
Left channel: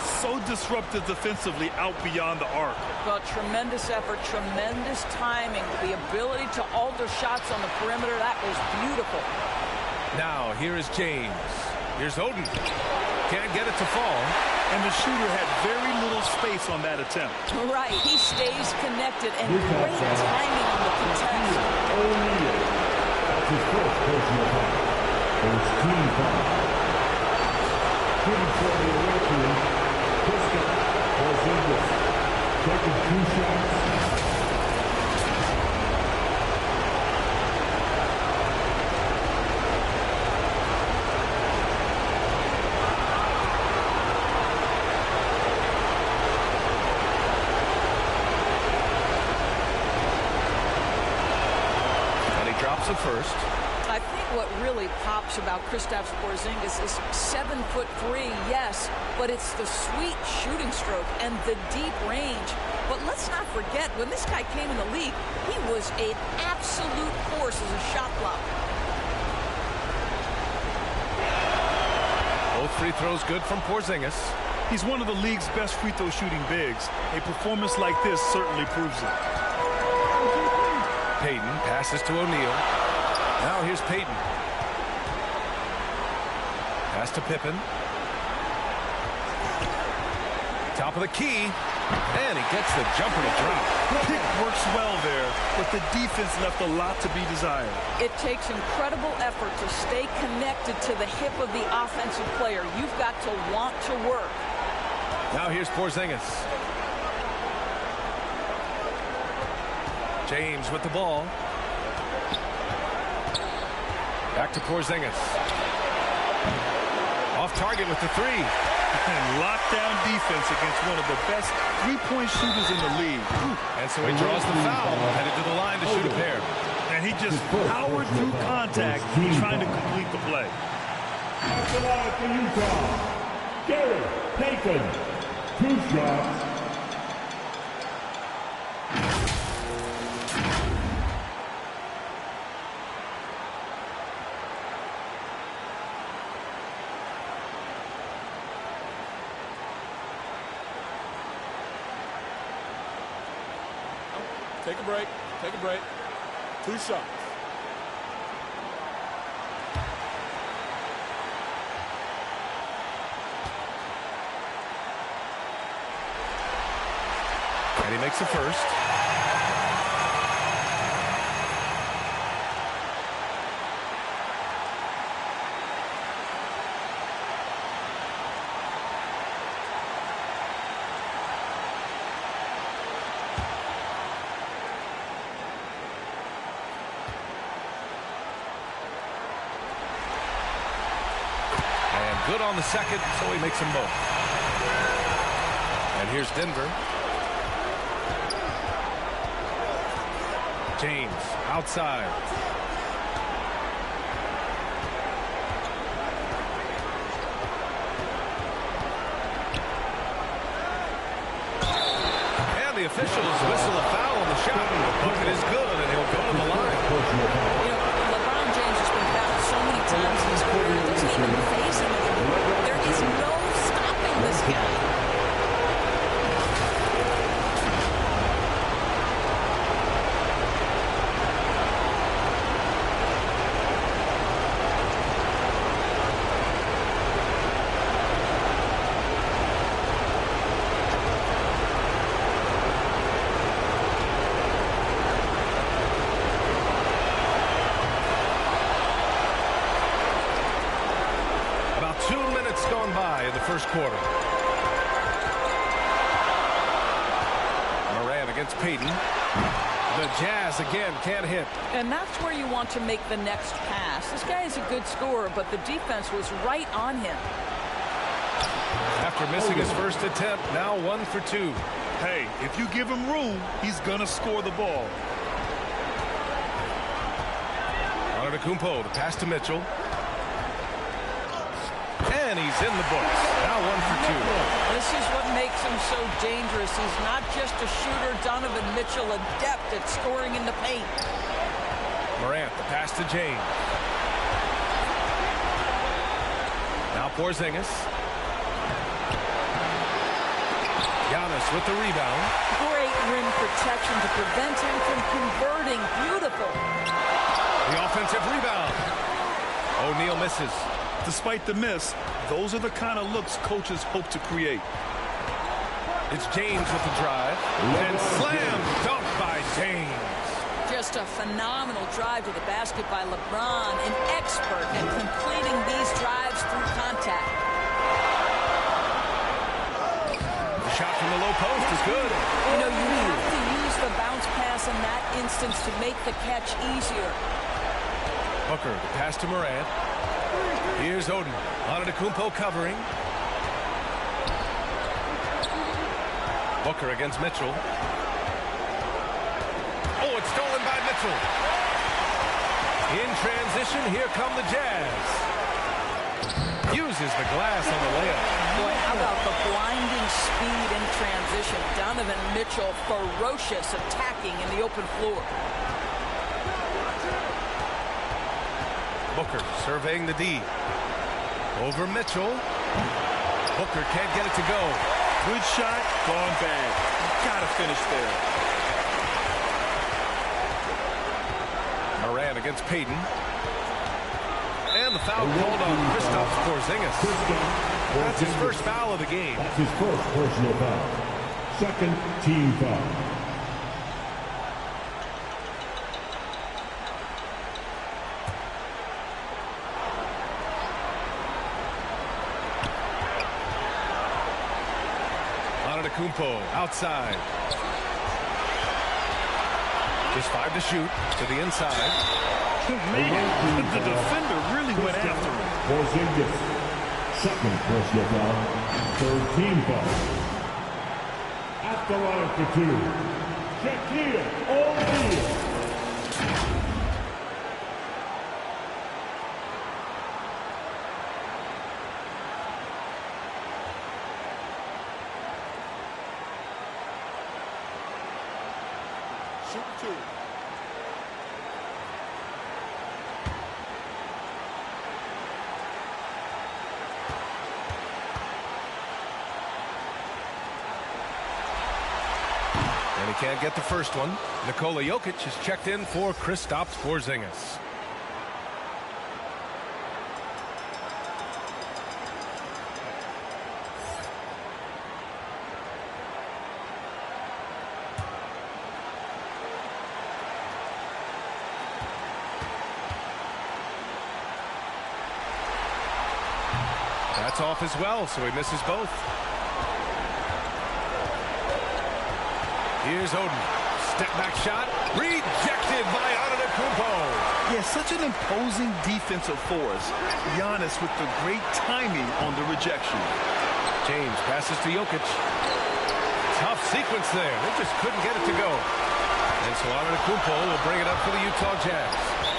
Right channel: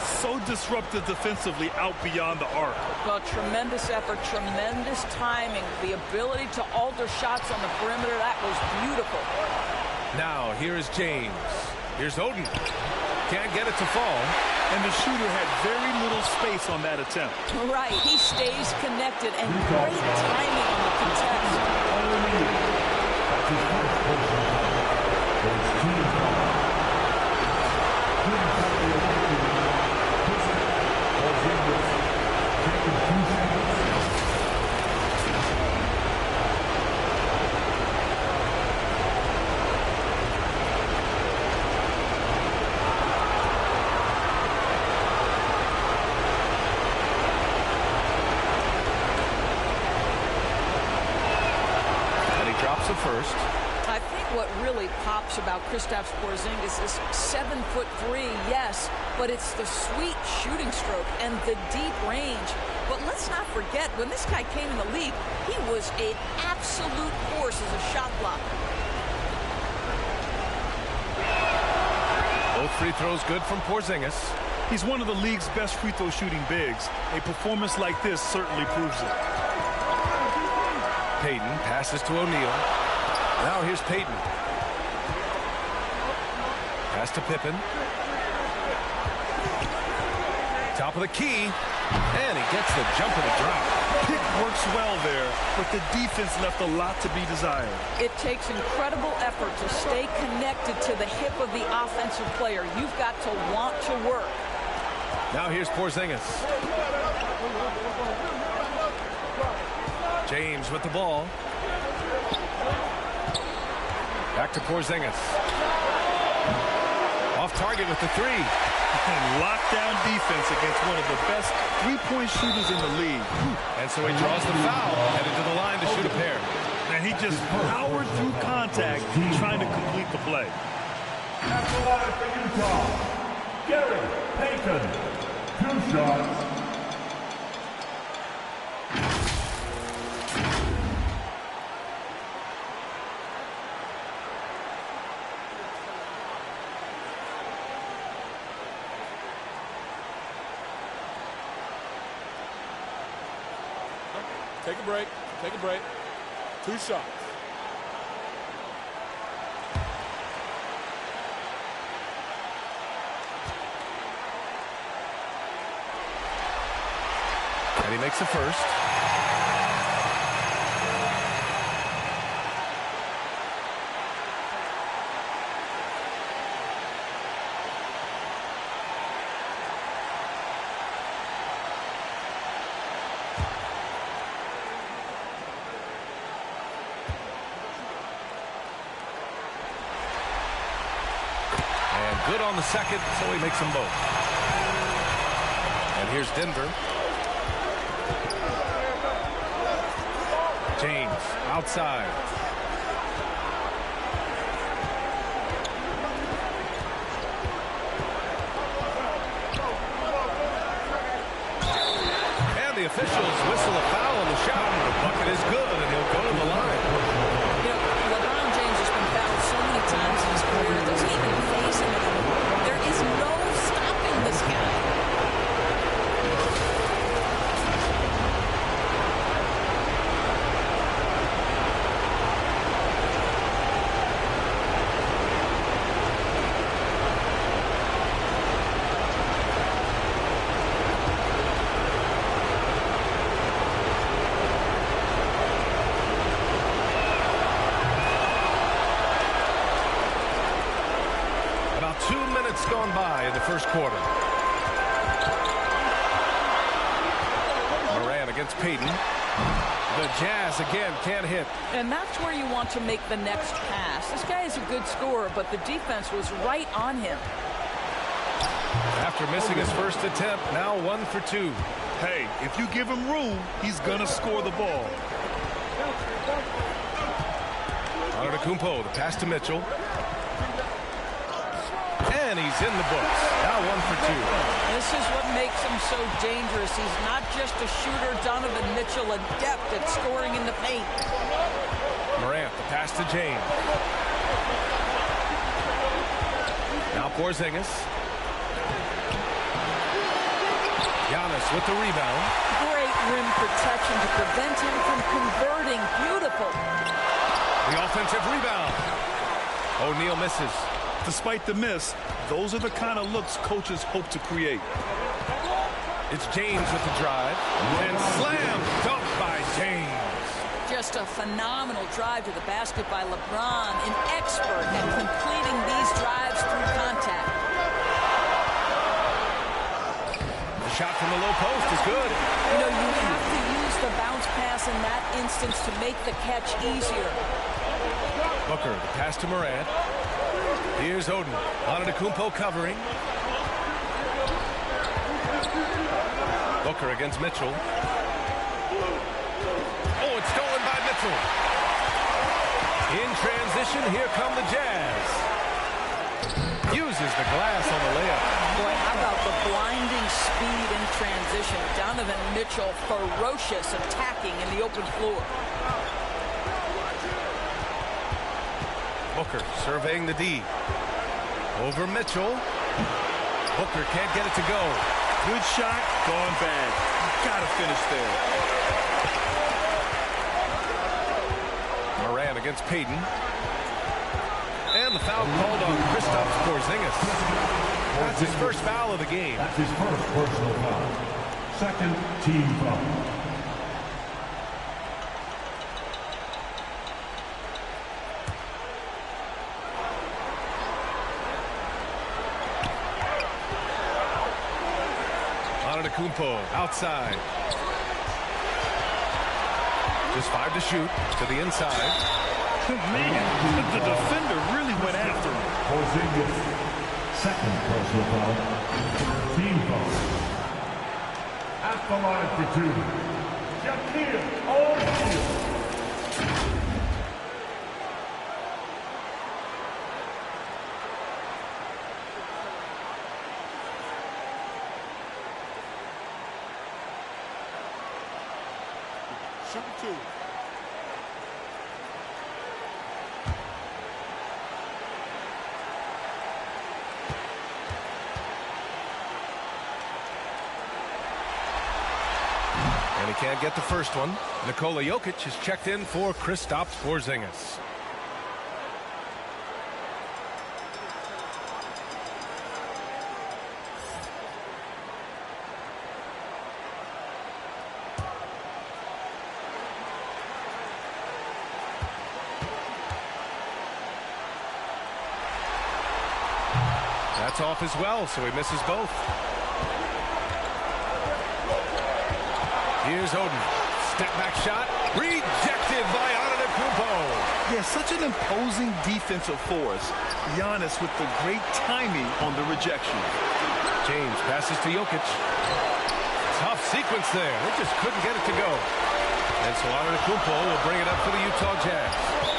So disruptive defensively out beyond the arc. Well, tremendous effort, tremendous timing. The ability to alter shots on the perimeter, that was beautiful. Now, here is James. Here's Oden. Can't get it to fall. And the shooter had very little space on that attempt. Right. He stays connected and great timing on the contest. That's his first personal foul. First team foul. Shooting for the away team, Pistons Porzingis taking 2 shots. Drops a first. I think what really pops about Kristaps Porzingis is 7'3", yes, but it's the sweet shooting stroke and the deep range. But let's not forget, when this guy came in the league, he was an absolute force as a shot blocker. Both free throws good from Porzingis. He's one of the league's best free throw shooting bigs. A performance like this certainly proves it. Payton passes to O'Neal. Now here's Payton. Pass to Pippen. Top of the key. And he gets the jumper to drop. Pick works well there, but the defense left a lot to be desired. It takes incredible effort to stay connected to the hip of the offensive player. You've got to want to work. Now here's Porzingis. James with the ball. Back to Porzingis. Off target with the three. And lockdown defense against one of the best three-point shooters in the league. And so he draws the foul, headed to the line to shoot a pair. And he just powered through contact, trying to complete the play. At the line for Utah, Gary Payton. 2 shots. Take a break. Take a break. 2 shots. And he makes the first. Good on the second, so he makes them both. And here's Denver. James outside. And the officials whistle a foul on the shot. The bucket is good, and he'll go to the line. You know, LeBron James has been fouled so many times in his career, it doesn't even faze him anymore. There is no stopping this guy. About 2 minutes gone by in the first quarter. Moran against Payton. The Jazz again can't hit. And that's where you want to make the next pass. This guy is a good scorer, but the defense was right on him. After missing his first attempt, now 1 for 2. Hey, if you give him room, he's gonna score the ball. Antetokounmpo, the pass to Mitchell. And he's in the books. Now 1 for 2. This is what makes him so dangerous. He's not just a shooter. Donovan Mitchell, adept at scoring in the paint. Morant, the pass to James. Now Porzingis. Giannis with the rebound. Great rim protection to prevent him from converting. Beautiful. The offensive rebound. O'Neal misses. Despite the miss, those are the kind of looks coaches hope to create. It's James with the drive. And slam dunk by James. Just a phenomenal drive to the basket by LeBron, an expert at completing these drives through contact. The shot from the low post is good. You know, you have to use the bounce pass in that instance to make the catch easier. Booker, the pass to Morant. Here's Oden. Antetokounmpo covering. Booker against Mitchell. Oh, it's stolen by Mitchell. In transition, here come the Jazz. Uses the glass on the layup. Boy, how about the blinding speed in transition. Donovan Mitchell, ferocious, attacking in the open floor. Booker surveying the D. Over Mitchell. Booker can't get it to go. Good shot, gone bad. You gotta finish there. Morant against Payton. And the foul called on Kristaps Porzingis. That's his first foul of the game. That's his first personal foul. Second team foul. Antetokounmpo outside. Just 5 to shoot to the inside. Man, the defender really went after him. Porzingis, second personal foul, third team foul. At the line for two, Shaquille O'Neal. Shoot two. And he can't get the first one. Nikola Jokic is checked in for Kristaps Porzingis. That's off as well, so he misses both. Here's Oden. Step back shot. Rejected by Antetokounmpo. Yeah, such an imposing defensive force. Giannis with the great timing on the rejection. James passes to Jokic. Tough sequence there. They just couldn't get it to go. And so Antetokounmpo will bring it up for the Utah Jazz.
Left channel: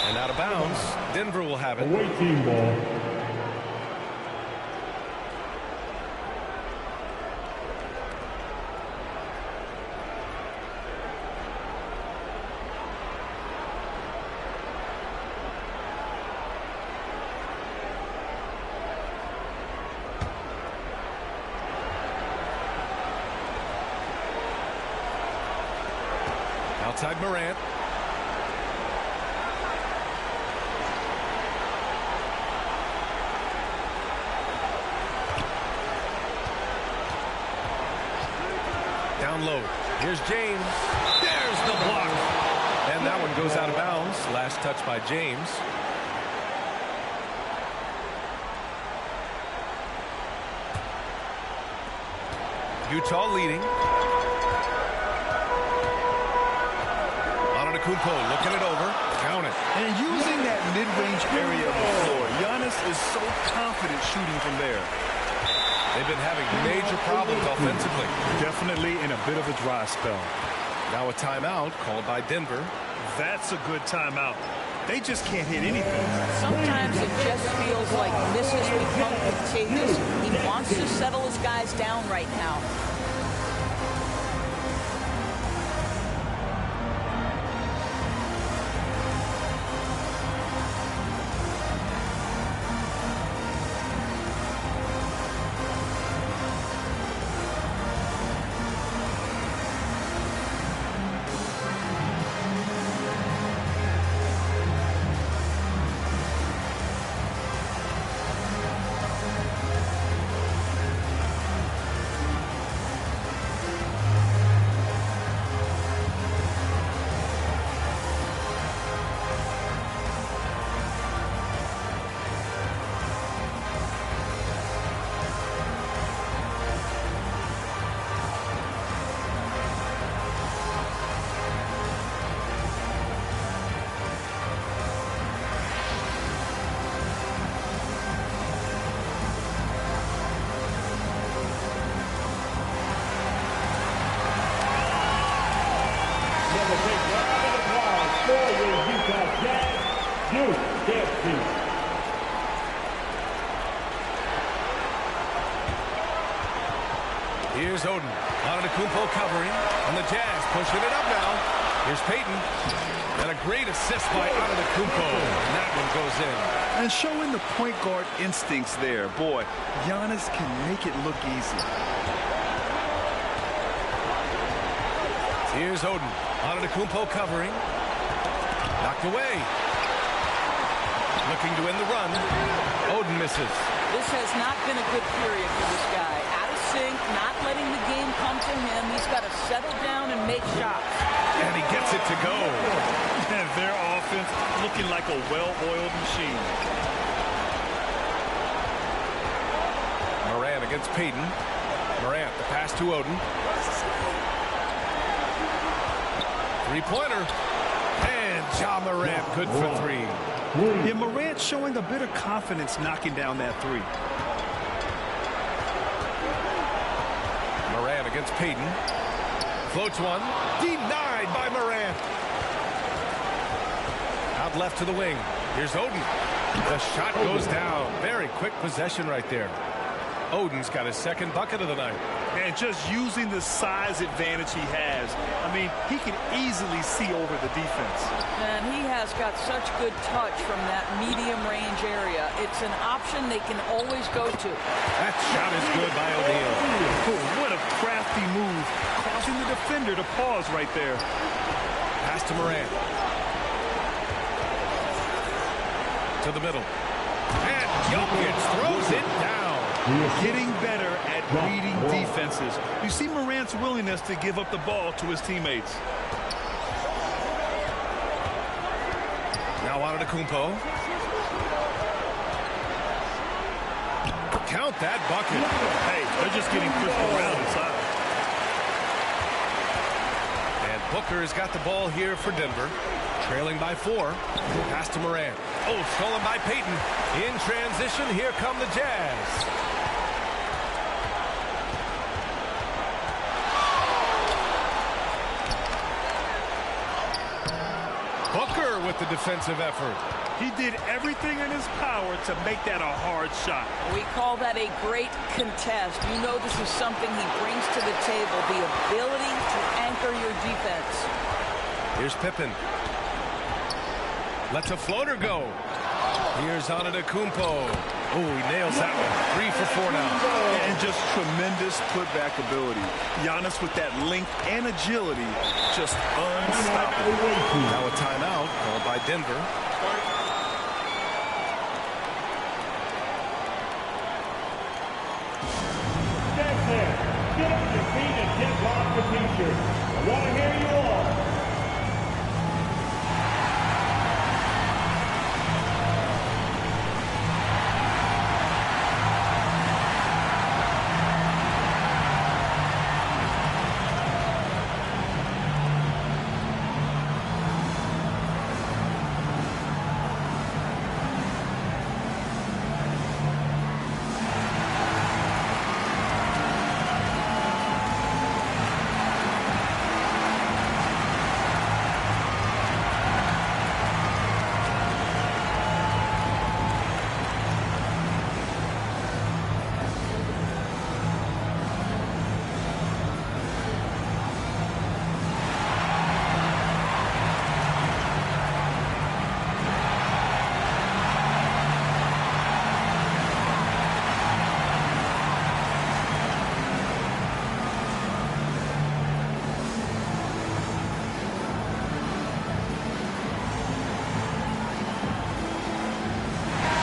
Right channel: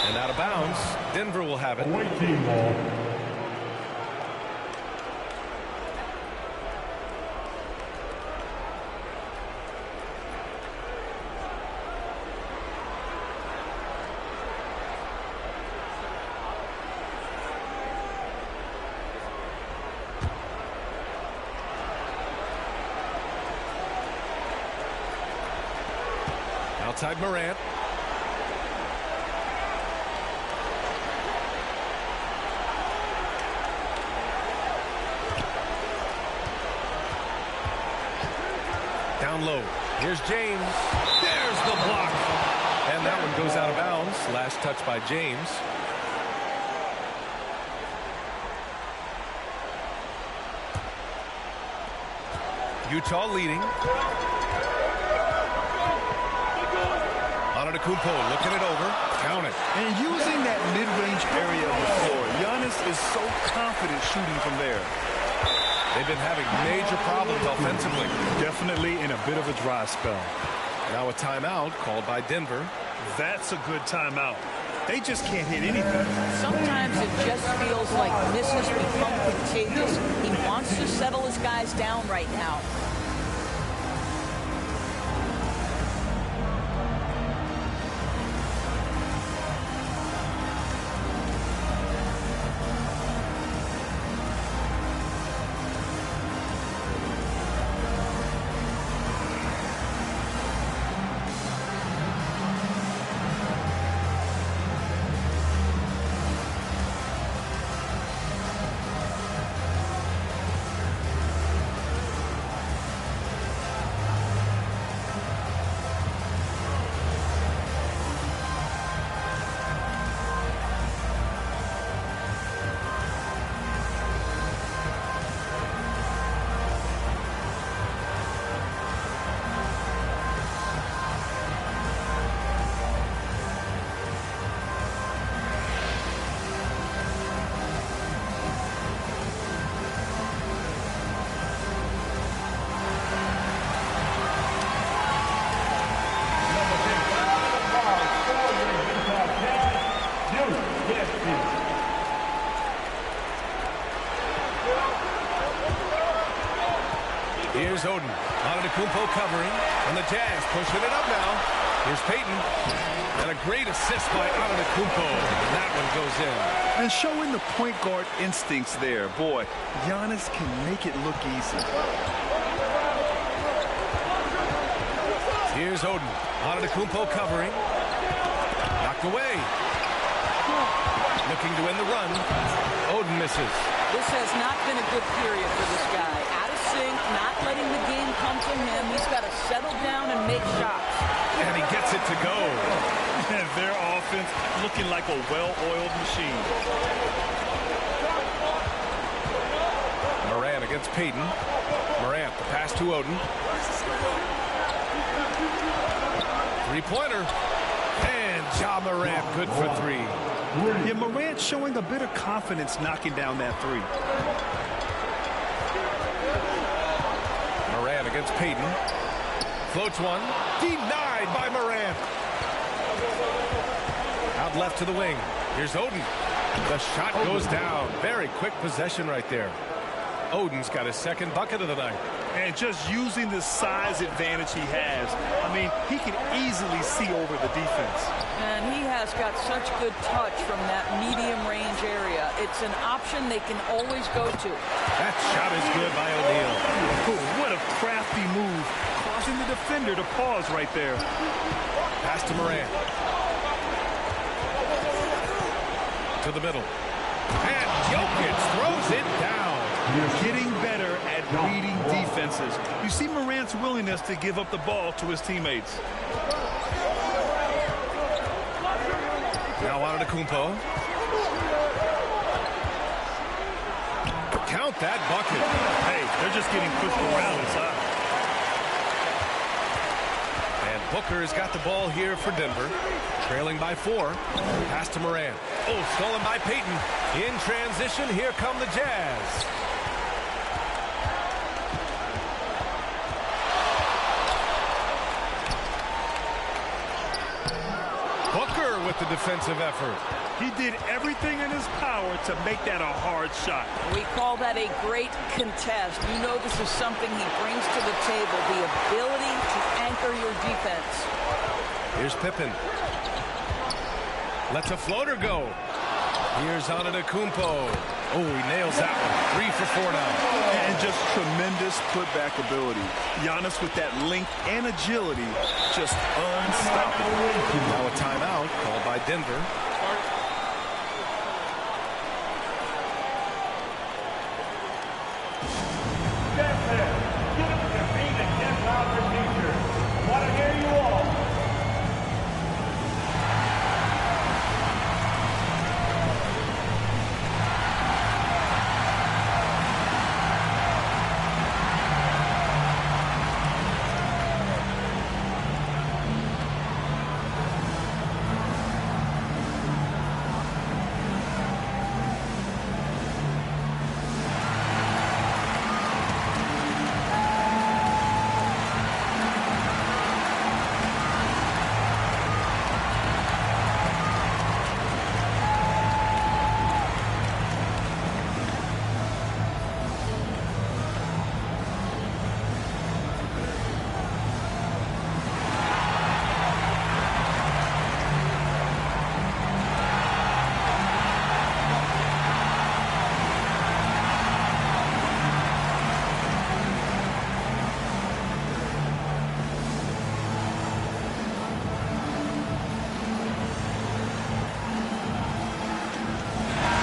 And out of bounds, Denver will have it. Away team ball. Outside Morant. Down low. Here's James. There's the block. And that one goes out of bounds. Last touch by James. Utah leading. Antetokounmpo looking it over. Count it. And using that mid-range area of the floor, Giannis is so confident shooting from there. They've been having major problems offensively. Definitely in a bit of a dry spell. Now a timeout called by Denver. That's a good timeout. They just can't hit anything. Sometimes it just feels like misses become contagious. He wants to settle his guys down right now. Here's Oden. Antetokounmpo covering, and the Jazz pushing it up now. Here's Payton. And a great assist by Antetokounmpo. And that one goes in. And showing the point guard instincts there. Boy, Giannis can make it look easy. Here's Oden. Antetokounmpo covering. Knocked away. Looking to end the run. Oden misses. This has not been a good period for this guy. Out of sync, not letting the game come to him. He's got to settle down and make shots. And he gets it to go. And their offense looking like a well-oiled machine. Morant against Payton. Morant, the pass to Oden. Three-pointer. And Ja Morant, good for three. Yeah, Morant showing a bit of confidence knocking down that three. Morant against Payton. Floats one. Denied by Morant. Out left to the wing. Here's Oden. The shot goes down. Very quick possession right there. Oden's got his second bucket of the night. And just using the size advantage he has. I mean, he can easily see over the defense. And he has got such good touch from that medium range area. It's an option they can always go to. That shot is good by O'Neal. Oh, what a crafty move, causing the defender to pause right there. Pass to Morant. To the middle. And Jokic throws it down. Getting better at reading defenses. You see Morant's willingness to give up the ball to his teammates. Now Antetokounmpo. Count that bucket. Hey, they're just getting pushed around inside. And Booker has got the ball here for Denver. Trailing by 4. Pass to Morant. Oh, stolen by Payton. In transition, here come the Jazz. Booker with the defensive effort. He did everything in his power to make that a hard shot. We call that a great contest. You know this is something he brings to the table, the ability to anchor your defense. Here's Pippen. Lets a floater go. Here's Antetokounmpo. Oh, he nails that one. 3 for 4 now. And just tremendous putback ability. Giannis with that length and agility, just unstoppable. Now a timeout called by Denver. Stand there. Get up your feet and get loud for t-shirts. I want to hear you all.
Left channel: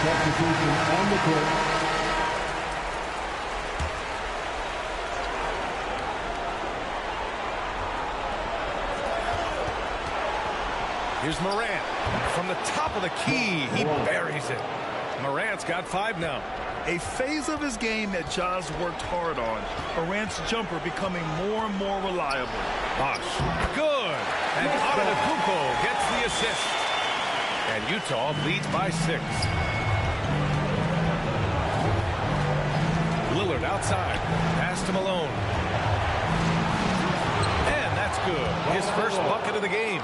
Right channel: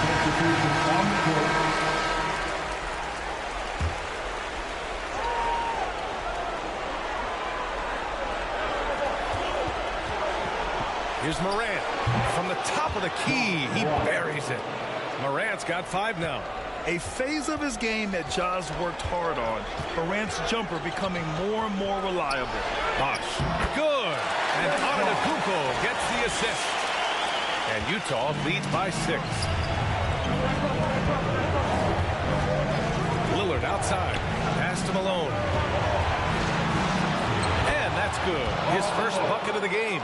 Substitution on the court. Here's Morant. From the top of the key, he buries it. Morant's got 5 now. A phase of his game that Ja's worked hard on. Morant's jumper becoming more and more reliable. Bosh. Good. And Antetokounmpo gets the assist. And Utah leads by 6. Lillard outside. Pass to Malone. And that's good. His first bucket of the game.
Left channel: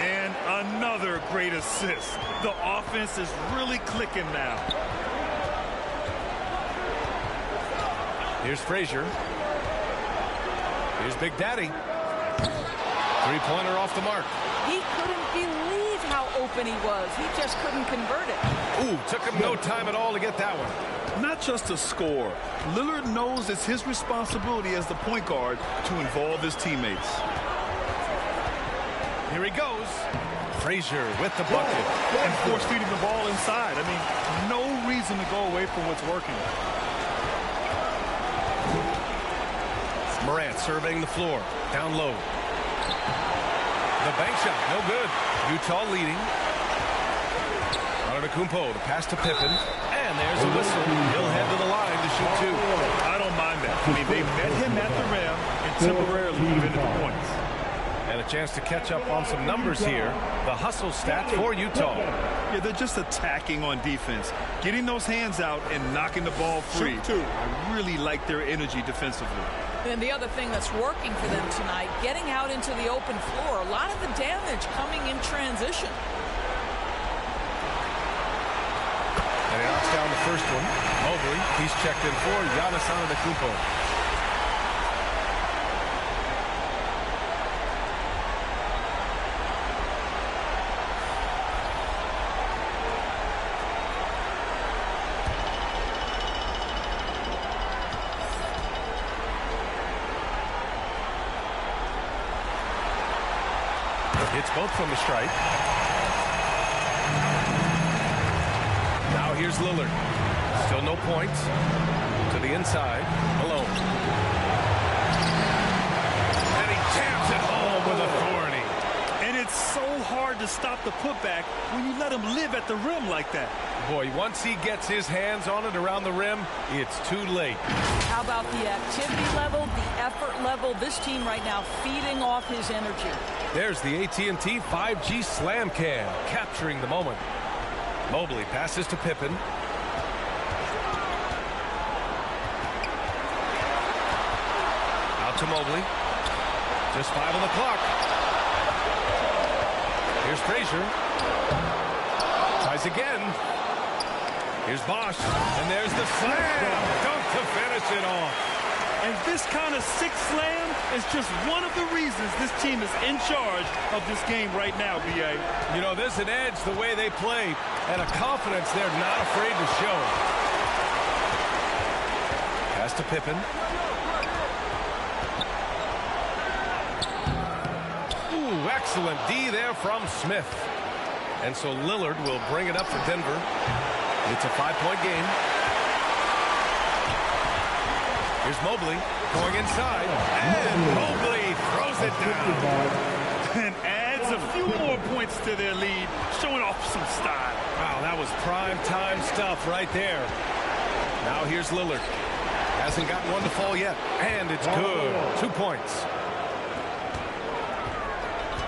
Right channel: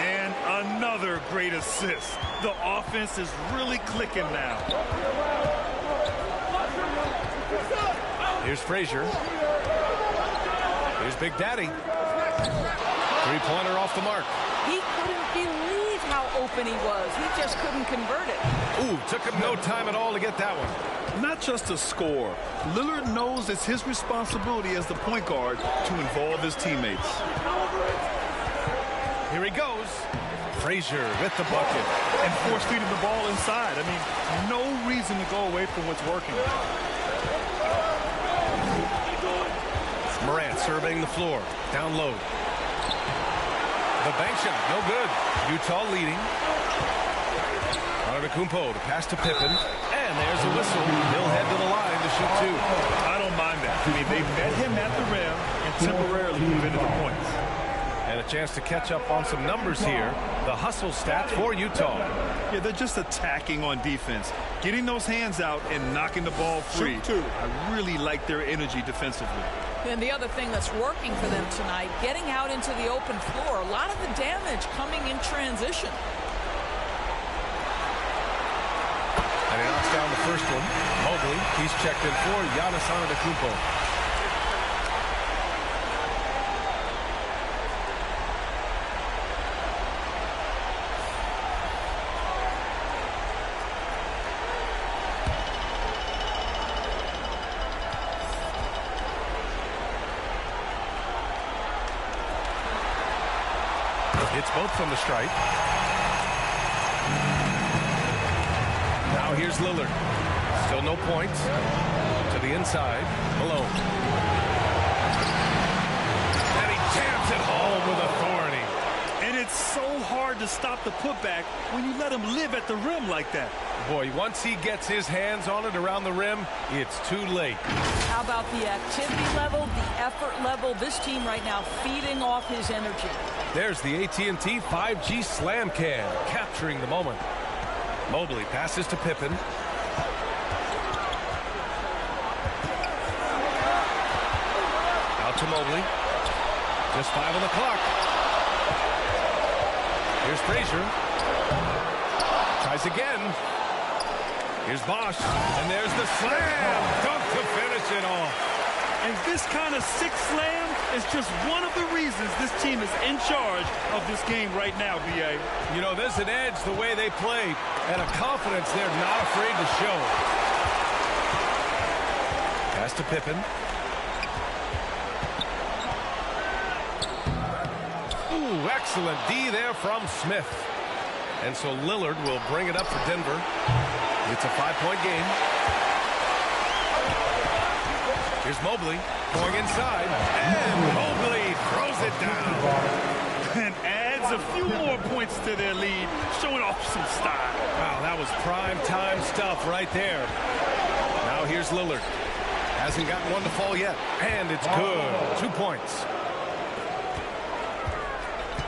And another great assist. The offense is really clicking now. Here's Frazier. Here's Big Daddy. Three-pointer off the mark. He couldn't believe how open he was. He just couldn't convert it. Ooh, took him no time at all to get that one. Not just a score. Lillard knows it's his responsibility as the point guard to involve his teammates. Here he goes. Frazier with the bucket. And force feeding the ball inside. I mean, no reason to go away from what's working. Morant surveying the floor. Down low. The bank shot, no good. Utah leading. Antetokounmpo to pass to Pippen. And there's a whistle. He'll head to the line to shoot two. I don't mind that. I mean, they met him at the rim and temporarily prevented the points. And a chance to catch up on some numbers here. The hustle stats for Utah. Yeah, they're just attacking on defense. Getting those hands out and knocking the ball free. Shoot two. I really like their energy defensively. And the other thing that's working for them tonight, getting out into the open floor. A lot of the damage coming in transition. And he knocks down the first one. Mobley, he's checked in for Giannis Antetokounmpo. Hits both from the stripe. Now here's Lillard. Still no points. To the inside. Malone. And he jams it home with authority. And it's so hard to stop the putback when you let him live at the rim like that. Boy, once he gets his hands on it around the rim, it's too late. How about the activity level, the effort level? This team right now feeding off his energy. There's the AT&T 5G Slam Cam, capturing the moment. Mobley passes to Pippen. Out to Mobley. Just 5 on the clock. Here's Frazier. Tries again. Here's Bosch. And there's the slam. Dunk to finish it off. And this kind of six slam is just one of the reasons this team is in charge of this game right now, B.A. You know, there's an edge the way they play and a confidence they're not afraid to show. Pass to Pippen. Ooh, excellent D there from Smith. And so Lillard will bring it up for Denver. It's a 5-point game. Here's Mobley going inside, and Mobley throws it down. And adds a few more points to their lead, showing off some style. Wow, that was prime time stuff right there. Now here's Lillard. Hasn't gotten one to fall yet, and it's good. 2 points.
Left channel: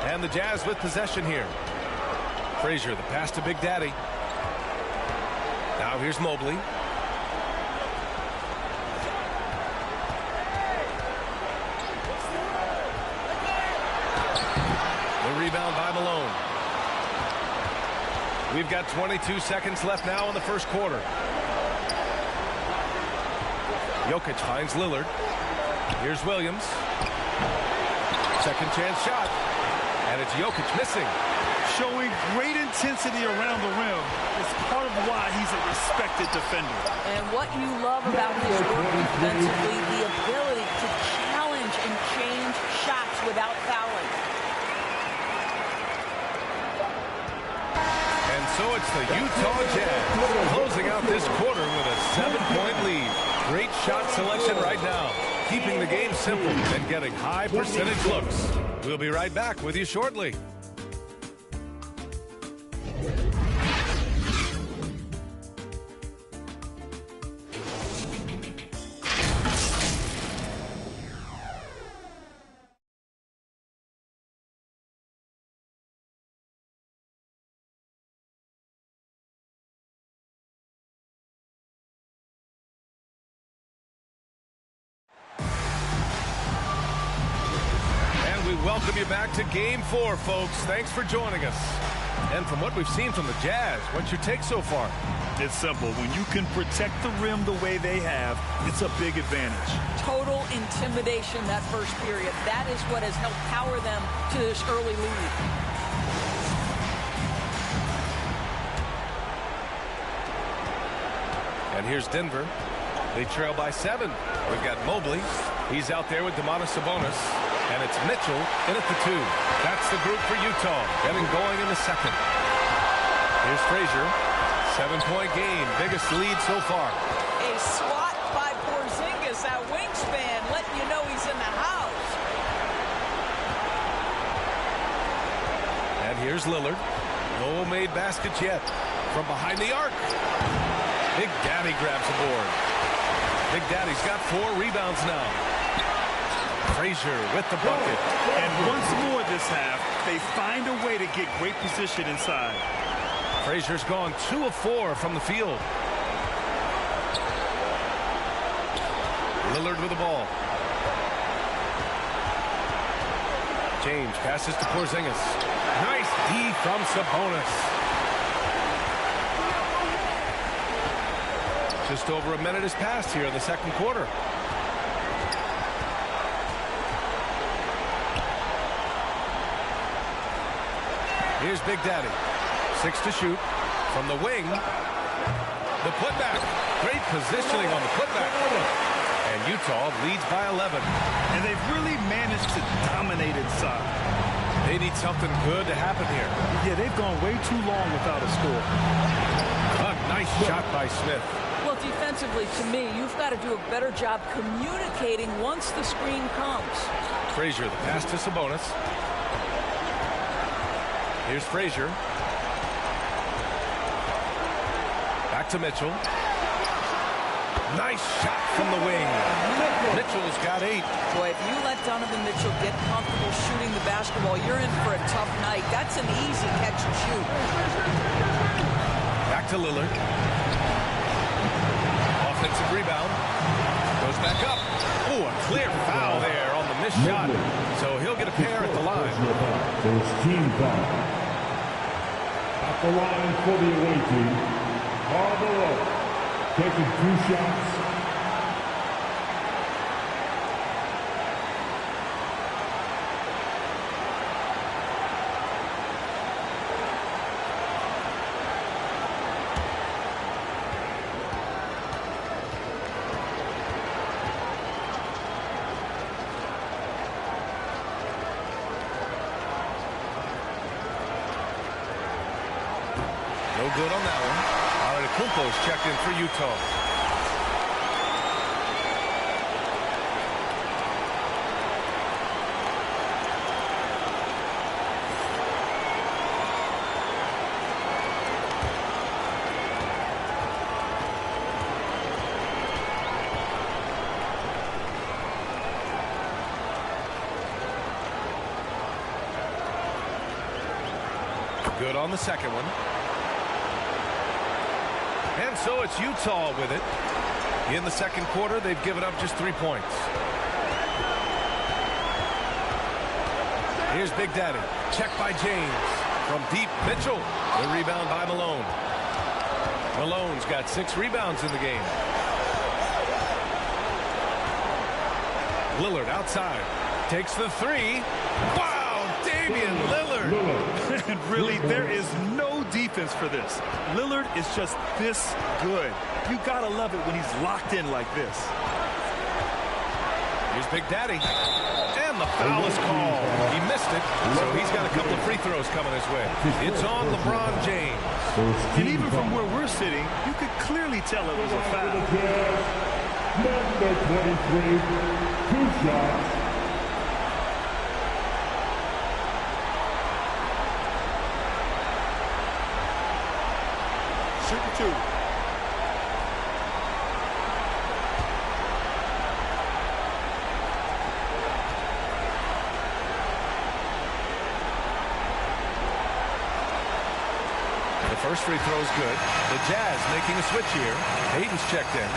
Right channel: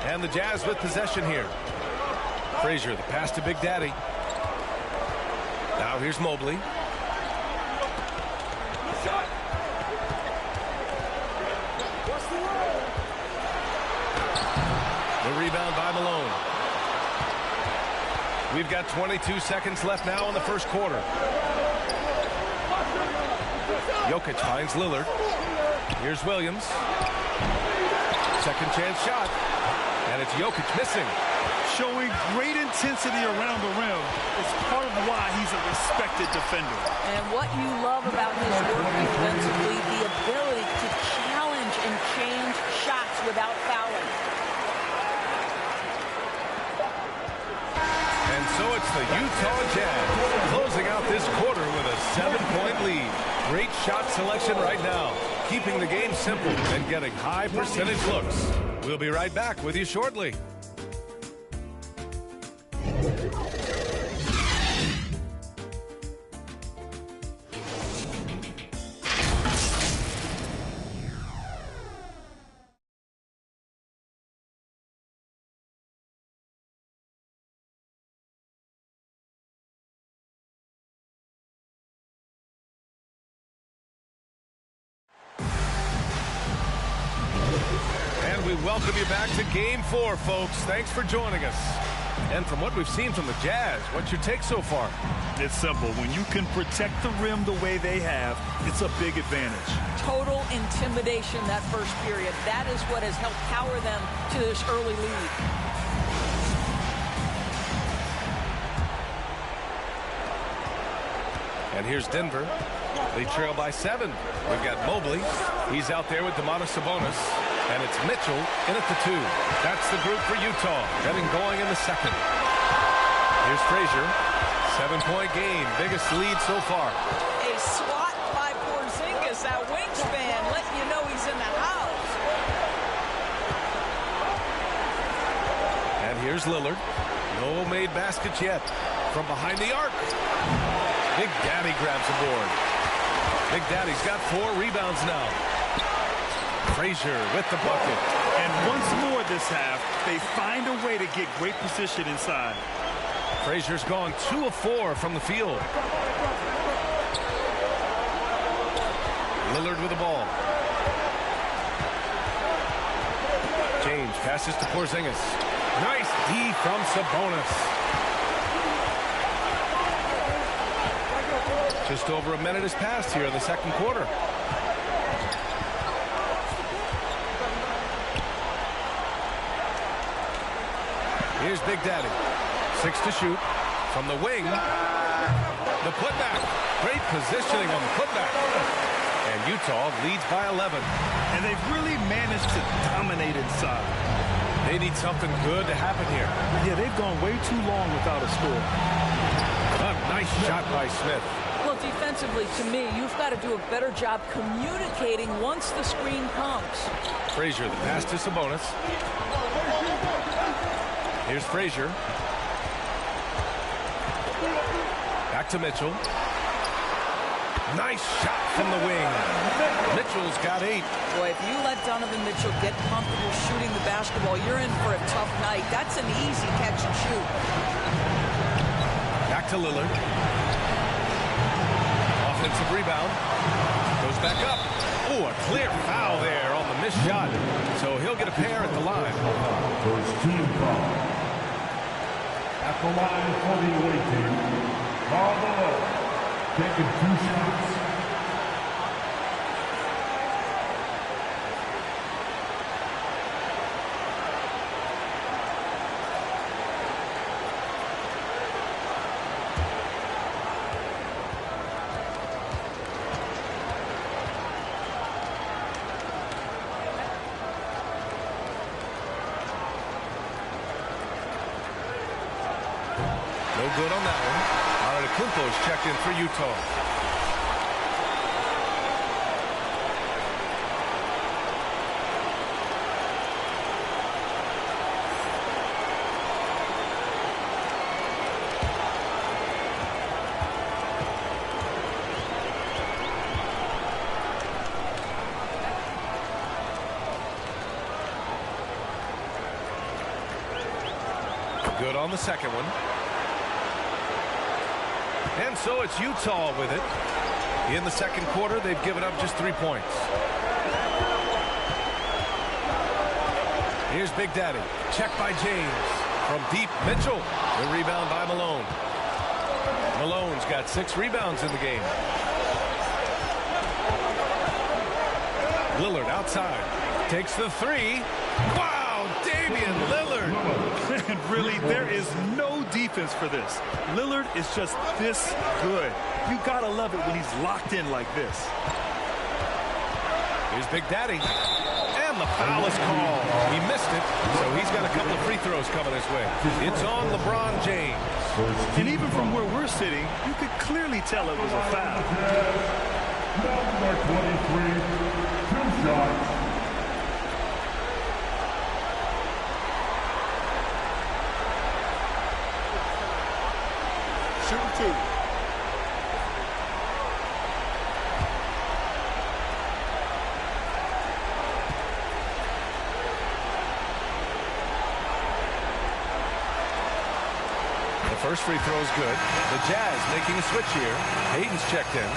And the Jazz with possession here. Frazier, the pass to Big Daddy. Now here's Mobley. The rebound by Malone. We've got 22 seconds left now in the first quarter. Jokic finds Lillard. Here's Williams. Second chance shot. And it's Jokic missing. Showing great intensity around the rim is part of why he's a respected defender. And what you love about his work defensively, the ability to challenge and change shots without fouling. And so it's the Utah Jazz closing out this quarter with a 7-point lead. Great shot selection right now, keeping the game simple and getting high percentage looks. We'll be right back with you shortly. we welcome you back to Game 4, folks. Thanks for joining us. And from what we've seen from the Jazz, what's your take so far? It's simple. When you can protect the rim the way they have, it's a big advantage. Total intimidation that first period. That is what has helped power them to this early lead. And here's Denver. They trail by 7. We've got Mobley. He's out there with Domantas Sabonis. And it's Mitchell in at the 2. That's the group for Utah, getting going in the second. Here's Frazier. 7-point game, biggest lead so far. A swat by Porzingis, that wingspan, letting you know he's in the house. And here's Lillard. No made baskets yet. From behind the arc. Big Daddy grabs a board. Big Daddy's got 4 rebounds now. Frazier with the bucket. And once more this half, they find a way to get great position inside. Frazier's gone 2 of 4 from the field. Lillard with the ball. James passes to Porzingis. Nice D from Sabonis. Just over a minute has passed here in the second quarter. Here's Big Daddy. 6 to shoot. From the wing. The putback. Great positioning on the putback. And Utah leads by 11. And they've really managed to dominate inside. They need something good to happen here. Yeah, they've gone way too long without a score. A nice shot by Smith. Well, defensively, to me, you've got to do a better job communicating once the screen comes. Frazier, the pass to Sabonis. Here's Frazier. Back to Mitchell. Nice shot from the wing. Mitchell's got 8. Boy, if you let Donovan Mitchell get comfortable shooting the basketball, you're in for a tough night. That's an easy catch and shoot. Back to Lillard. Offensive rebound. Goes back up. Oh, a clear foul there on the missed shot. So he'll get a pair at the line. First team foul. At the line for the away team, Barbelow, taking 2 shots. No good on that one. Antetokounmpo's checked in for Utah. Good on the second one. And so it's Utah with it. In the second quarter, they've given up just 3 points. Here's Big Daddy. Check by James. From deep, Mitchell. The rebound by Malone. Malone's got 6 rebounds in the game. Lillard outside. Takes the 3. Wow! Damian Lillard. And really, there is no defense for this. Lillard is just this good. You gotta love it when he's locked in like this. Here's Big Daddy. And the foul is called. He missed it, so he's got a couple of free throws coming his way. It's on LeBron James. And even from where we're sitting, you could clearly tell it was a foul. Number 23, 2 shots. Shooting 2. The first free throw is good. The Jazz making a switch here. Hayden's checked in.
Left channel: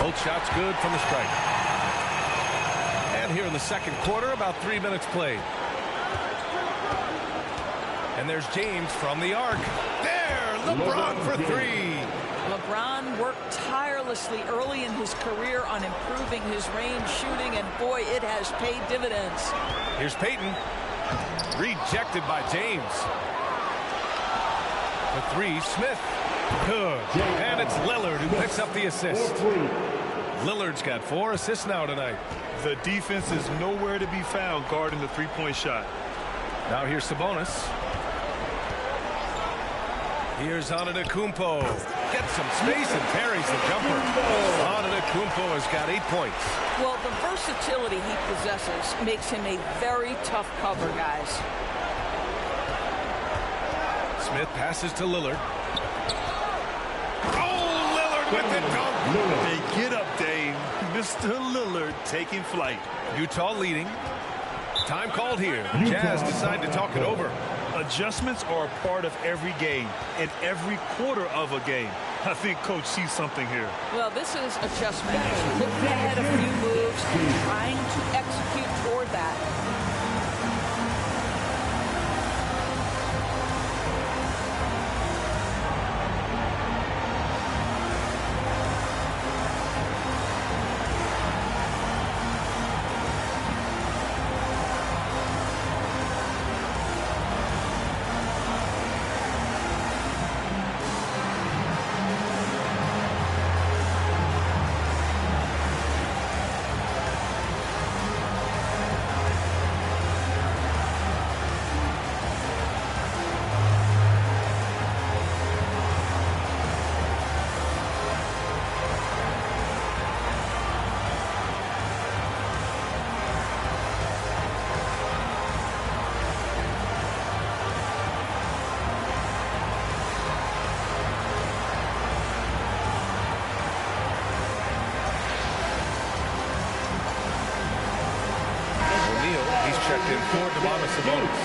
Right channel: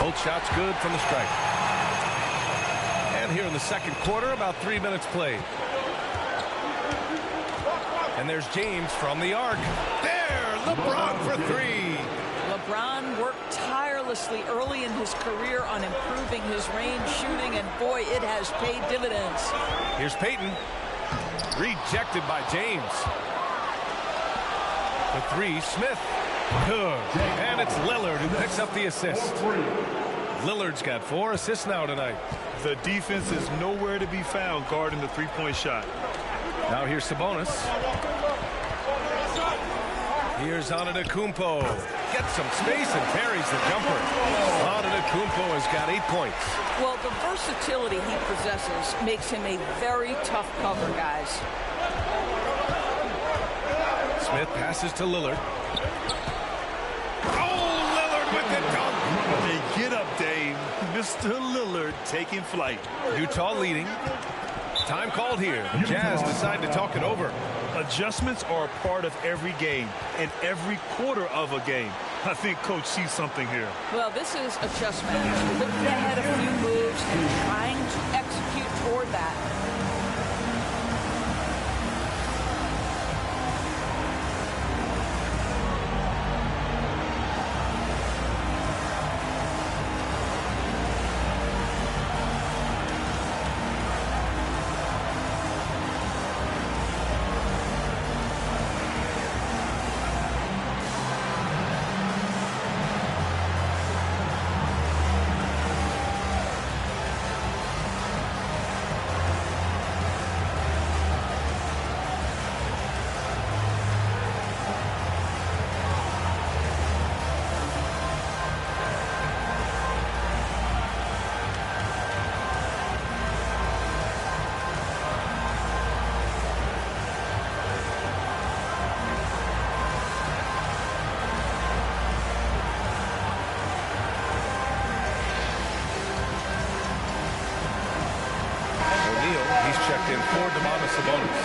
Both shots good from the stripe. And here in the second quarter, about 3 minutes played. And there's James from the arc. There, LeBron for three. LeBron worked tirelessly early in his career on improving his range shooting, and boy, it has paid dividends. Here's Peyton. Rejected by James. For three, Smith. Good. And it's Lillard who picks up the assist. Lillard's got 4 assists now tonight. The defense is nowhere to be found guarding the three-point shot. Now here's Sabonis. Here's Antetokounmpo. Gets some space and parries the jumper. Antetokounmpo has got 8 points. Well, the versatility he possesses makes him a very tough cover, guys. Smith passes to Lillard. Oh, Lillard with the dunk. Hey, get up, Dame. Mr. Lillard taking flight. Utah leading. Time called here. The Jazz decide to talk it over. Adjustments are a part of every game and every quarter of a game. I think Coach sees something here. Well, this is a chess match. Looking ahead a few moves and trying to execute toward that. He's checked in for Domantas Sabonis.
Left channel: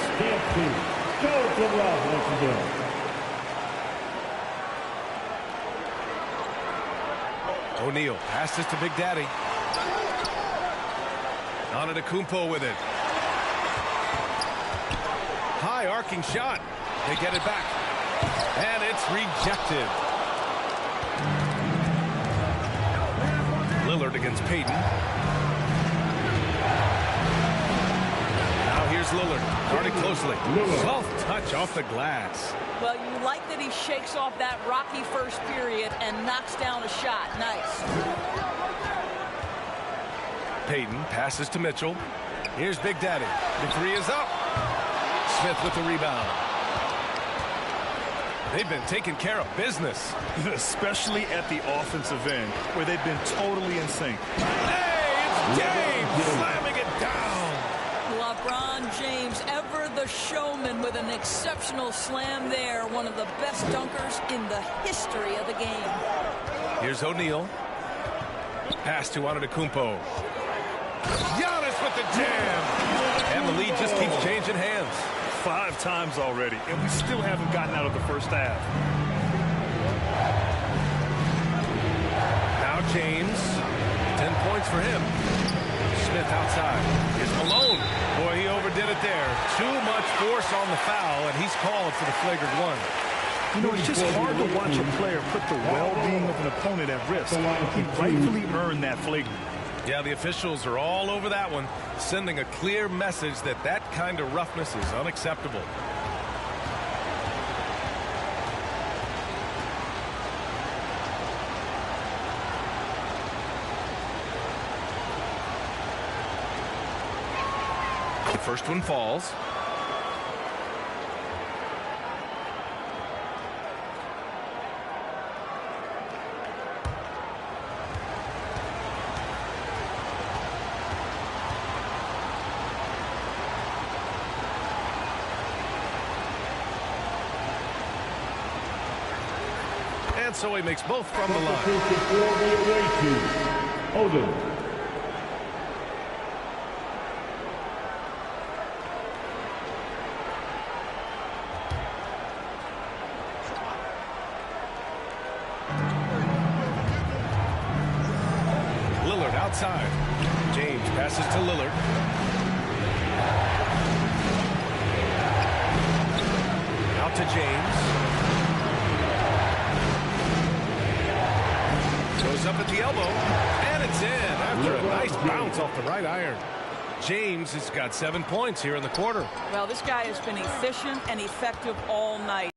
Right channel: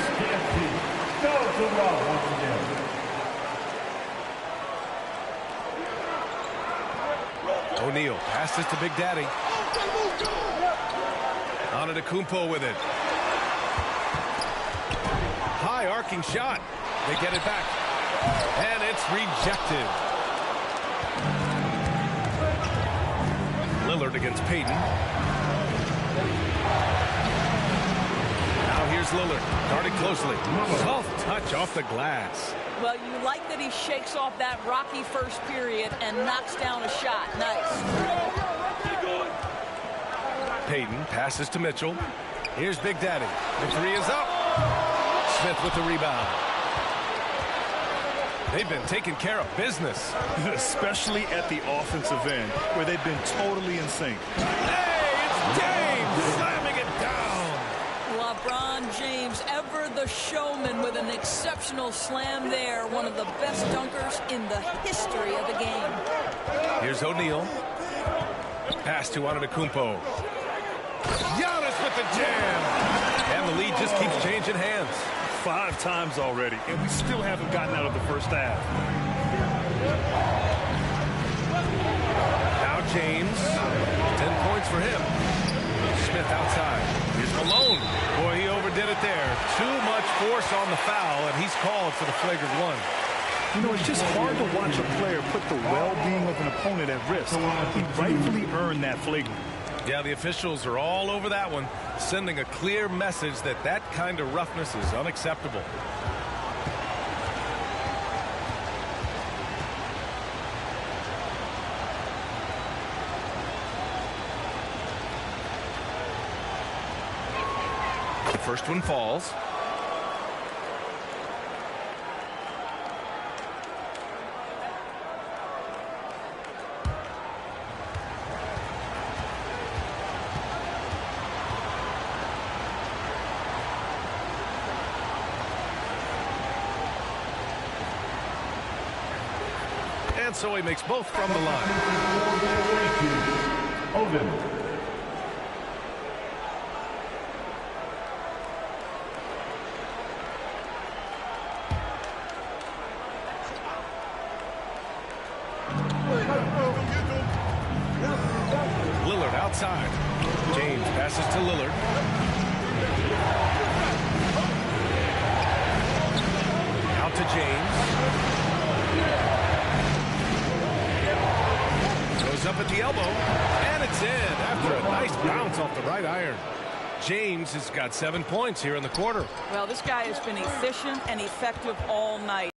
Go to Rob once again. O'Neal passes to Big Daddy. Antetokounmpo with it. High arcing shot. They get it back. And it's rejected. Lillard against Peyton. Now here's Lillard, guarded closely. Soft touch off the glass. Well, you like that he shakes off that rocky first period and knocks down a shot. Nice. Peyton passes to Mitchell. Here's Big Daddy. The three is up. Smith with the rebound. They've been taking care of business. Especially at the offensive end, where they've been totally in sync. Hey, it's James slamming it down. LeBron James, ever the showman, with an exceptional slam there. One of the best dunkers in the history of the game. Here's O'Neal. Pass to Antetokounmpo. Giannis with the jam. And the lead just keeps changing hands. 5 times already, and we still haven't gotten out of the first half. Now James. 10 points for him. Smith outside. Here's Malone. Boy, he overdid it there. Too much force on the foul, and he's called for the flagrant one. You know, it's just hard to watch a player put the well-being of an opponent at risk. He rightfully earned that flagrant. Yeah, the officials are all over that one, sending a clear message that that kind of roughness is unacceptable. The first one falls. And so he makes both from the line. Odin. outside. James passes to Lillard. Out to James. Goes up at the elbow, and it's in after a nice bounce off the right iron. James has got 7 points here in the quarter. Well, this guy has been efficient and effective all night.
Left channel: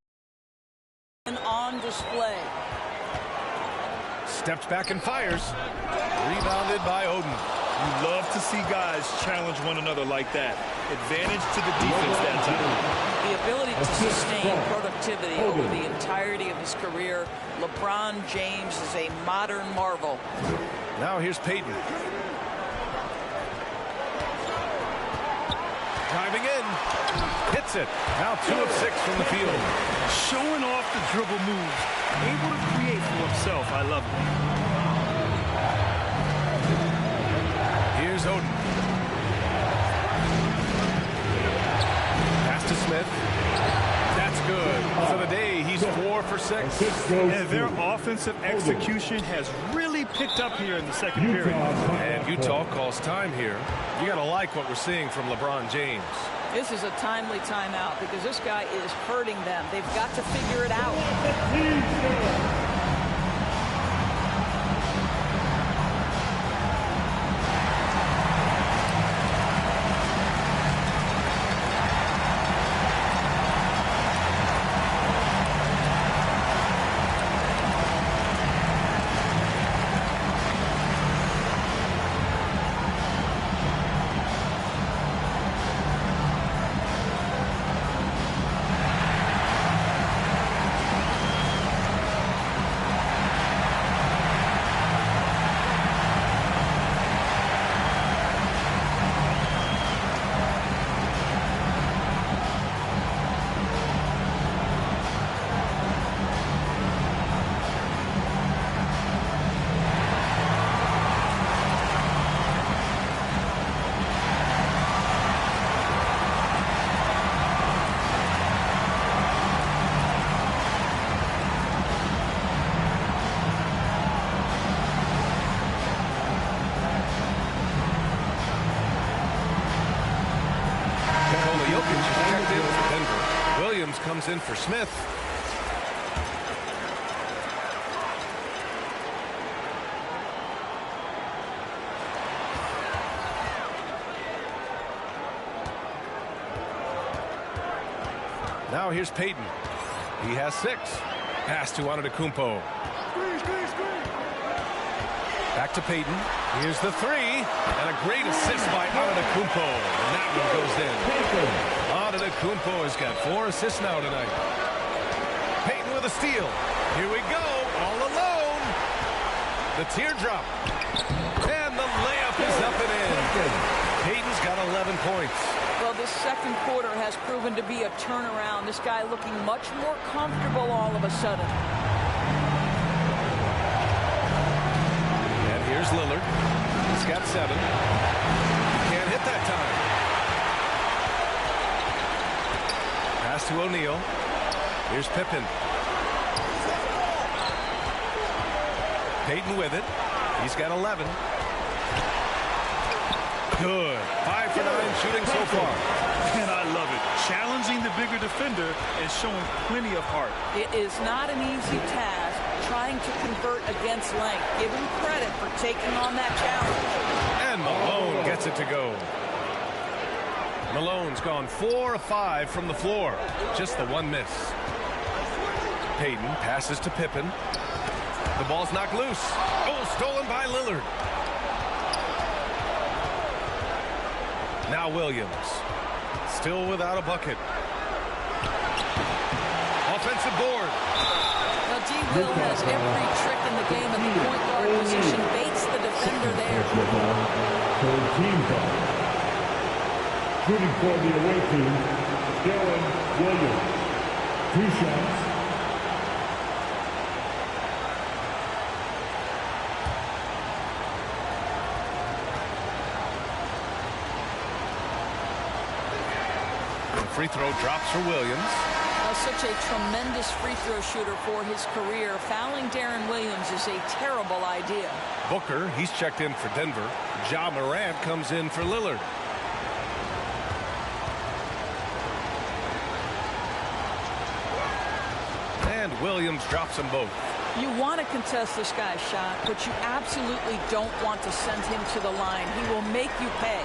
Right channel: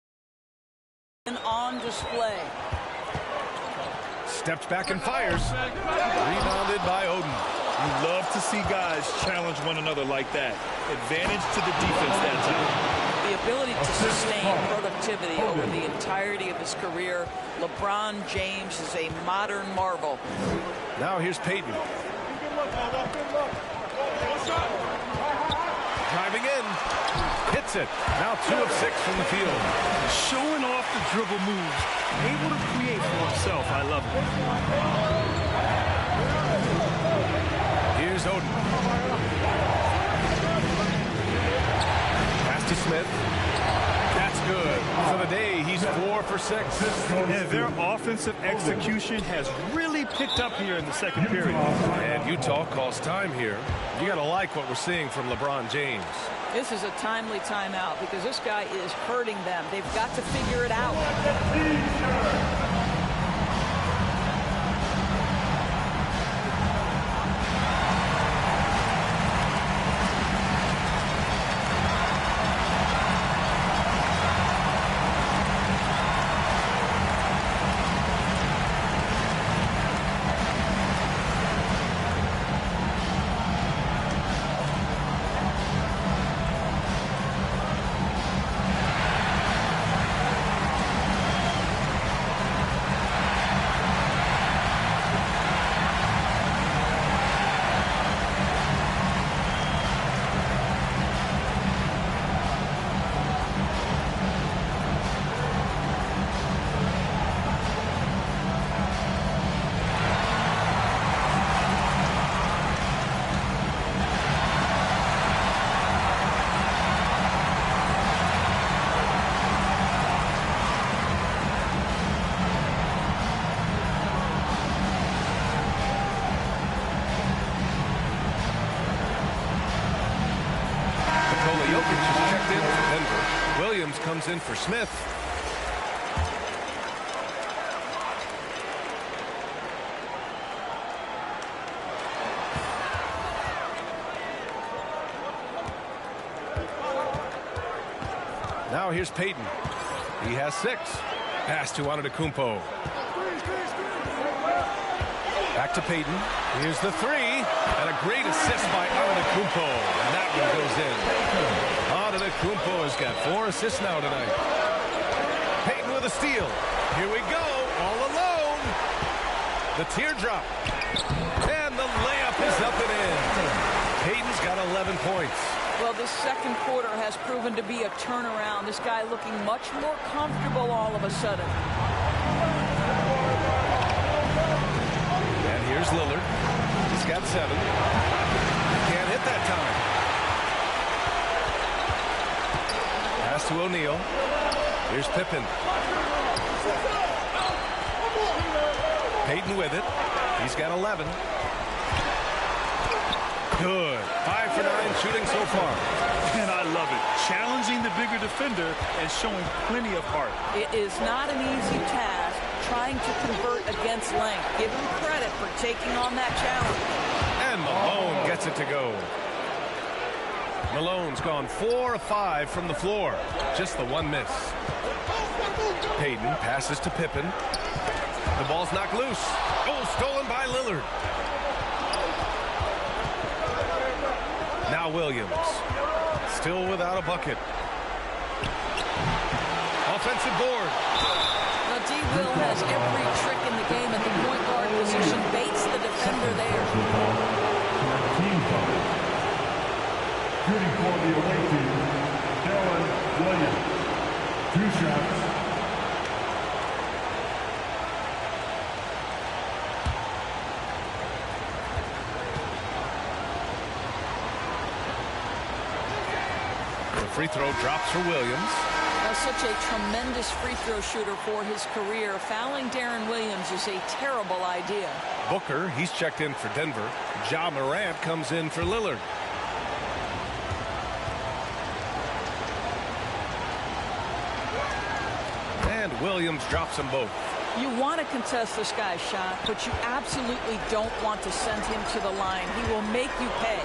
And on display. Steps back and fires. Rebounded by Oden. You love to see guys challenge one another like that. Advantage to the defense that time. The ability to sustain productivity over the entirety of his career. LeBron James is a modern marvel. Now here's Payton. Driving in. Hits it. Now 2 of 6 from the field. Showing off the dribble moves. Able to create for himself. I love it. Here's Oden. Pass to Smith. That's good. For the day, he's 4 for 6. And their offensive execution has really picked up here in the second period. And Utah calls time here. You got to like what we're seeing from LeBron James. This is a timely timeout because this guy is hurting them. They've got to figure it out. Jokic is checked in for Denver. Williams comes in for Smith. Now here's Payton. He has 6. Pass to Antetokounmpo. Back to Payton. Here's the 3. And a great assist by Antetokounmpo. And that one goes in. Antetokounmpo has got 4 assists now tonight. Payton with a steal. Here we go. All alone. The teardrop. And the layup is up and in. Payton's got 11 points. Well, this second quarter has proven to be a turnaround. This guy looking much more comfortable all of a sudden. And here's Lillard. He's got 7. He can't hit that time. Pass to O'Neal. Here's Pippen. Payton with it. He's got 11. Good. 5 for 9 shooting so far. And I love it. Challenging the bigger defender and showing plenty of heart. It is not an easy task trying to convert against length. Give him credit for taking on that challenge. And Malone gets it to go. Malone's gone 4 of 5 from the floor. Just the 1 miss. Payton passes to Pippen. The ball's knocked loose. Oh, stolen by Lillard. Now Williams. Still without a bucket. Offensive board. Now D. Will has every trick in the game at the point guard position. Baits the defender there. Team foul. Shooting for the away team, Dylan Williams. 2 shots. The free throw drops for Williams. Now such a tremendous free throw shooter for his career. Fouling Darren Williams is a terrible idea. Booker, he's checked in for Denver. Ja Morant comes in for Lillard. And Williams drops them both. You want to contest this guy's shot, but you absolutely don't want to send him to the line. He will make you pay.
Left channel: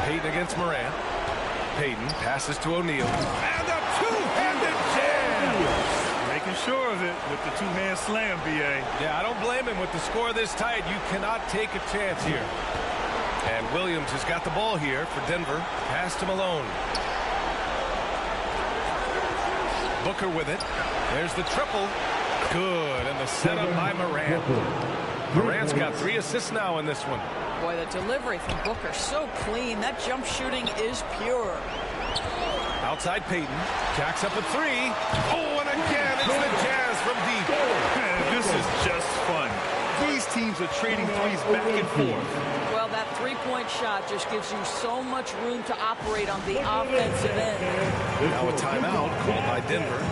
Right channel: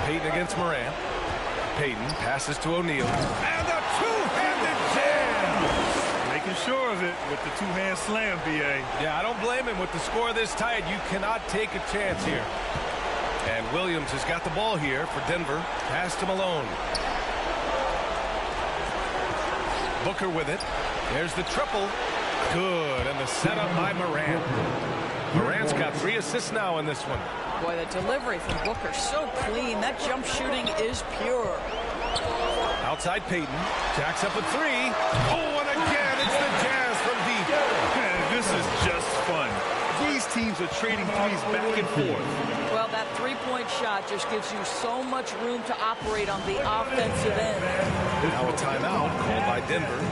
Payton against Morant. Payton passes to O'Neal. And a two-handed jam! Making sure of it with the two-hand slam, B.A. Yeah, I don't blame him. With the score this tight, you cannot take a chance here. And Williams has got the ball here for Denver. Pass to Malone. Booker with it. There's the triple. Good. And the setup by Morant. Morant's got 3 assists now in this one. Boy, the delivery from Booker so clean. That jump shooting is pure. Outside Payton. Jacks up a 3. Oh, and again, it's the Jazz from deep. This is just fun. These teams are trading threes back and forth. Well, that three-point shot just gives you so much room to operate on the offensive end. Now a timeout called by Denver.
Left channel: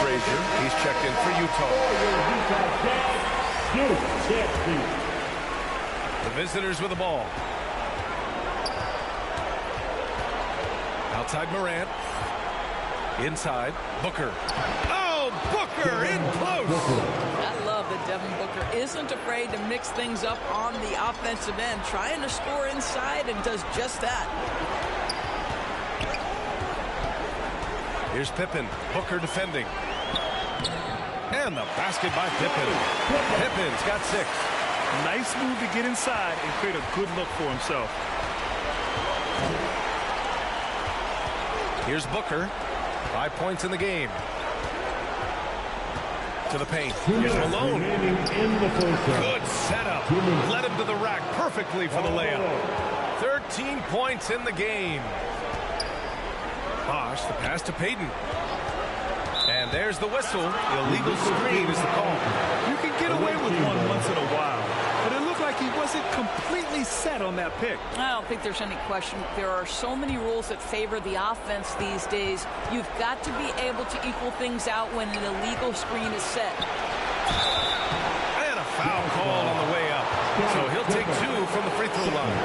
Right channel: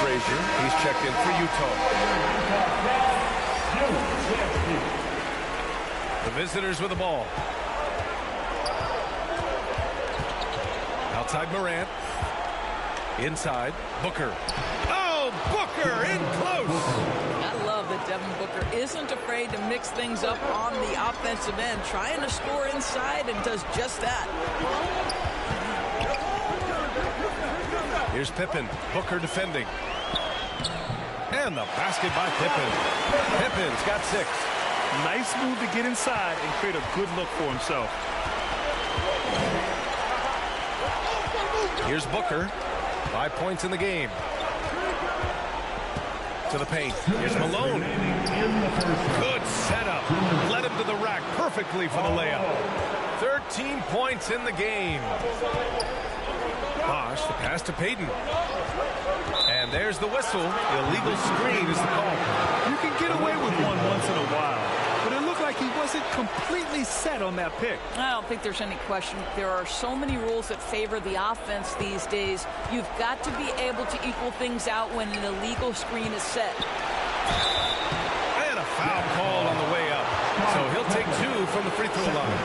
Frazier, he's checked in for Utah. The visitors with the ball. Outside Morant. Inside Booker. Oh, Booker in close. I love that Devin Booker isn't afraid to mix things up on the offensive end, trying to score inside, and does just that. Here's Pippen. Booker defending. And the basket by Pippen. Pippen's got 6. Nice move to get inside and create a good look for himself. Here's Booker. 5 points in the game. To the paint. Here's Malone. Good setup. Led him to the rack perfectly for the layup. 13 points in the game. Bosh, the pass to Payton. And there's the whistle. Illegal screen is the call. You can get away with one once in a while, but it looked like he wasn't completely set on that pick. I don't think there's any question. There are so many rules that favor the offense these days. You've got to be able to equal things out when an illegal screen is set. And a foul called on the way up. So he'll take 2 from the free throw line.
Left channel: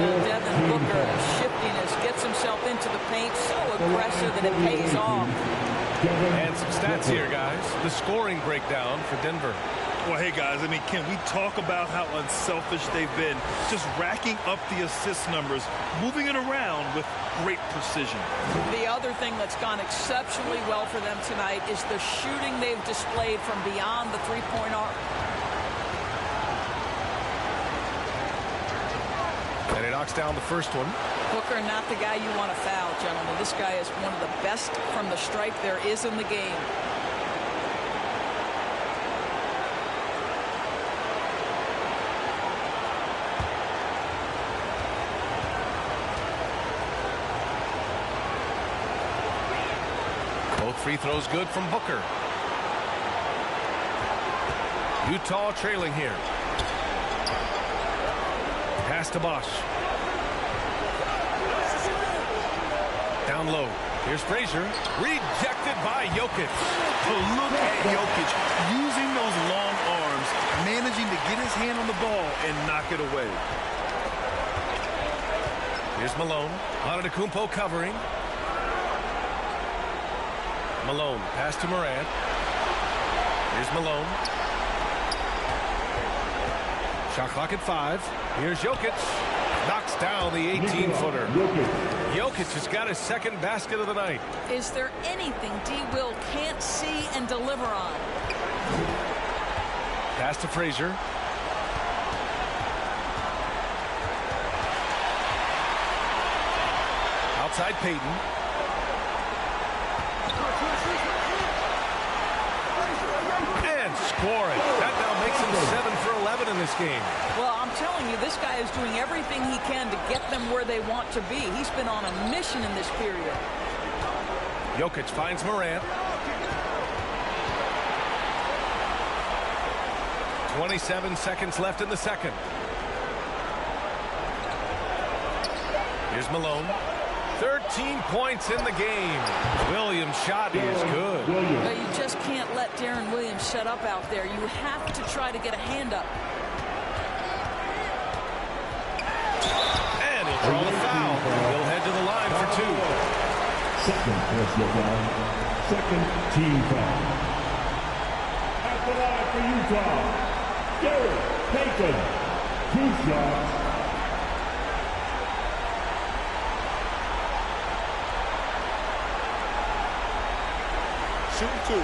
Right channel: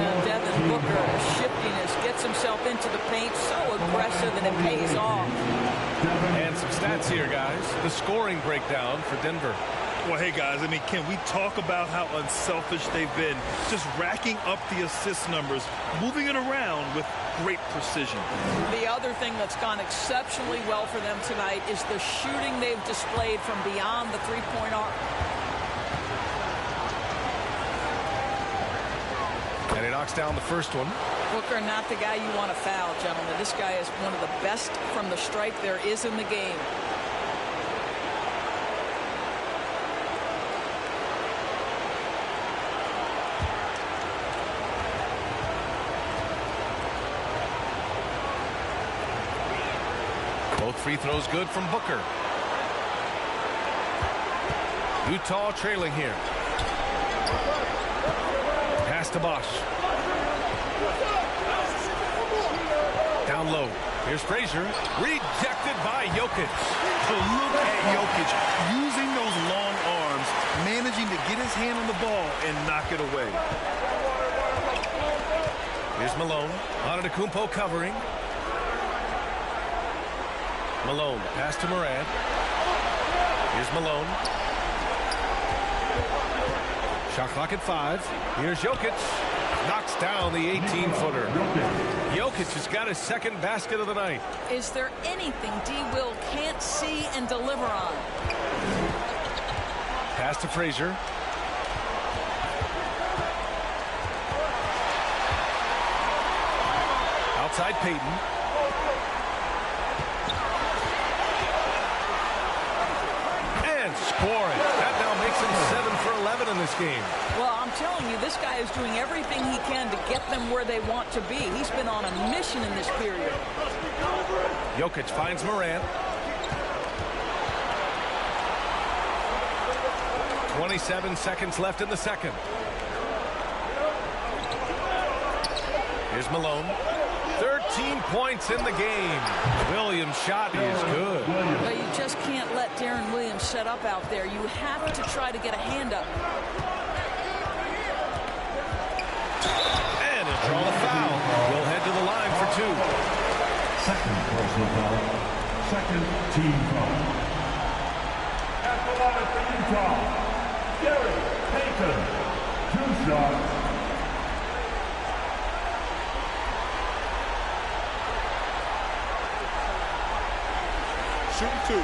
And Devin Booker, shiftiness, gets himself into the paint, so aggressive, and it pays off. And some stats here, guys. The scoring breakdown for Denver. Well, hey, guys, I mean, can we talk about how unselfish they've been? Just racking up the assist numbers, moving it around with great precision. The other thing that's gone exceptionally well for them tonight is the shooting they've displayed from beyond the three-point arc. And he knocks down the first one. Booker, not the guy you want to foul, gentlemen. This guy is one of the best from the stripe there is in the game. Both free throws good from Booker. Utah trailing here. Pass to Bosh. Down low. Here's Frazier. Rejected by Jokic. So look at Jokic using those long arms managing to get his hand on the ball and knock it away. Here's Malone. Antetokounmpo covering. Malone, pass to Morant. Here's Malone. Shot clock at 5. Here's Jokic. Knocks down the 18-footer. Jokic has got his second basket of the night. Is there anything D. Will can't see and deliver on? Pass to Frazier. Outside Payton. And scoring. That now makes him 7 for 11 in this game. Well, I'm telling you, this guy is doing everything he can to get them where they want to be. He's been on a mission in this period. Jokic finds Morant. 27 seconds left in the second. Here's Malone. 13 points in the game. Williams' shot is good. But you just can't let Darren Williams set up out there. You have to try to get a hand up. And he'll draw the foul. He'll head to the line for 2. Second personal foul. Second team foul. At the line for Utah, Gary Payton. 2 shots. Shooting 2.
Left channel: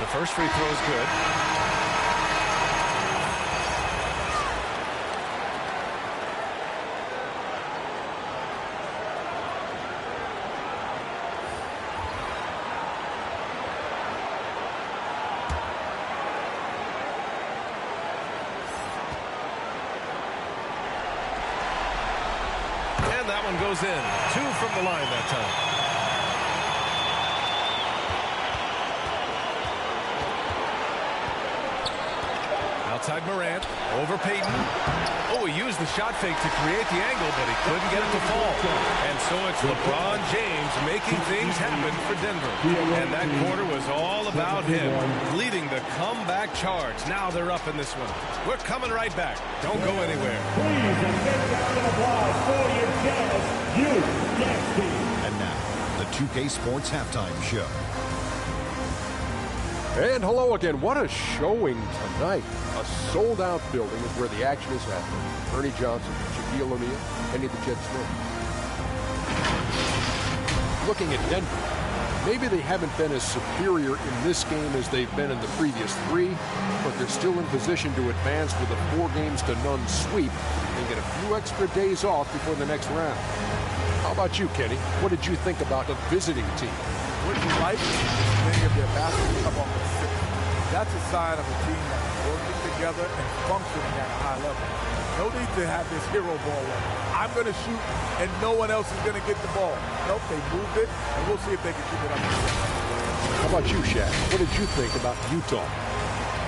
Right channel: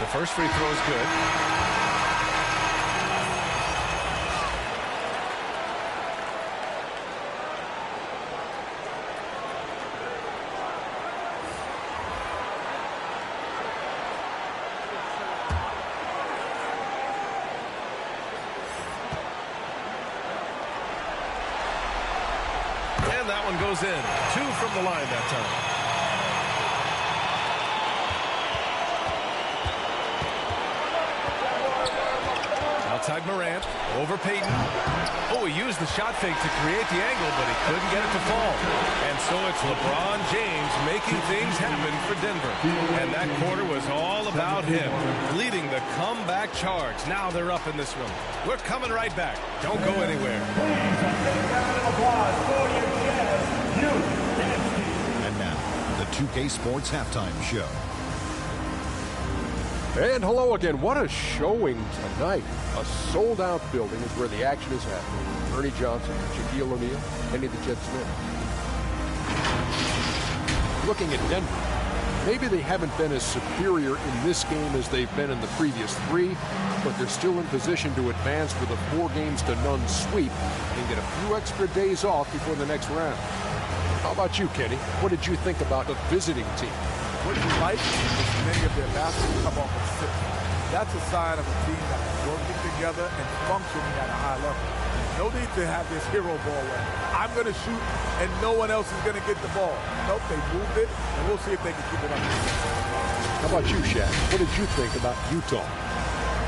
The first free throw is good. And that one goes in. 2 from the line that time. Outside Morant, over Payton. Oh, he used the shot fake to create the angle, but he couldn't get it to fall. And so it's LeBron James making things happen for Denver. And that quarter was all about him, leading the comeback charge. Now they're up in this one. We're coming right back. Don't go anywhere. Please, a big round of applause for your Jazz Youth Dance Team. And now, the 2K Sports Halftime Show. And hello again. What a showing tonight. A sold-out building is where the action is happening. Ernie Johnson, Shaquille O'Neal, Kenny the Jet Smith. Looking at Denver, maybe they haven't been as superior in this game as they've been in the previous 3, but they're still in position to advance with a 4-0 sweep and get a few extra days off before the next round. How about you, Kenny? What did you think about the visiting team? What you like is many of their baskets come off at 6. That's a sign of a team that's working together and functioning at a high level. No need to have this hero ball where I'm going to shoot and no one else is going to get the ball. Nope, they moved it, and we'll see if they can keep it up. How about you, Shaq? What did you think about Utah?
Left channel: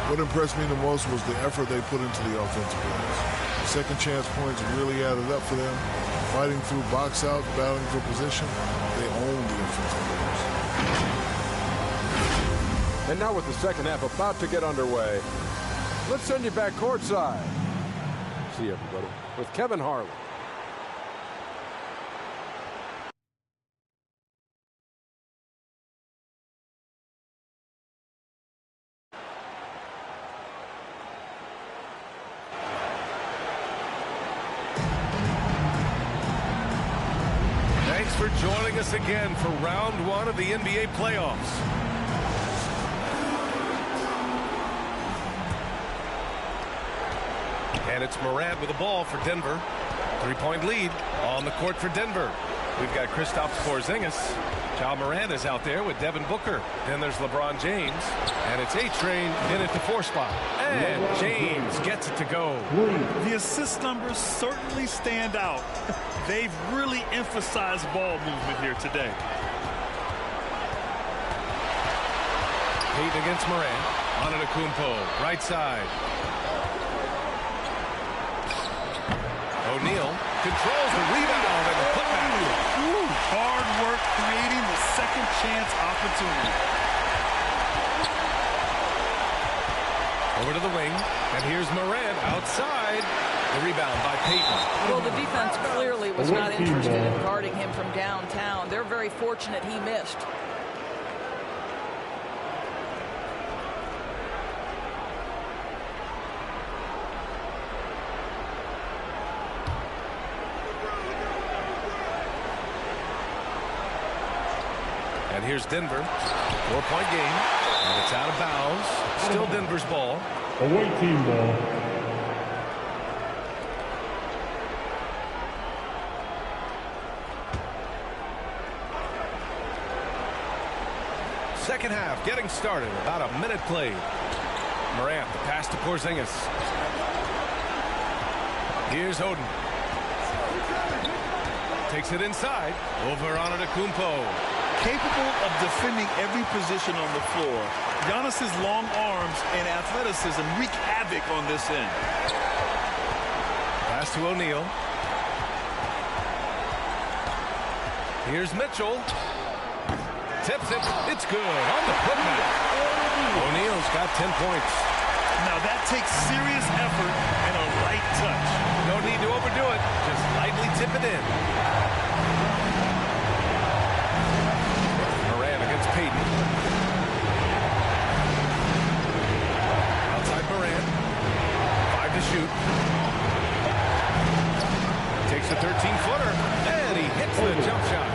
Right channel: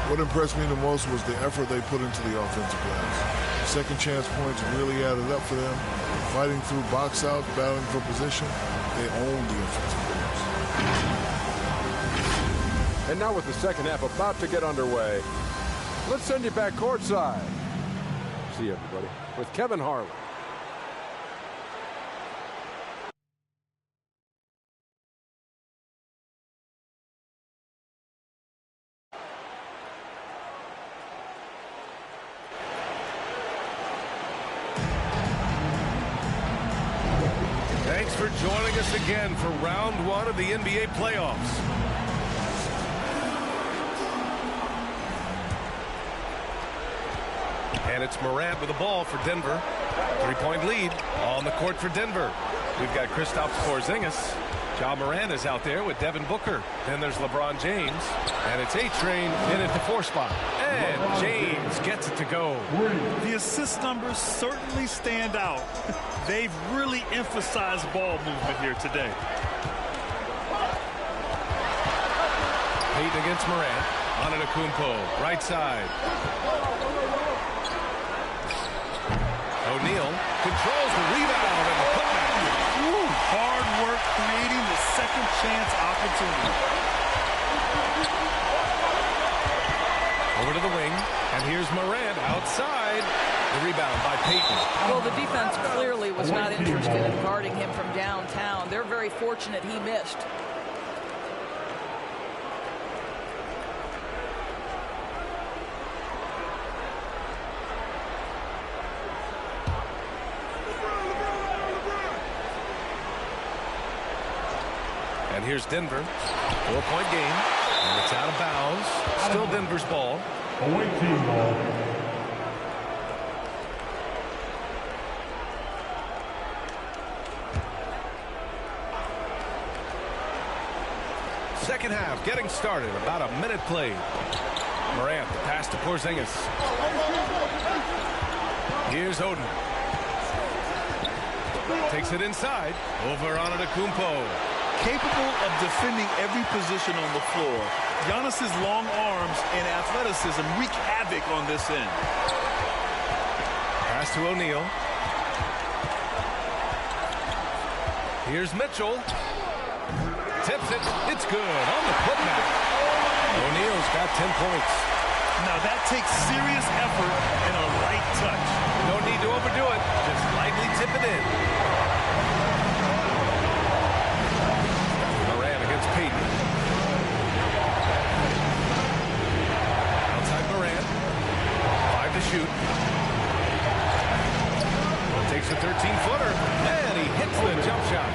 What impressed me the most was the effort they put into the offensive plays. Second chance points really added up for them. Fighting through box outs, battling for position, they owned the offensive players. And now with the second half about to get underway, let's send you back courtside. See you, everybody, with Kevin Harlan. Thanks for joining us again for round 1 of the NBA playoffs. And it's Morant with the ball for Denver. 3-point lead on the court for Denver. We've got Kristaps Porzingis. Ja Morant is out there with Devin Booker. Then there's LeBron James. And it's A-Train in at the 4 spot. And James gets it to go. The assist numbers certainly stand out. They've really emphasized ball movement here today. Payton against Morant. Antetokounmpo, right side. O'Neal controls the rebound and the putback. Ooh, hard work creating the second chance opportunity. Over to the wing, and here's Morant outside. The rebound by Payton. Well, the defense clearly was not interested in guarding him from downtown. They're very fortunate he missed. And here's Denver. 4-point game. And it's out of bounds. Still Denver's ball. Away team ball. Second half getting started. About a minute played. Morant, the pass to Porzingis. Here's Oden. Takes it inside. Over on Antetokounmpo. Capable of defending every position on the floor. Giannis's long arms and athleticism wreak havoc on this end. Pass to O'Neal. Here's Mitchell. Tips it. It's good on the putback. O'Neal's got 10 points. Now that takes serious effort and a light touch. No need to overdo it. Just lightly tip it in. Morant against Payton. Outside Morant. 5 to shoot. Takes a 13-footer. And he hits the jump shot.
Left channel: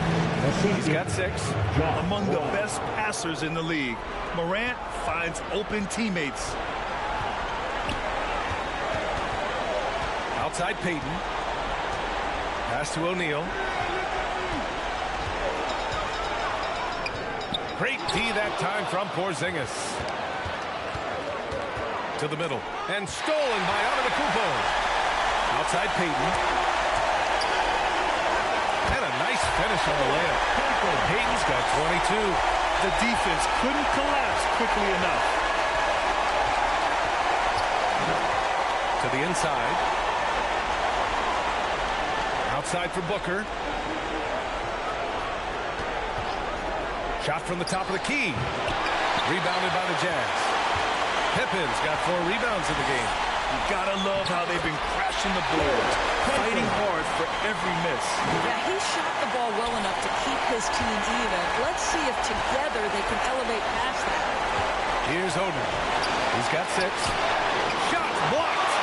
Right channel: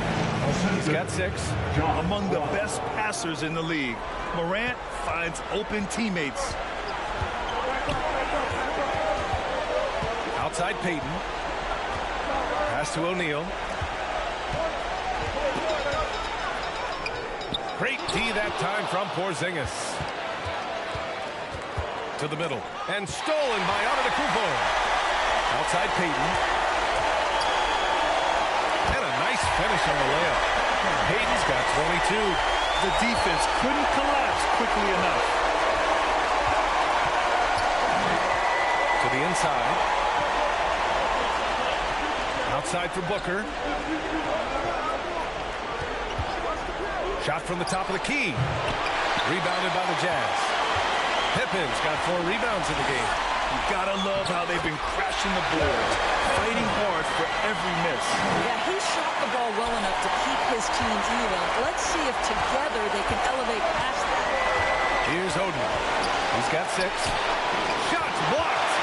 He's got 6. Among the best passers in the league, Morant finds open teammates. Outside Payton. Pass to O'Neal. Great D that time from Porzingis. To the middle. And stolen by Antetokounmpo. Outside Payton. And a nice finish on the layup. Payton's got 22. The defense couldn't collapse quickly enough. To the inside. Outside for Booker. Shot from the top of the key. Rebounded by the Jazz. Pippin's got 4 rebounds in the game. You gotta love how they've been crashing the boards, fighting hard for every miss. Yeah, he shot the ball well enough to keep his team even. Let's see if together they can elevate past that. Here's Oden. He's got 6. Shots blocked.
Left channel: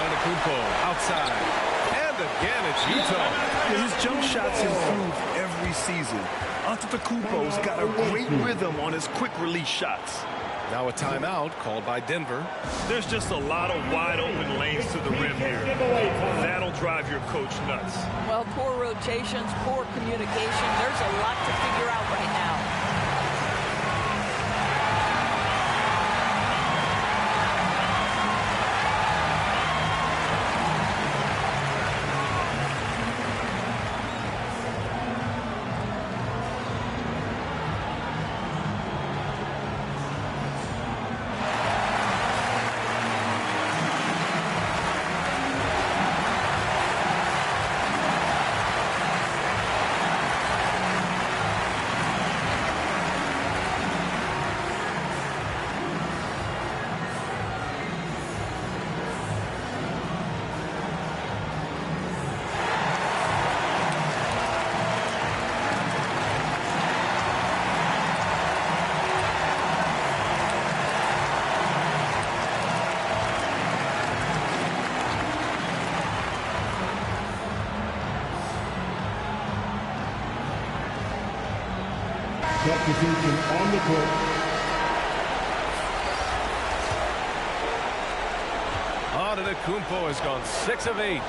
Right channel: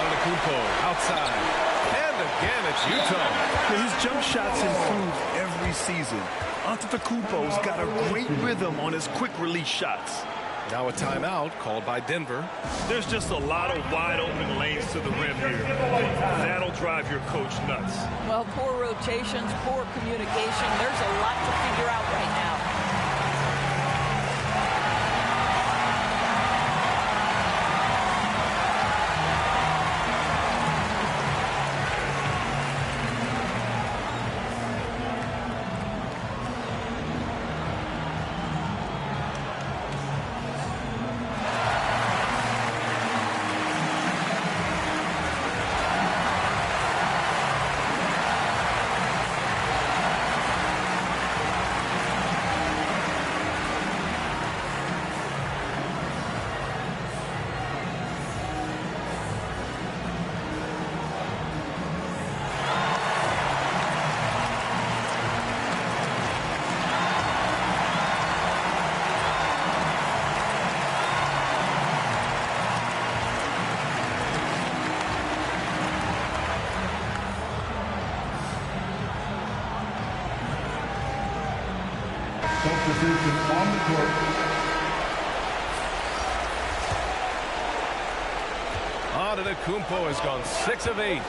Antetokounmpo outside. And again, it's Utah. His jump shots improve every season. Antetokounmpo's got a great rhythm on his quick release shots. Now a timeout called by Denver. There's just a lot of wide open lanes to the rim here. That'll drive your coach nuts. Well, poor rotations, poor communication. There's a lot to figure out right now. Substitution on the court. Antetokounmpo has gone 6 of 8.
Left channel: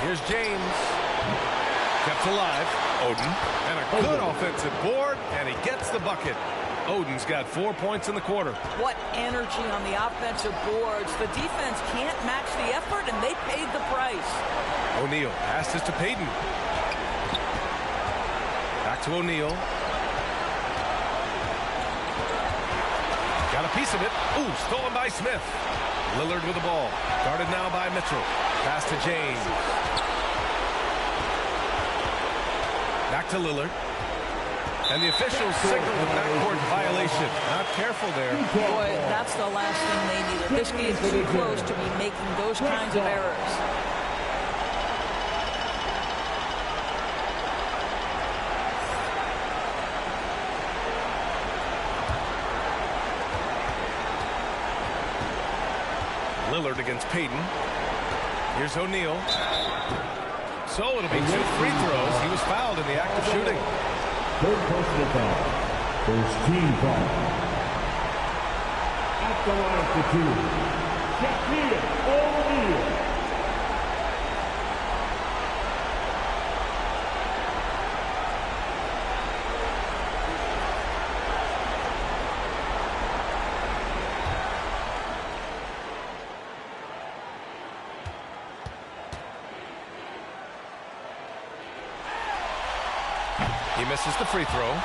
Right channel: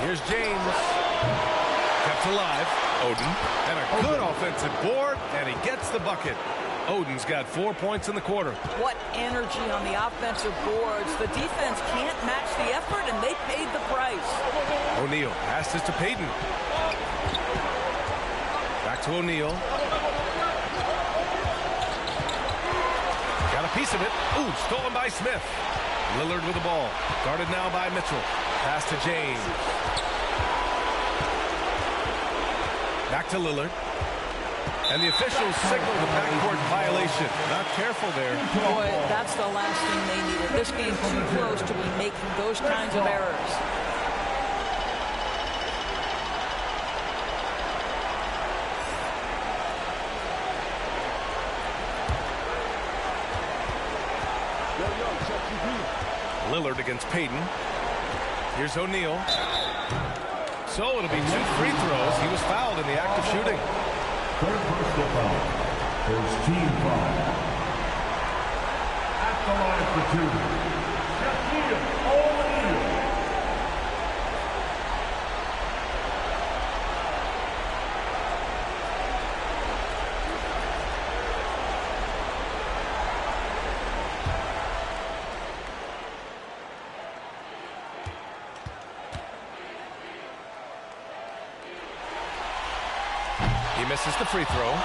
Here's James. Kept alive. Oden. And a good offensive board, and he gets the bucket. Oden's got 4 points in the quarter. What energy on the offensive boards. The defense can't match the effort, and they paid the price. O'Neal passes to Payton. Back to O'Neal. Got a piece of it. Ooh, stolen by Smith. Lillard with the ball. Guarded now by Mitchell. Pass to James. Back to Lillard. And the officials signal the backcourt violation. Not careful there. Boy, that's the last thing they needed. This game's too close to be making those kinds of errors. Lillard against Payton. Here's O'Neal. So it'll be 2 free throws. He was fouled in the act of shooting. Third personal foul. First team foul. At the line for 2. Shaquille O'Neal. He misses the free throw.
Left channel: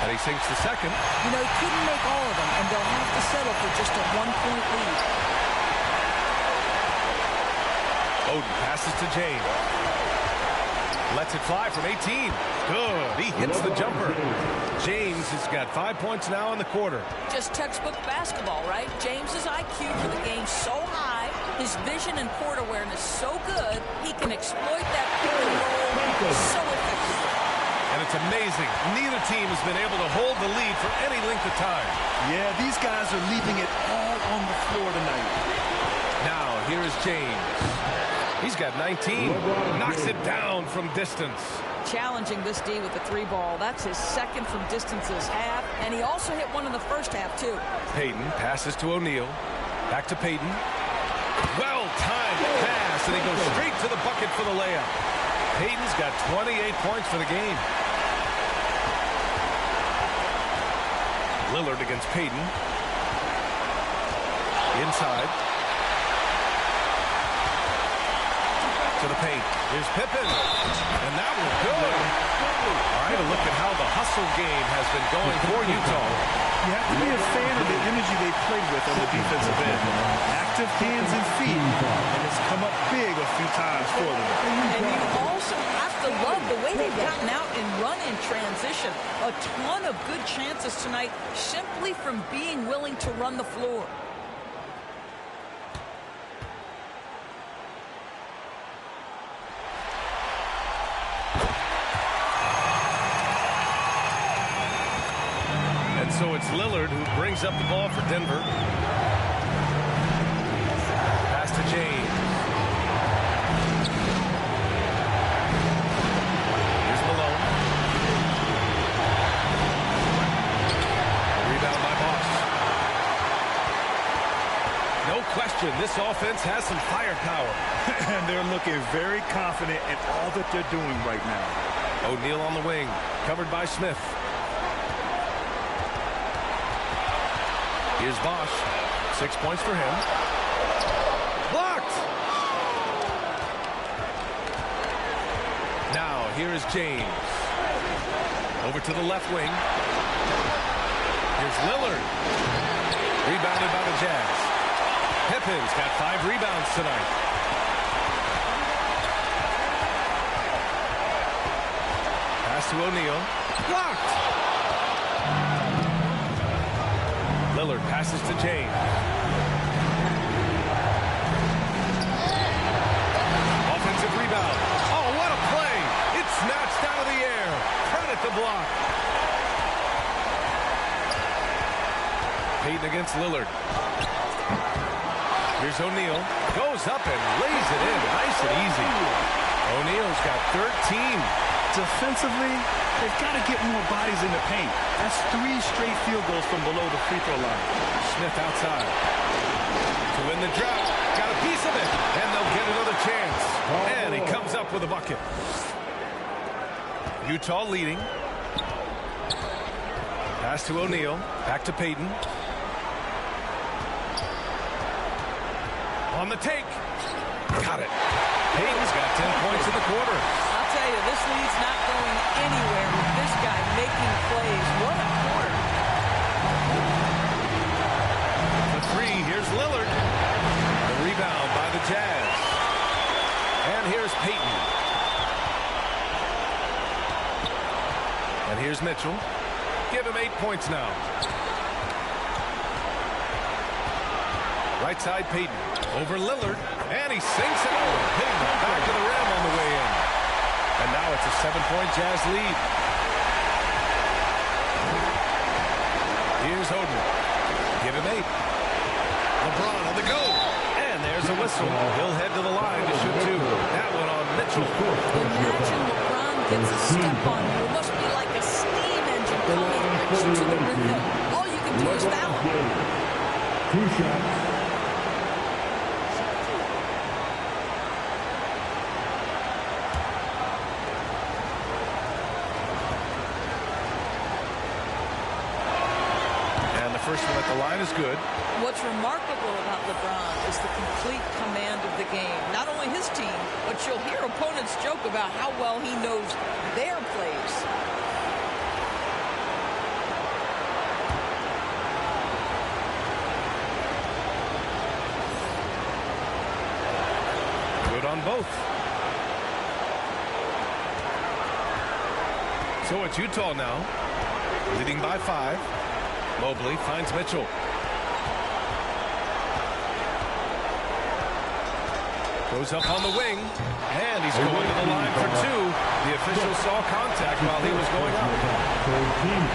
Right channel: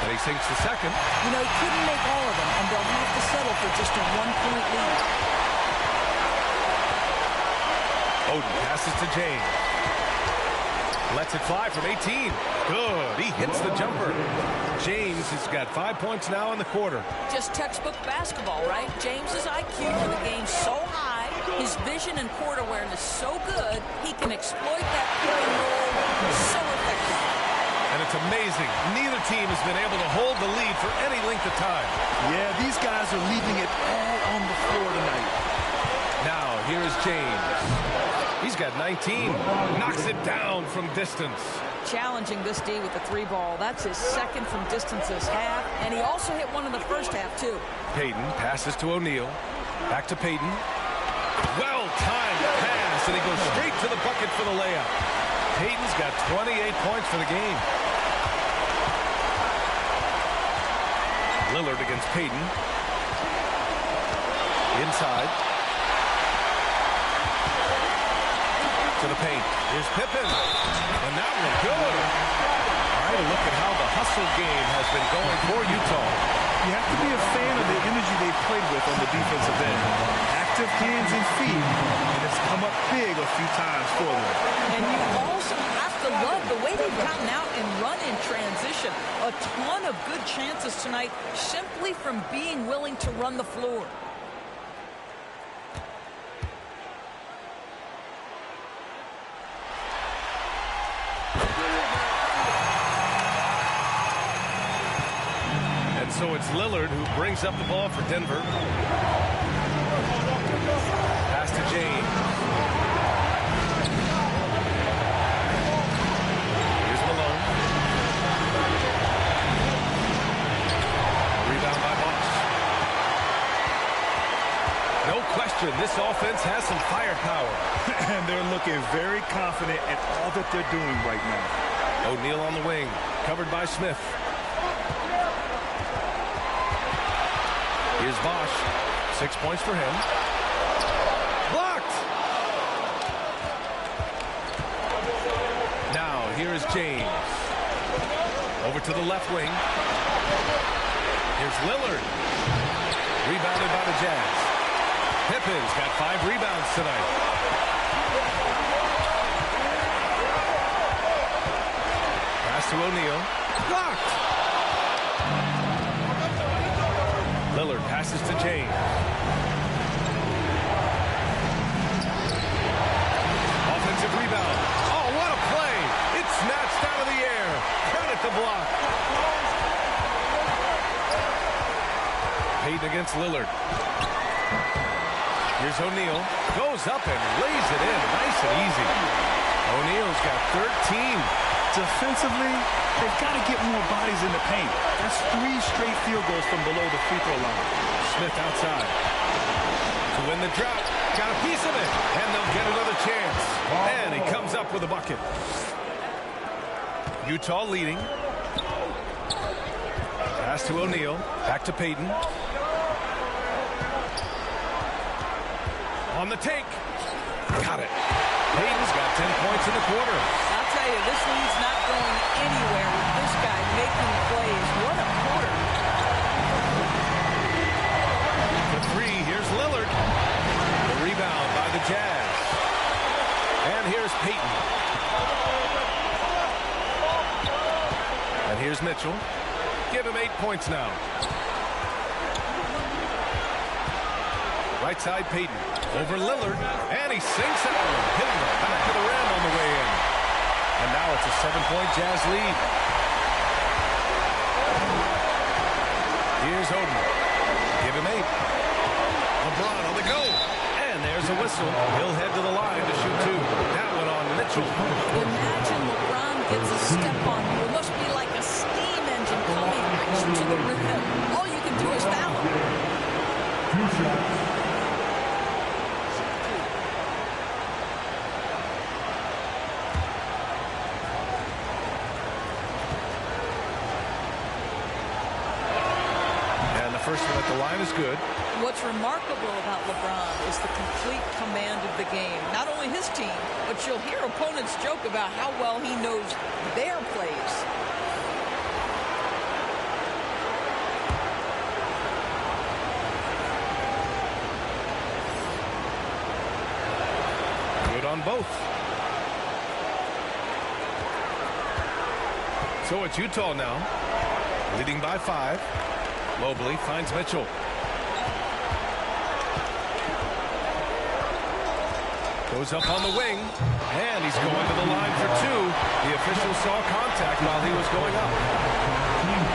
And he sinks the second. You know, he couldn't make all of them, and they'll have to settle for just a 1-point lead. Oden passes to James. Lets it fly from 18. Good. He hits the jumper. James has got 5 points now in the quarter. Just textbook basketball, right? James's IQ for the game so high, his vision and court awareness so good, he can exploit that pick and roll so effectively. And it's amazing. Neither team has been able to hold the lead for any length of time. Yeah, these guys are leaving it all on the floor tonight. Now, here is James. He's got 19. Knocks it down from distance. Challenging this D with the 3 ball. That's his second from distance this half. And he also hit one in the first half, too. Payton passes to O'Neal. Back to Payton. Well-timed pass, and he goes straight to the bucket for the layup. Payton's got 28 points for the game. Lillard against Payton. Inside. To the paint. Here's Pippen. And that one good. All right, a look at how the hustle game has been going for Utah. You have to be a fan of the energy they played with on the defensive end. Active hands and feet, and it's come up big a few times for them. And you also have to love the way they've gotten out and run in transition. A ton of good chances tonight simply from being willing to run the floor. And so it's Lillard who brings up the ball for Denver. Pass to James. Here's Malone. A rebound by Bosch. No question, this offense has some firepower. And they're looking very confident in all that they're doing right now. O'Neal on the wing, covered by Smith. Here's Bosch. 6 points for him. Blocked! Now, here is James. Over to the left wing. Here's Lillard. Rebounded by the Jazz. Pippen's got 5 rebounds tonight. Pass to O'Neal. Blocked! Lillard passes to James. Offensive rebound. Oh, what a play. It's snatched out of the air. Credit the block. Payton against Lillard. Here's O'Neal. Goes up and lays it in. Nice and easy. O'Neal's got 13. Defensively, they've got to get more bodies in the paint. That's 3 straight field goals from below the free throw line. Smith outside. To win the drought. Got a piece of it. And they'll get another chance. And he comes up with a bucket. Utah leading. Pass to O'Neal. Back to Payton. On the take. Got it. Payton's got 10 points in the quarter. I'll tell you, this lead's not going anywhere with this guy making plays. What a quarter. For three, here's Lillard. The rebound by the Jazz. And here's Payton. And here's Mitchell. Give him 8 points now. Right side, Payton. Over Lillard. And he sinks that one, hitting the back of the rim on the way in. And now it's a 7-point Jazz lead. Here's Oden. Give him 8. LeBron on the go. And there's a whistle. He'll head to the line to shoot 2. That one on Mitchell. Imagine LeBron gets a step on you. It must be like a steam engine coming at you to the rim. All you can do is foul him. 2 shots. First one at the line is good. What's remarkable about LeBron is the complete command of the game. Not only his team, but you'll hear opponents joke about how well he knows their plays. Good on both. So it's Utah now, leading by 5. Mobley finds Mitchell. Goes up on the wing, and he's going to the line for 2. The official saw contact while he was going up.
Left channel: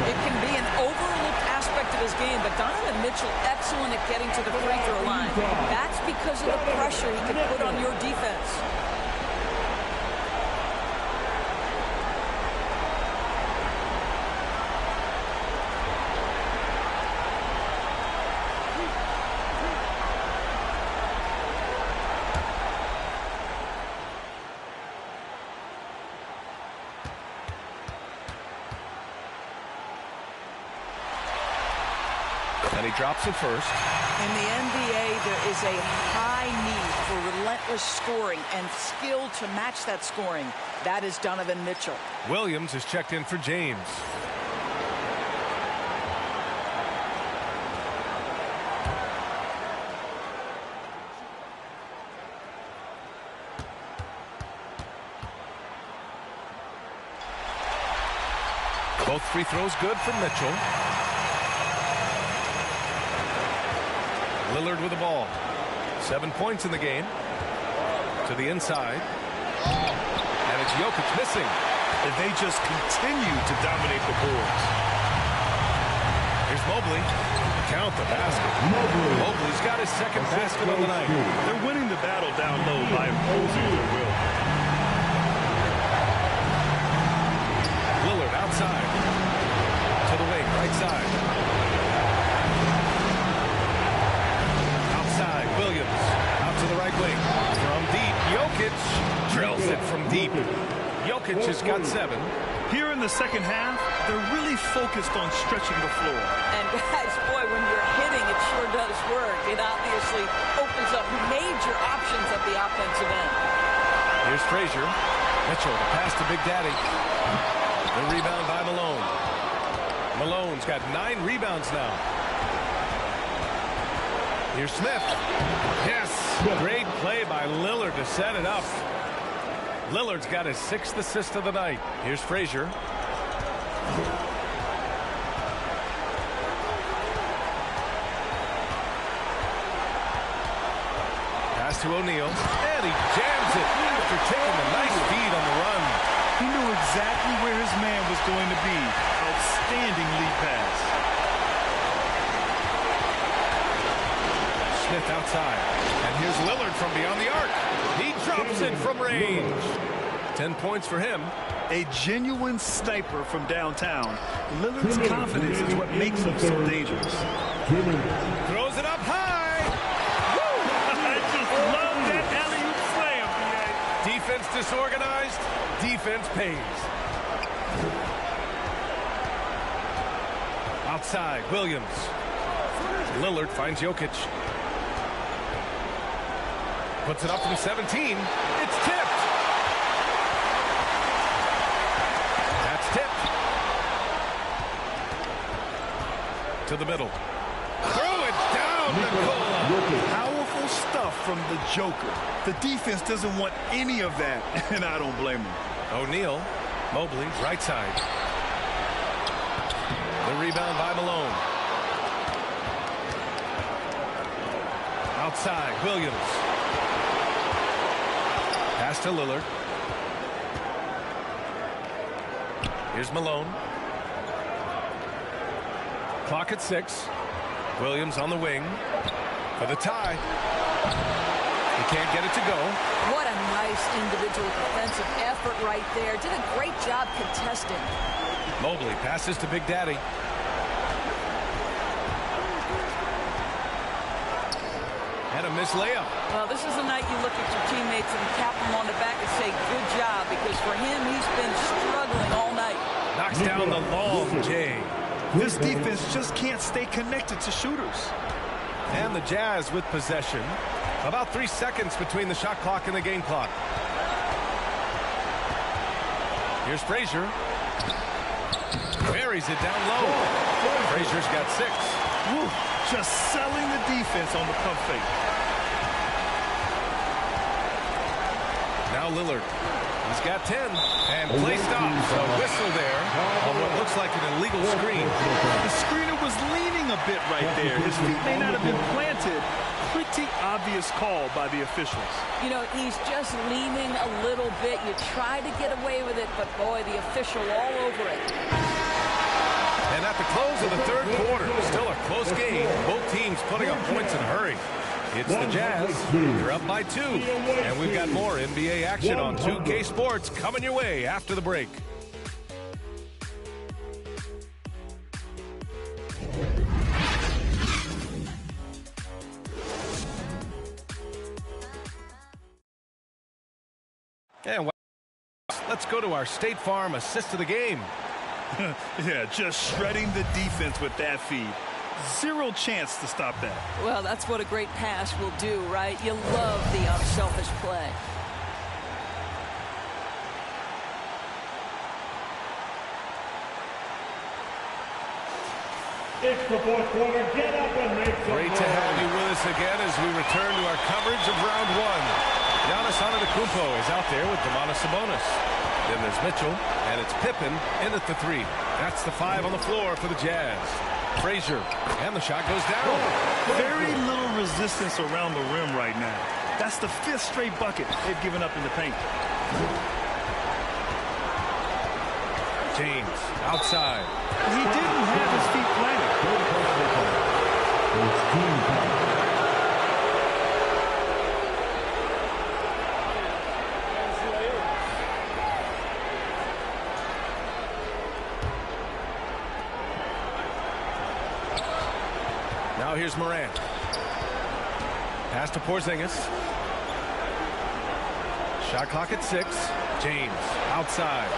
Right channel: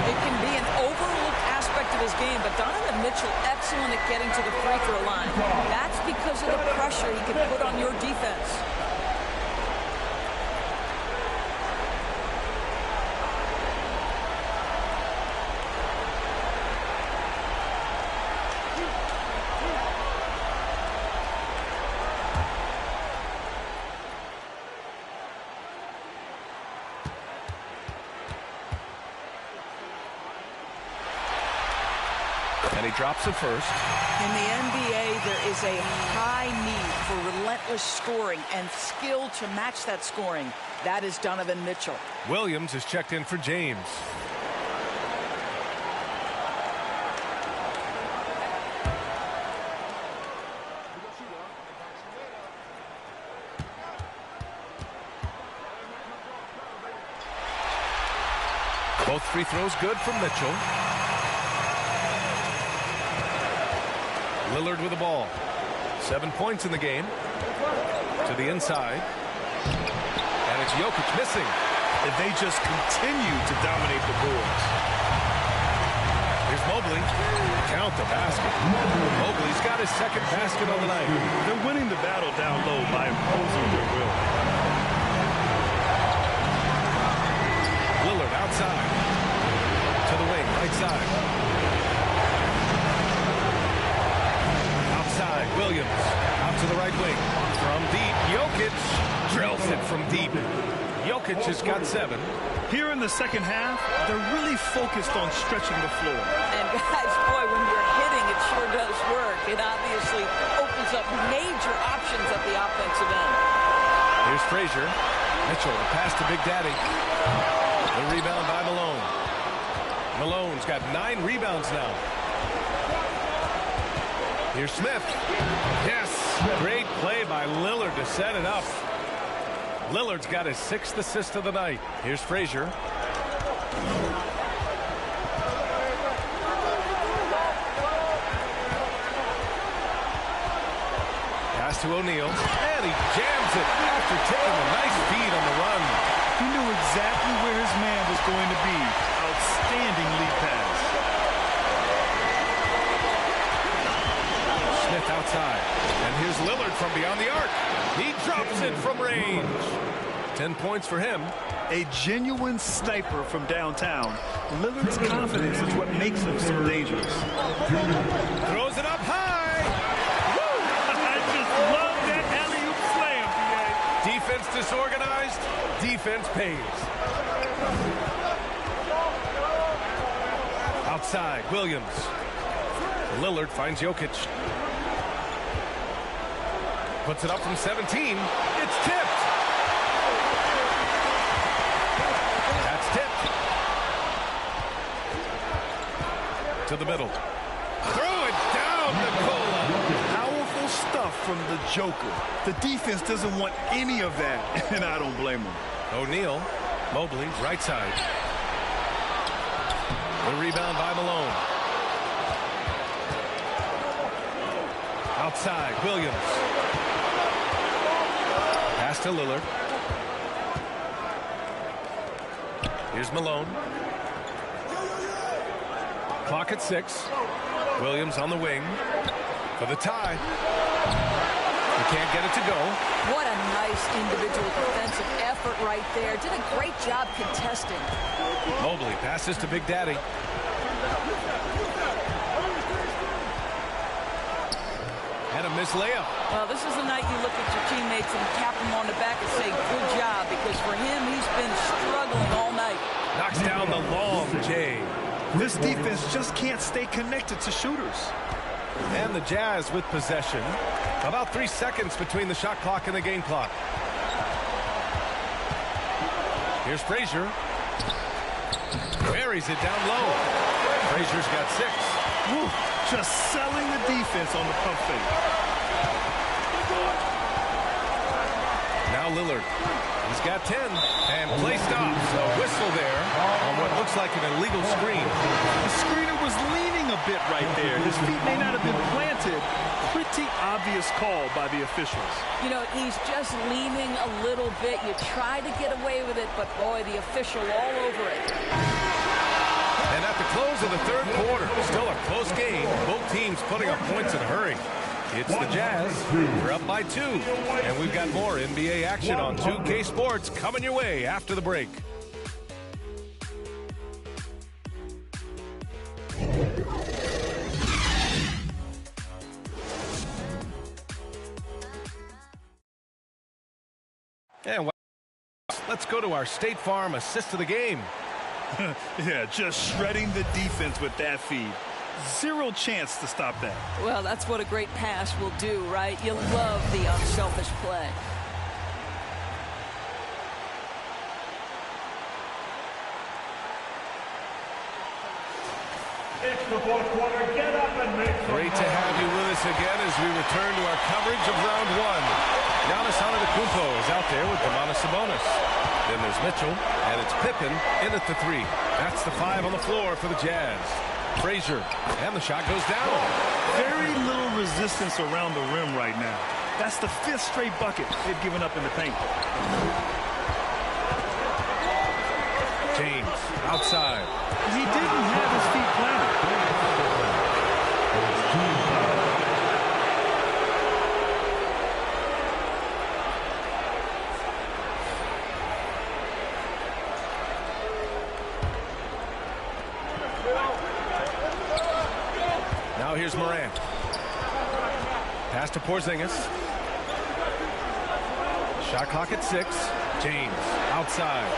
It can be an overlooked aspect of his game, but Donovan Mitchell excellent at getting to the free throw line. That's because of the pressure he can put on your defense. And he drops it first. In the NBA, there is a high need for relentless scoring and skill to match that scoring. That is Donovan Mitchell. Williams is checked in for James. Both free throws good for Mitchell. Lillard with the ball. 7 points in the game. To the inside. And it's Jokic missing. If they just continue to dominate the boards. Here's Mobley. Count the basket. Mobley's got his second basket on the night. They're winning the battle down low by imposing their will. Lillard outside. To the wing, right side. Outside, Williams. Out to the right wing. From deep, Jokic drills it from deep. Jokic has got 7. Here in the second half, they're really focused on stretching the floor. And guys, boy, when you're hitting, it sure does work. It obviously opens up major options at the offensive end. Here's Frazier. Mitchell, the pass to Big Daddy. The rebound by Malone. Malone's got 9 rebounds now. Here's Smith. Yes, great play by Lillard to set it up. Lillard's got his 6th assist of the night. Here's Frazier. Pass to O'Neal, and he jams it after taking a nice feed on the run. He knew exactly where his man was going to be. Outstanding lead pass. Smith outside. And here's Lillard from beyond the arc. He drops it from range. 10 points for him. A genuine sniper from downtown. Lillard's confidence is what makes him so dangerous. Throws it up high. Woo! I just love that alley-oop slam, B.A. Defense disorganized. Defense pays. Outside, Williams. Lillard finds Jokic. Puts it up from 17. It's tipped. That's tipped. To the middle. Throw it down, Nikola. Powerful stuff from the Joker. The defense doesn't want any of that, and I don't blame them. O'Neal. Mobley, right side. The rebound by Malone. Outside, Williams. Pass to Lillard. Here's Malone. Clock at 6. Williams on the wing for the tie. He can't get it to go. What a nice individual defensive effort right there. Did a great job contesting. Mobley passes to Big Daddy. And a missed layup. Well, this is the night you look at your teammates and tap them on the back and say, good job, because for him, he's been struggling all night. Knocks down the long J. This defense just can't stay connected to shooters. And the Jazz with possession. About 3 seconds between the shot clock and the game clock. Here's Frazier. Buries it down low. Frazier's got 6. Woo, just selling the defense on the pump fake. Now Lillard. He's got 10. And play stops. A whistle there on what looks like an illegal screen. The screener was leaning a bit right there. His feet may not have been planted. Pretty obvious call by the officials. You know, he's just leaning a little bit. You try to get away with it, but boy, the official all over it. And at the close of the third quarter, still a close game. Both teams putting up points in a hurry. It's the Jazz. They're up by 2. And we've got more NBA action on 2K Sports coming your way after the break. And let's go to our State Farm assist of the game. Yeah, just shredding the defense with that feed. Zero chance to stop that. Well, that's what a great pass will do, right? You love the unselfish play. It's the fourth quarter. Get up and make some Great to have you with us again as we return to our coverage of round 1. Giannis Antetokounmpo is out there with Domantas Sabonis. Then there's Mitchell, and it's Pippen in at the 3. That's the 5 on the floor for the Jazz. Frazier, and the shot goes down. Very little resistance around the rim right now. That's the 5th straight bucket they've given up in the paint. James, outside. He didn't have his feet planted. Now here's Morant. Pass to Porzingis. Shot clock at 6. James outside.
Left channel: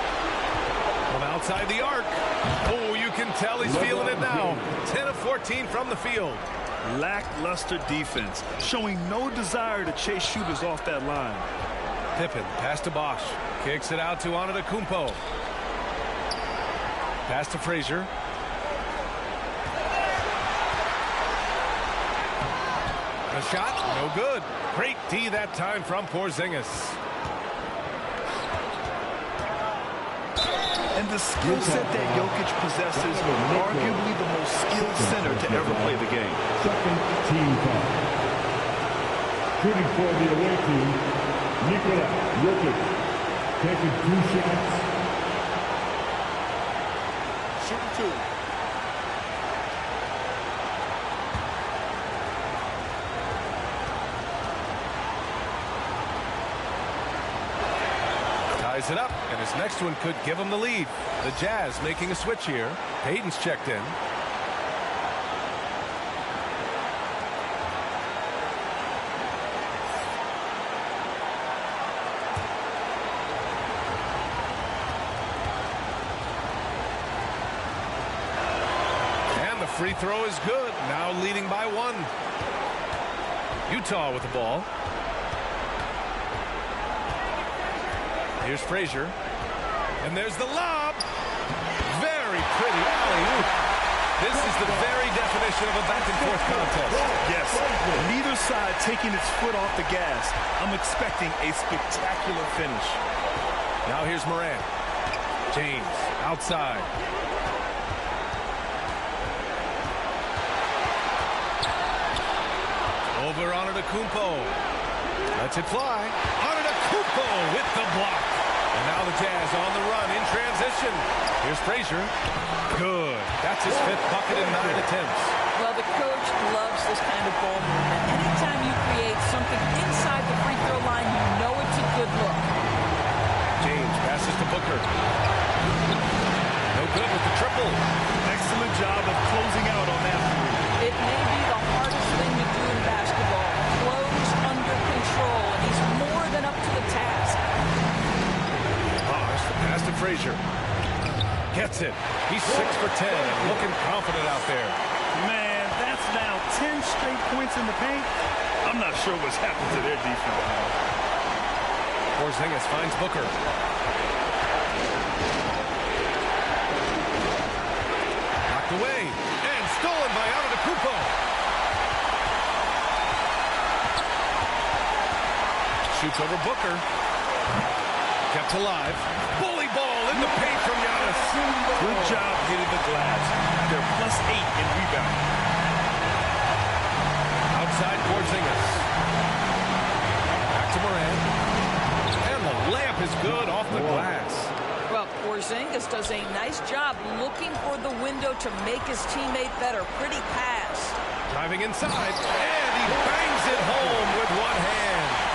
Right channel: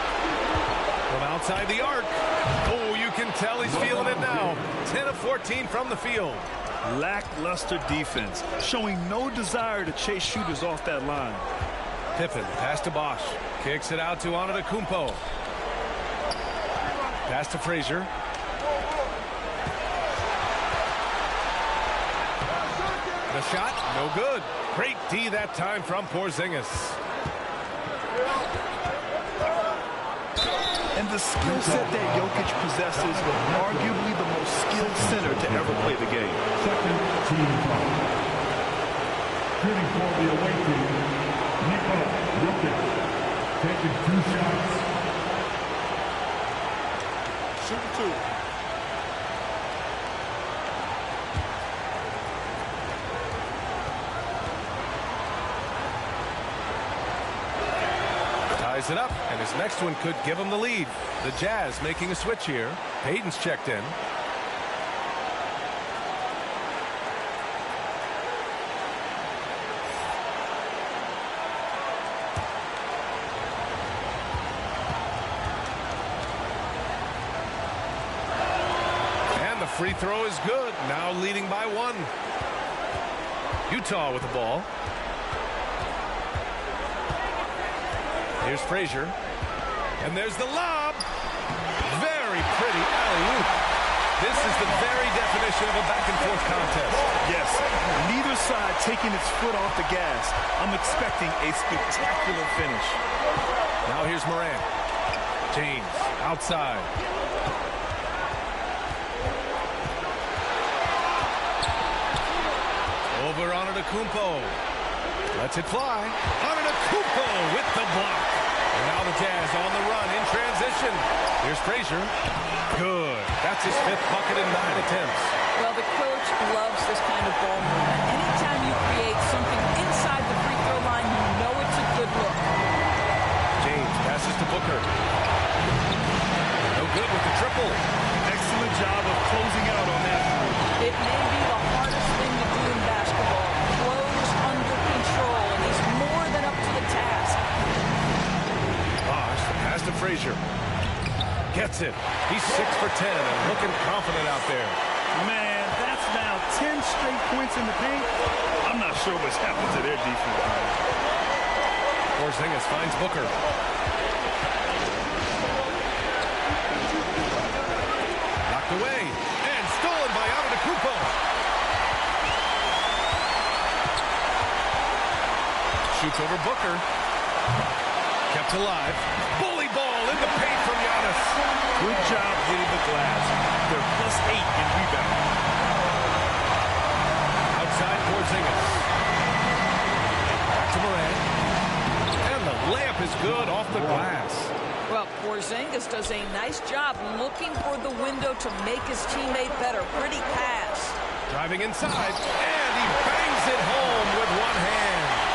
From outside the arc. Oh, you can tell he's feeling it now. 10 of 14 from the field. Lackluster defense, showing no desire to chase shooters off that line. Pippen, pass to Bosch. Kicks it out to Antetokounmpo. Pass to Frazier. The shot, no good. Great D that time from Porzingis. And the skill set that Jokic possesses, arguably the most skilled center to ever play the game. Second team foul. Shooting for the away team, Nikola Jokic. Taking 2 shots. Shooting 2. Ties it up, and his next one could give him the lead. The Jazz making a switch here. Payton's checked in. And the free throw is good. Now leading by 1. Utah with the ball. Here's Frazier. And there's the lob. Very pretty alley-oop. This is the very definition of a back-and-forth contest. Yes, neither side taking its foot off the gas. I'm expecting a spectacular finish. Now here's Morant. James outside. Over Antetokounmpo. Lets it fly. Antetokounmpo with the block. And now the Jazz on the run in transition. Here's Frazier. Good. That's his 5th bucket in 9 attempts. Well, the coach loves this kind of ball movement. Anytime you create something inside the free throw line, you know it's a good look. James passes to Booker. No good with the triple. Excellent job of closing out on that three. It may be the hardest thing to do in basketball. Close under control, and he's more than up to the task. Bosh, the pass to Frazier. Gets it. He's 6 for 10 and looking confident out there. Man, that's now 10 straight points in the paint. I'm not sure what's happened to their defense. Porzingis finds Booker. Knocked away and stolen by Antetokounmpo. Shoots over Booker. Kept alive. Bully ball in the paint from Giannis. Good job hitting the glass. They're +8 in rebound. Outside Porzingis. Back to Morant. And the layup is good off the glass. Well, Porzingis does a nice job looking for the window to make his teammate better. Pretty pass. Driving inside, and he bangs it home with one hand.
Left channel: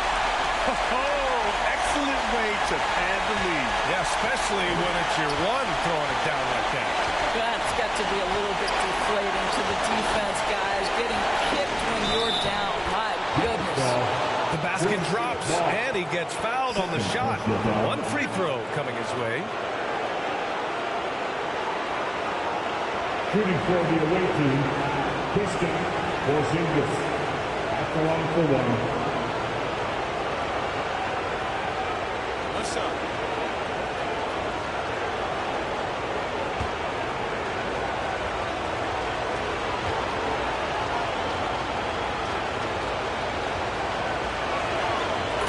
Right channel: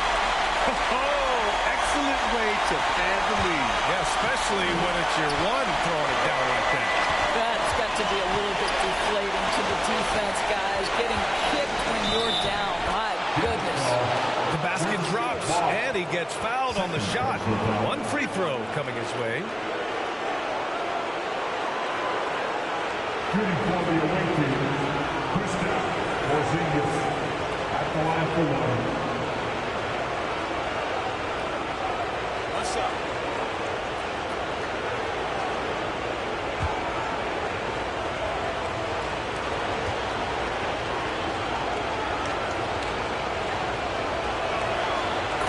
Oh, excellent way to pad the lead. Yeah, especially when it's your one throwing it down like that. That's got to be a little bit deflating to the defense, guys. Getting kicked when you're down. My goodness. The basket drops, and he gets fouled on the shot. One free throw coming his way. Shooting for the away team, Kristaps Porzingis at the line for one. What's up?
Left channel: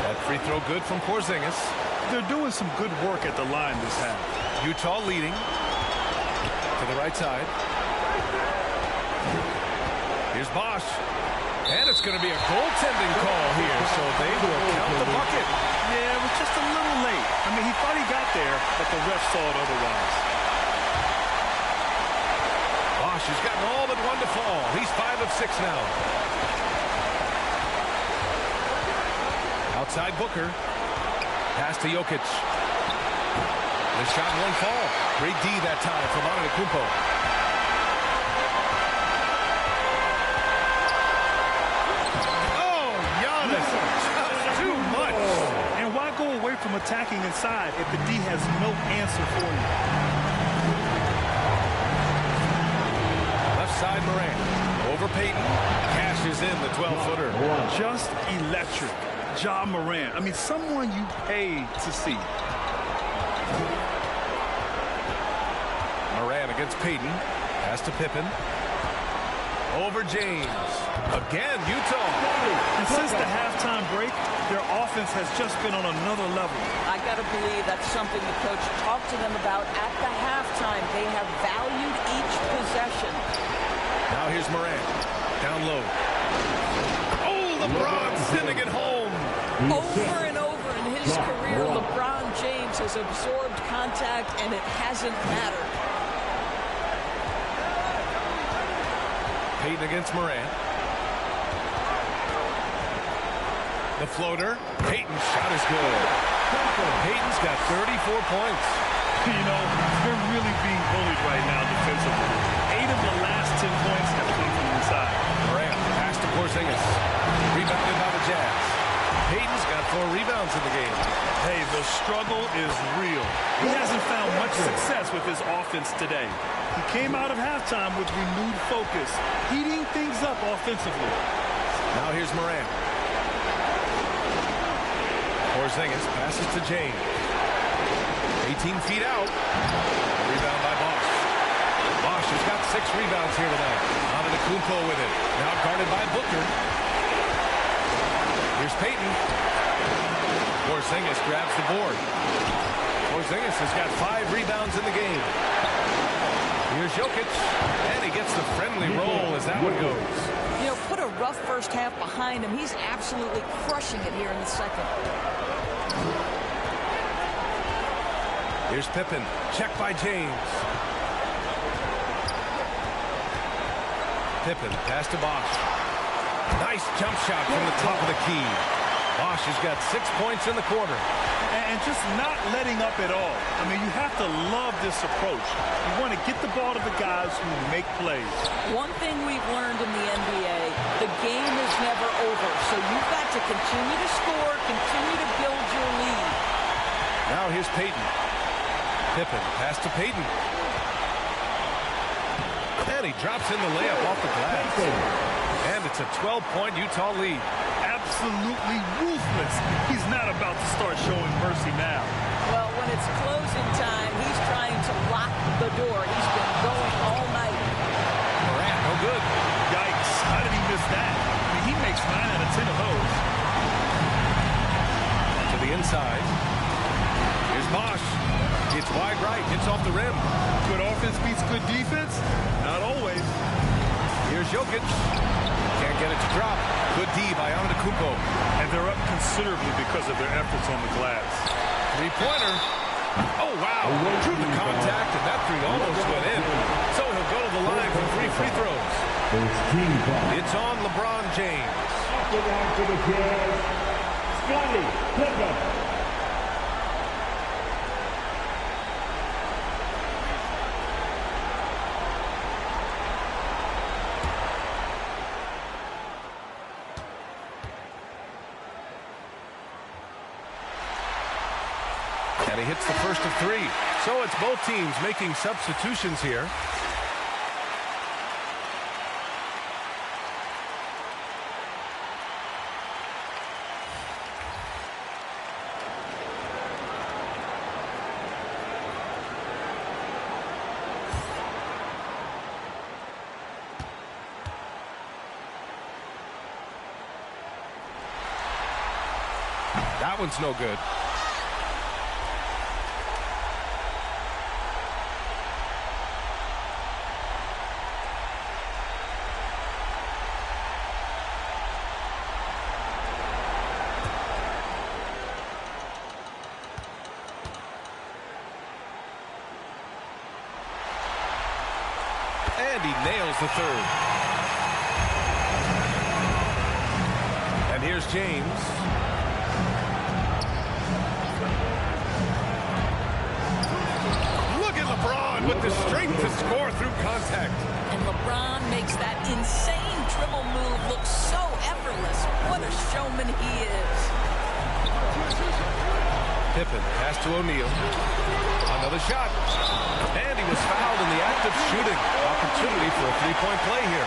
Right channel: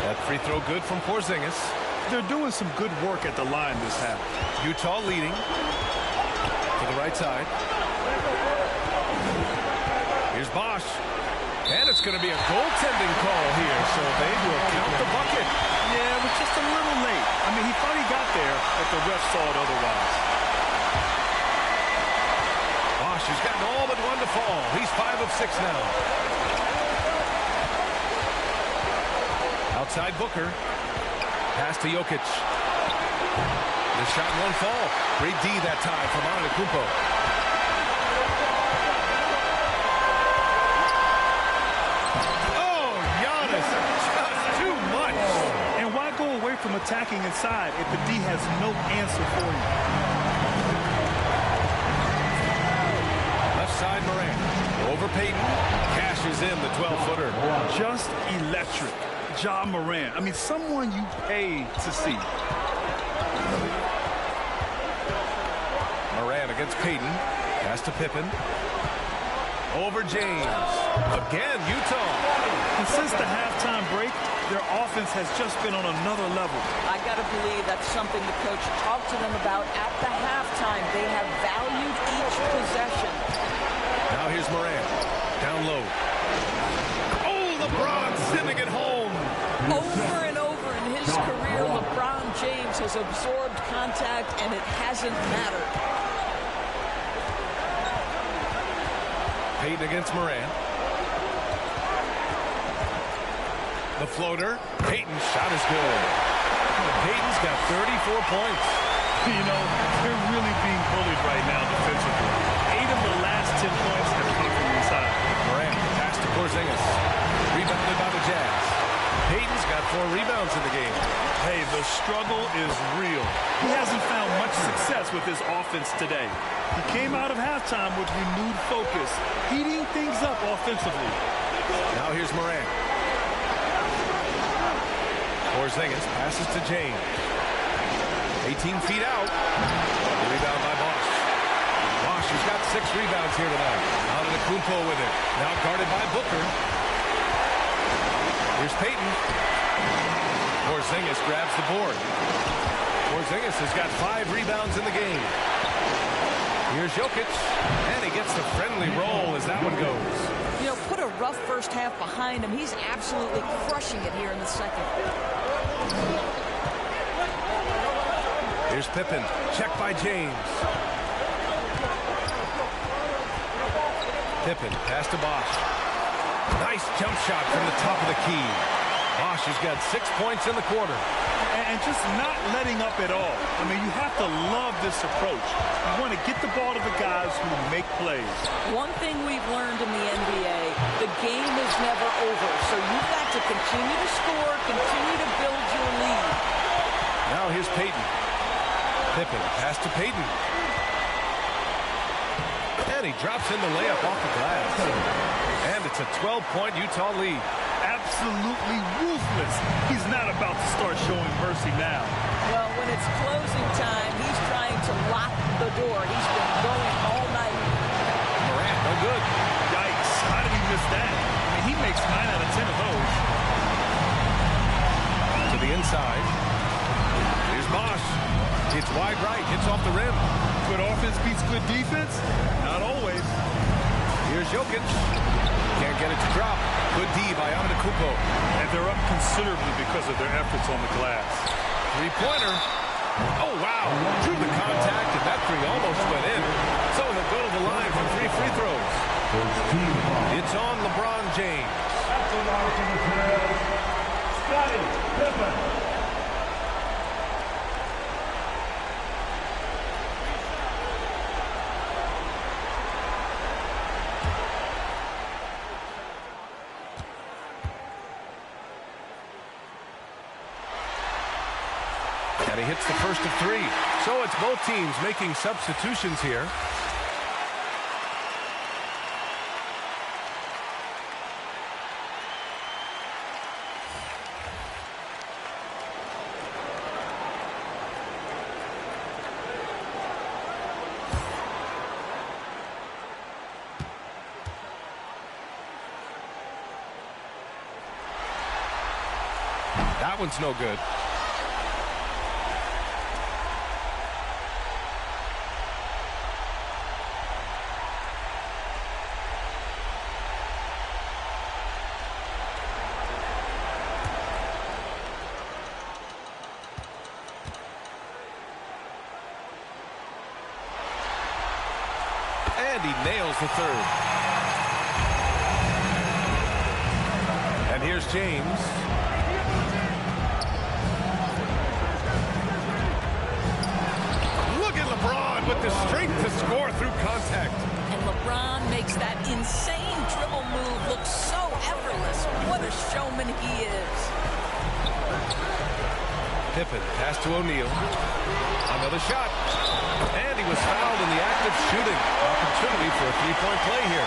That free throw good from Porzingis. They're doing some good work at the line this half. Utah leading. To the right side. Here's Bosh. And it's going to be a goaltending call here, so they will count the bucket. Yeah, it was just a little late. I mean, he thought he got there, but the ref saw it otherwise. Bosh has gotten all but one to fall. He's 5 of 6 now. Outside Booker. Pass to Jokic. The shot won't fall. Great D that time from Antetokounmpo. Oh, Giannis, just too much. And why go away from attacking inside if the D has no answer for you? Left side Morant. Over Payton. Cashes in the 12-footer. Just electric. Ja Morant. I mean, someone you pay to see. Morant against Payton. Pass to Pippen. Over James. Again, Utah. And since the halftime break, their offense has just been on another level. I got to believe that's something the coach talked to them about at the halftime. They have valued each possession. Now here's Morant. Down low. Oh, LeBron sending it home. Over and over in his career, LeBron James has absorbed contact, and it hasn't mattered. Payton against Morant. The floater. Payton's shot is good. Payton's got 34 points. You know, they're really being bullied right now defensively. 8 of the last 10 points have come from inside. Morant, pass to Porzingis. Rebounded by the Jazz. Payton's got 4 rebounds in the game. Hey, the struggle is real. He hasn't found much success with his offense today. He came out of halftime with renewed focus, heating things up offensively. Now here's Morant. Porzingis passes to James. 18 feet out. Rebound by Bosch. Bosch has got 6 rebounds here tonight. Antetokounmpo with it. Now guarded by Booker. Here's Payton. Porzingis grabs the board. Porzingis has got 5 rebounds in the game. Here's Jokic, and he gets the friendly roll as that one goes. You know, put a rough first half behind him. He's absolutely crushing it here in the second. Here's Pippen, checked by James. Pippen, pass to Bosch. Nice jump shot from the top of the key. Bosch has got 6 points in the quarter. And just not letting up at all. I mean, you have to love this approach. You want to get the ball to the guys who make plays. One thing we've learned in the NBA, the game is never over. So you've got to continue to score, continue to build your lead. Now here's Payton. Pippen, pass to Payton. And he drops in the layup off the glass. And it's a 12-point Utah lead. Absolutely ruthless. He's not about to start showing mercy now. Well, when it's closing time, he's trying to lock the door. He's been going all night. Morant, no good. Yikes. How did he miss that? I mean, he makes 9 out of 10 of those. To the inside. Here's Bosch. It's wide right. Hits off the rim. Good offense beats good defense? Not always. Here's Jokic. Can't get it to drop. Good D by Antetokounmpo. And they're up considerably because of their efforts on the glass. Three-pointer. Oh, wow. Drew the contact, and that three almost went in. So he'll go to the line for 3 free throws. It's on LeBron James. At the line for the Jazz, Scottie Pippen. And he hits the first of 3. So it's both teams making substitutions here. That one's no good. And he nails the third. And here's James. Look at LeBron with the strength to score through contact. And LeBron makes that insane dribble move look so effortless. What a showman he is. Pippen, pass to O'Neal. Another shot. And he was fouled in the act of shooting. Opportunity for a 3-point play here.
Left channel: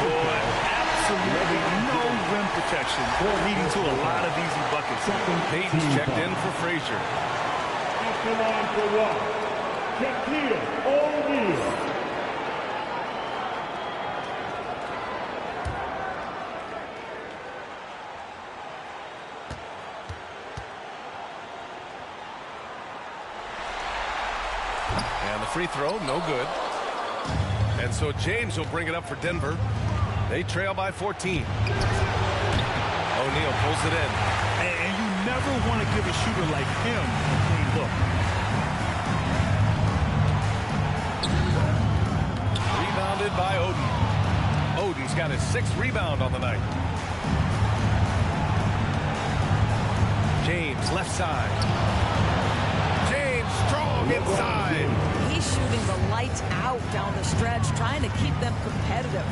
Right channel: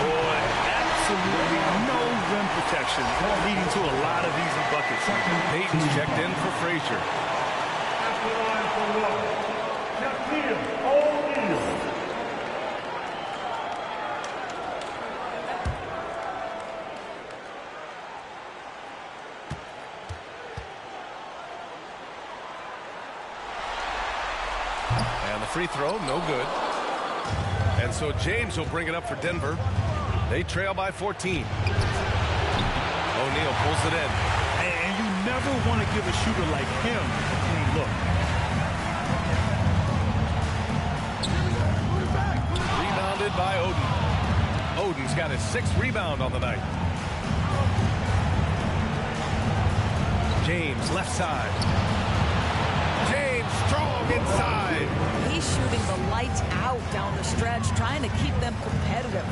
Boy, absolutely no rim protection, leading to a lot of easy buckets. Payton's checked in for Frazier. At the line for one, Shaquille O'Neal. And the free throw, no good. And so James will bring it up for Denver. They trail by 14. O'Neal pulls it in. And you never want to give a shooter like him a clean look. Rebounded by Oden. Oden's got his 6th rebound on the night. James, left side. James strong inside. He's shooting the lights out down the stretch, trying to keep them competitive.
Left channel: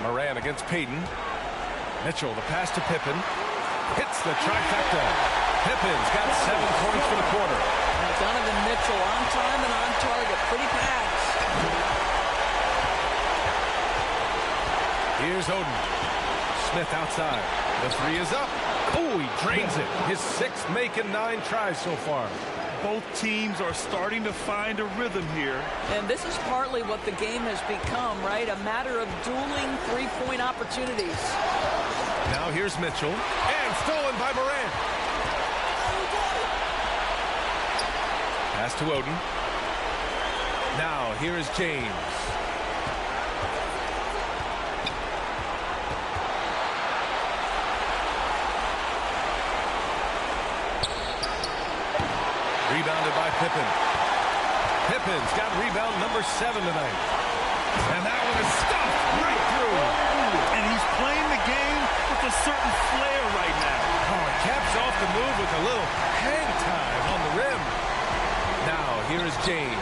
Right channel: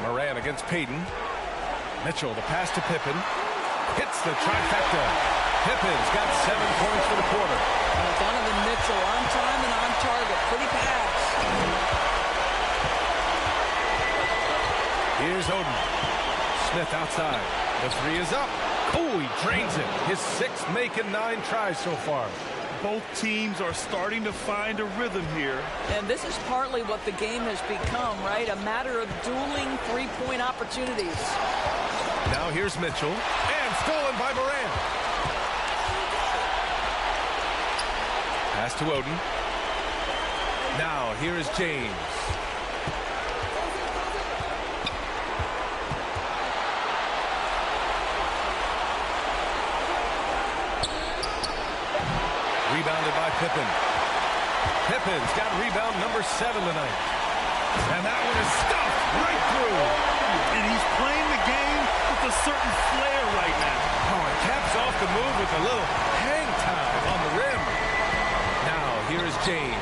Moran against Payton. Mitchell, the pass to Pippen. Hits the trifecta. Pippen's got 7 points for the quarter. Donovan Mitchell on time and on target. Pretty pass. Here's Oden. Smith outside. The 3 is up. Oh, he drains it. His 6th make in 9 tries so far. Both teams are starting to find a rhythm here. And this is partly what the game has become, right? A matter of dueling three-point opportunities. Now here's Mitchell. And stolen by Morant. Pass to Oden. Now here is James. Rebounded by Pippen. Pippen's got rebound number 7 tonight. And that one is stuffed right through. And he's playing the game with a certain flair right now. Oh, and caps off the move with a little hang time on the rim. Now, here is James.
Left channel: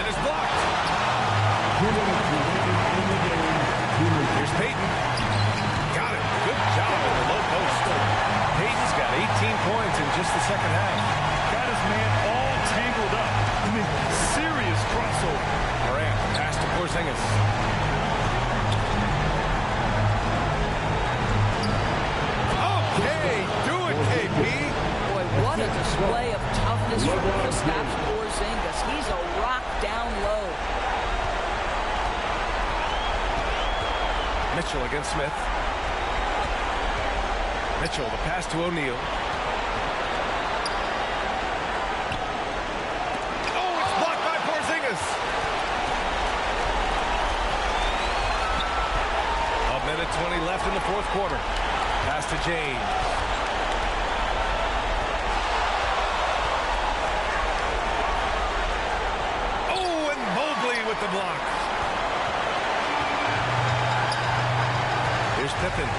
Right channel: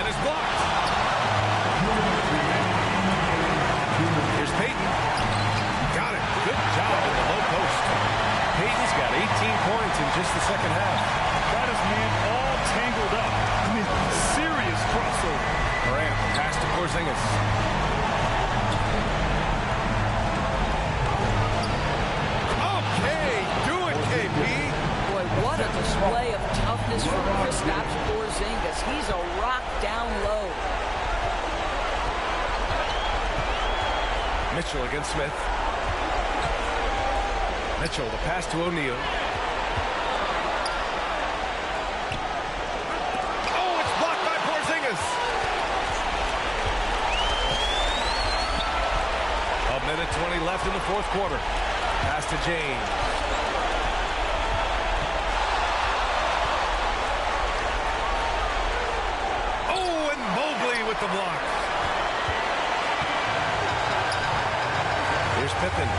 And it's blocked. Here's Payton. Got it. Good job in the low post. Payton's got 18 points in just the second half. Got his man all tangled up. I mean, serious crossover. Morant, pass to Porzingis. Okay, do it, KP. Boy, what a display of toughness from Kristaps Porzingis. He's a rock down low. Mitchell against Smith. Mitchell, the pass to O'Neal. Oh, it's blocked by Porzingis. A minute 20 left in the 4th quarter. Pass to James. Oh, and Mobley with the block. Here's Pippen.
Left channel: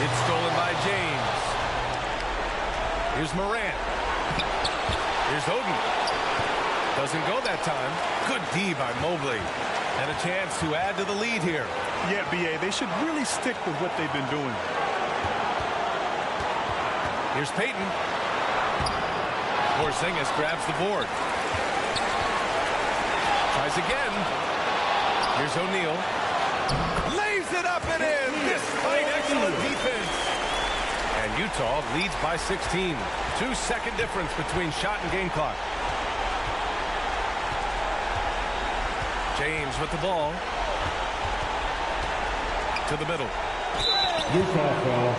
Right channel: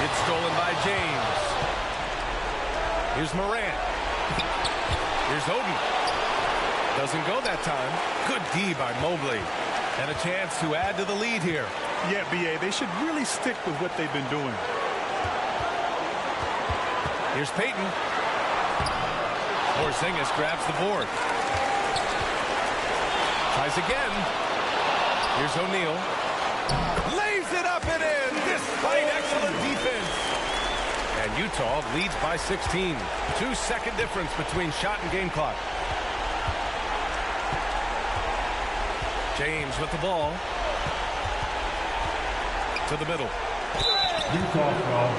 It's stolen by James. Here's Morant. Here's Oden. Doesn't go that time. Good D by Mobley. And a chance to add to the lead here. Yeah, B.A., they should really stick with what they've been doing. Here's Payton. Porzingis grabs the board. Tries again. Here's O'Neal. Lays it up and in despite excellent defense. And Utah leads by 16. 2-second difference between shot and game clock. James with the ball. To the middle. Utah foul.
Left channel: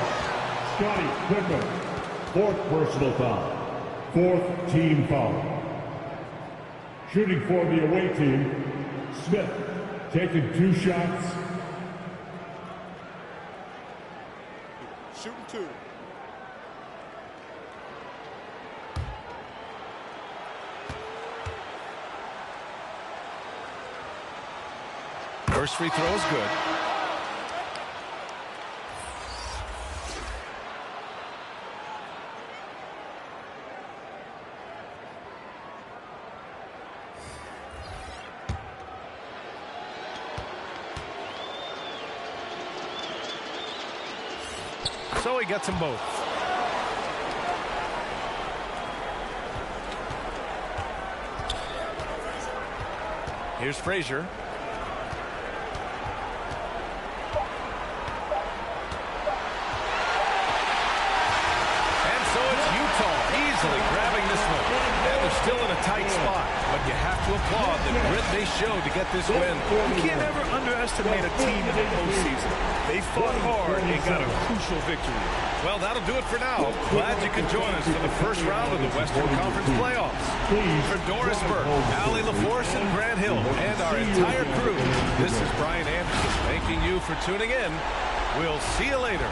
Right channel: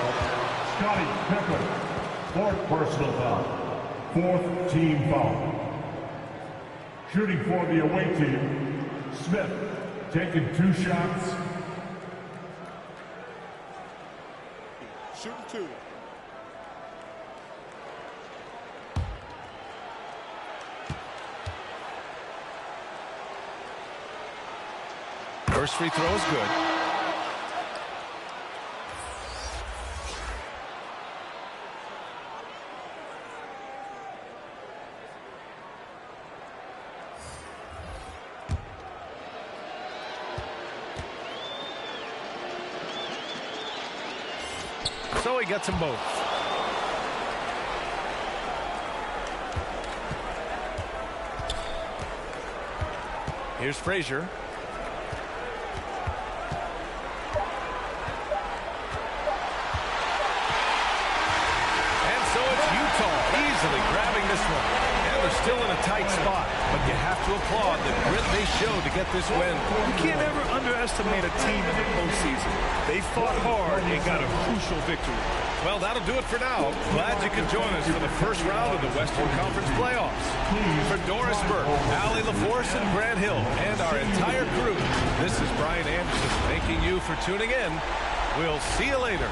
Scottie Pippen. 4th personal foul. 4th team foul. Shooting for the away team, Smith, taking 2 shots. Shooting 2. First free throw is good. So he gets them both. Here's Frazier. And so it's Utah easily grabbing this one. And they're still in a tight spot. But you have to applaud the grit they showed to get this win. You can't ever underestimate a team in the postseason. They fought hard and got a crucial victory. Well, that'll do it for now. Glad you could join us for the first round of the Western Conference playoffs. For Doris Burke, Allie LaForce, and Grant Hill, and our entire crew, this is Brian Anderson thanking you for tuning in. We'll see you later.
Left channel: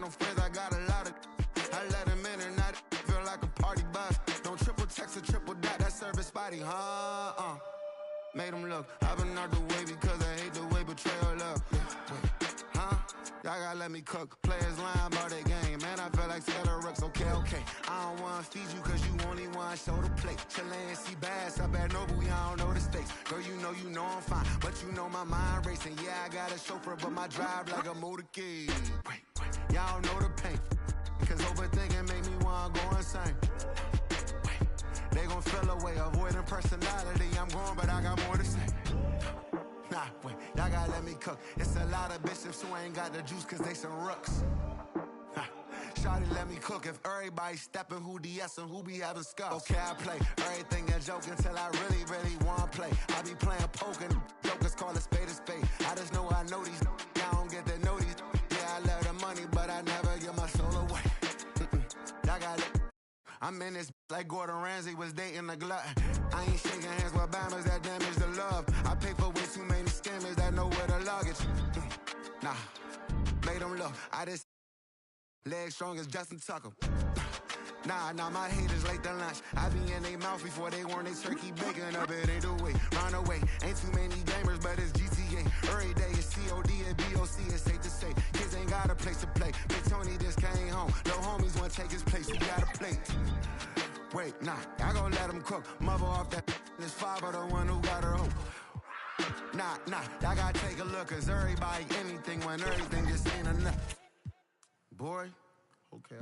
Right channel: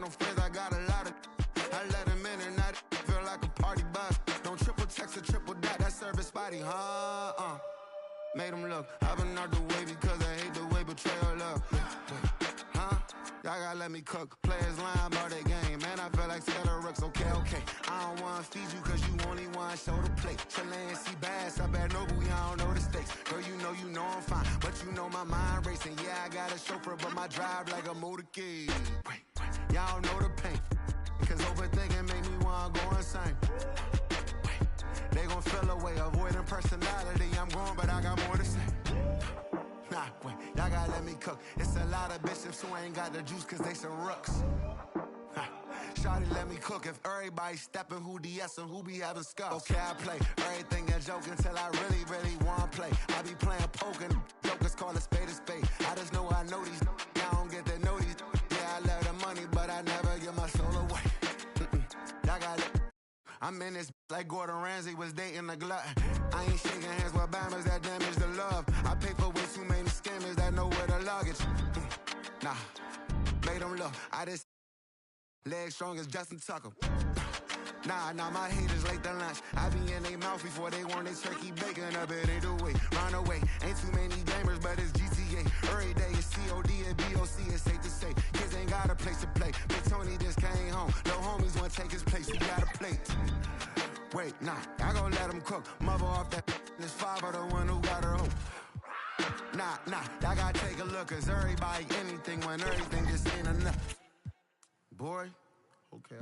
No friends, I got a lot of. I let them in and I feel like a party bus. Don't triple text or triple dot, that service spotty, huh? Made them look. I've been out the way because I hate the way betrayal look. Wait, huh? Y'all gotta let me cook. Players lying about their game. Man, I feel like Scatterrooks. Okay. I don't wanna feed you cause you only wanna show the plate. Chilean sea bass up at Noble, y'all don't know the stakes. Girl, you know I'm fine. But you know my mind racing. Yeah, I got a chauffeur, but my drive like a motorcade. Wait, y'all know the pain. Cause overthinking make me wanna go insane. They gon' feel away, avoiding personality. I'm going, but I got more to say. Nah, wait, y'all gotta let me cook. It's a lot of bishops who ain't got the juice cause they some rooks. Shawty, let me cook. If everybody stepping, who DS and who be having scuffs? Okay, I play everything a joke until I really wanna play. I be playing poker, jokers call a spade a spade. I just know I know these, y'all don't get to know these. Yeah, I love the money, but I never give my soul away. Y'all got it. I'm in this like Gordon Ramsay was dating a glutton. I ain't shaking hands with bammers that damage the love. I pay for way too many scammers that know where the luggage. Nah, made them look. I just leg strong as Justin Tucker. Nah, my haters late to lunch. I be in they mouth before they want they turkey bacon up. It ain't the way, run away. Ain't too many gamers, but it's GTA. Every day it's COD and BOC, it's safe to say. Kids ain't got a place to play. Big Tony just came home. No homies wanna take his place, he got a plate. Wait, nah, I gon' let him cook. Mother off that, this father the one who got her hope. Nah, y'all gotta take a look, cause everybody anything when everything just ain't enough. Boy, okay.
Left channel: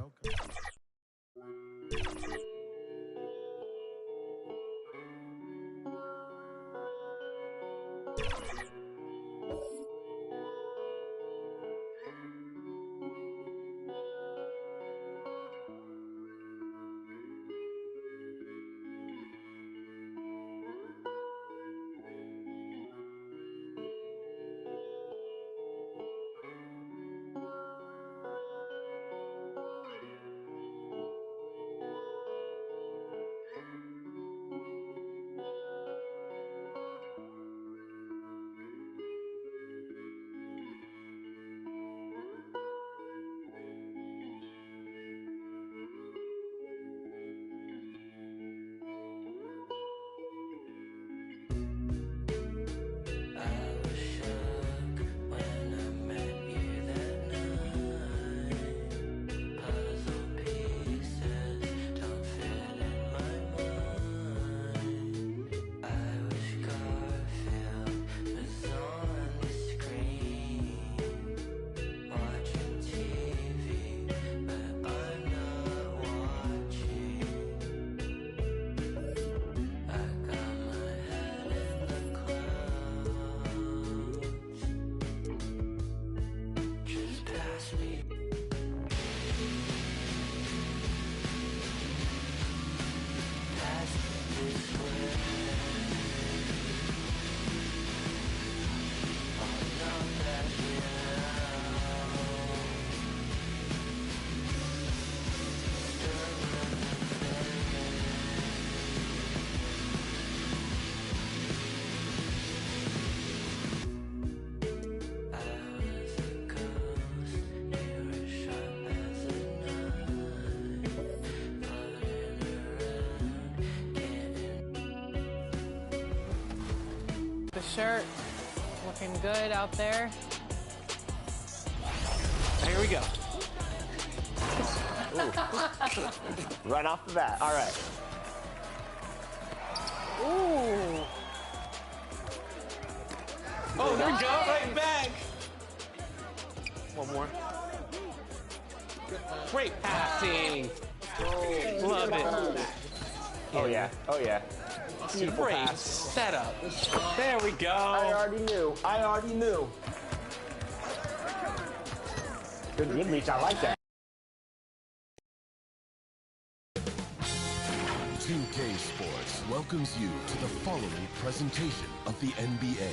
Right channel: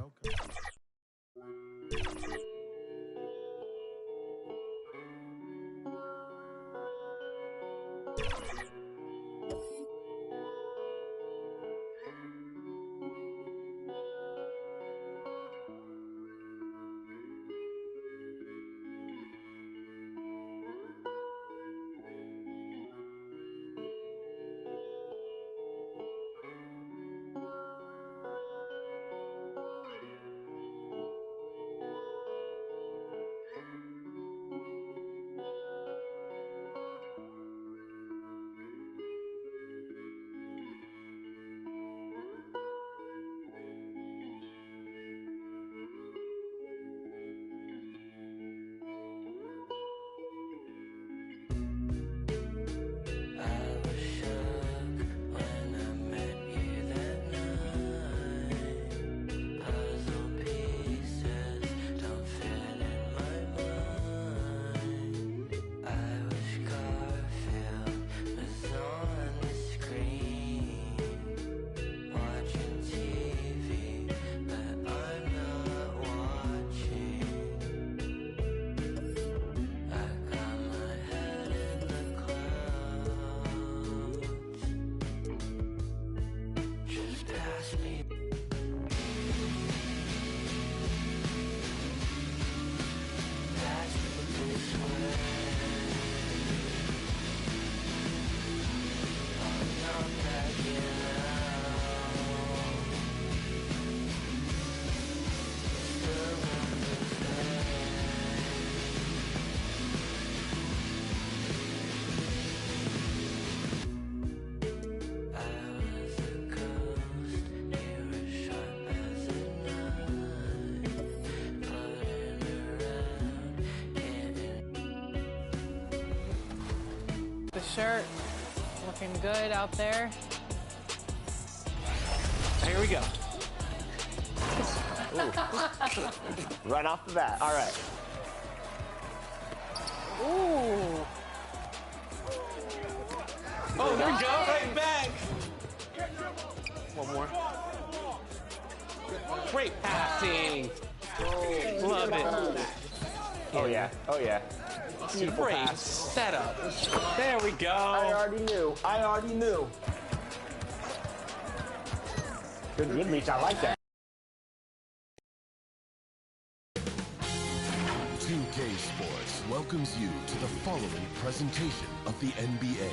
The shirt looking good out there. Here we go. Right off the bat. All right. Ooh. Oh, there we go. Right back. One more. Great passing. Love it. Oh, yeah. Beautiful great pass. Setup. There we go. I already knew. Good reach. I like that. 2K Sports welcomes you to the following presentation of the NBA.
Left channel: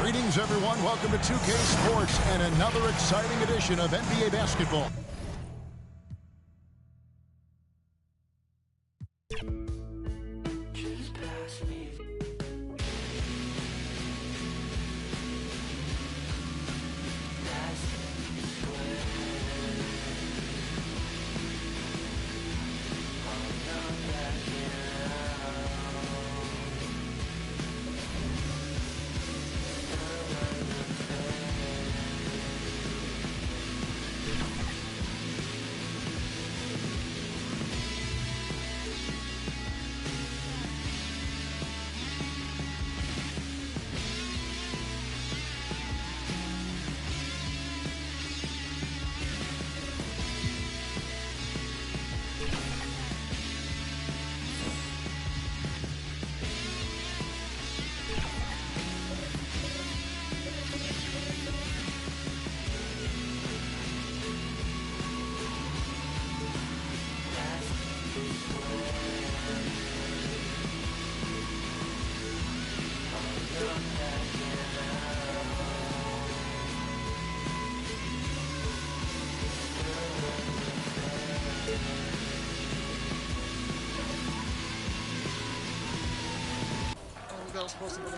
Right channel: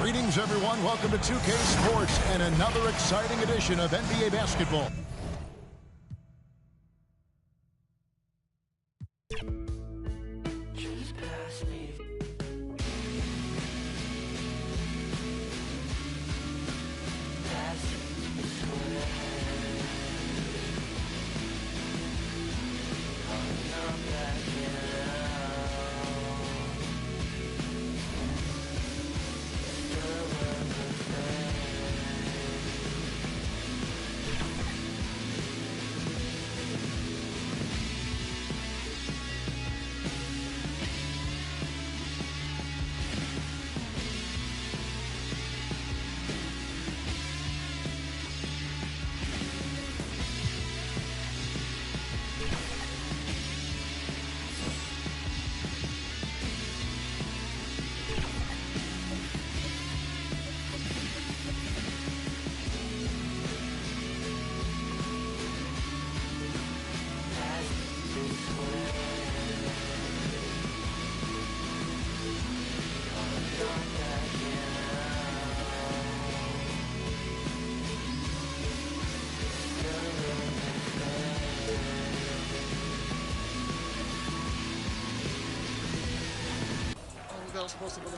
Greetings, everyone. Welcome to 2K Sports and another exciting edition of NBA basketball.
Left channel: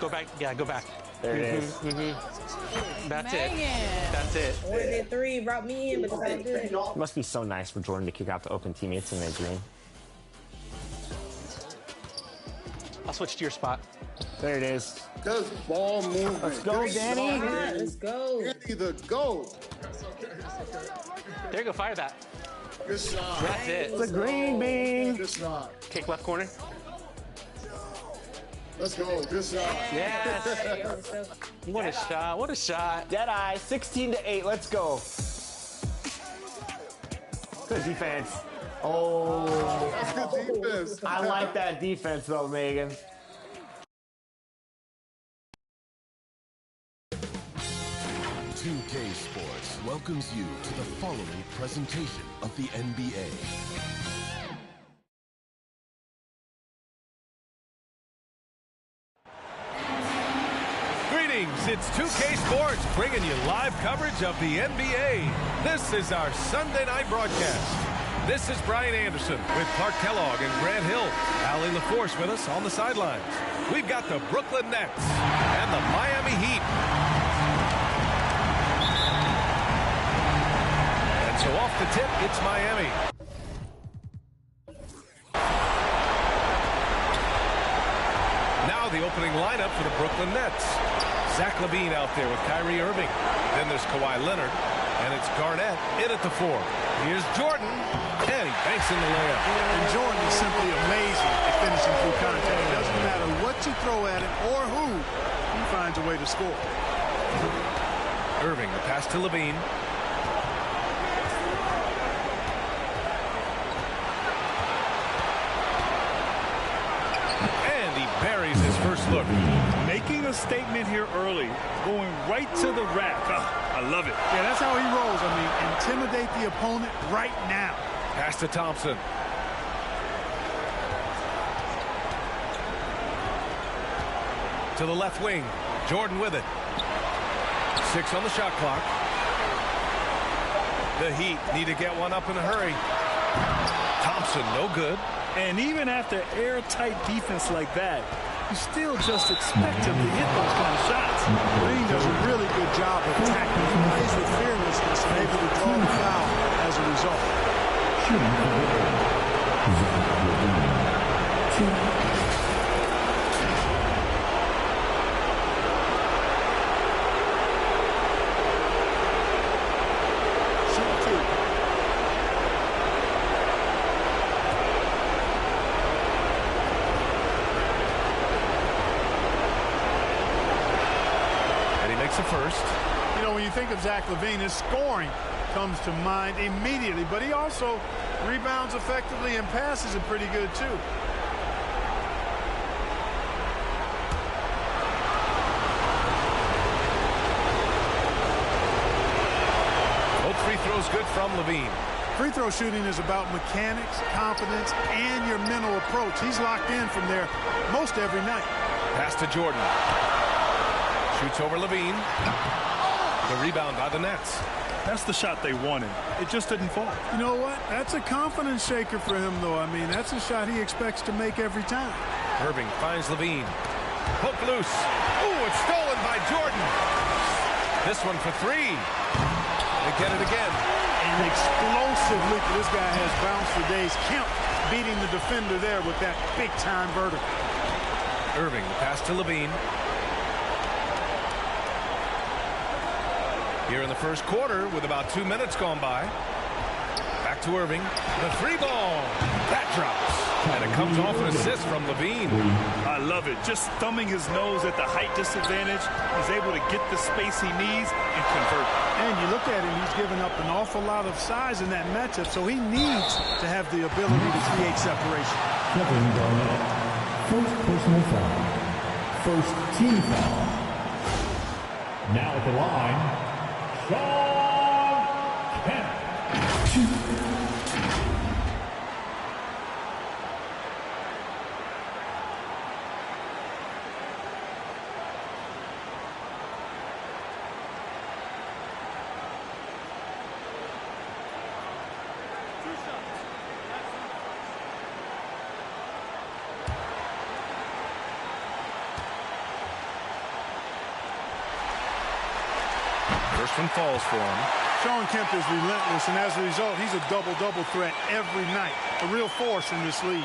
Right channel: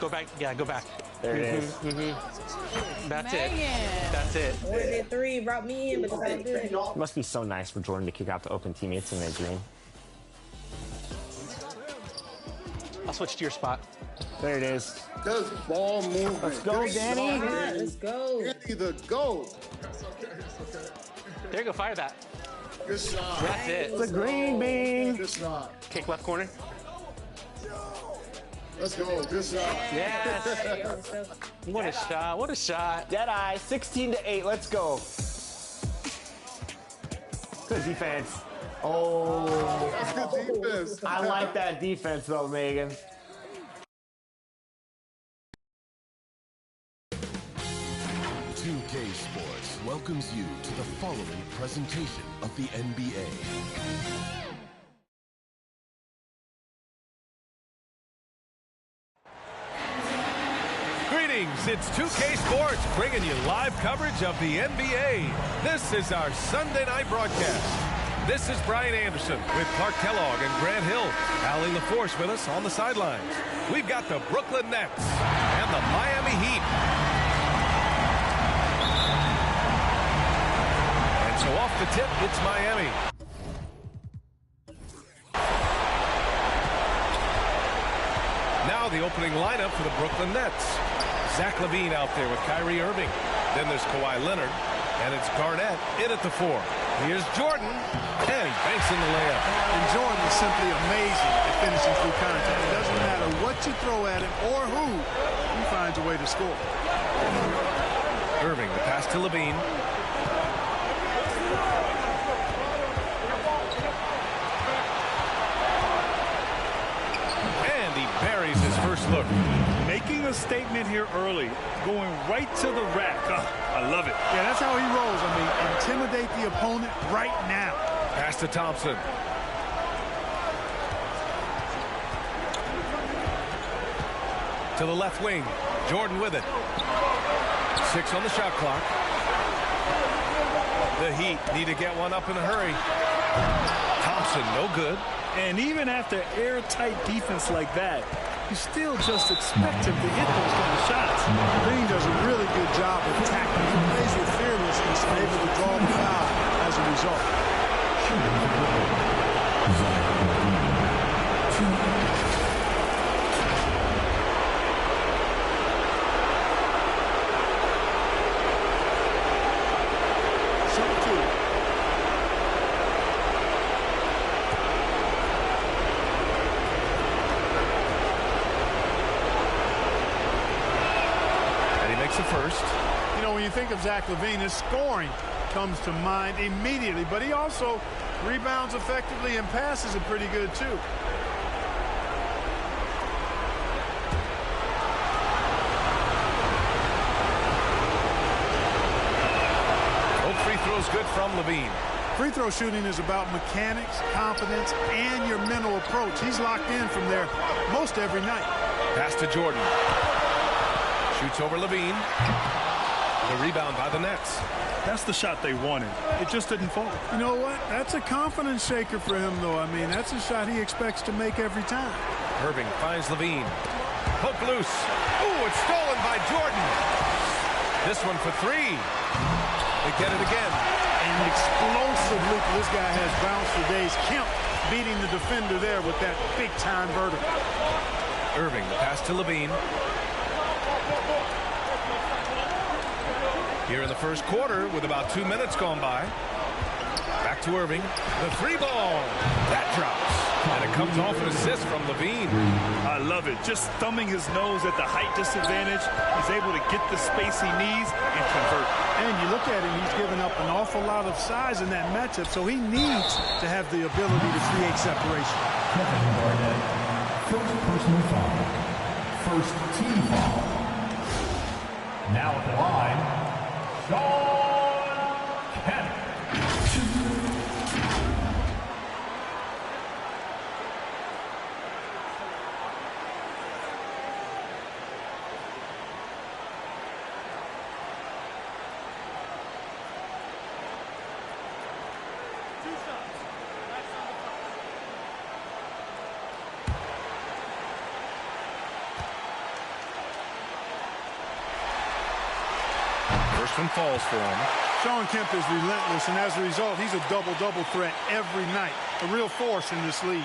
Go back. Yeah, go back. There it is. That's Megan. it. That's it. Ordered that three, brought me in, but it's all good. It must be so nice for Jordan to kick out the open teammates in their dream. I'll switch to your spot. There it is. Just ball movement. Let's go, Danny. Let's go. Danny the GOAT. There you go. Fire that. Good shot. That's it. It's a green bean. Good shot. Kick left corner. Let's go. Good shot. Yes. What a shot. What a shot. Deadeye, 16-8. Let's go. Good defense. Oh. That's good defense. I like that defense, though, Megan. K Sports welcomes you to the following presentation of the NBA. Greetings, it's 2K Sports bringing you live coverage of the NBA. This is our Sunday night broadcast. This is Brian Anderson with Clark Kellogg and Grant Hill. Allie LaForce with us on the sidelines. We've got the Brooklyn Nets and the Miami Heat. And so off the tip, it's Miami. Now the opening lineup for the Brooklyn Nets. Zach LaVine out there with Kyrie Irving. Then there's Kawhi Leonard, and it's Garnett in at the 4. Here's Jordan, and he banks in the layup. And Jordan is simply amazing at finishing through contact. It doesn't matter what you throw at him or who, he finds a way to score. Irving, the pass to LaVine. And he buries his first look. Making a statement here early, going right to the rack. I love it. Yeah, that's how he rolls. I mean, intimidate the opponent right now. Pass to Thompson. To the left wing. Jordan with it. 6 on the shot clock. The Heat need to get one up in a hurry. Thompson, no good. And even after airtight defense like that, you still just expect him to hit those kind of shots. Green does a really good job of attacking. He plays with fearlessness and able to draw the foul as a result. Shooting for Brooklyn, Zach LaVine, 2. Makes the first. You know, when you think of Zach LaVine, his scoring comes to mind immediately, but he also rebounds effectively and passes it pretty good too. Both free throws good from LaVine. Free throw shooting is about mechanics, confidence, and your mental approach. He's locked in from there most every night. Pass to Jordan. Shoots over LaVine. The rebound by the Nets. That's the shot they wanted. It just didn't fall. You know what? That's a confidence shaker for him, though. I mean, that's a shot he expects to make every time. Irving finds LaVine. Poke loose. Ooh, it's stolen by Jordan. This one for 3. They get it again. And explosive leap. This guy has bounced for days. Kemp beating the defender there with that big-time vertical. Irving, the pass to LaVine. Here in the first quarter with about 2 minutes gone by. Back to Irving. The 3 ball. That drops. And it comes off an assist from LaVine. I love it. Just thumbing his nose at the height disadvantage. He's able to get the space he needs and convert. And you look at him, he's given up an awful lot of size in that matchup, so he needs to have the ability to create separation. Kevin Garnett, first personal foul. First team foul. Now at the line, Sean Kemp. First one falls for him. Sean Kemp is relentless, and as a result, he's a double-double threat every night. A real force in this league.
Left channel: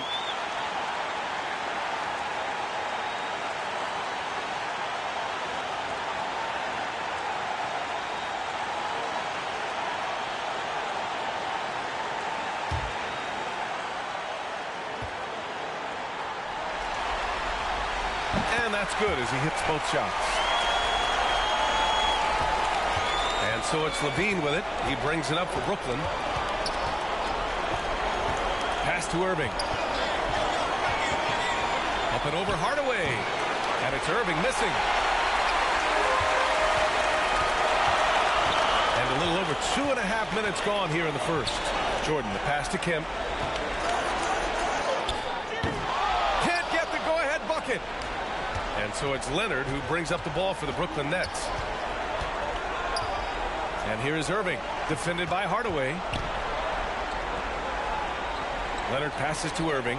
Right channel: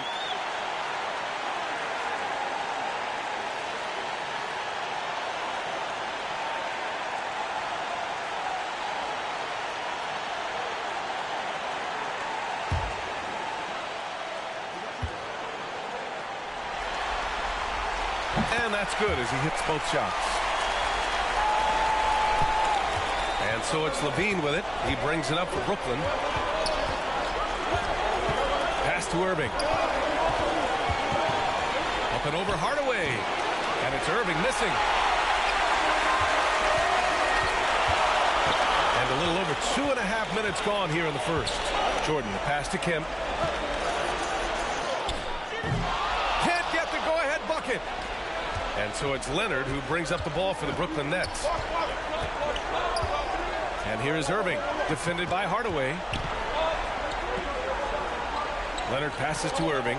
And that's good as he hits both shots. And so it's Levine with it. He brings it up for Brooklyn. Pass to Irving. Up and over Hardaway. And it's Irving missing. And a little over 2.5 minutes gone here in the first. Jordan, the pass to Kemp. Can't get the go-ahead bucket. And so it's Leonard who brings up the ball for the Brooklyn Nets. And here is Irving, defended by Hardaway. Leonard passes to Irving.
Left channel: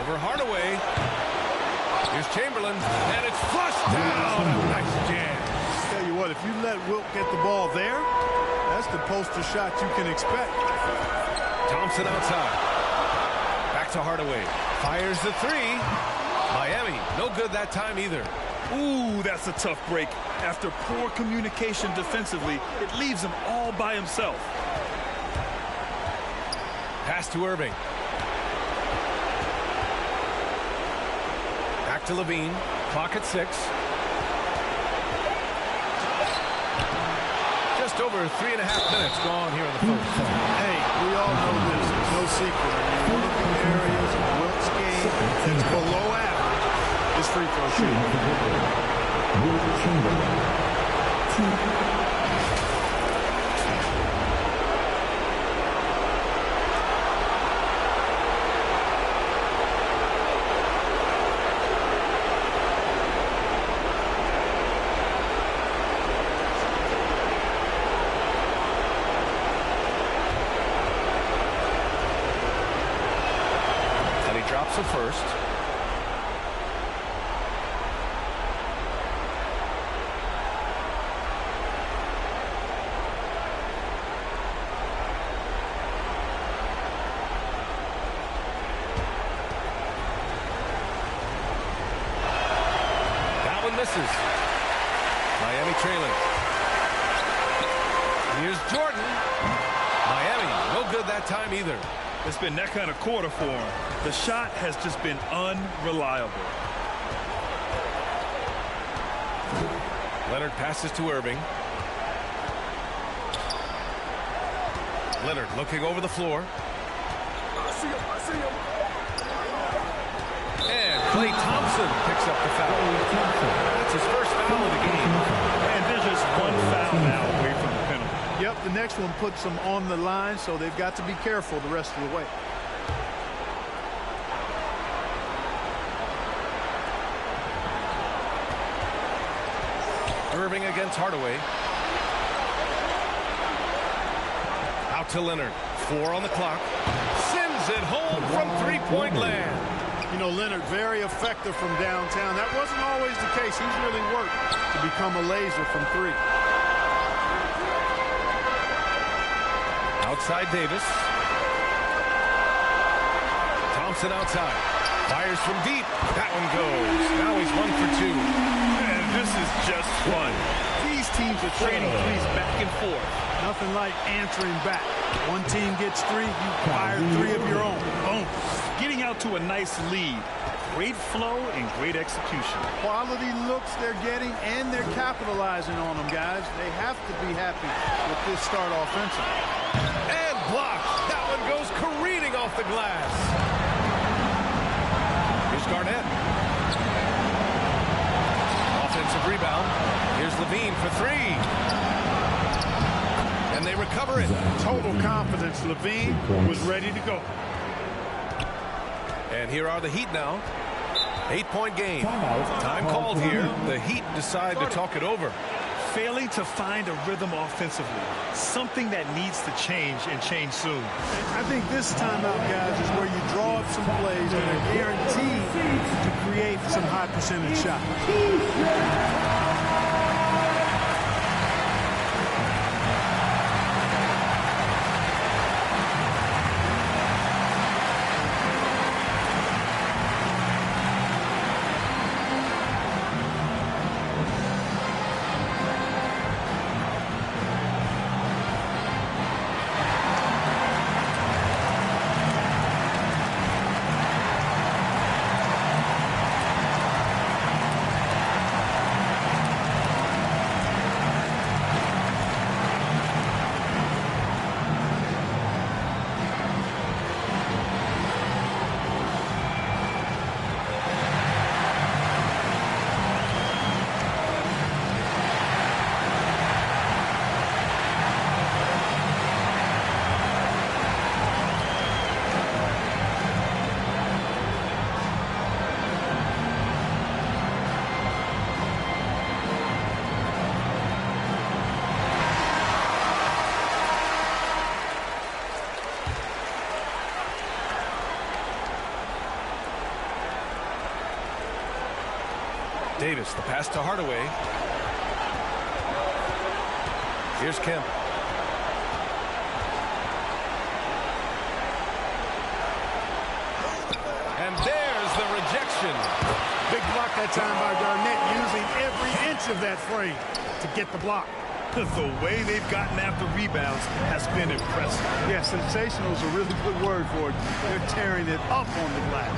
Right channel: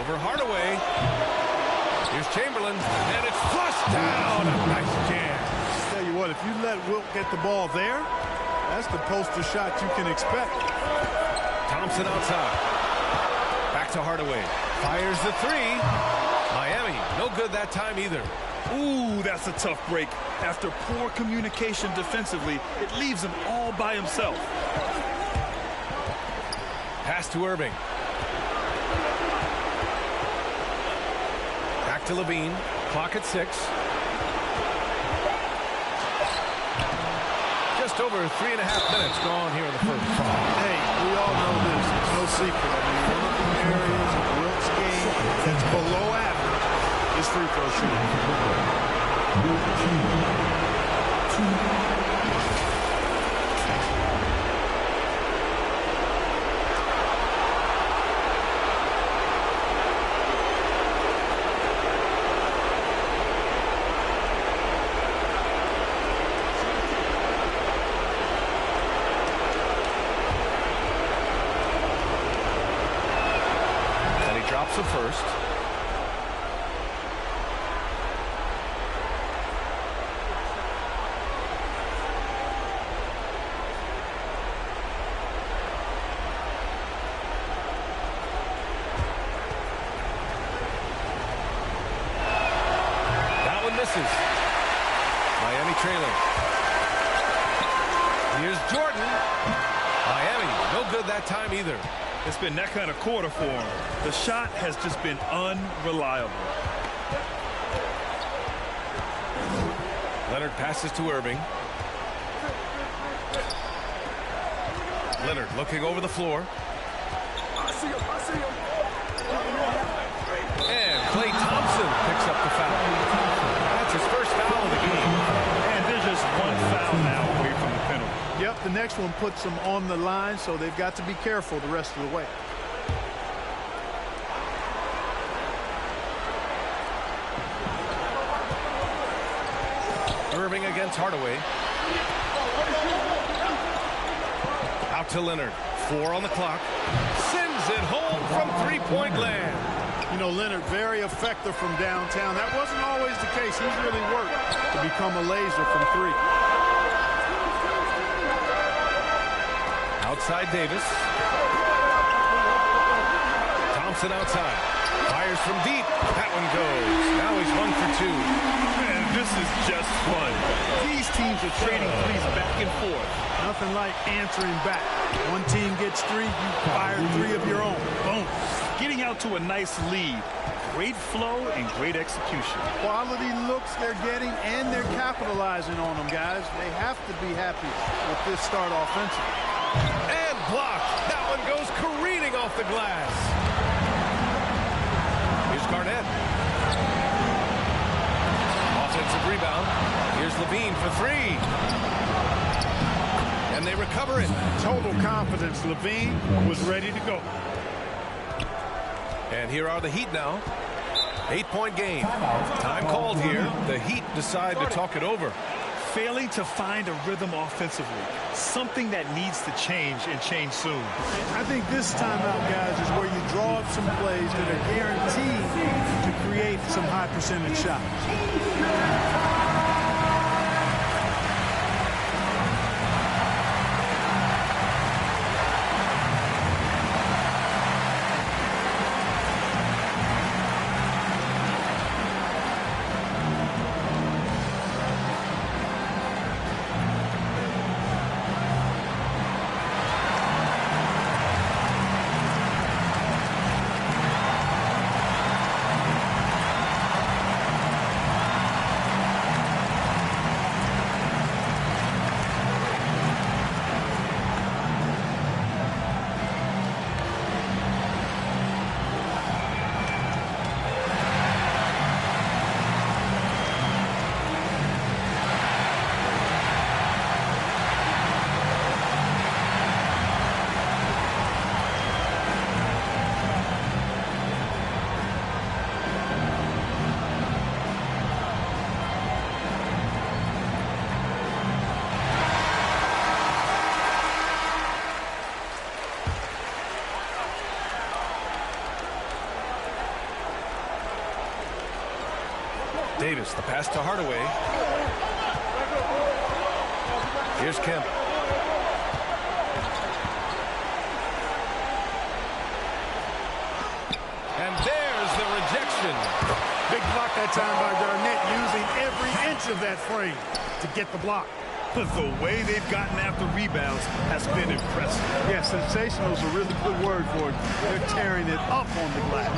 Over Hardaway. Here's Chamberlain, and it's flushed down. A nice jam. Tell you what, if you let Wilt get the ball there, that's the poster shot you can expect. Thompson outside. Back to Hardaway. Fires the three. Miami, no good that time either. Ooh, that's a tough break. After poor communication defensively, it leaves him all by himself. Pass to Irving. Back to Levine. Clock at 6. Just over 3.5 minutes gone here in the first. Hey, we all know this. It's no secret. I mean, one of the areas of Wilt's game that's below average is free throw shooting. And he drops the first. Misses. Miami trailing. Here's Jordan. Miami, no good that time either. It's been that kind of quarter for him. The shot has just been unreliable. Leonard passes to Irving. Leonard looking over the floor. I see him. And Klay Thompson picks up the foul. That's his first foul of the game. And there's just one foul now away from the penalty. Yep, the next one puts them on the line, so they've got to be careful the rest of the way. Irving against Hardaway. Out to Leonard. 4 on the clock. Sends it home from three-point land. You know, Leonard, very effective from downtown. That wasn't always the case. He's really worked to become a laser from 3. Outside Davis. Thompson outside. Fires from deep. That one goes. Now he's 1 for 2. Man, this is just fun. These teams are trading threes back and forth. Nothing like answering back. One team gets 3, you fire 3 of your own. Boom. Getting out to a nice lead. Great flow and great execution. Quality looks they're getting, and they're capitalizing on them, guys. They have to be happy with this start offensively. And blocked. That one goes careening off the glass. Here's Garnett. Offensive rebound. Here's Levine for 3. And they recover it. Total confidence. Levine was ready to go. And here are the Heat now. 8-point game. Time called here. The Heat decide to talk it over. Failing to find a rhythm offensively. Something that needs to change, and change soon. I think this timeout, guys, is where you draw up some plays that are guaranteed to create some high percentage shots. Davis, the pass to Hardaway. Here's Kemp. And there's the rejection. Big block that time by Garnett, using every inch of that frame to get the block. The way they've gotten after rebounds has been impressive. Yeah, sensational is a really good word for it. They're tearing it up on the glass.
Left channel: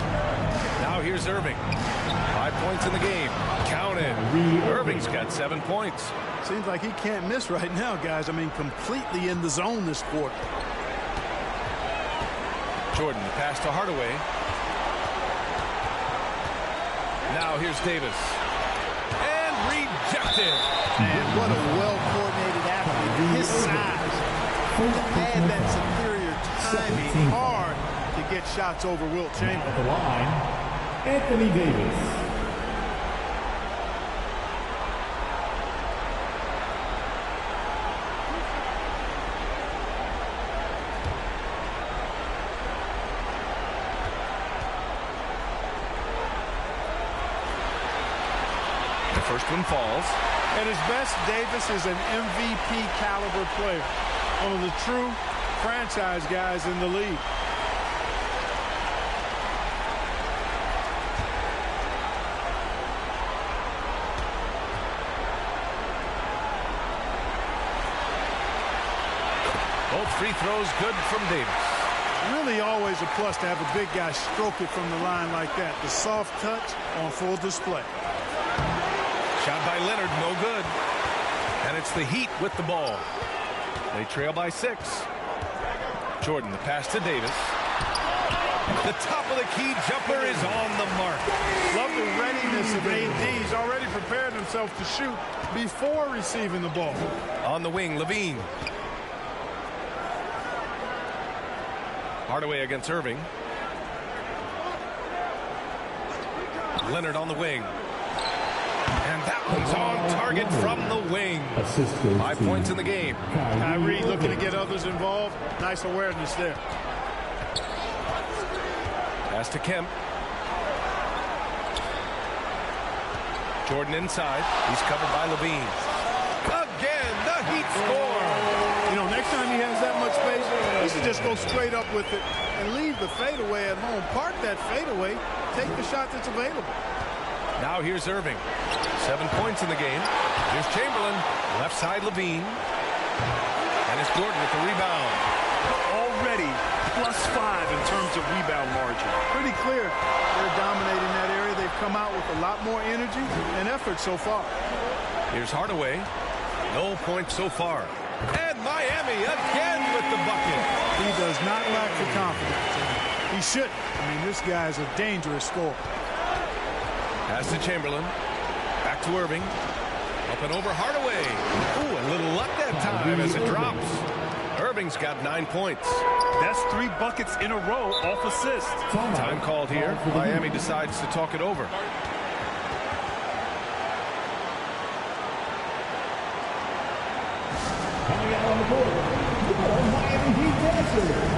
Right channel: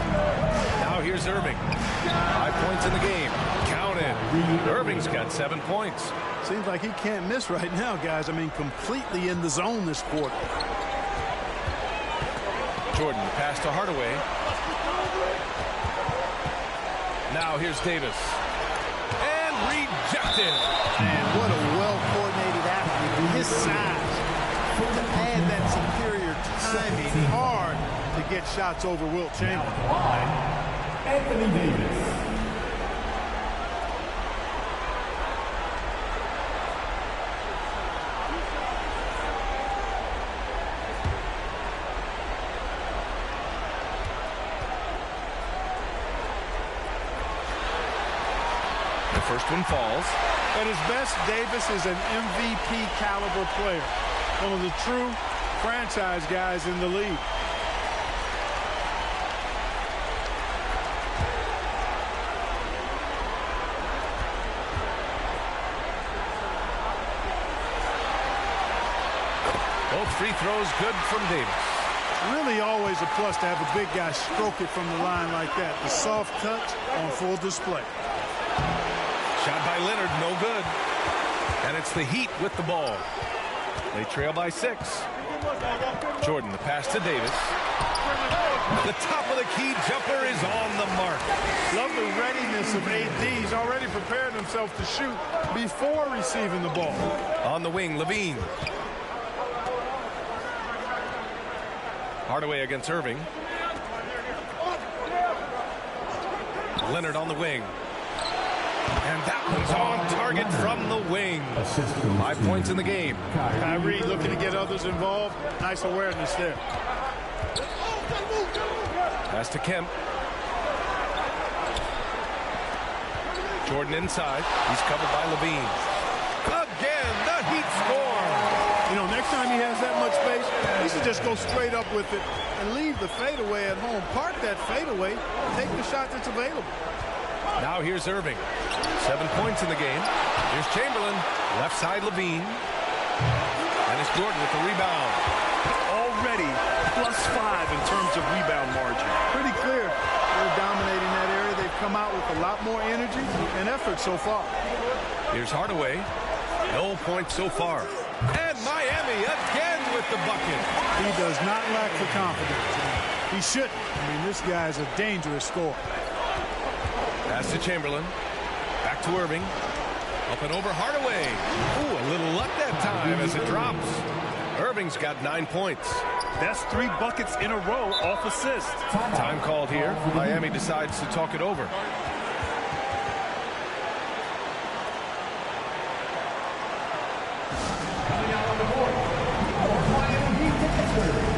Now here's Irving. 5 points in the game. Count it. Irving's got 7 points. Seems like he can't miss right now, guys. I mean, completely in the zone this quarter. Jordan, the pass to Hardaway. Now here's Davis. And rejected. Man, what a well-coordinated athlete. His size to add that superior timing. Hard to get shots over Wilt Chamberlain. At the line, Anthony Davis. First one falls. At his best, Davis is an MVP caliber player. One of the true franchise guys in the league. Both free throws good from Davis. Really always a plus to have a big guy stroke it from the line like that. The soft touch on full display. Shot by Leonard, no good. And it's the Heat with the ball. They trail by 6. Jordan, the pass to Davis. The top of the key jumper is on the mark. Love the readiness of AD. He's already prepared himself to shoot before receiving the ball. On the wing, Levine. Hardaway against Irving. Leonard on the wing. And that one's on target from the wing. 5 points in the game. Kyrie looking to get others involved. Nice awareness there. Pass to Kemp. Jordan inside. He's covered by Levine. Again, the Heat score. You know, next time he has that much space, he should just go straight up with it and leave the fadeaway at home. Park that fadeaway. Take the shot that's available. Now here's Irving. 7 points in the game. Here's Chamberlain. Left side Levine. And it's Jordan with the rebound. Already +5 in terms of rebound margin. Pretty clear. They're dominating that area. They've come out with a lot more energy and effort so far. Here's Hardaway. No points so far. And Miami again with the bucket. He does not lack for confidence. And he shouldn't. I mean, this guy's a dangerous scorer. Pass to Chamberlain. Back to Irving. Up and over Hardaway. Ooh, a little luck that time as it drops. Irving's got 9 points. That's 3 buckets in a row off assist. Time called here. Miami decides to talk it over. Coming out on the court, your Miami Heat dancer.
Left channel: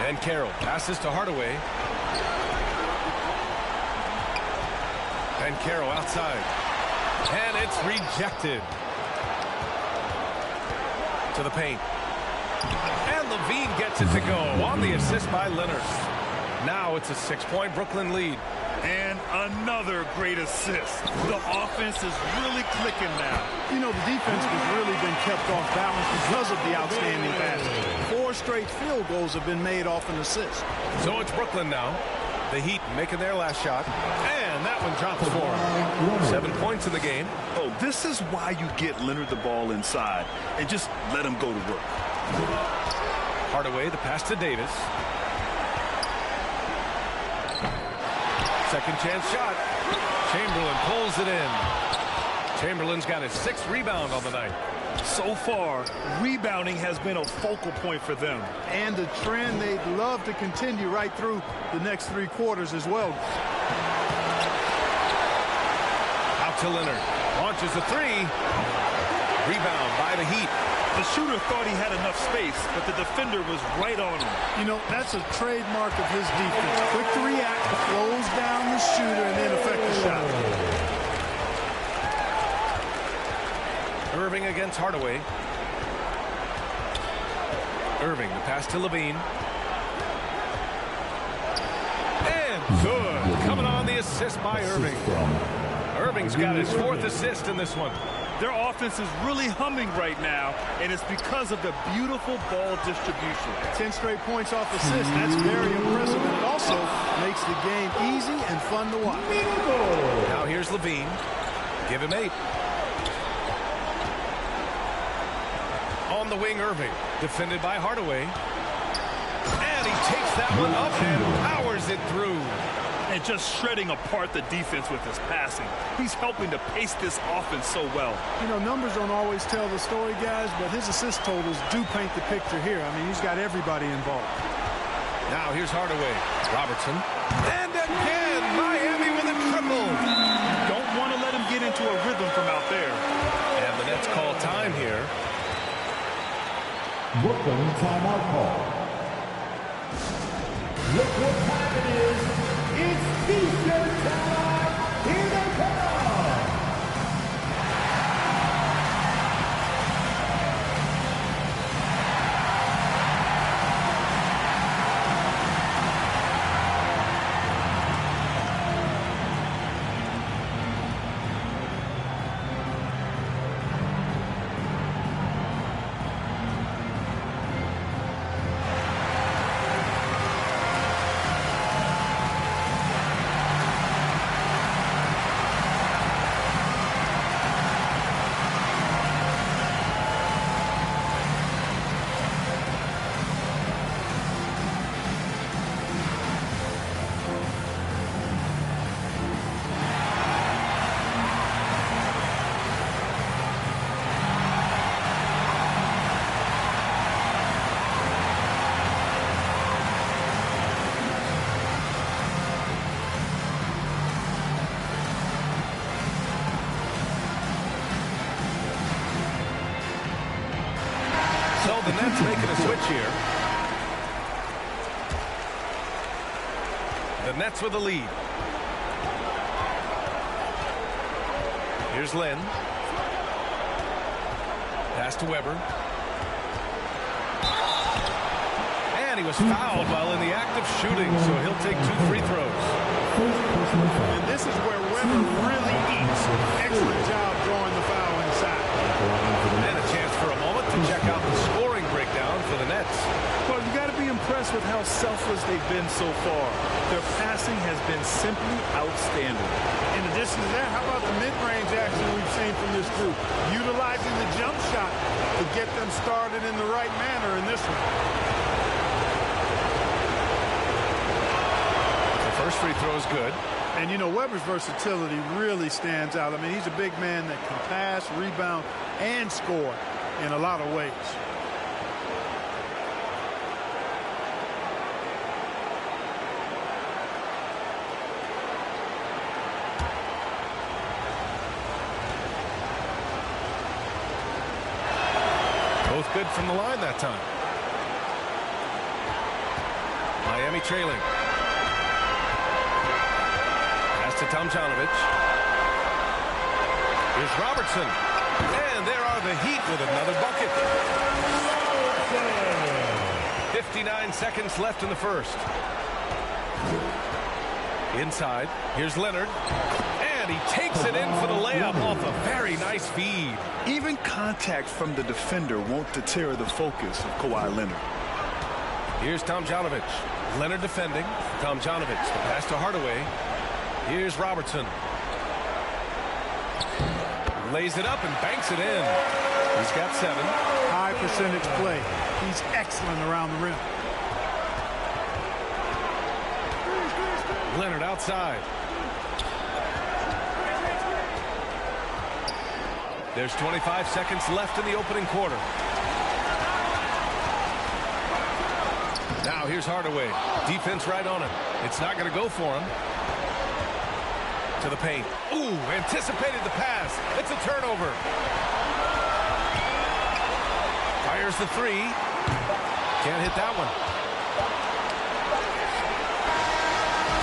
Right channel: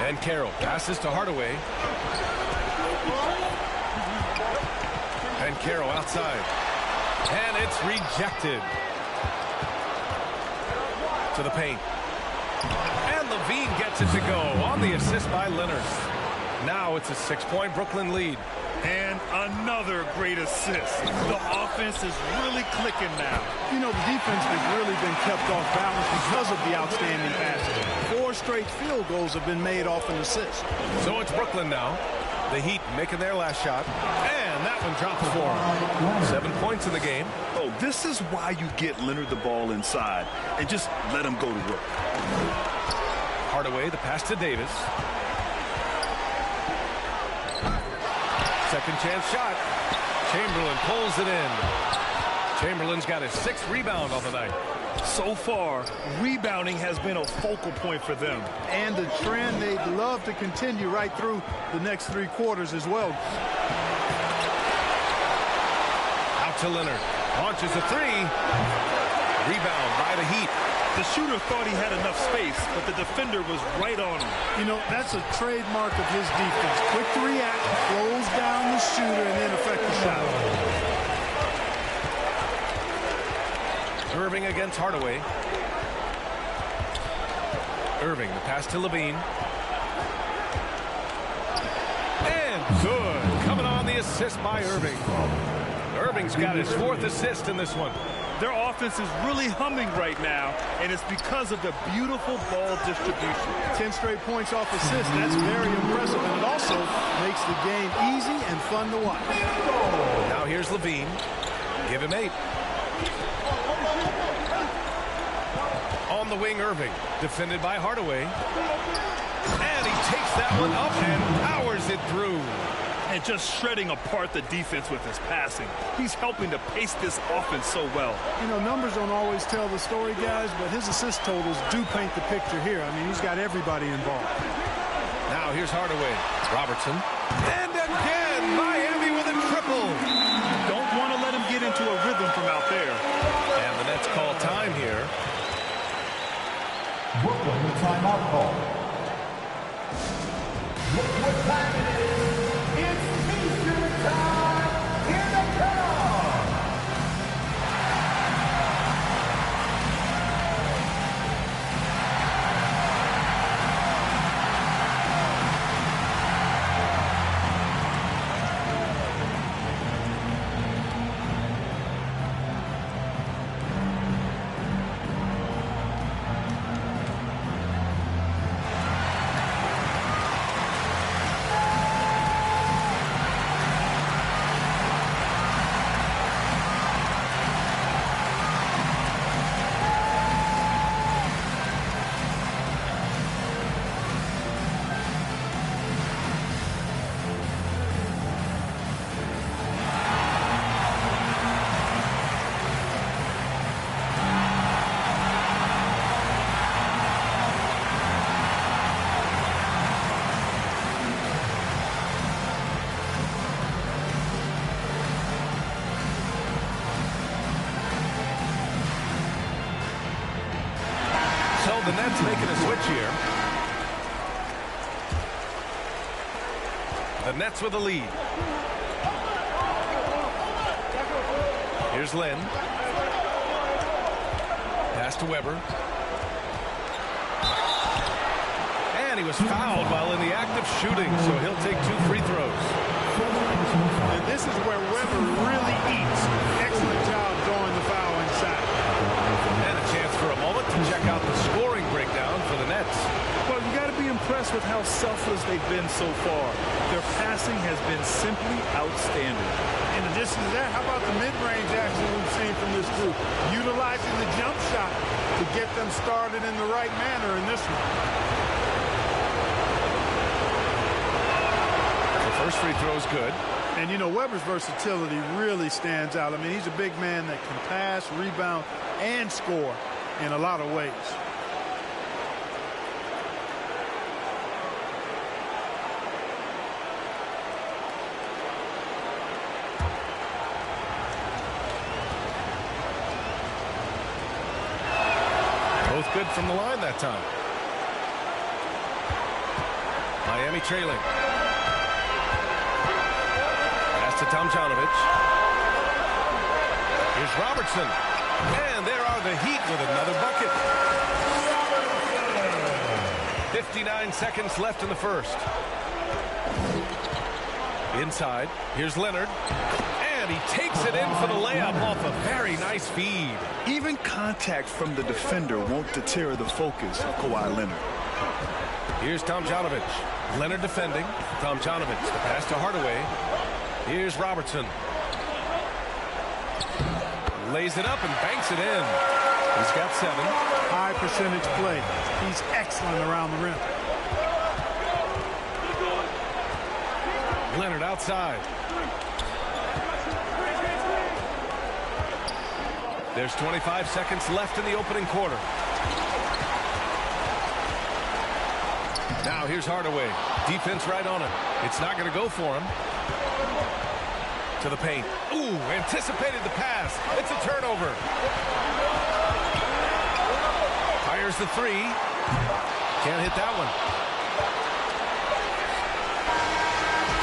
And Carroll passes to Hardaway. And Carroll outside. And it's rejected. To the paint. And Levine gets it to go on the assist by Leonard. Now it's a 6-point Brooklyn lead. And another great assist. The offense is really clicking now. You know, the defense has really been kept off balance because of the outstanding passes. 4 straight field goals have been made off an assist. So it's Brooklyn now. The Heat making their last shot. And that one drops for him. 7 points in the game. Oh, this is why you get Leonard the ball inside and just let him go to work. Hardaway, the pass to Davis. Second chance shot. Chamberlain pulls it in. Chamberlain's got his 6th rebound on the night. So far, rebounding has been a focal point for them. And a trend they'd love to continue right through the next 3 quarters as well. Out to Leonard. Launches a 3. Rebound by the Heat. The shooter thought he had enough space, but the defender was right on him. You know, that's a trademark of his defense. Quick to react, close down the shooter, and then affect the shot. Irving against Hardaway. Irving, the pass to Levine. And good. Coming on the assist by Irving. Irving's got his 4th assist in this one. Their offense is really humming right now, and it's because of the beautiful ball distribution. 10 straight points off assists. That's very impressive, and it also makes the game easy and fun to watch. Now here's Levine. Give him 8. On the wing, Irving. Defended by Hardaway. And he takes that one up and powers it through. And just shredding apart the defense with his passing. He's helping to pace this offense so well. You know, numbers don't always tell the story, guys, but his assist totals do paint the picture here. I mean, he's got everybody involved. Now here's Hardaway. Robertson. And again, Miami with a triple. You don't want to let him get into a rhythm from out there. And the Nets call time here. Brooklyn timeout call. Look what time it is. It's T-shirt time. Here they come. So the Nets making a switch here. The Nets with the lead. Here's Len. Pass to Weber. And he was fouled while in the act of shooting, so he'll take 2 free throws. And this is where Weber really eats. Excellent job drawing the foul inside. And a chance for a moment to check out the scoring breakdown for the Nets. Well, you got to be impressed with how selfless they've been so far. Their passing has been simply outstanding. In addition to that, how about the mid-range action we've seen from this group? Utilizing the jump shot to get them started in the right manner in this one. The first free throw is good. And, you know, Weber's versatility really stands out. I mean, he's a big man that can pass, rebound, and score in a lot of ways. Both good from the line that time. Miami trailing. Pass to Tomjanovich. Here's Robertson. And there are the Heat with another bucket. 59 seconds left in the first. Inside. Here's Leonard. And he takes it in for the layup off a very nice feed. Even contact from the defender won't deter the focus of Kawhi Leonard. Here's Tomjanovich. Leonard defending. Tomjanovich, the pass to Hardaway. Here's Robertson. Lays it up and banks it in. He's got 7. High percentage play. He's excellent around the rim. Leonard outside. There's 25 seconds left in the opening quarter. Now here's Hardaway. Defense right on him. It's not going to go for him. To the paint. Ooh, anticipated the pass. It's a turnover. Fires the three. Can't hit that one.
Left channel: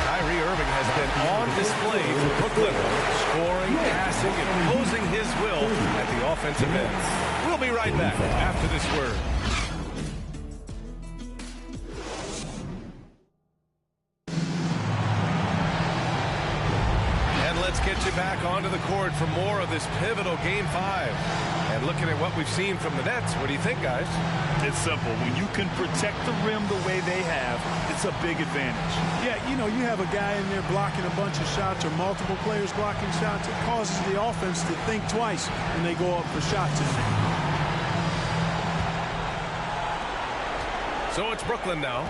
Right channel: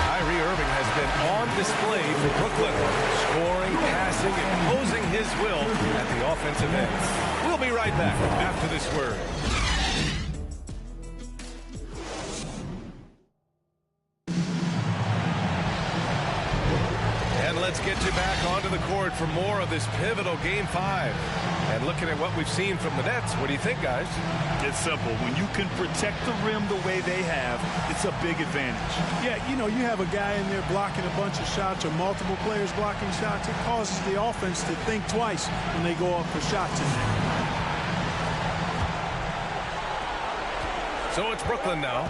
Kyrie Irving has been on display for Brooklyn, scoring, passing, imposing his will at the offensive end. We'll be right back after this word. And let's get you back onto the court for more of this pivotal Game 5. And looking at what we've seen from the Nets, what do you think, guys? It's simple. When you can protect the rim the way they have, it's a big advantage. Yeah, you know, you have a guy in there blocking a bunch of shots or multiple players blocking shots. It causes the offense to think twice when they go up for shots in there. So it's Brooklyn now,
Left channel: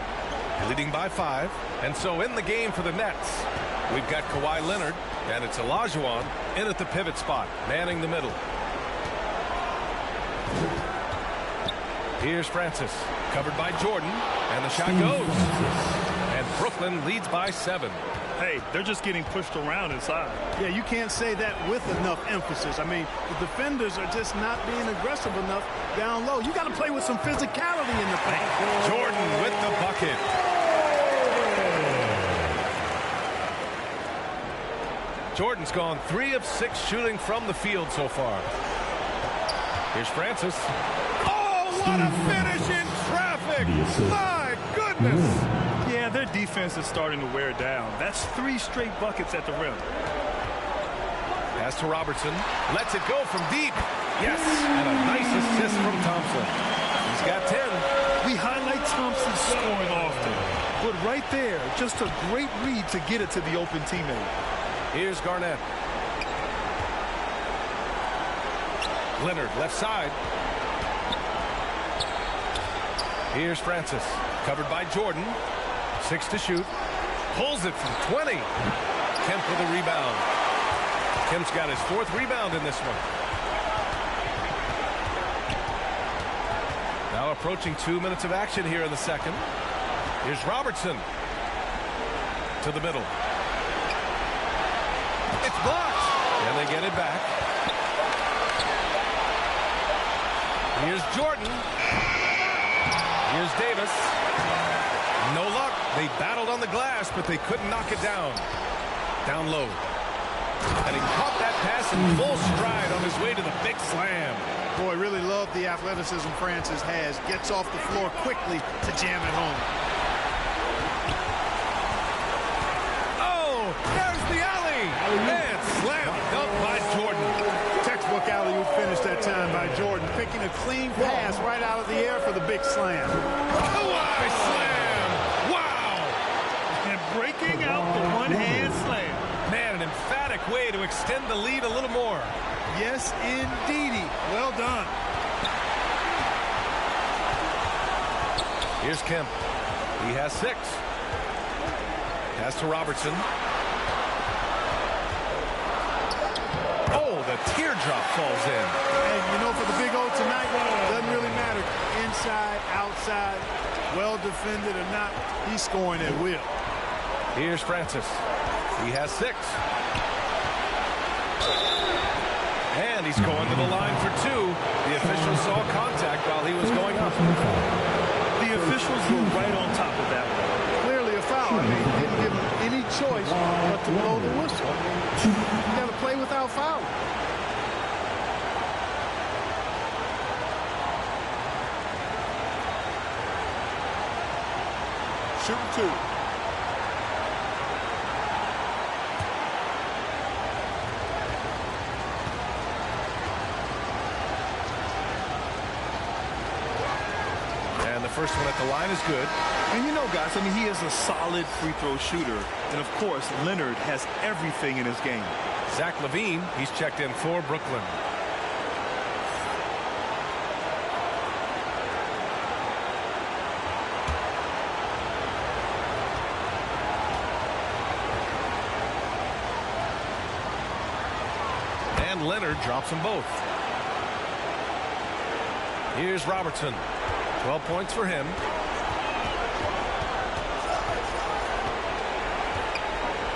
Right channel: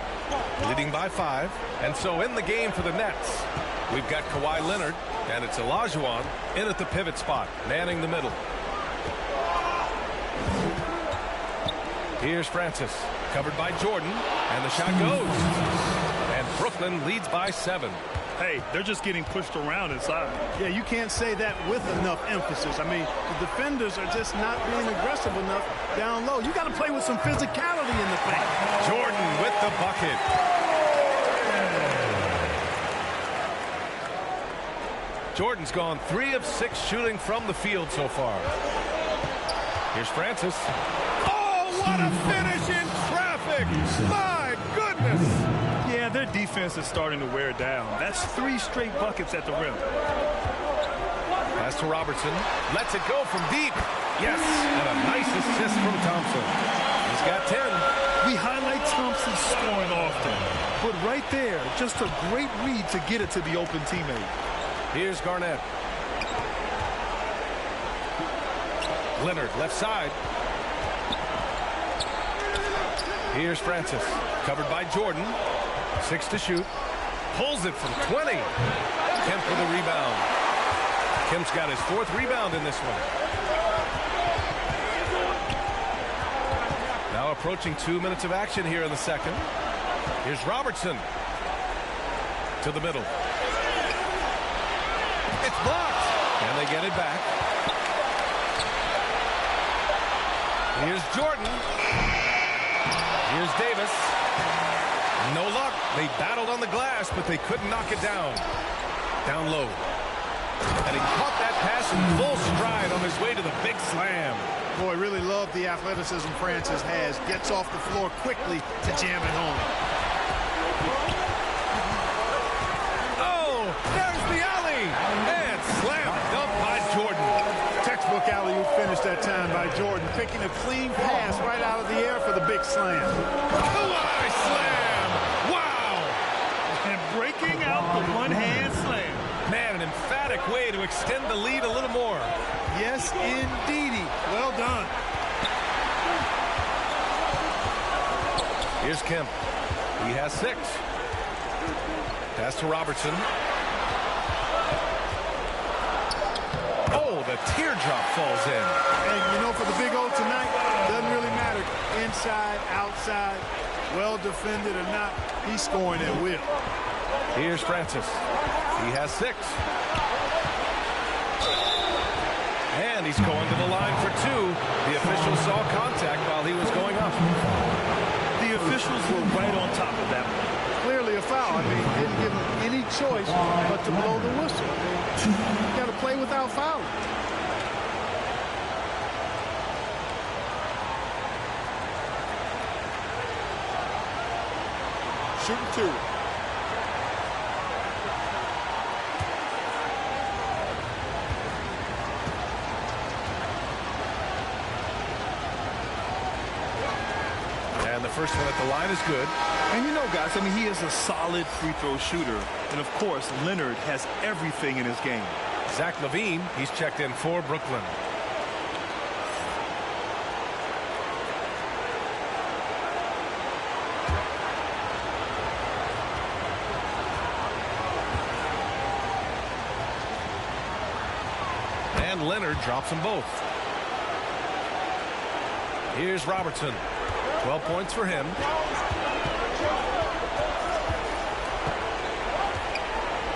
leading by 5. And so in the game for the Nets, we've got Kawhi Leonard, and it's Olajuwon in at the pivot spot, manning the middle. Here's Francis, covered by Jordan, and the shot goes. And Brooklyn leads by 7. Hey, they're just getting pushed around inside. Yeah, you can't say that with enough emphasis. I mean, the defenders are just not being aggressive enough down low. You got to play with some physicality in the paint. Jordan with the bucket. Jordan's gone 3 of 6 shooting from the field so far. Here's Francis. What a finish in traffic! My goodness! Yeah, their defense is starting to wear down. That's 3 straight buckets at the rim. Pass to Robertson. Lets it go from deep. Yes, and a nice assist from Thompson. He's got 10. We highlight Thompson's scoring often, but right there, just a great read to get it to the open teammate. Here's Garnett. Leonard, left side. Here's Francis, covered by Jordan. 6 to shoot. Pulls it from 20. Kemp with a rebound. Kemp's got his 4th rebound in this one. Now approaching 2 minutes of action here in the second. Here's Robertson. To the middle. It's blocked. And they get it back. Here's Jordan. Here's Davis. No luck. They battled on the glass, but they couldn't knock it down. Down low. And he caught that pass in full stride on his way to the big slam. Boy, really love the athleticism Francis has. Gets off the floor quickly to jam it home. Oh, there's the alley. And slam dunk by Jordan. Textbook alley-oop finish that time by Jordan, picking a clean pass right out of the air for the big slam. Kawhi slam! Wow! And breaking out the one-hand slam. Man, an emphatic way to extend the lead a little more. Yes, indeedy. Well done. Here's Kemp. He has 6. Pass to Robertson. Oh, the teardrop falls in. And, you know, for the Big O tonight, doesn't really matter. Inside, outside, well defended or not, he's scoring at will. Here's Francis. He has 6. And he's going to the line for 2. The officials saw contact while he was going up. The officials were right on top of that one. Clearly a foul. I mean, didn't give him any choice but to blow the whistle. I mean, you got to play without fouling. Shooting 2. And the first one at the line is good. And you know, guys, I mean, he is a solid free throw shooter. And, of course, Leonard has everything in his game. Zach LaVine, he's checked in for Brooklyn. And Leonard drops them both. Here's Robertson. 12 points for him.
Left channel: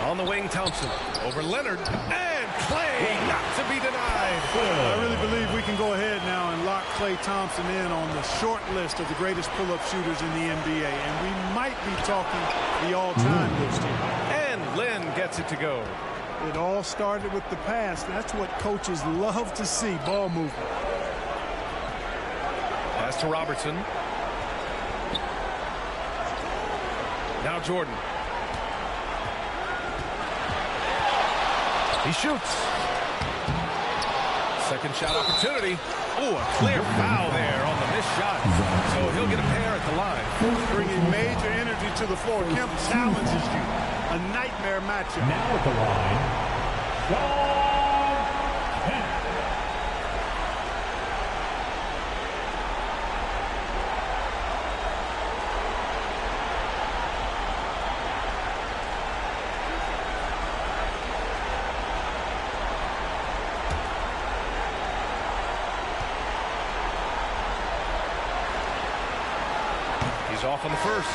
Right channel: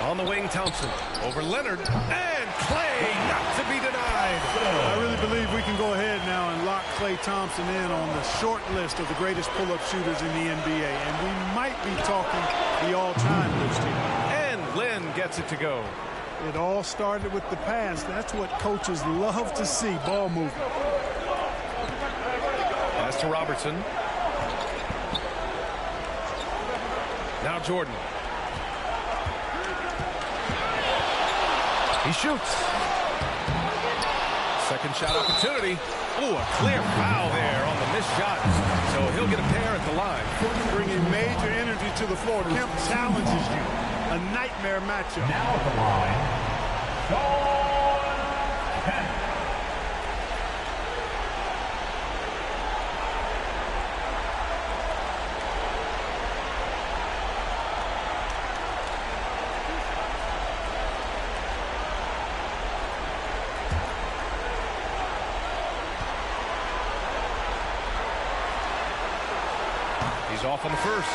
On the wing, Thompson. Over Leonard. And Clay, not to be denied. I really believe we can go ahead now and lock Klay Thompson in on the short list of the greatest pull-up shooters in the NBA. And we might be talking the all-time list here. And Lynn gets it to go. It all started with the pass. That's what coaches love to see, ball movement. Pass to Robertson. Now Jordan. He shoots. Second shot opportunity. Oh, a clear foul there on the missed shot. So he'll get a pair at the line. Bringing major energy to the floor. Kemp challenges you. A nightmare matchup. Now at the line, Sean Kemp. He's off on the first.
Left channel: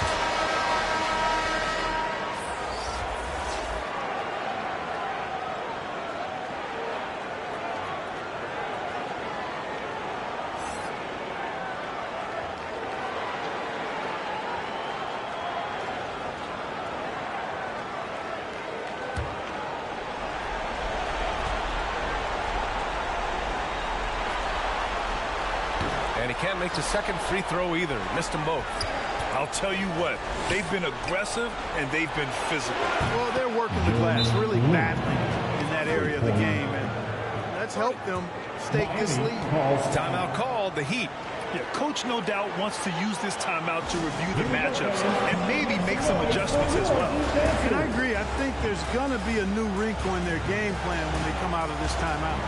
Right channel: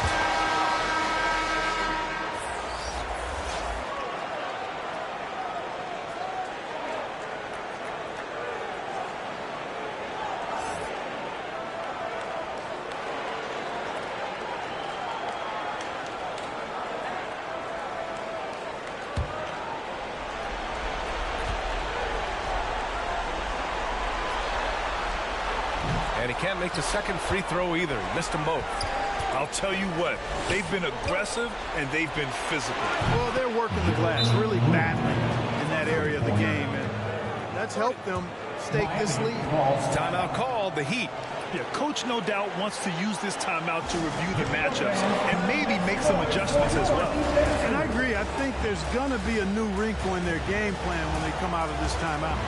And he can't make the second free throw either. He missed them both. I'll tell you what, they've been aggressive and they've been physical. Well, they're working the glass, really battling in that area of the game, and that's helped them stake this lead. Timeout called, the Heat. Yeah, coach no doubt wants to use this timeout to review the matchups and maybe make some adjustments as well. And I agree. I think there's going to be a new wrinkle in their game plan when they come out of this timeout.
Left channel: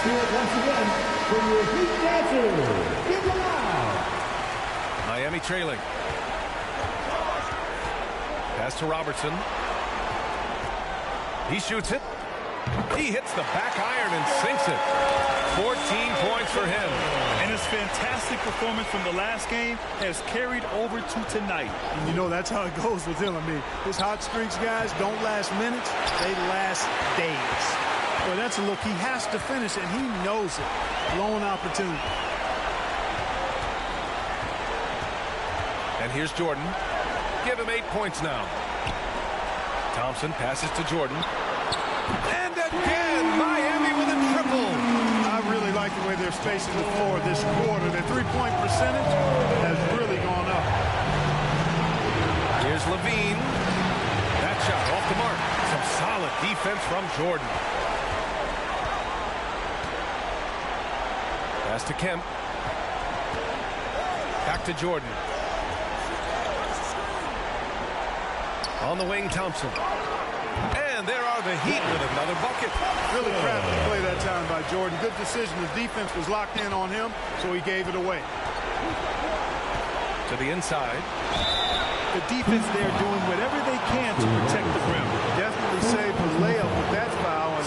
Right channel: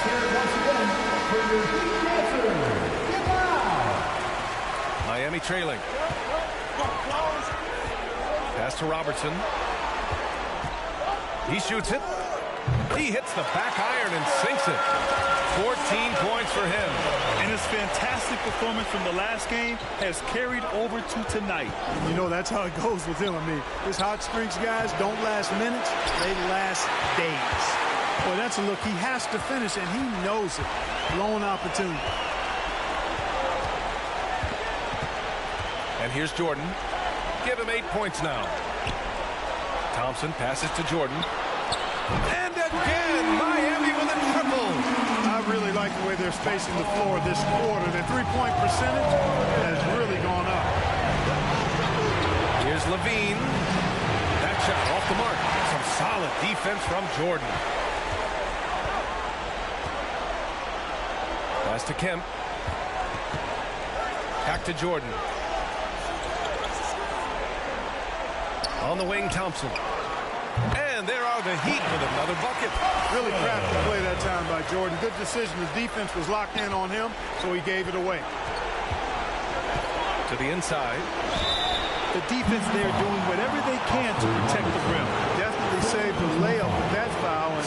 Here once again for your Heat dancers. Get loud. Miami trailing. Pass to Robertson. He shoots it. He hits the back iron and sinks it. 14 points for him. And his fantastic performance from the last game has carried over to tonight. And you know, that's how it goes with him. I mean, his hot streaks, guys, don't last minutes. They last days. Boy, that's a look he has to finish, and he knows it. Blown opportunity. And here's Jordan. Give him 8 points now. Thompson passes to Jordan. And again, Miami with a triple. I really like the way they're spacing the floor this quarter. Their three-point percentage has really gone up. Here's Levine. That shot off the mark. Some solid defense from Jordan. Pass to Kemp. Back to Jordan. On the wing, Thompson. And there are the Heat with another bucket. Really crafty play that time by Jordan. Good decision. The defense was locked in on him, so he gave it away. To the inside. The defense there doing whatever they can to protect the rim. Definitely saved the layup with that foul, and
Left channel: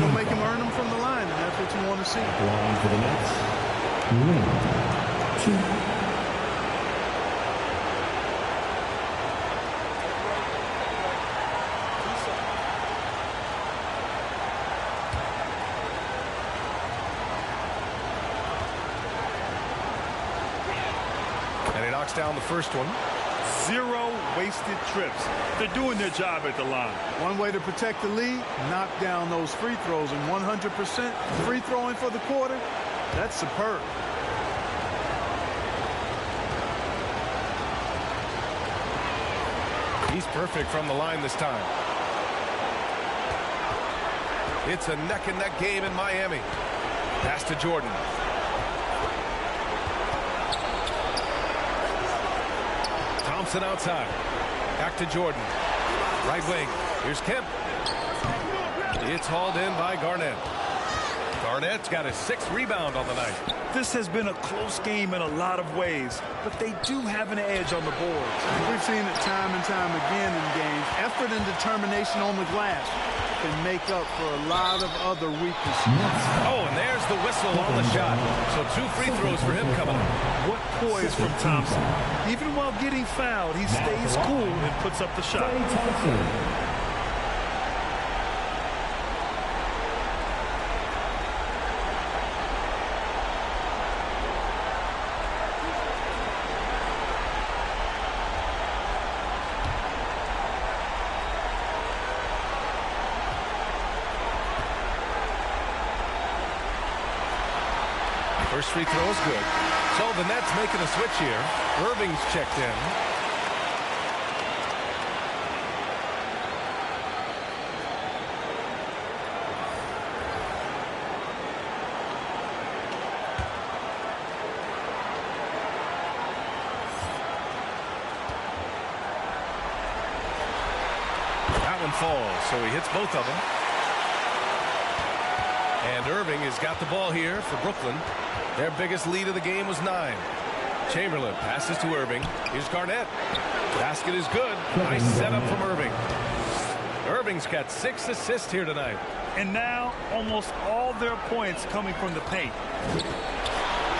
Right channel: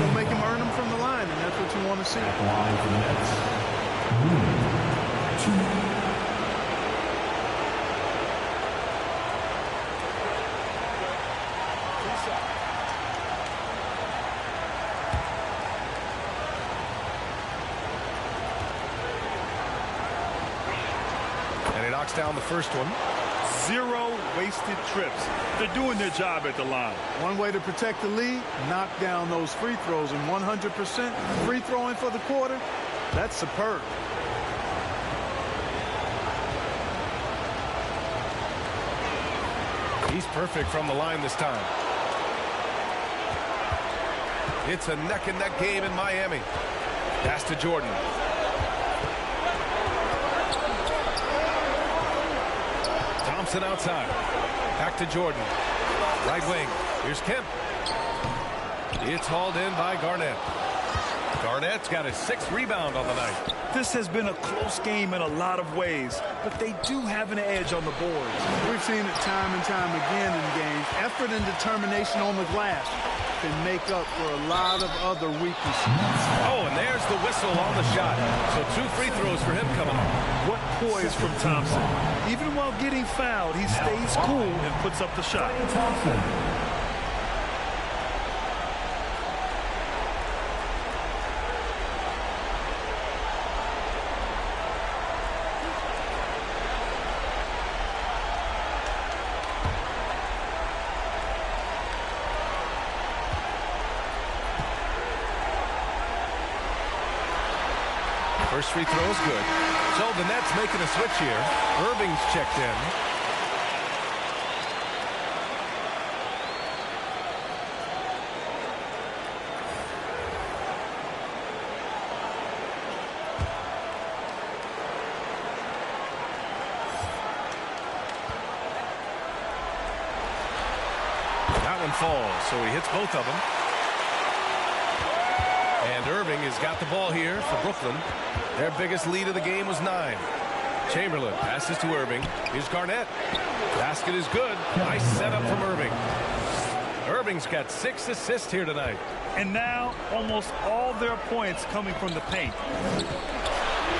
it'll make him earn them from the line, and that's what you want to see. Line for the Nets. 1, 2. And he knocks down the first one. 0 wasted trips. They're doing their job at the line. One way to protect the lead, knock down those free throws, and 100% free throwing for the quarter, that's superb. He's perfect from the line this time. It's a neck-and-neck game in Miami. Pass to Jordan. Thompson outside. Back to Jordan. Right wing. Here's Kemp. It's hauled in by Garnett. Garnett's got his 6th rebound on the night. This has been a close game in a lot of ways, but they do have an edge on the boards. We've seen it time and time again in games. Effort and determination on the glass can make up for a lot of other weaknesses. Oh, and there's the whistle on the shot. So 2 free throws for him coming up. What poise from Thompson. Even while getting fouled, he stays cool and puts up the shot. First free throw is good. So the Nets making a switch here. Irving's checked in. That one falls, so he hits both of them. And Irving has got the ball here for Brooklyn. Their biggest lead of the game was 9. Chamberlain passes to Irving. Here's Garnett. Basket is good. Nice setup from Irving. Irving's got 6 assists here tonight. And now almost all their points coming from the paint.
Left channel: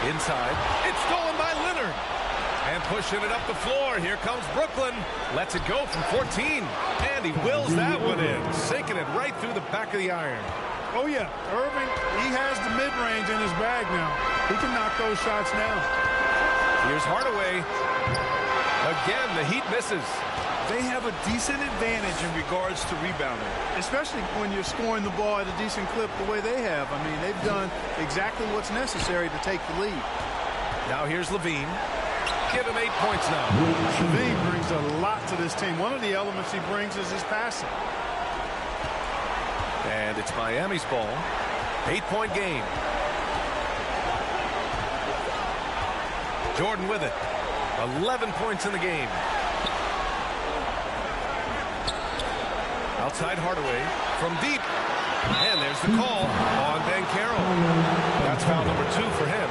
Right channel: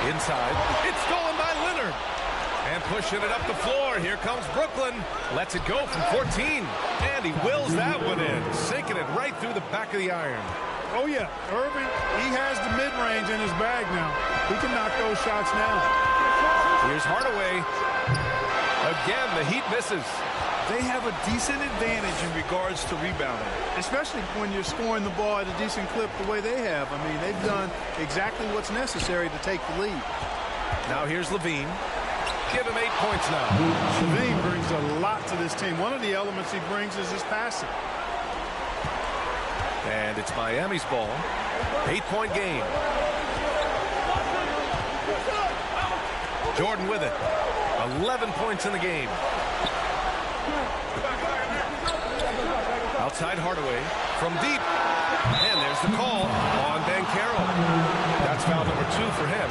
Inside. It's stolen by Leonard. And pushing it up the floor. Here comes Brooklyn. Lets it go from 14. And he wills that one in. Sinking it right through the back of the iron. Oh, yeah. Irving, he has the mid-range in his bag now. He can knock those shots down. Here's Hardaway. Again, the Heat misses. They have a decent advantage in regards to rebounding. Especially when you're scoring the ball at a decent clip the way they have. I mean, they've done exactly what's necessary to take the lead. Now here's Levine. Give him 8 points now. Levine brings a lot to this team. One of the elements he brings is his passing. And it's Miami's ball. 8-point game. Jordan with it. 11 points in the game. Outside Hardaway from deep. And there's the call on Banchero. That's foul number 2 for him.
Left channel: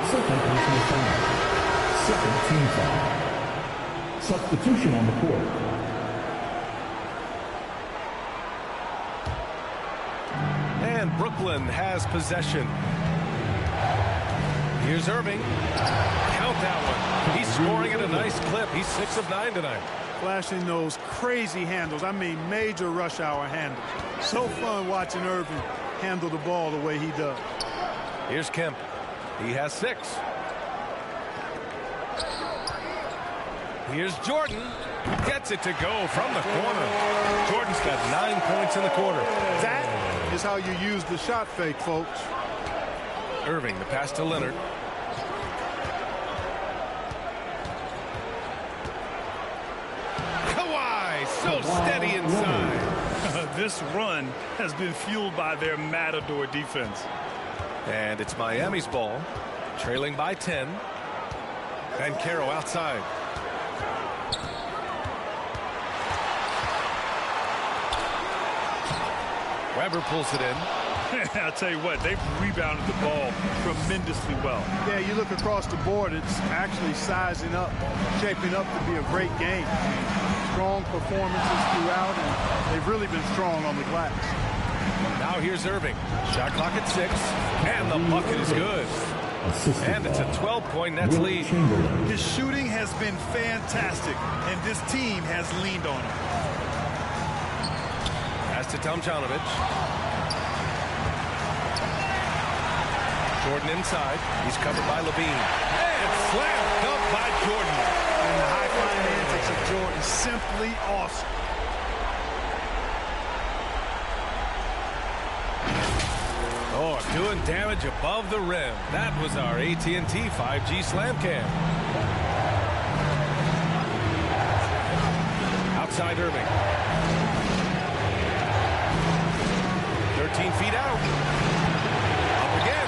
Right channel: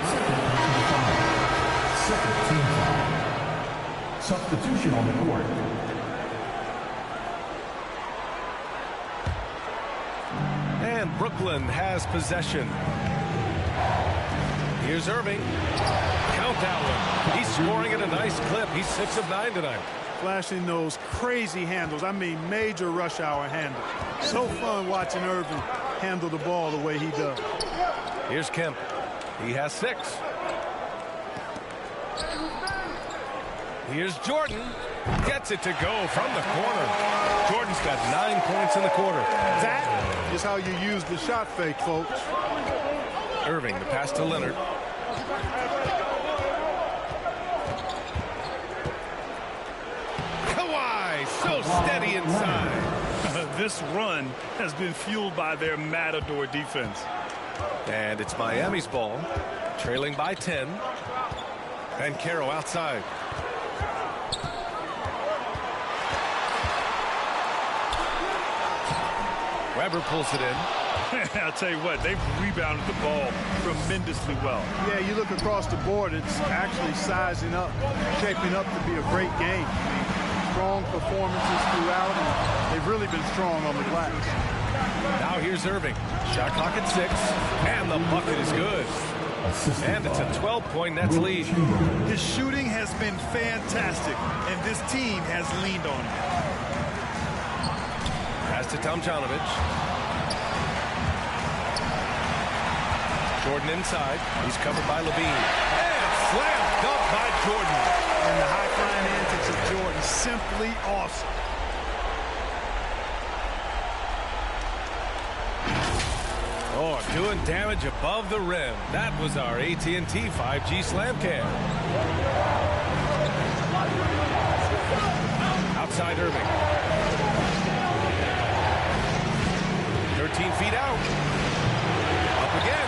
Second team foul. Substitution on the court. And Brooklyn has possession. Here's Irving. Count that one. He's scoring at a nice clip. He's 6 of 9 tonight. Flashing those crazy handles. I mean, major rush hour handles. So fun watching Irving handle the ball the way he does. Here's Kemp. He has 6. Here's Jordan. Gets it to go from the corner. Jordan's got 9 points in the quarter. That is how you use the shot fake, folks. Irving, the pass to Leonard. Kawhi, so steady inside. This run has been fueled by their Matador defense. And it's Miami's ball, trailing by 10. And Caro outside. Weber pulls it in. I'll tell you what, they've rebounded the ball tremendously well. Yeah, you look across the board, it's actually sizing up, shaping up to be a great game. I mean, strong performances throughout, and they've really been strong on the glass. Now here's Irving. Shot clock at 6, and the bucket is good. And it's a 12-point Nets lead. His shooting has been fantastic, and this team has leaned on him. Pass to Tomjanovich. Jordan inside. He's covered by Levine. And slam dunk by Jordan. And the high-flying antics of Jordan, simply awesome. Oh, doing damage above the rim. That was our AT&T 5G slam cam. Outside Irving. 13 feet out. Up again.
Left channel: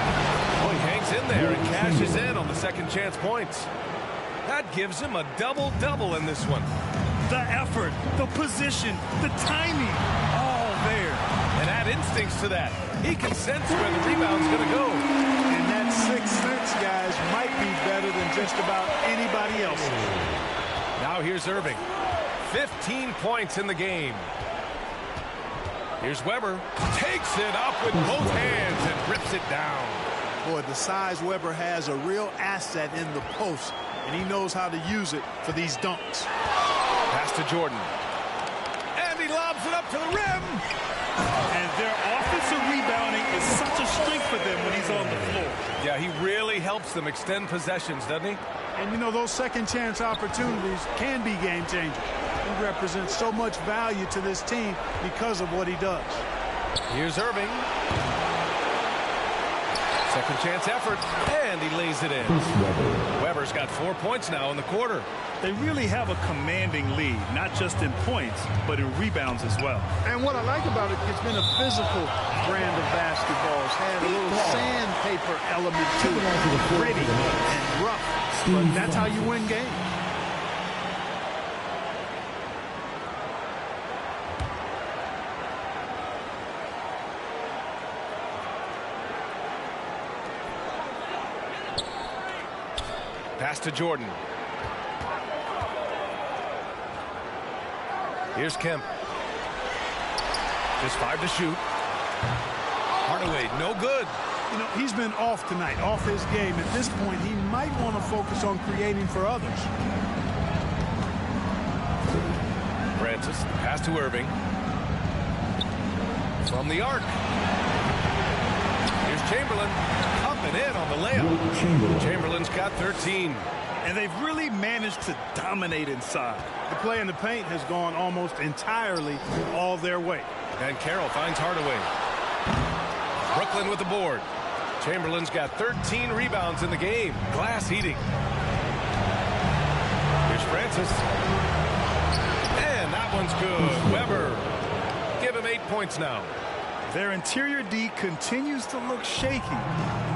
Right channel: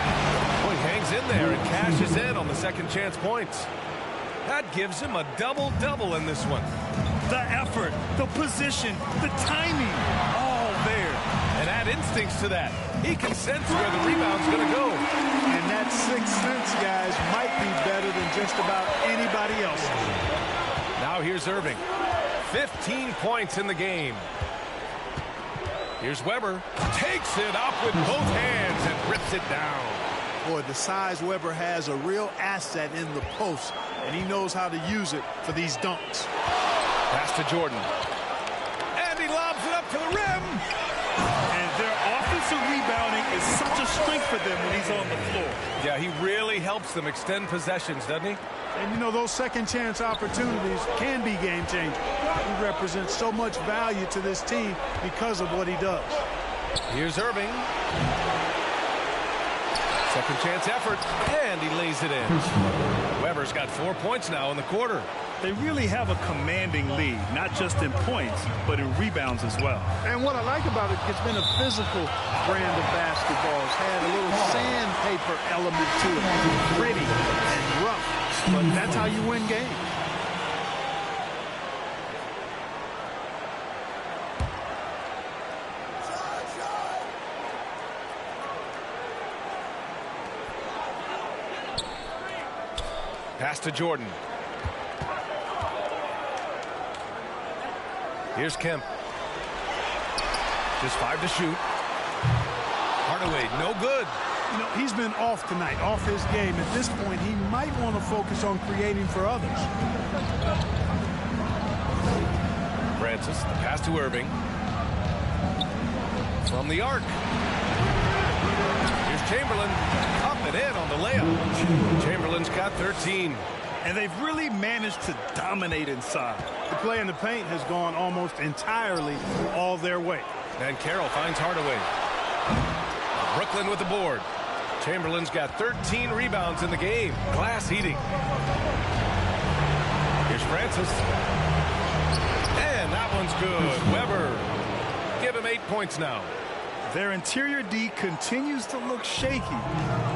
Oh, he hangs in there and cashes in on the second chance points. That gives him a double-double in this one. The effort, the position, the timing, all there. And add instincts to that. He can sense where the rebound's going to go. And that sixth sense, guys, might be better than just about anybody else's. Now here's Irving. 15 points in the game. Here's Weber. Takes it up with both hands and rips it down. Boy, the size Weber has a real asset in the post, and he knows how to use it for these dunks. Pass to Jordan. And he lobs it up to the rim. And their offensive rebounding is such a strength for them when he's on the floor. Yeah, he really helps them extend possessions, doesn't he? And, you know, those second chance opportunities can be game changers. He represents so much value to this team because of what he does. Here's Irving. Second chance effort, and he lays it in. Weber's got 4 points now in the quarter. They really have a commanding lead, not just in points, but in rebounds as well. And what I like about it, it's been a physical brand of basketball. It's had a little sandpaper element to it, gritty and rough, but that's how you win games. Pass to Jordan. Here's Kemp. Just 5 to shoot. Hardaway, no good. You know, he's been off tonight, off his game. At this point, he might want to focus on creating for others. Francis, the pass to Irving. From the arc. Here's Chamberlain. Up and in on the layup. Chamberlain's got 13. And they've really managed to dominate inside. The play in the paint has gone almost entirely all their way. And Carroll finds Hardaway. Brooklyn with the board. Chamberlain's got 13 rebounds in the game. Glass eating. Here's Francis. And that one's good. Weber. Give him 8 points now. Their interior D continues to look shaky.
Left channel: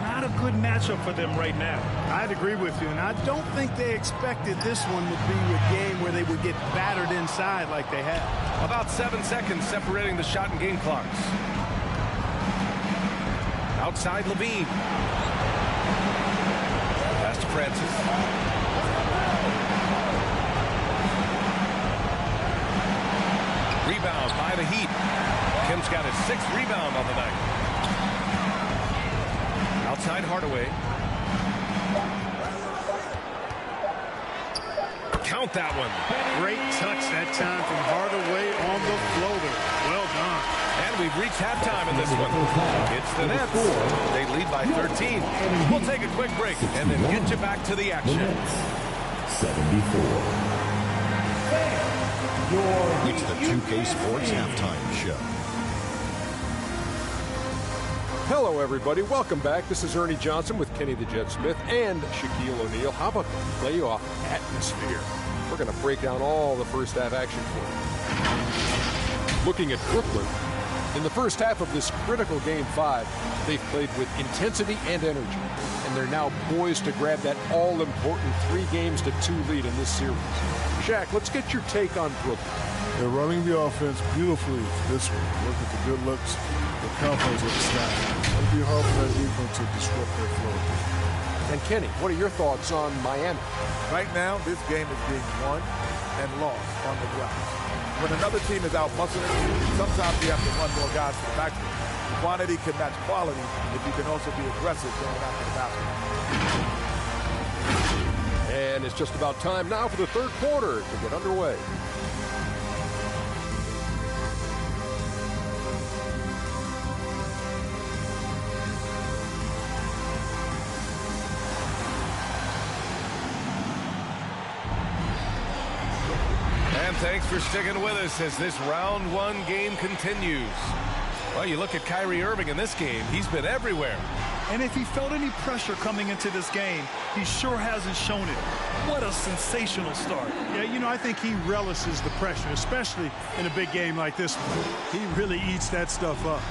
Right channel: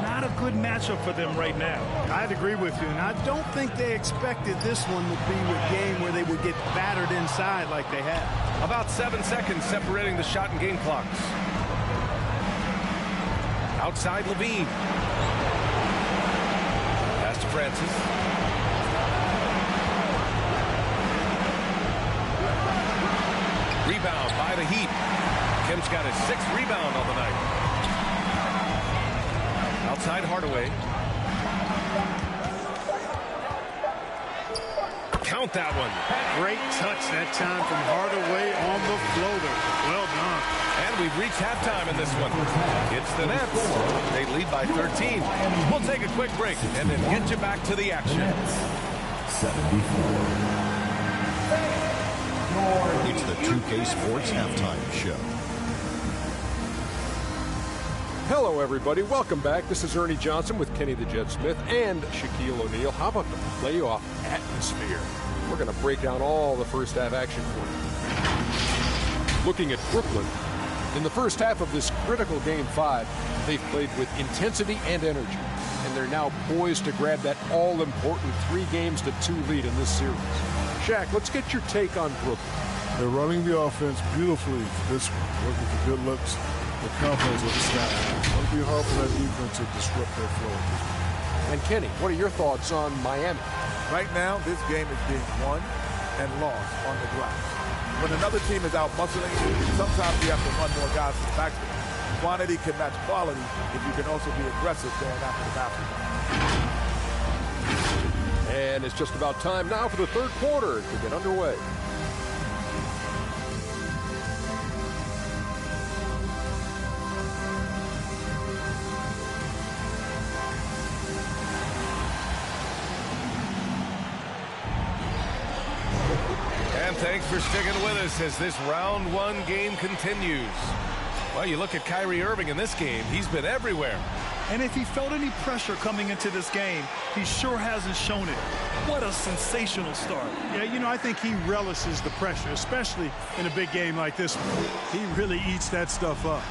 Not a good matchup for them right now. I'd agree with you, and I don't think they expected this one to be a game where they would get battered inside like they have. About 7 seconds separating the shot and game clocks. Outside Levine. Pass to Francis. Rebound by the Heat. Kim's got his 6th rebound on the night. Outside Hardaway. Count that one. Great touch that time from Hardaway on the floater. Well done. And we've reached halftime in this one. It's the Nets. They lead by 13. We'll take a quick break and then get you back to the action. 74. It's the 2K Sports Halftime Show. Hello, everybody. Welcome back. This is Ernie Johnson with Kenny the Jet Smith and Shaquille O'Neal. How about the playoff atmosphere? We're going to break down all the first half action for you. Looking at Brooklyn, in the first half of this critical Game 5, they've played with intensity and energy, and they're now poised to grab that all-important 3-2 lead in this series. Shaq, let's get your take on Brooklyn. They're running the offense beautifully this one, looking for good looks. The confidence of the sky. It'll be hard for that defense to disrupt their flow. And Kenny, what are your thoughts on Miami? Right now, this game is being won and lost on the glass. When another team is out muscling you, sometimes you have to run more guys to the backfield. Quantity can match quality if you can also be aggressive going after the basket. And it's just about time now for the third quarter to get underway. thanks for sticking with us as this round one game continues. Well, you look at Kyrie Irving in this game, he's been everywhere. And if he felt any pressure coming into this game, he sure hasn't shown it. What a sensational start. Yeah, you know, I think he relishes the pressure, especially in a big game like this one. He really eats that stuff up.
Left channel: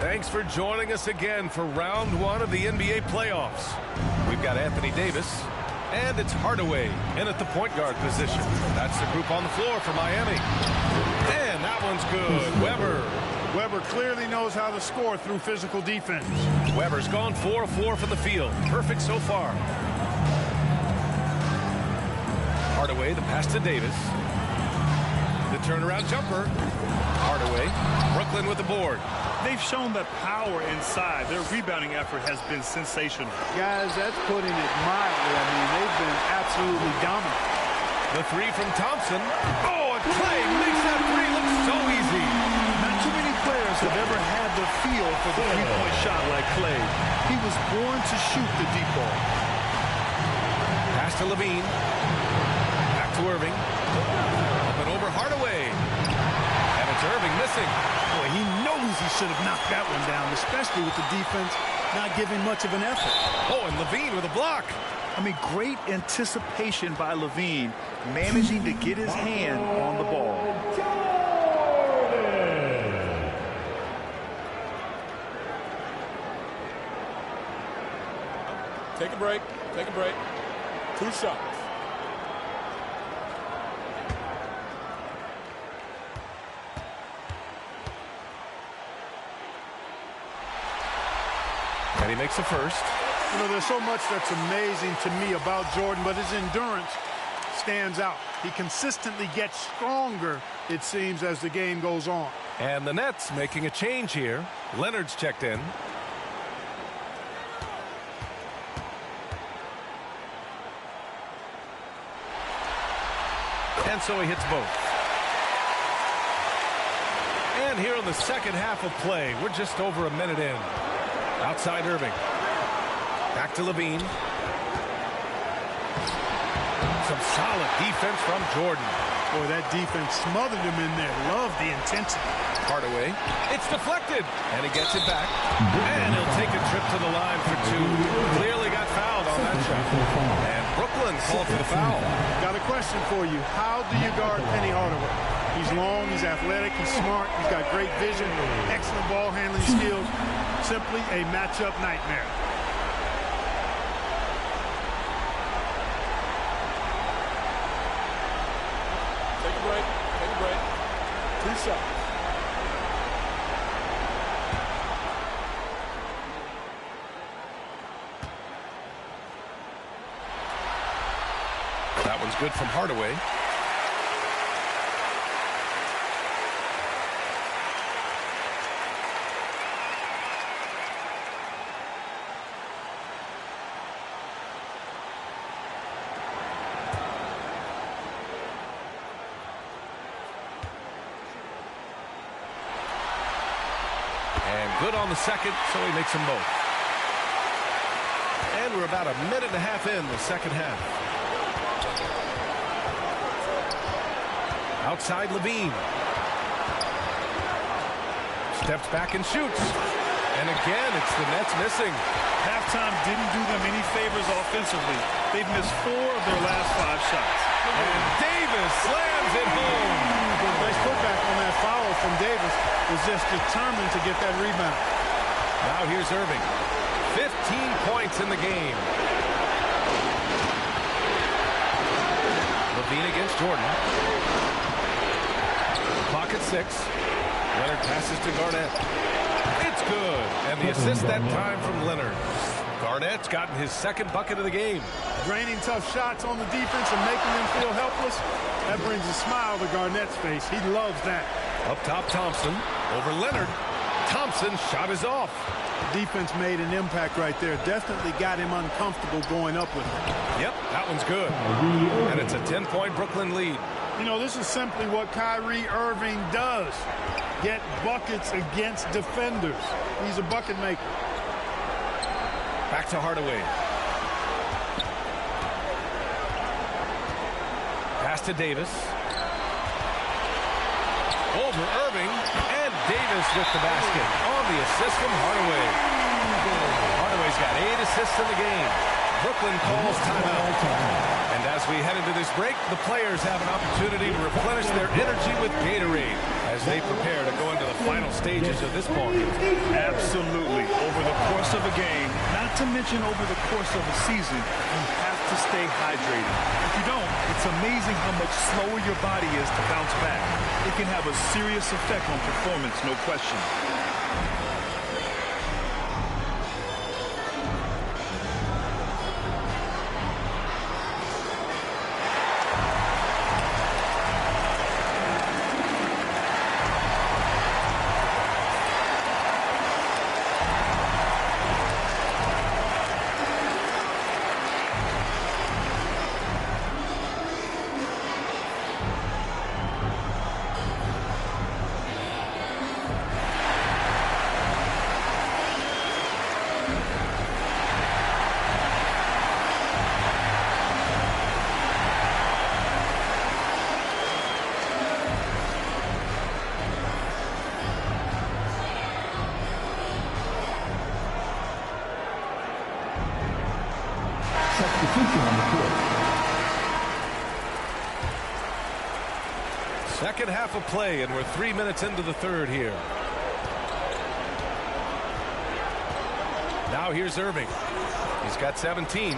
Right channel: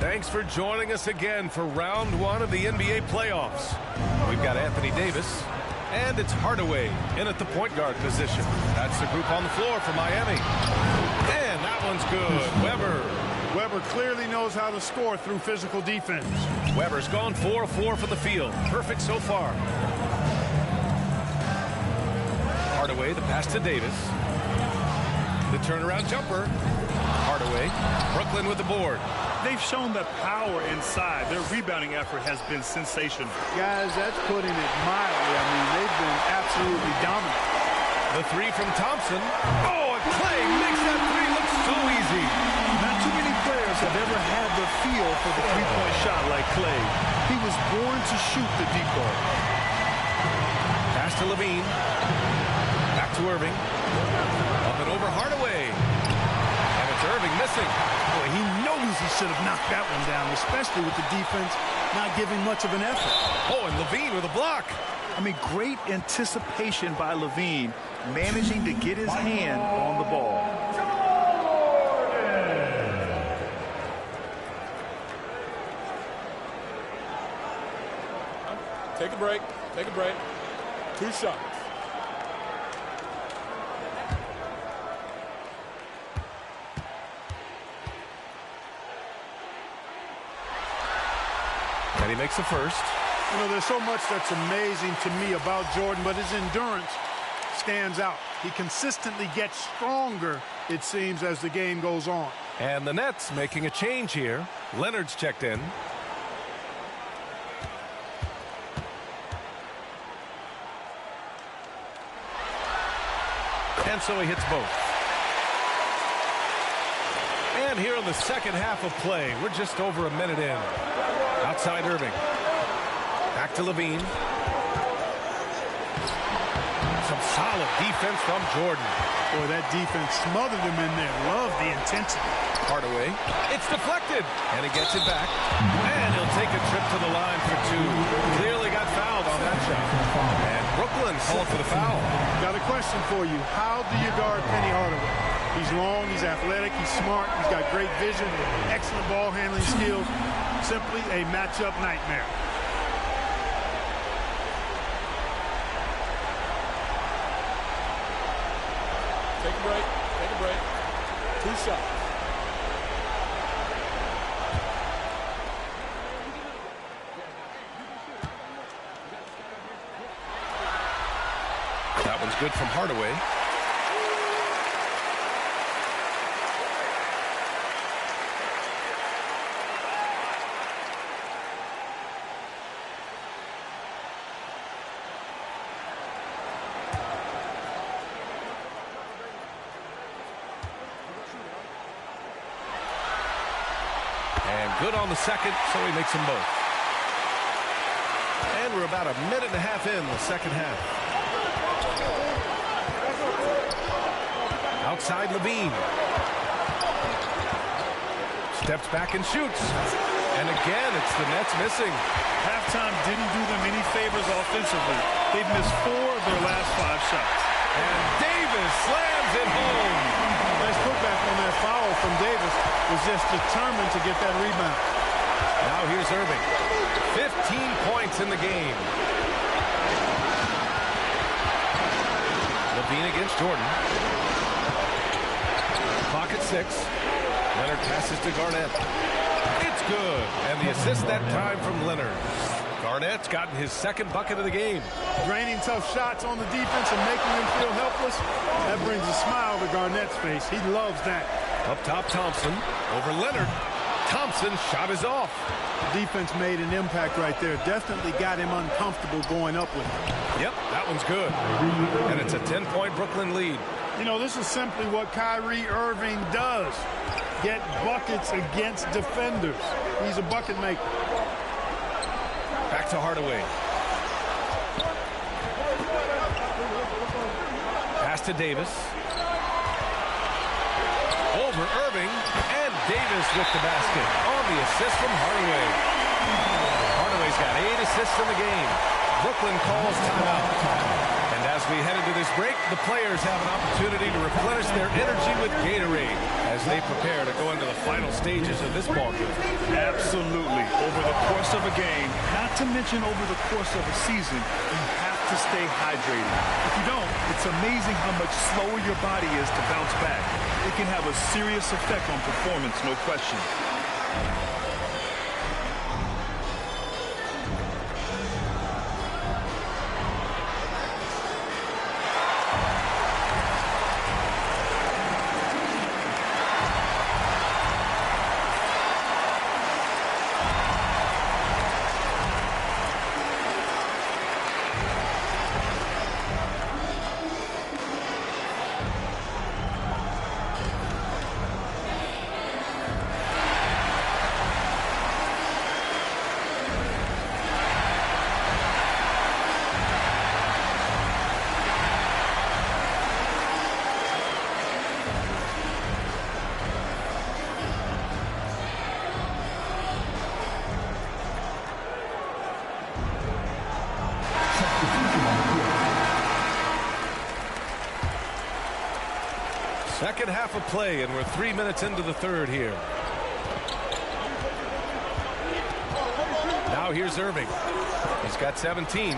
Thanks for joining us again for round one of the NBA playoffs. We've got Anthony Davis, and it's Hardaway in at the point guard position. That's the group on the floor for Miami. And that one's good. Weber clearly knows how to score through physical defense. Weber's gone 4 of 4 from the field. Perfect so far. Hardaway, the pass to Davis. The turnaround jumper. Hardaway. Brooklyn with the board. They've shown that power inside. Their rebounding effort has been sensational. Guys, that's putting it mildly. I mean, they've been absolutely dominant. The three from Thompson. Oh, and Clay makes that three look so easy. Not too many players have ever had the feel for the three-point shot like Clay. He was born to shoot the deep ball. Pass to Levine. Back to Irving. Up and over Hardaway. And it's Irving missing. Boy, he knows he should have knocked that one down, especially with the defense not giving much of an effort. Oh, and Levine with a block. I mean, great anticipation by Levine, managing to get his hand on the ball. Take a break. Take a break. 2 shots. And he makes the first. You know, there's so much that's amazing to me about Jordan, but his endurance stands out. He consistently gets stronger, it seems, as the game goes on. And the Nets making a change here. Leonard's checked in. And so he hits both. And here in the second half of play, we're just over a minute in. Outside Irving. Back to Levine. Some solid defense from Jordan. Boy, that defense smothered him in there. Love the intensity. Hardaway. It's deflected. And he gets it back. And he'll take a trip to the line for 2. Clearly got fouled on that shot. And Brooklyn called for the foul. Got a question for you. How do you guard Penny Hardaway? He's long, he's athletic, he's smart, he's got great vision, excellent ball handling skills. Simply a matchup nightmare. Take a break. Take a break. 2 shots. That one's good from Hardaway. And good on the second, so he makes them both. And we're about a minute and a half in the second half. Outside Levine. Steps back and shoots. And again, it's the Nets missing. Halftime didn't do them any favors offensively. They've missed 4 of their last 5 shots. And Davis slams it home. Nice putback on that foul from Davis. Was just determined to get that rebound. Now here's Irving. 15 points in the game. Levine against Jordan. Clock at 6. Leonard passes to Garnett. It's good. And the assist that time from Leonard. Garnett's gotten his second bucket of the game. Draining tough shots on the defense and making them feel helpless. That brings a smile to Garnett's face. He loves that. Up top, Thompson. Over Leonard. Thompson's shot is off. The defense made an impact right there. Definitely got him uncomfortable going up with it. Yep, that one's good. And it's a 10-point Brooklyn lead. You know, this is simply what Kyrie Irving does. Get buckets against defenders. He's a bucket maker. Back to Hardaway. Pass to Davis. Over Irving, and Davis with the basket on the assist from Hardaway. Hardaway's got 8 assists in the game. Brooklyn calls timeout. And as we head into this break, the players have an opportunity to replenish their energy with Gatorade as they prepare to go into the final stages of this ballgame. Absolutely. Over the course of a game, not to mention over the course of a season, you have to stay hydrated. If you don't, it's amazing how much slower your body is to bounce back. It can have a serious effect on performance, no question. Second half of play, and we're 3 minutes into the third here. Now here's Irving. He's got 17.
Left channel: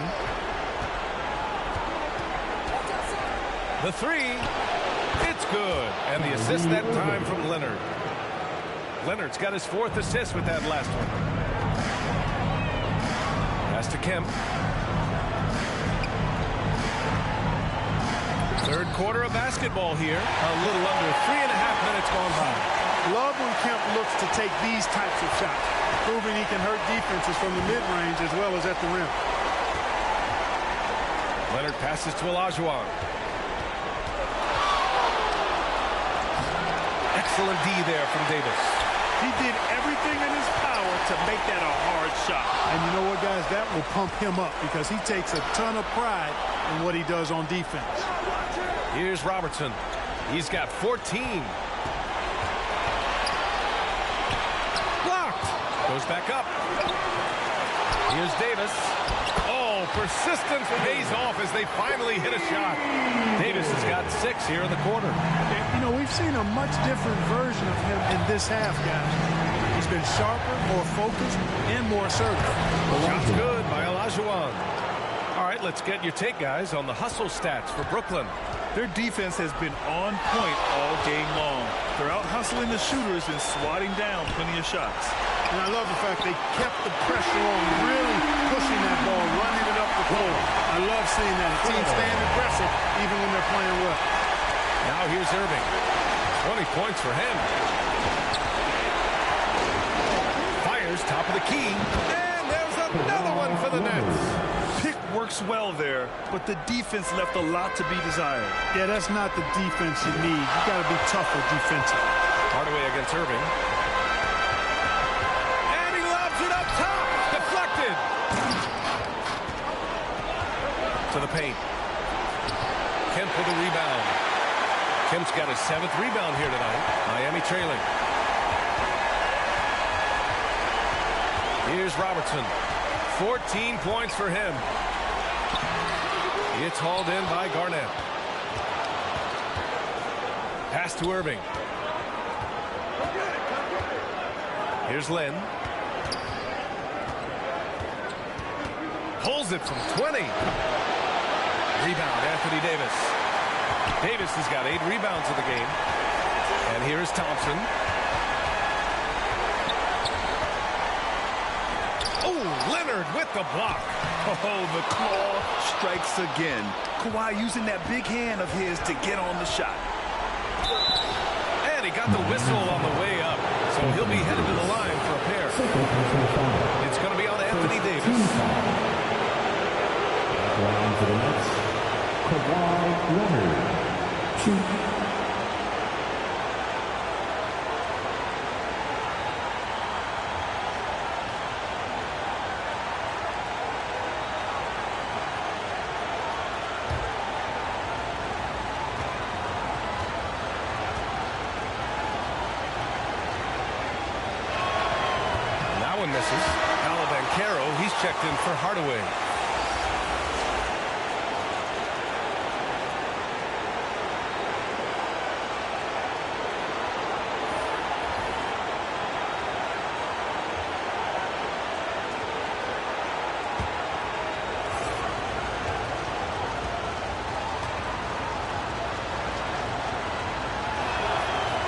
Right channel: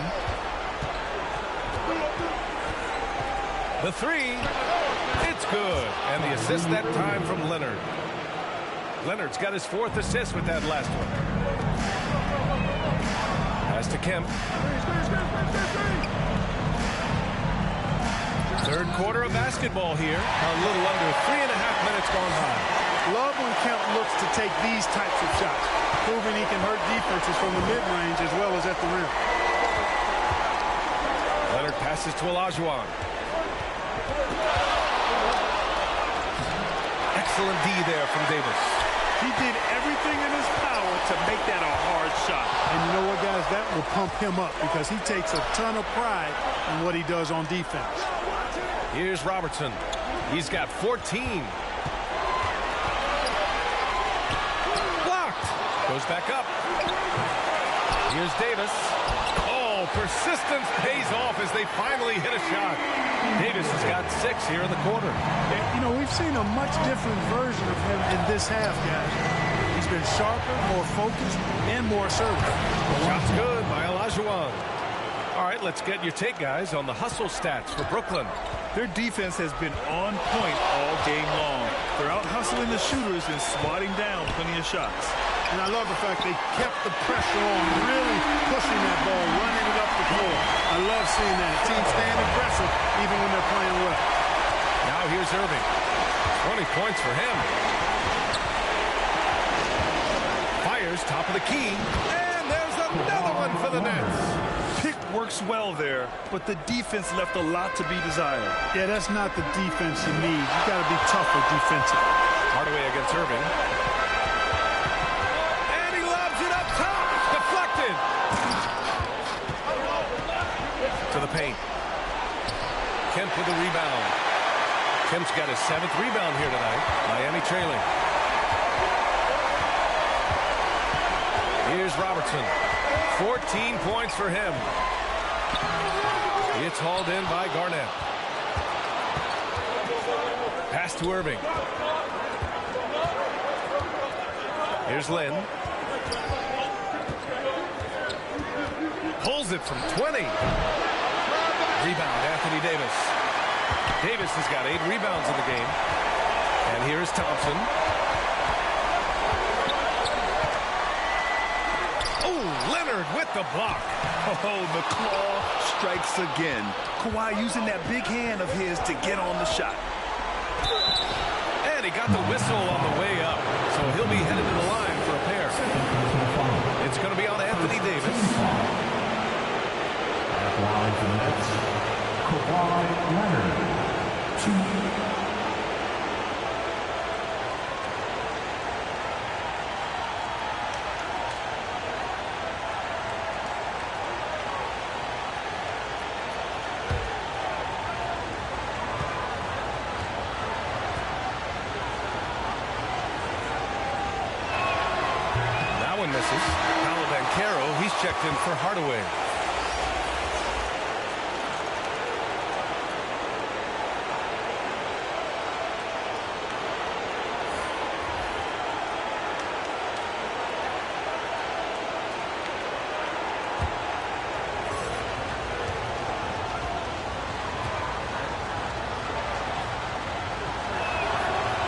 The three. It's good. And the assist that time from Leonard. Leonard's got his 4th assist with that last one. Pass to Kemp. Third quarter of basketball here. A little under 3.5 minutes gone by. Love when Kemp looks to take these types of shots, proving he can hurt defenses from the mid-range as well as at the rim. Leonard passes to Olajuwon. Excellent D there from Davis. He did everything in his power to make that a hard shot. And you know what, guys? That will pump him up because he takes a ton of pride in what he does on defense. Here's Robertson. He's got 14. Blocked. Goes back up. Here's Davis. Oh, persistence pays off as they finally hit a shot. Davis has got 6 here in the quarter. You know, we've seen a much different version of him in this half, guys. He's been sharper, more focused, and more assertive. Shot's good by Olajuwon. All right, let's get your take, guys, on the hustle stats for Brooklyn. Their defense has been on point all game long. They're out hustling the shooters and swatting down plenty of shots. And I love the fact they kept the pressure on, really pushing that ball, running it up the floor. I love seeing that. A team staying aggressive even when they're playing well. Now here's Irving. 20 points for him. Fires top of the key. And there's another one for the Nets. Pick works well there, but the defense left a lot to be desired. Yeah, that's not the defense you need. You got to be tougher defensively. Hardaway against Irving. And he lobs it up top. Deflected. To the paint. Kemp with a rebound. Kemp's got his 7th rebound here tonight. Miami trailing. Here's Robertson. 14 points for him. It's hauled in by Garnett. Pass to Irving. Here's Lynn. Pulls it from 20. Rebound, Anthony Davis. Davis has got 8 rebounds in the game. And here is Thompson. Oh, Leonard with the block. Oh, the claw strikes again. Kawhi using that big hand of his to get on the shot. And he got the whistle on the way up. So he'll be headed to the line for a pair. It's going to be on Anthony Davis. At line for the Nets, Kawhi Leonard. 2. one misses. Bancaro, he's checked in for Hardaway.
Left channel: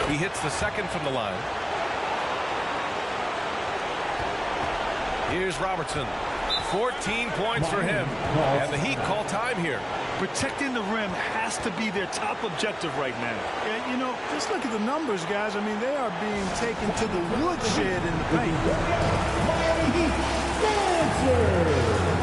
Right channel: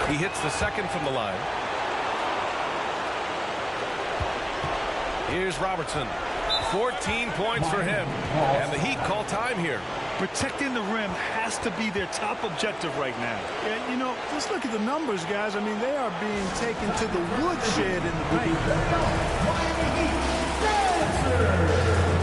He hits the second from the line. Here's Robertson. 14 points for him. And the Heat call time here. Protecting the rim has to be their top objective right now. Yeah, you know, just look at the numbers, guys. I mean, they are being taken to the woodshed in the paint. Miami Heat Dancer.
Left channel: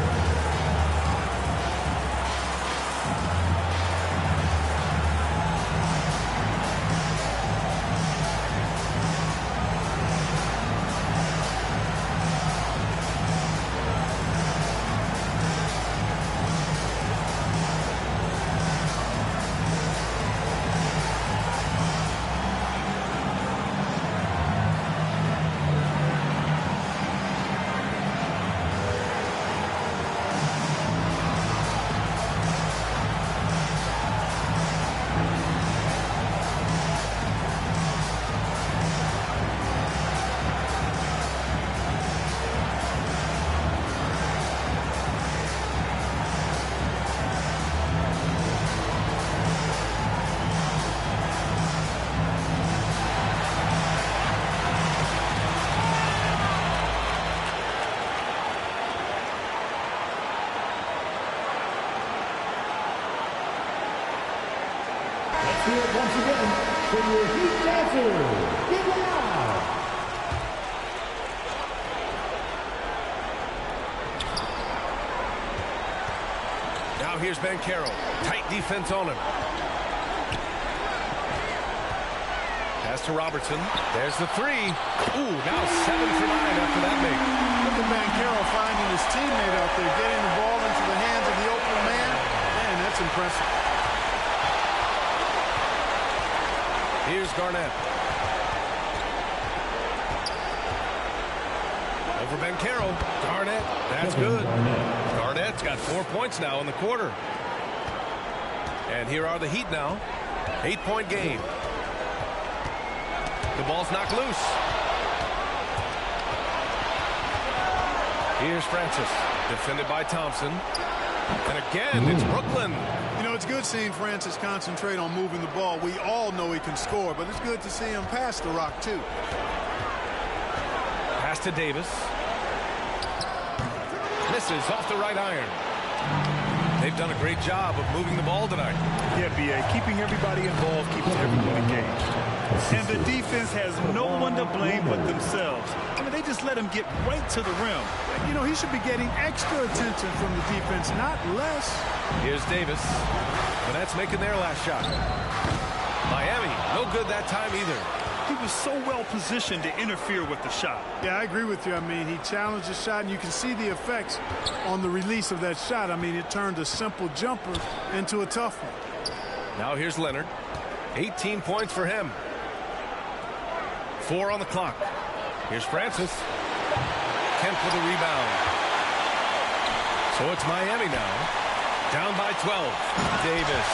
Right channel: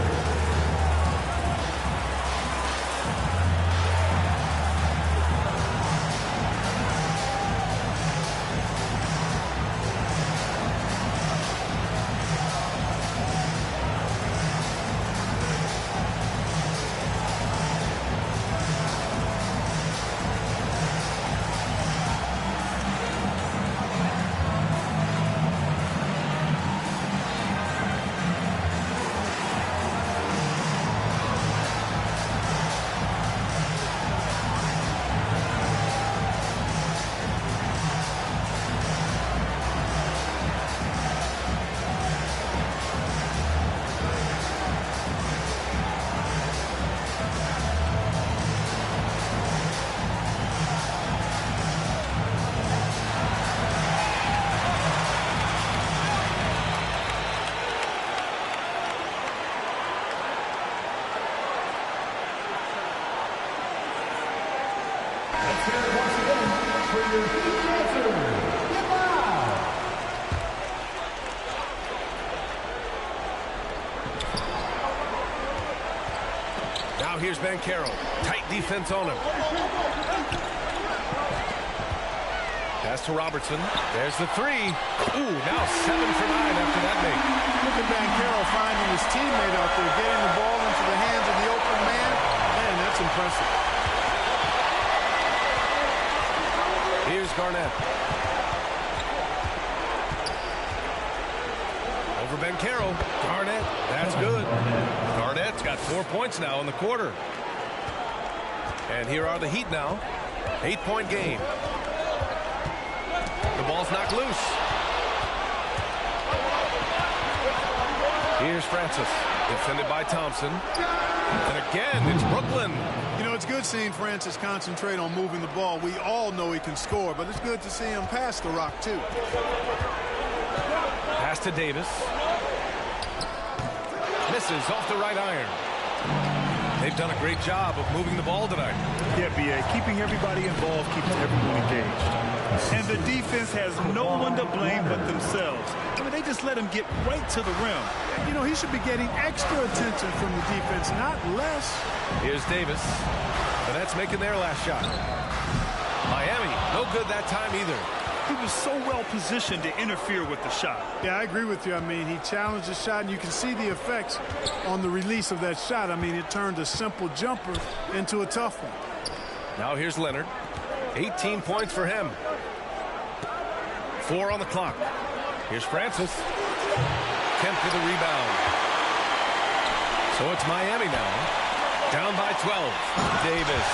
Let's hear it once again for your Heat Dancers. Get loud. Now here's Bancaro. Tight defense on him. Pass to Robertson. There's the three. Ooh, now 7 for 9 after that make. Look at Bancaro finding his teammate out there, getting the ball into the hands of the open man. Man, that's impressive. Here's Garnett. Over Bancaro. Garnett. That's good. Garnett's got 4 points now in the quarter. And here are the Heat now. 8-point game. The ball's knocked loose. Here's Francis. Defended by Thompson. And again, it's Brooklyn. You know, it's good seeing Francis concentrate on moving the ball. We all know he can score, but it's good to see him pass the rock, too. Pass to Davis. Misses off the right iron. They've done a great job of moving the ball tonight. Yeah, B.A., keeping everybody involved keeps everyone engaged. And the defense has no one to blame but themselves. I mean, they just let him get right to the rim. You know, he should be getting extra attention from the defense, not less. Here's Davis. The Nets making their last shot. Miami, no good that time either. He was so well positioned to interfere with the shot. Yeah, I agree with you. I mean, he challenged the shot, and you can see the effects on the release of that shot. I mean, it turned a simple jumper into a tough one. Now here's Leonard. 18 points for him. 4 on the clock. Here's Francis. Kemp with a rebound. So it's Miami now. Down by 12. Davis.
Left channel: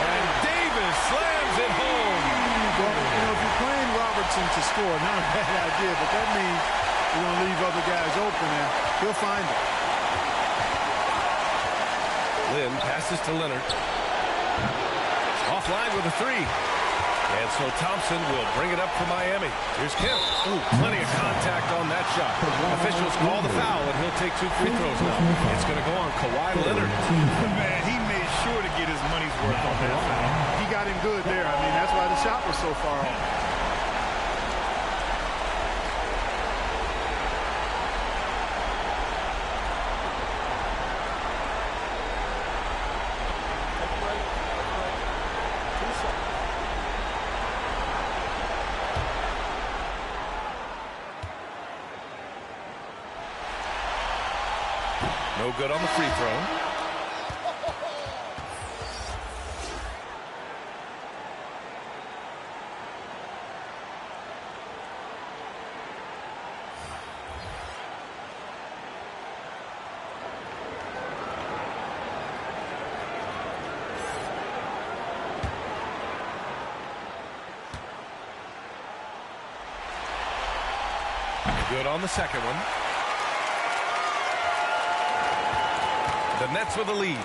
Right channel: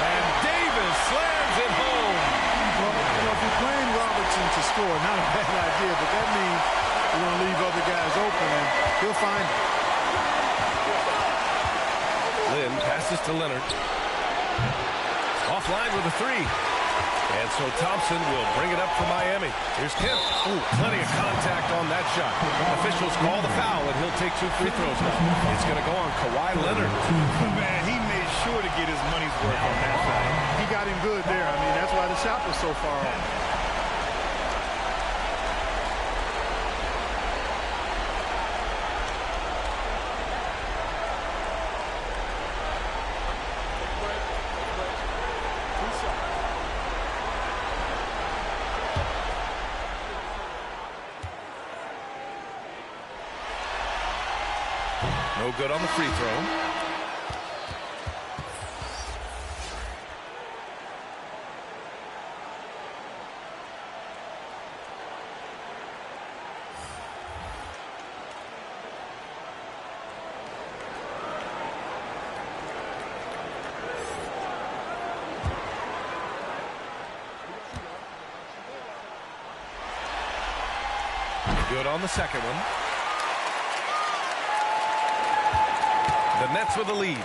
And Davis slams it home. Well, you know, if you're playing Robertson to score, not a bad idea, but that means you're going to leave other guys open, and he'll find them. Lynn passes to Leonard. Offline with a three. And so Thompson will bring it up for Miami. Here's Kemp. Ooh, plenty of contact on that shot. Officials call the foul, and he'll take 2 free throws now. It's going to go on Kawhi Leonard. Man, he made sure to get his money's worth on that foul. He got him good there. I mean, that's why the shot was so far off. Take a break. Take a break. 2 seconds. No good on the free throw. Good on the second one. The Nets with the lead.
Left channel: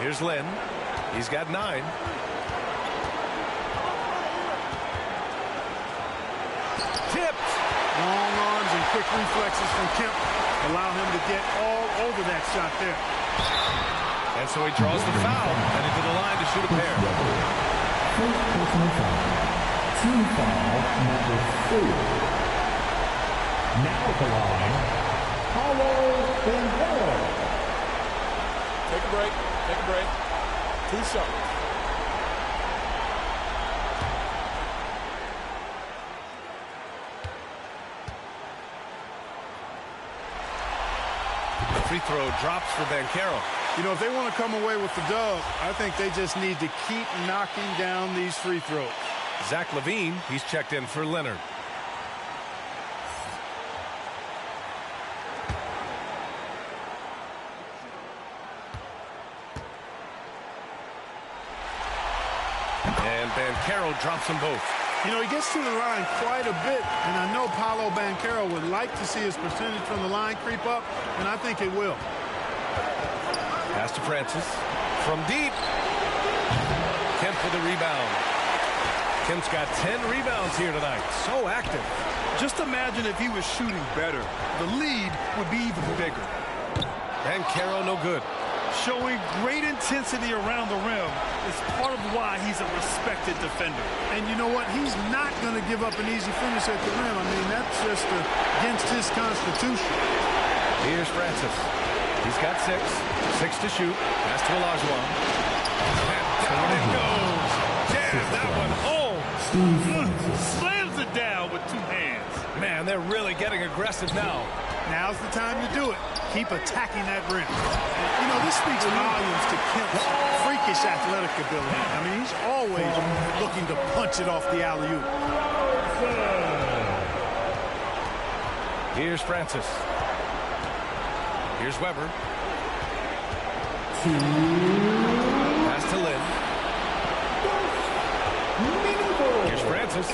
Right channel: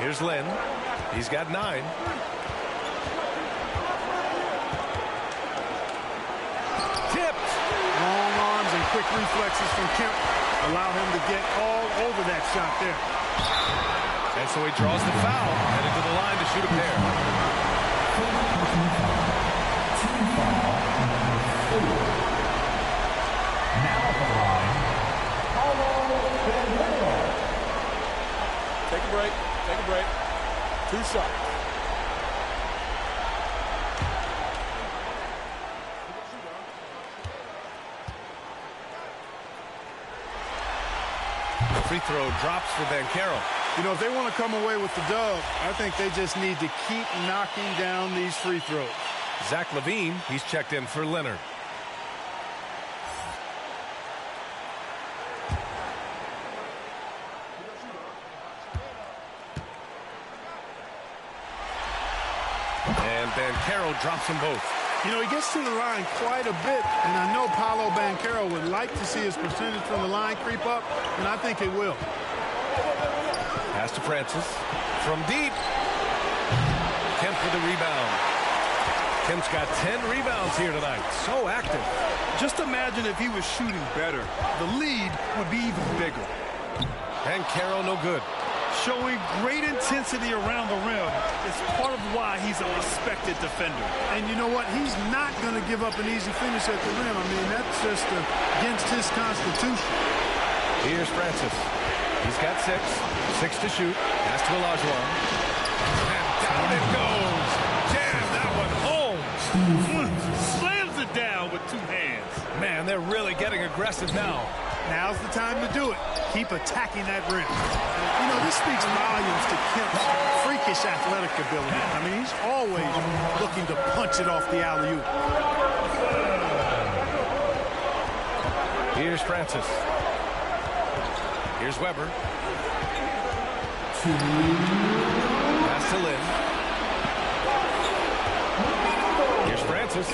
Here's Lynn. He's got 9. Tipped. Long arms and quick reflexes from Kemp allow him to get all over that shot there. And so he draws the foul, headed to the line to shoot a pair. First personal foul. Team foul number 4. Now at the line, Paulo Banchero. Take a break. Take a break. 2 shots. The free throw drops for Banchero. You know, if they want to come away with the dub, I think they just need to keep knocking down these free throws. Zach LaVine, he's checked in for Leonard. And Banchero drops them both. You know, he gets to the line quite a bit, and I know Paolo Banchero would like to see his percentage from the line creep up, and I think it will. Pass to Francis. From deep. Kemp with a rebound. Kemp's got 10 rebounds here tonight. So active. Just imagine if he was shooting better. The lead would be even bigger. Banchero no good. Showing great intensity around the rim is part of why he's a respected defender. And you know what? He's not going to give up an easy finish at the rim. I mean, that's just against his constitution. Here's Francis. He's got 6. 6 to shoot. Pass to Olajuwon. And down it goes. Jam that one home. Slams it down with 2 hands. Man, they're really getting aggressive now. Now's the time to do it. Keep attacking that rim. And, you know, this speaks volumes to Kemp's freakish athletic ability. I mean, he's always looking to punch it off the alley-oop. Here's Francis. Here's Weber. Pass to Lynn. Here's Francis.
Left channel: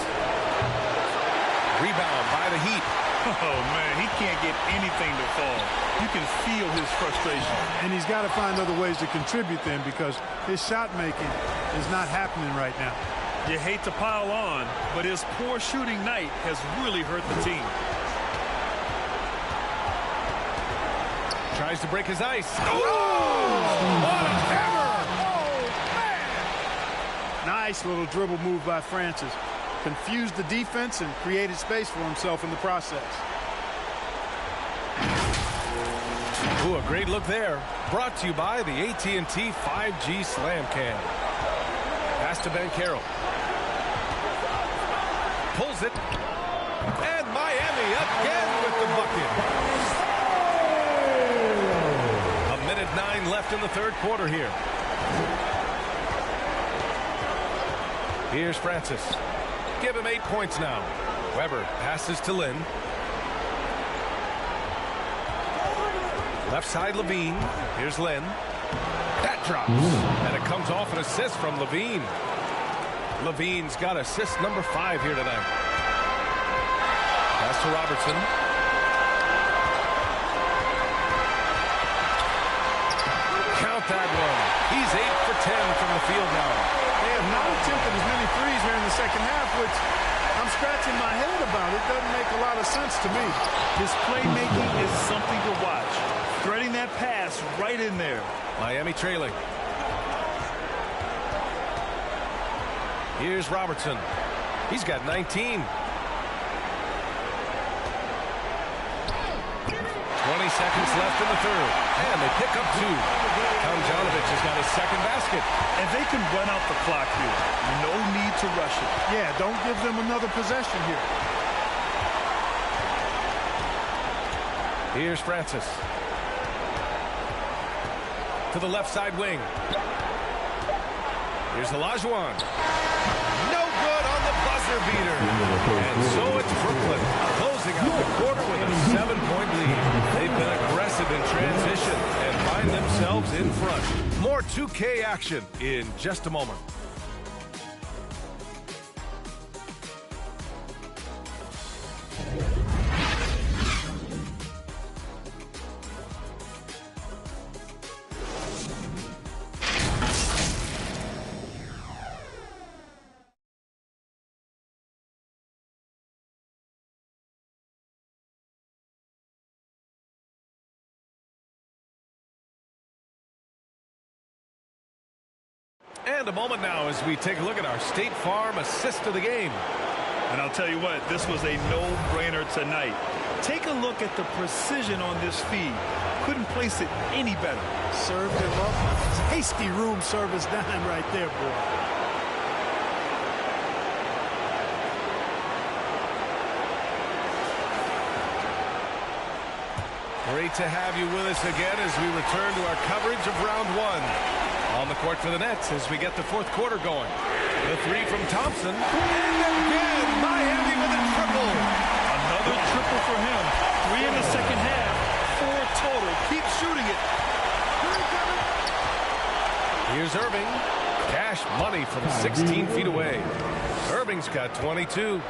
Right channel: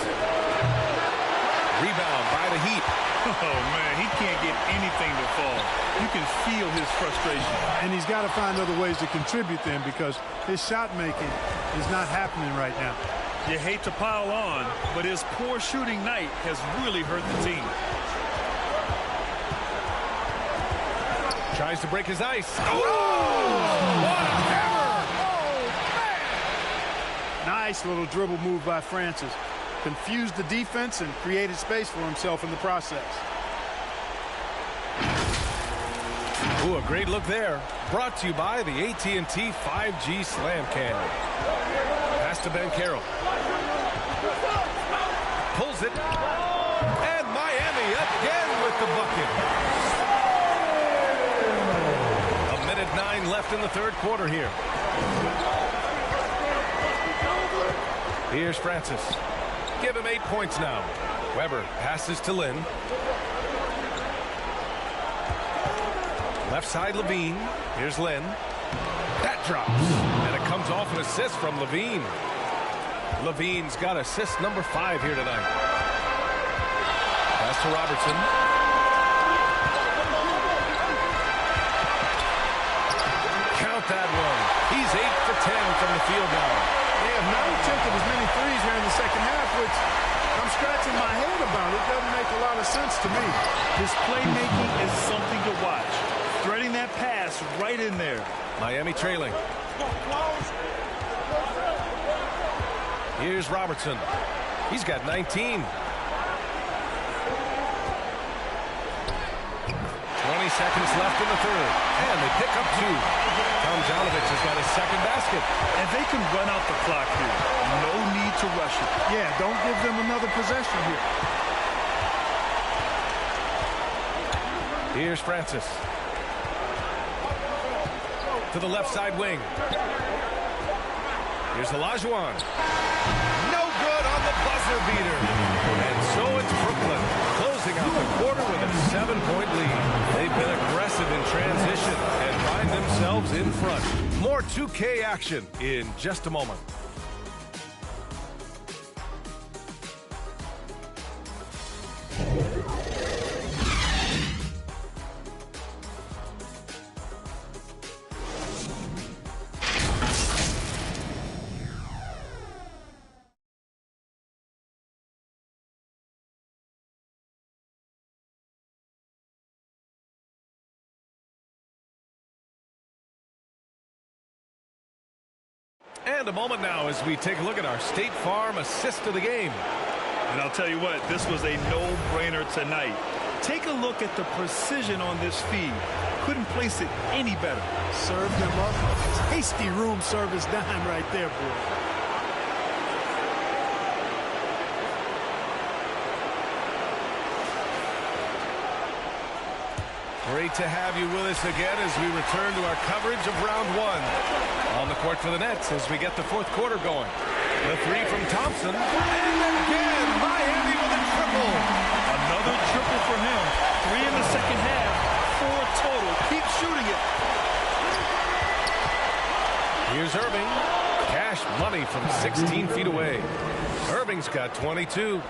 Rebound by the Heat. Oh, man, he can't get anything to fall. You can feel his frustration. And he's got to find other ways to contribute then, because his shot making is not happening right now. You hate to pile on, but his poor shooting night has really hurt the team. Tries to break his ice. Oh! What a hammer! Oh, man! Nice little dribble move by Francis. Confused the defense and created space for himself in the process. Ooh, a great look there. Brought to you by the AT&T 5G Slam Cam. Pass to Banchero. Pulls it. And Miami again with the bucket. 1:09 left in the third quarter here. Here's Francis. Give him 8 points now. Weber passes to Lynn. Left side Levine. Here's Lynn. That drops. And it comes off an assist from Levine. Levine's got assist number 5 here tonight. Pass to Robertson. Count that one. He's 8 for 10 from the field now. They have not attempted as many threes here in the second half, which I'm scratching my head about. It doesn't make a lot of sense to me. His playmaking is something to watch. Threading that pass right in there. Miami trailing. Here's Robertson. He's got 19. 20 seconds left in the third. And they pick up 2. Tomjanovich has got his second basket. And they can run out the clock here. No need to rush it. Yeah, don't give them another possession here. Here's Francis. To the left side wing. Here's Olajuwon. No good on the buzzer beater. And so it's Brooklyn closing out the quarter with a 7-point lead. They've been aggressive in transition and find themselves in front. More 2K action in just a moment. And a moment now as we take a look at our State Farm assist of the game. And I'll tell you what, this was a no-brainer tonight. Take a look at the precision on this feed. Couldn't place it any better. Served him up a tasty room service dime right there, boy. Great to have you with us again as we return to our coverage of round one. On the court for the Nets as we get the fourth quarter going. The three from Thompson. And again, Miami with a triple. Another triple for him. 3 in the second half. 4 total. Keep shooting it. Here's Irving. Cash money from 16 feet away. Irving's got 22.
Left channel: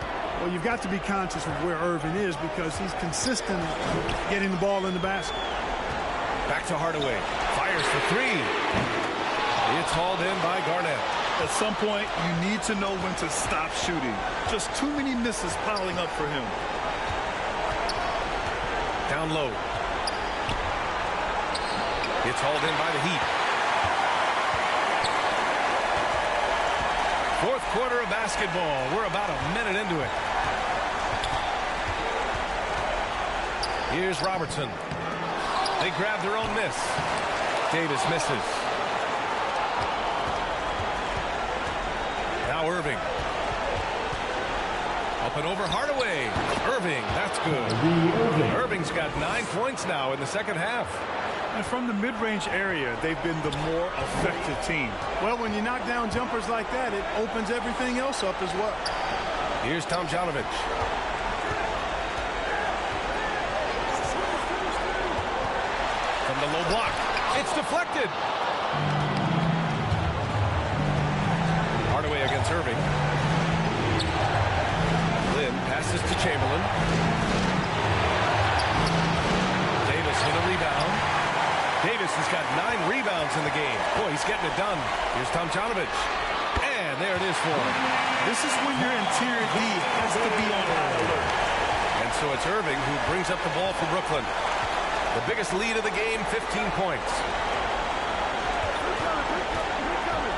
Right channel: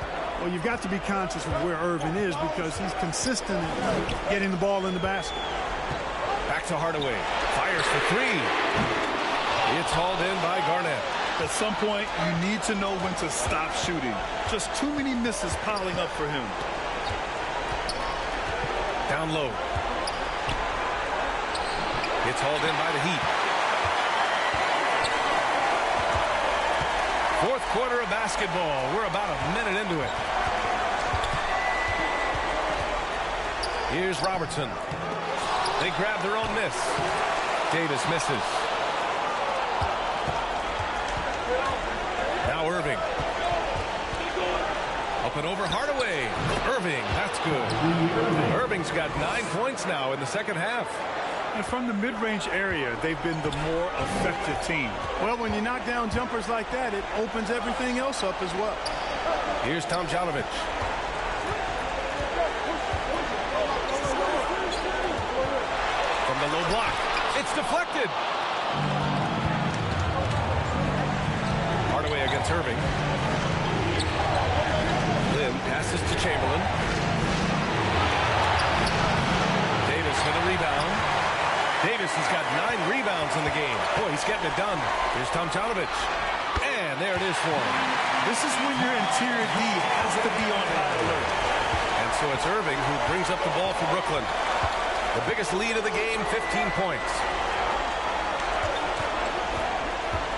Well, you've got to be conscious of where Irving is because he's consistent in getting the ball in the basket. Back to Hardaway. Fires for 3. It's hauled in by Garnett. At some point, you need to know when to stop shooting. Just too many misses piling up for him. Down low. It's hauled in by the Heat. Fourth quarter of basketball. We're about a minute into it. Here's Robertson. They grab their own miss. Davis misses. Now Irving. Up and over Hardaway. Irving, that's good. Irving's got 9 points now in the second half. And from the mid-range area, they've been the more effective team. Well, when you knock down jumpers like that, it opens everything else up as well. Here's Tomjanovich. From the low block. It's deflected. Hardaway against Irving. Lynn passes to Chamberlain. Davis with a rebound. Davis has got 9 rebounds in the game. Boy, he's getting it done. Here's Tomjanovich. And there it is for him. This is when your interior D has to be on high alert. And so it's Irving who brings up the ball for Brooklyn. The biggest lead of the game, 15 points.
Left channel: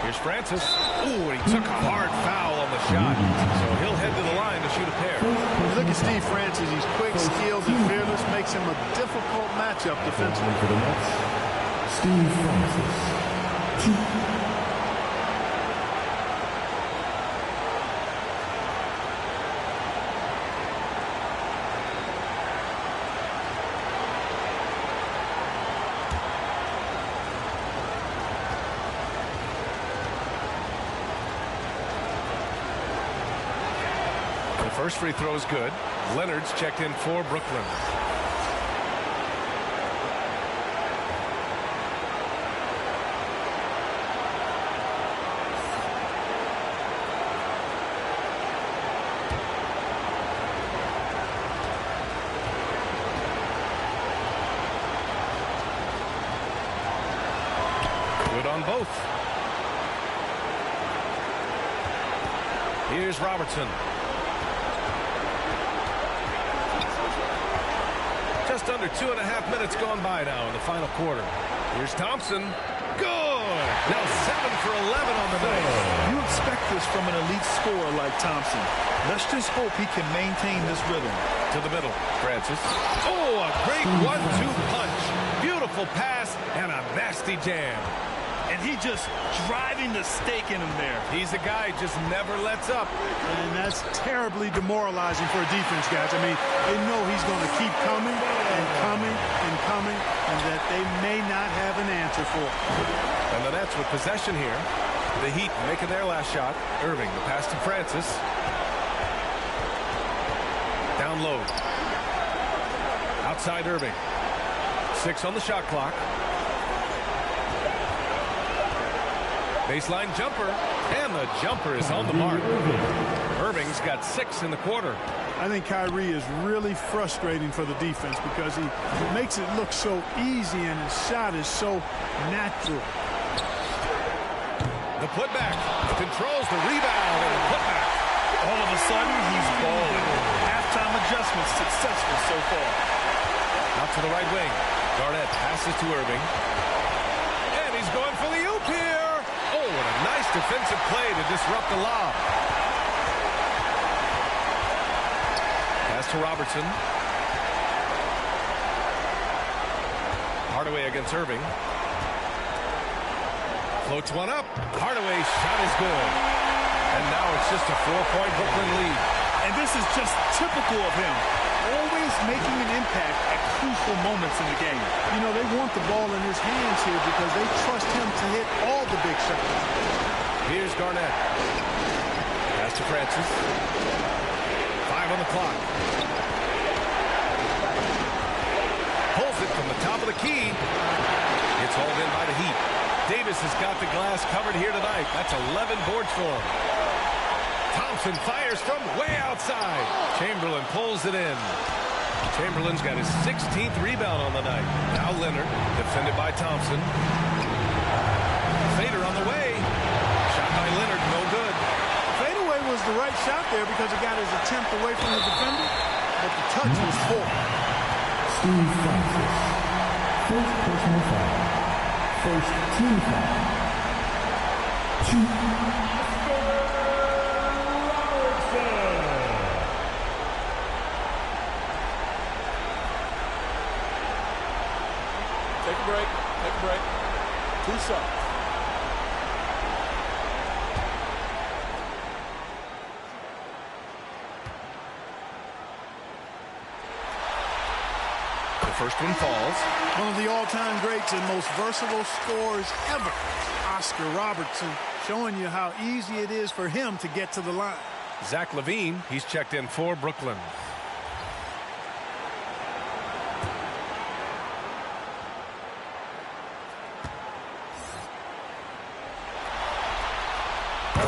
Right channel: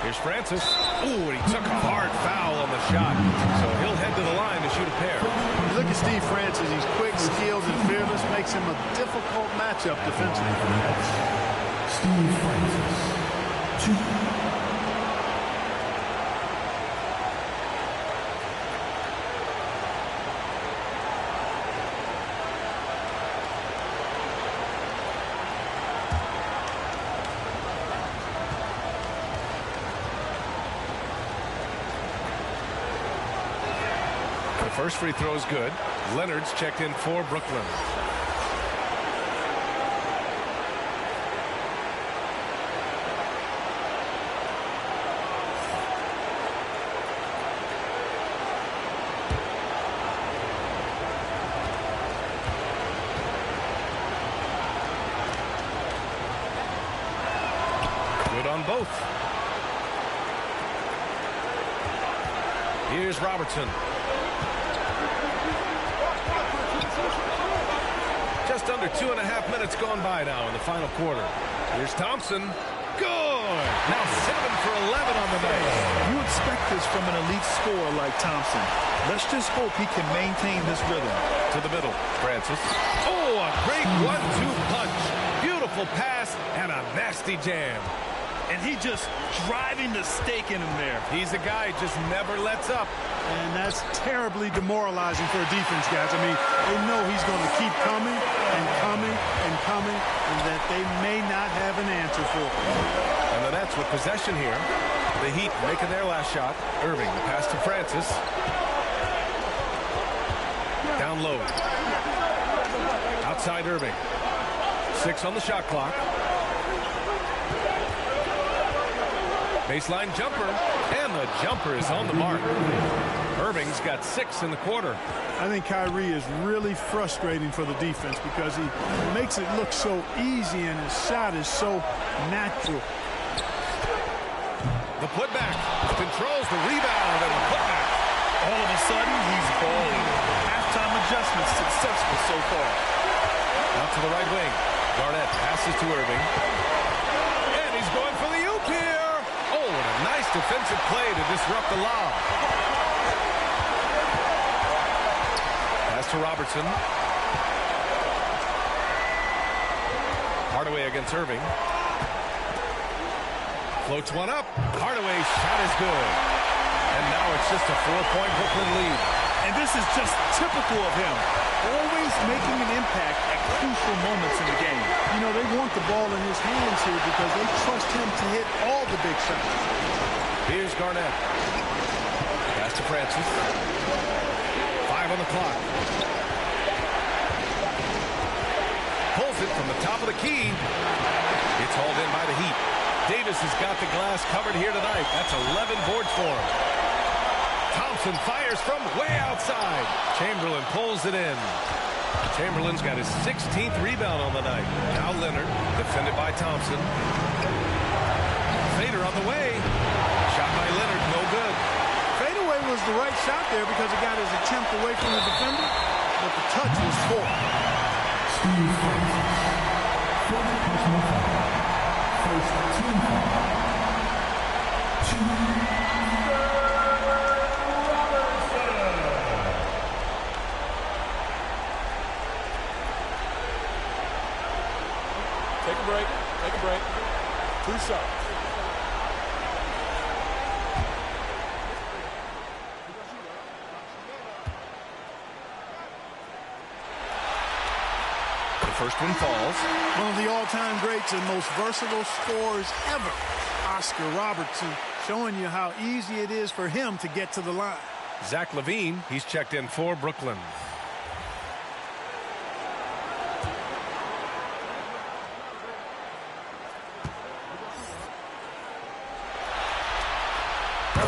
Here's Francis. Ooh, and he took a hard foul on the shot. So he'll head to the line to shoot a pair. You look at Steve Francis. He's quick, skilled, and fearless. Makes him a difficult matchup defensively. For the Nets, Steve Francis. 2. First free throw is good. Leonard's checked in for Brooklyn. Good on both. Here's Robertson. Just under 2.5 minutes gone by now in the final quarter. Here's Thompson. Good. Now 7 for 11 on the night. You expect this from an elite scorer like Thompson. Let's just hope he can maintain this rhythm. To the middle, Francis. Oh, a great 1-2 punch. Beautiful pass and a nasty jam. And he just driving the stake in him there. He's a guy who just never lets up. And that's terribly demoralizing for a defense, guys. I mean, they know he's going to keep coming and coming and coming, and that they may not have an answer for it. And the Nets with possession here. The Heat making their last shot. Irving, the pass to Francis. Down low. Outside Irving. 6 on the shot clock. Baseline jumper, and the jumper is on the mark. Irving's got 6 in the quarter. I think Kyrie is really frustrating for the defense because he makes it look so easy and his shot is so natural. The putback controls the rebound and the putback. All of a sudden, he's balling. Halftime adjustment successful so far. Out to the right wing. Garnett passes to Irving. And he's going for the oop here. Oh, what a nice defensive play to disrupt the lob. Pass to Robertson. Hardaway against Irving. Floats one up. Hardaway's shot is good. And now it's just a 4-point Brooklyn lead. And this is just typical of him. Always making an impact at crucial moments in the game. You know, they want the ball in his hands here because they trust him to hit all the big shots. Here's Garnett. Pass to Francis. 5 on the clock. Pulls it from the top of the key. It's hauled in by the Heat. Davis has got the glass covered here tonight. That's 11 boards for him. Thompson fires from way outside. Chamberlain pulls it in. Chamberlain's got his 16th rebound on the night. Now Leonard, defended by Thompson. Fader on the way. Shot by Leonard, no good. Fadeaway was the right shot there because it got his attempt away from the defender, but the touch was poor. Steve Francis. First personal foul. First team foul. 2. Take a break. Take a break. 2 shots. The first one falls. One of the all-time greats and most versatile scorers ever, Oscar Robertson, showing you how easy it is for him to get to the line. Zach LaVine, he's checked in for Brooklyn.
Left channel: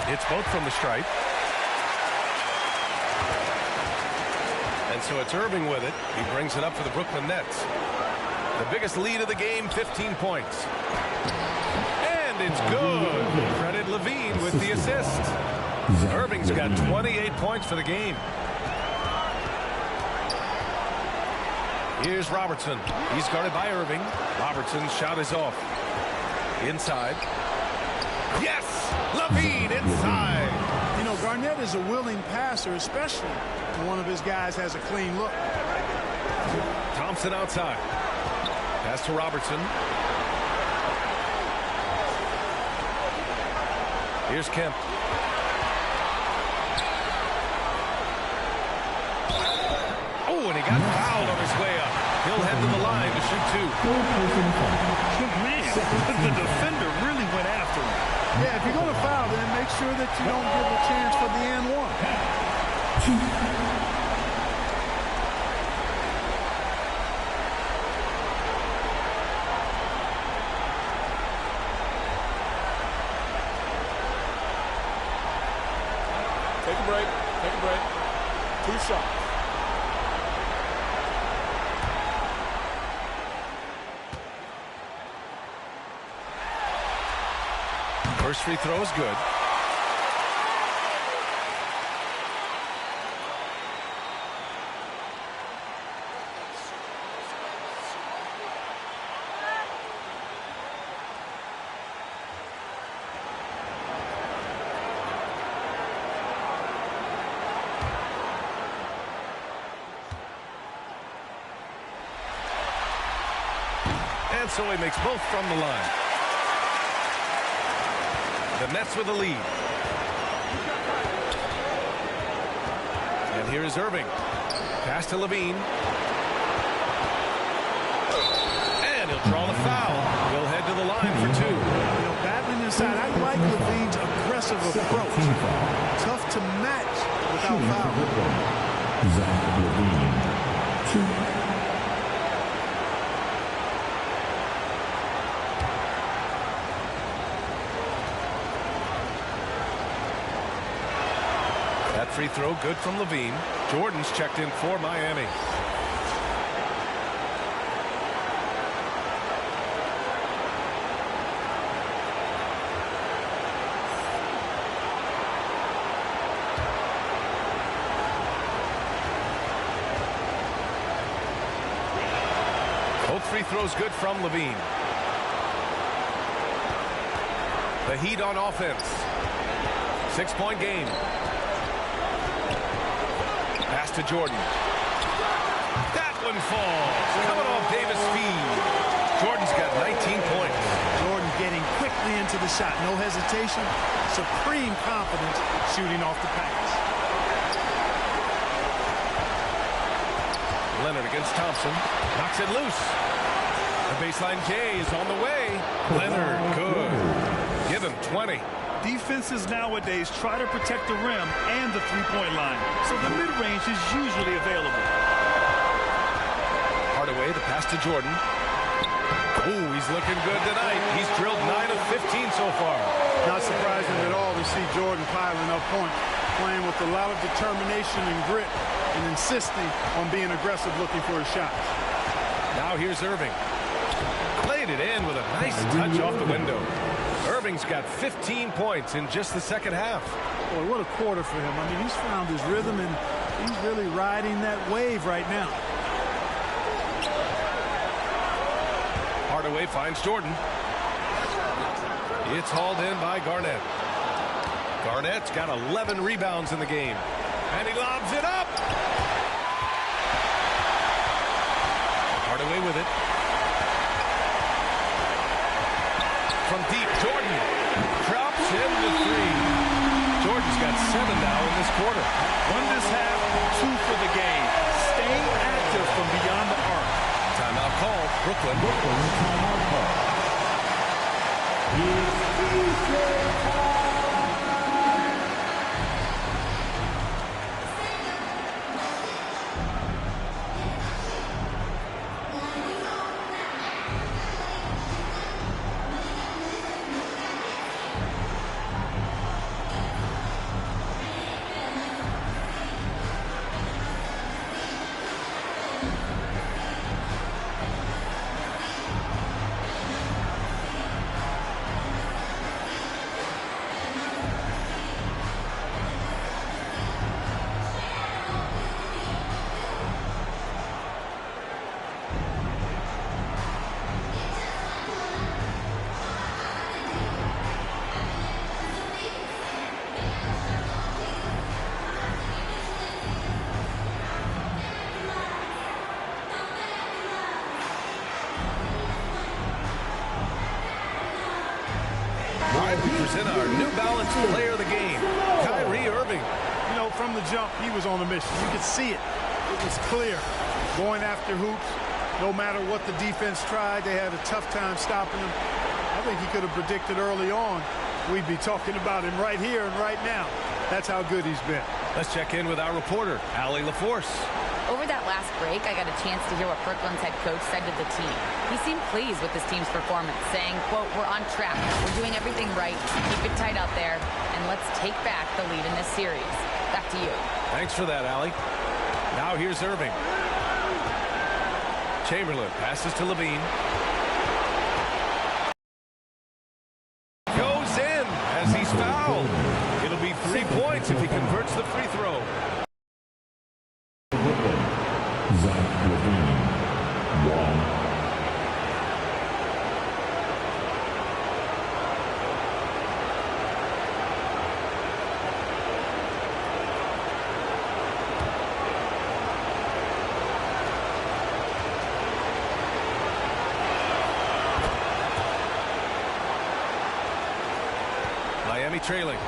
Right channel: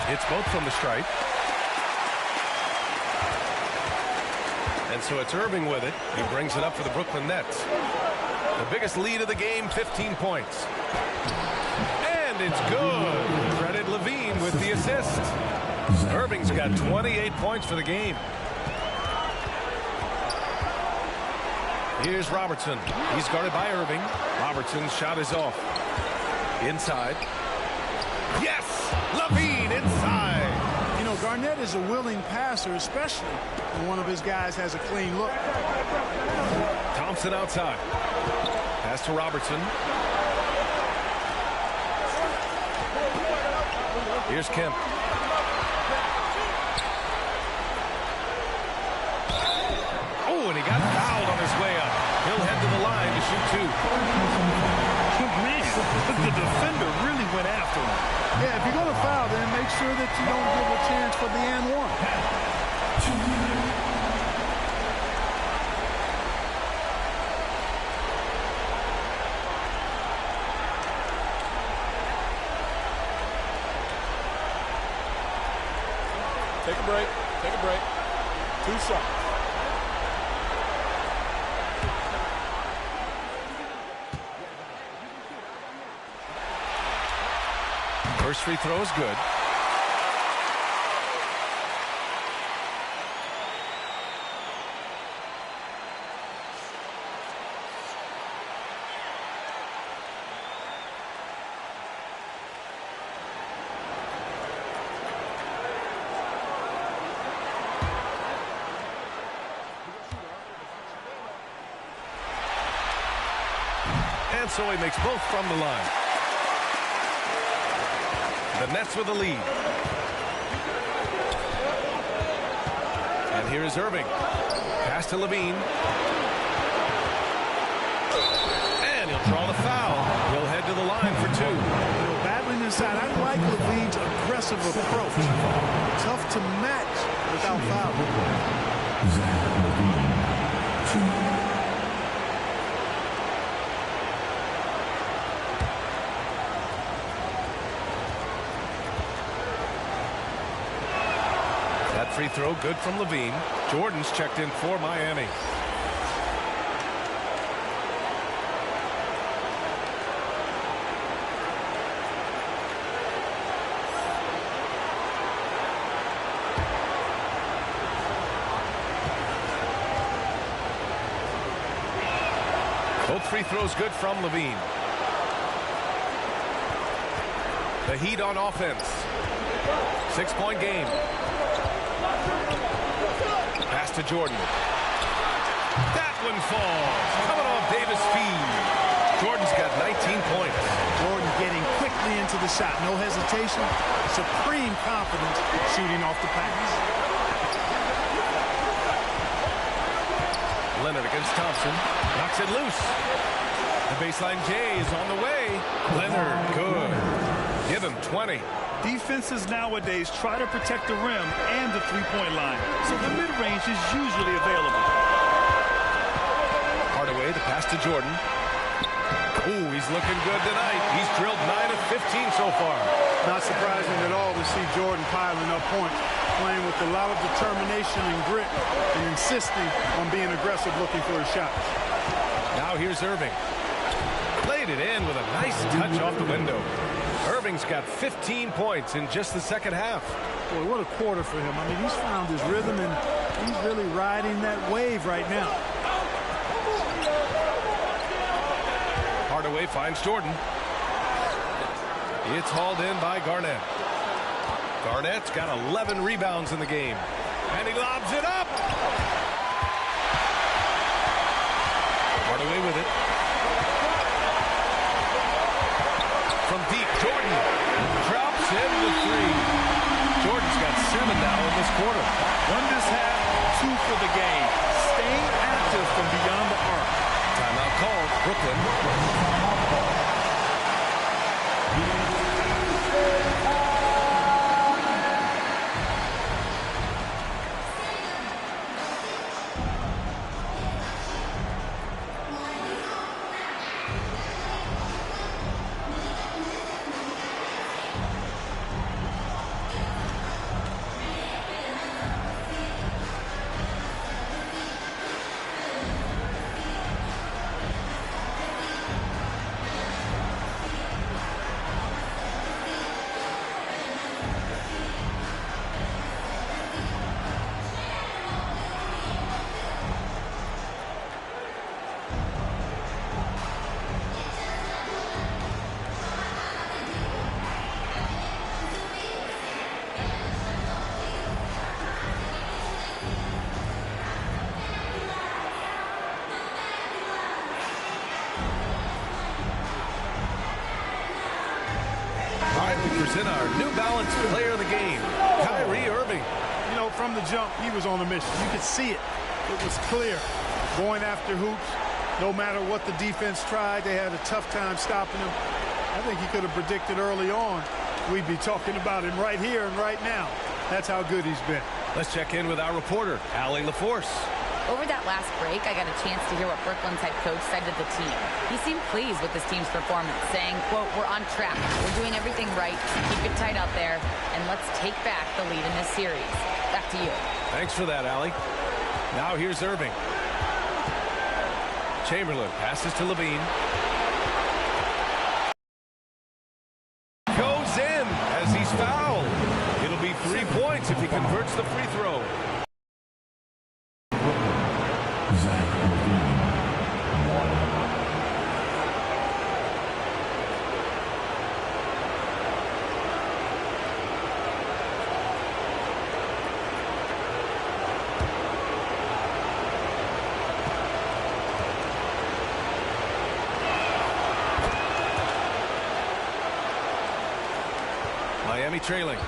Hits both from the stripe. And so it's Irving with it. He brings it up for the Brooklyn Nets. The biggest lead of the game, 15 points. And it's good. Credit LaVine with the assist. Irving's got 28 points for the game. Here's Robertson. He's guarded by Irving. Robertson's shot is off. Inside. Yes! LaVine inside. You know, Garnett is a willing passer, especially when one of his guys has a clean look. Thompson outside. Pass to Robertson. Here's Kemp. Oh, and he got fouled on his way up. He'll head to the line to shoot 2. Man, the defender really went after him. Yeah, if you're going to foul, then make sure that you don't give a chance for the and one. Take a break. Take a break. 2 shots. First free throw is good. And so he makes both from the line. The Nets with the lead. And here is Irving. Pass to LaVine. And he'll draw the foul. He'll head to the line for 2. You know, battling inside, I like LaVine's aggressive approach. Tough to match without fouling. Zach LaVine. 2. That free throw good from LaVine. Jordan's checked in for Miami. Both free throws good from LaVine. The Heat on offense. 6-point game. Pass to Jordan. That one falls. Coming off Davis' feed. Jordan's got 19 points. Jordan getting quickly into the shot. No hesitation. Supreme confidence shooting off the pass. Leonard against Thompson. Knocks it loose. The baseline J is on the way. Leonard, good. Give him 20. Defenses nowadays try to protect the rim and the three-point line, so the mid-range is usually available. Hardaway, the pass to Jordan. Ooh, he's looking good tonight. He's drilled 9 of 15 so far. Not surprising at all to see Jordan piling up points, playing with a lot of determination and grit, and insisting on being aggressive looking for his shots. Now here's Irving. Played it in with a nice touch off the window. Irving's got 15 points in just the second half. Boy, what a quarter for him. I mean, he's found his rhythm, and he's really riding that wave right now. Hardaway finds Jordan. It's hauled in by Garnett. Garnett's got 11 rebounds in the game. And he lobs it up. Hardaway with it. From deep, Jordan drops in the three. Jordan's got 7 now in this quarter. Won this half, 2 for the game. Staying active from beyond the arc. Timeout called. Brooklyn. Timeout call. We present our New Balance player of the game, Kyrie Irving. You know, from the jump, he was on a mission. You could see it. It was clear. Going after hoops, no matter what the defense tried, they had a tough time stopping him. I think he could have predicted early on we'd be talking about him right here and right now. That's how good he's been. Let's check in with our reporter, Allie LaForce. Over that last break, I got a chance to hear what Brooklyn's head coach said to the team. He seemed pleased with his team's performance, saying, quote, "We're on track. We're doing everything right. Keep it tight out there, and let's take back the lead in this series." Back to you. Thanks for that, Allie. Now here's Irving. Chamberlain passes to Levine. Goes in as he's fouled. It'll be 3 points if he converts the free throw. Zach Levine, 1. Miami trailing.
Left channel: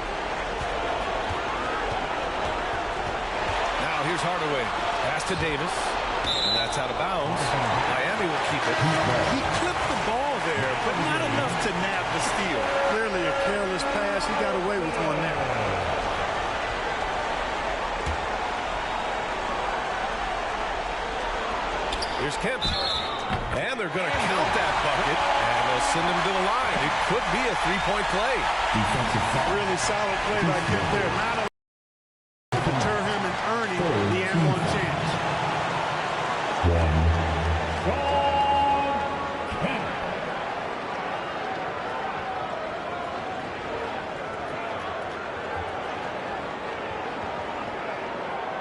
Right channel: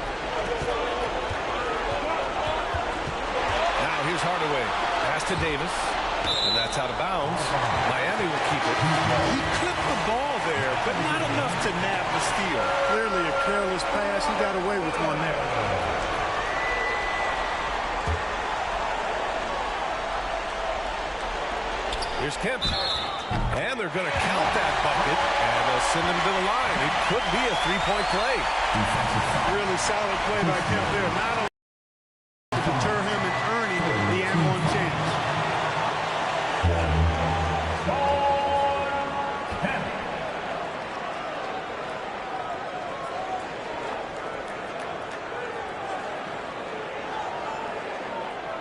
Now here's Hardaway. Pass to Davis. And that's out of bounds. Miami will keep it. He clipped the ball there, but not enough to nab the steal. Clearly a careless pass. He got away with one there. Here's Kemp. And they're going to count that bucket, and they'll send him to the line. It could be a three-point play. Really solid play by Kemp there. Not a to deter him in earning the and-one chance.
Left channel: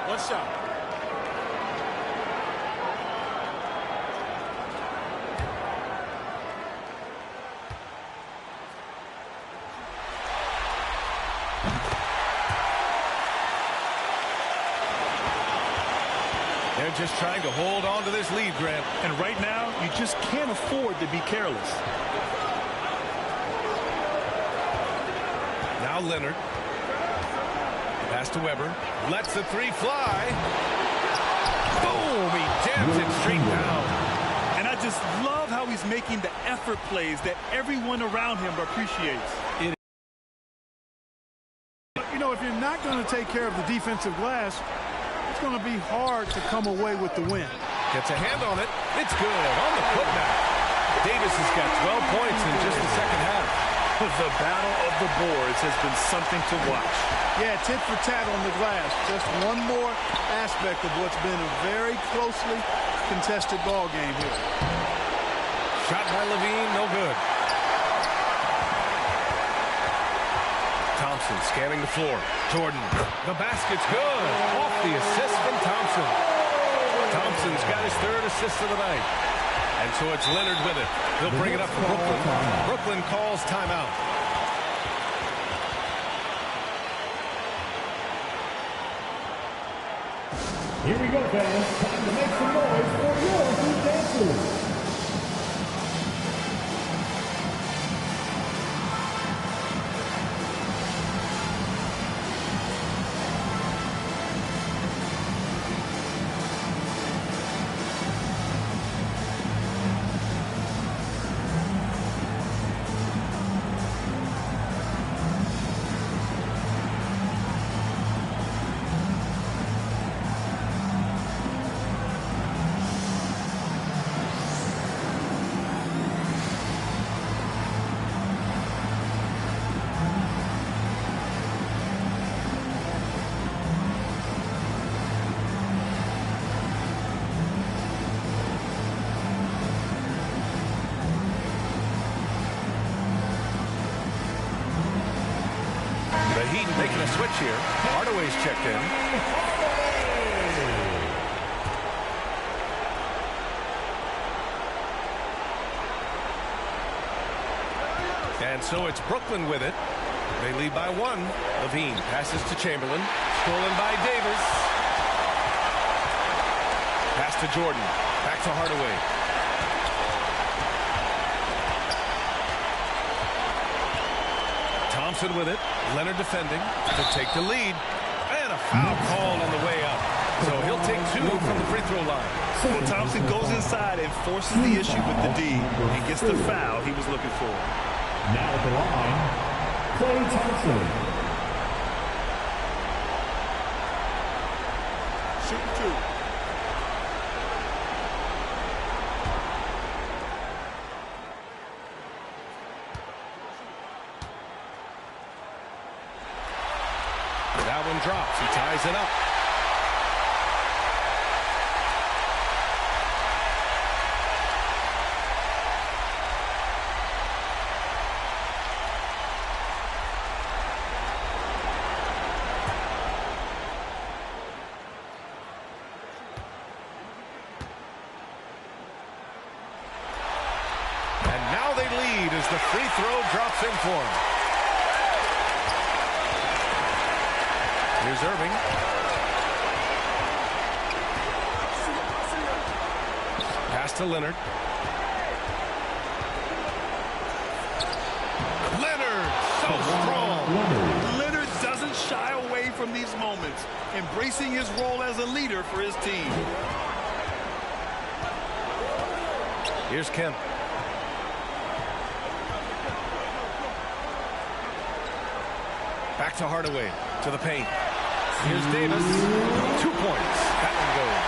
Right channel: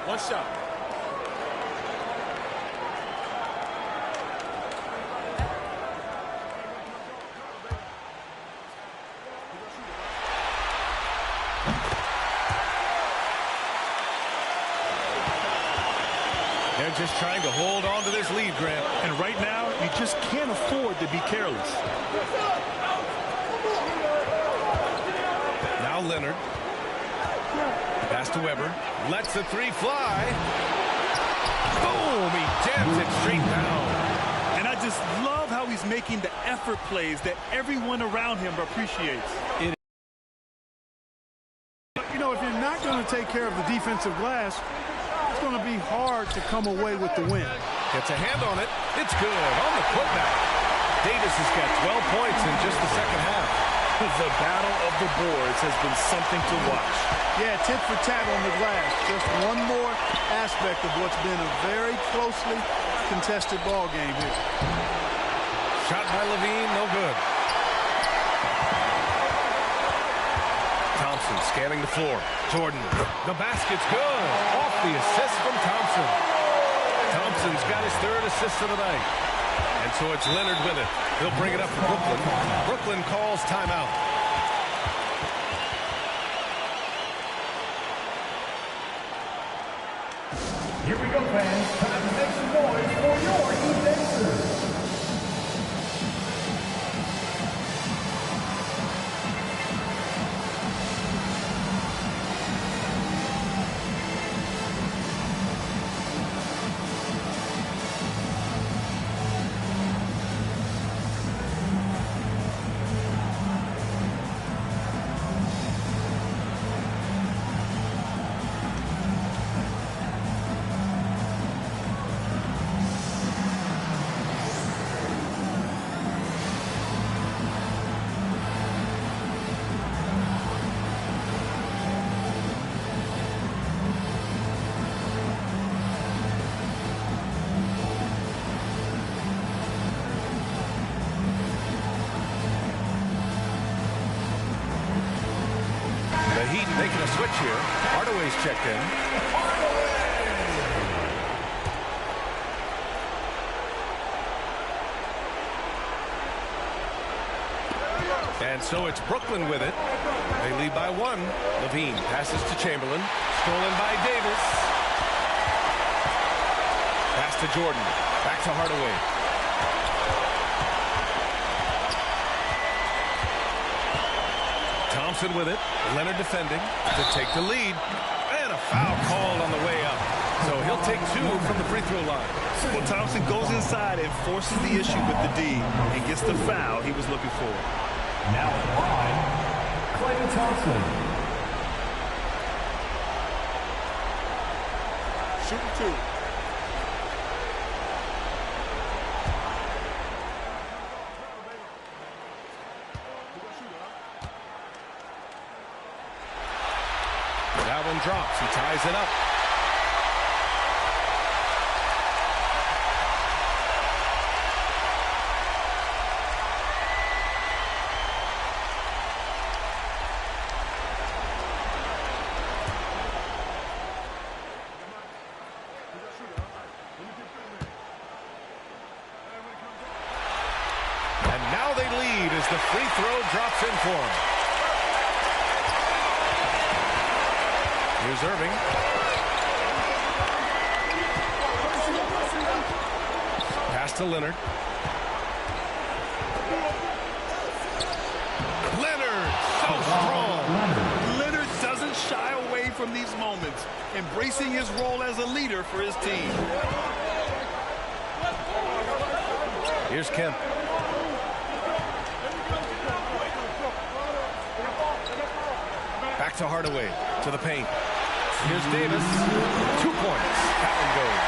One shot. They're just trying to hold on to this lead, Grant. And right now, you just can't afford to be careless. Now Leonard. Pass to Weber. Lets the three fly. Boom! He jams it straight down. And I just love how he's making the effort plays that everyone around him appreciates. You know, if you're not going to take care of the defensive glass, it's going to be hard to come away with the win. Gets a hand on it. It's good on the putback. Davis has got 12 points in just the second half. The battle of the boards has been something to watch. Yeah, tit for tat on the glass. Just one more aspect of what's been a very closely contested ball game here. Shot by Levine, no good. Thompson scanning the floor. Jordan, the basket's good. Off the assist from Thompson. Thompson's got his third assist of the night. And so it's Leonard with it. He'll bring it up for Brooklyn. Brooklyn calls timeout. Here we go, fans. Time to make some noise for your Heat dancers. The Heat making a switch here. Hardaway's checked in. And so it's Brooklyn with it. They lead by one. Levine passes to Chamberlain. Stolen by Davis. Pass to Jordan. Back to Hardaway. Thompson with it. Leonard defending to take the lead. And a foul called on the way up. So he'll take two from the free throw line. Well, Thompson goes inside and forces the issue with the D and gets the foul he was looking for. Now at the line, Klay Thompson. Shooting two. That one drops. He ties it up. And now they lead as the free throw drops in for him. Here's Irving. Pass to Leonard. Leonard, so strong. Leonard doesn't shy away from these moments, embracing his role as a leader for his team. Here's Kemp. Back to Hardaway, to the paint. Here's Davis. 2 points. That one goes.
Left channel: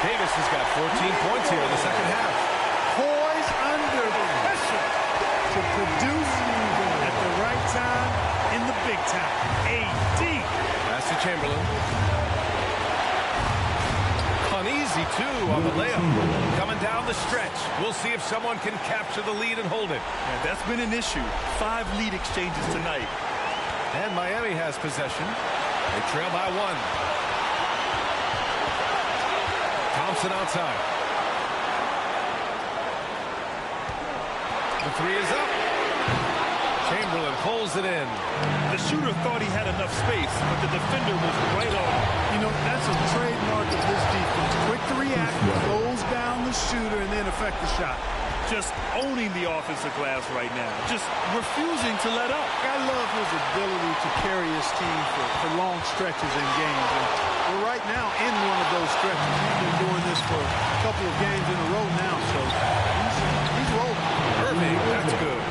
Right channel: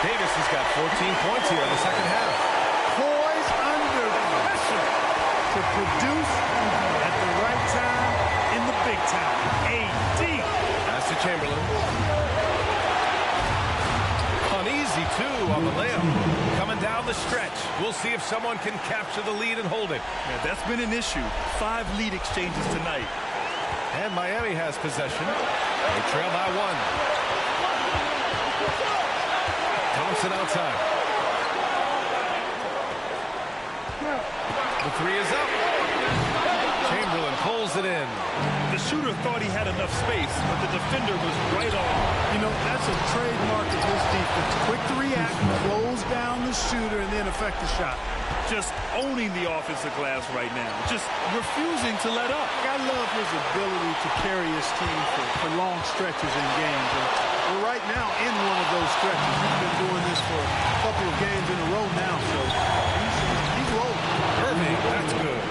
Davis has got 14 points here in the second half. Poised under pressure to produce at the right time in the big time. AD. Pass to Chamberlain. Uneasy, too, on the layup. Coming down the stretch. We'll see if someone can capture the lead and hold it. Yeah, that's been an issue. 5 lead exchanges tonight. And Miami has possession. They trail by 1. Thompson outside. The three is up. Chamberlain pulls it in. The shooter thought he had enough space, but the defender was right on him. You know, that's a trademark of his defense. Quick to react, close down the shooter, and then affect the shot. Just owning the offensive glass right now. Just refusing to let up. I love his ability to carry his team for long stretches in games. And we're right now in one of those stretches. He's been doing this for a couple of games in a row now, so he's rolling. Irving, that's good.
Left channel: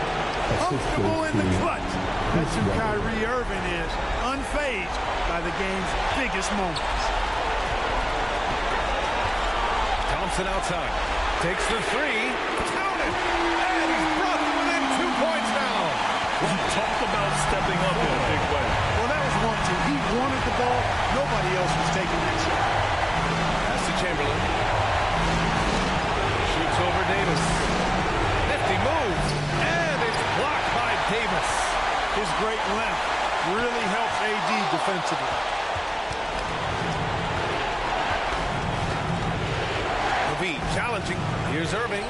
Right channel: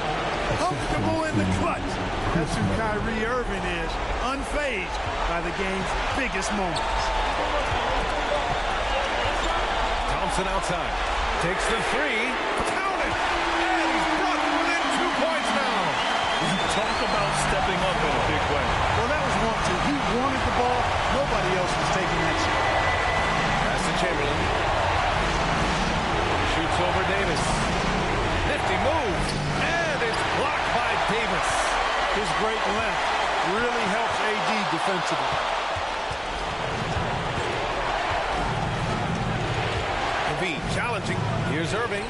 Comfortable in the clutch. That's who Kyrie Irving is, unfazed by the game's biggest moments. Thompson outside. Takes the three. Count it! And he's brought them within 2 points now. Talk about stepping up in a big way. Well, that was 1-2. He wanted the ball. Nobody else was taking that shot. Pass to Chamberlain. Shoots over Davis. Nifty move. And it's blocked by Davis. His great length really helps AD defensively. Levine challenging. Here's Irving.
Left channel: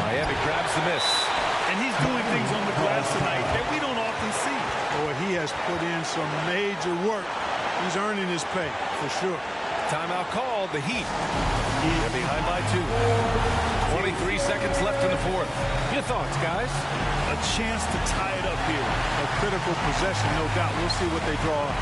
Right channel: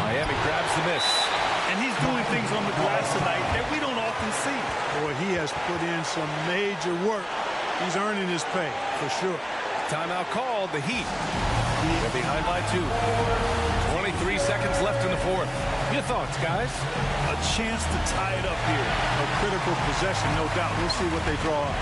Miami grabs the miss. And he's doing things on the glass tonight that we don't often see. Boy, he has put in some major work. He's earning his pay, for sure. Timeout called, the Heat. They're behind by 2. 23 seconds left in the fourth. Your thoughts, guys? A chance to tie it up here. A critical possession, no doubt. We'll see what they draw up.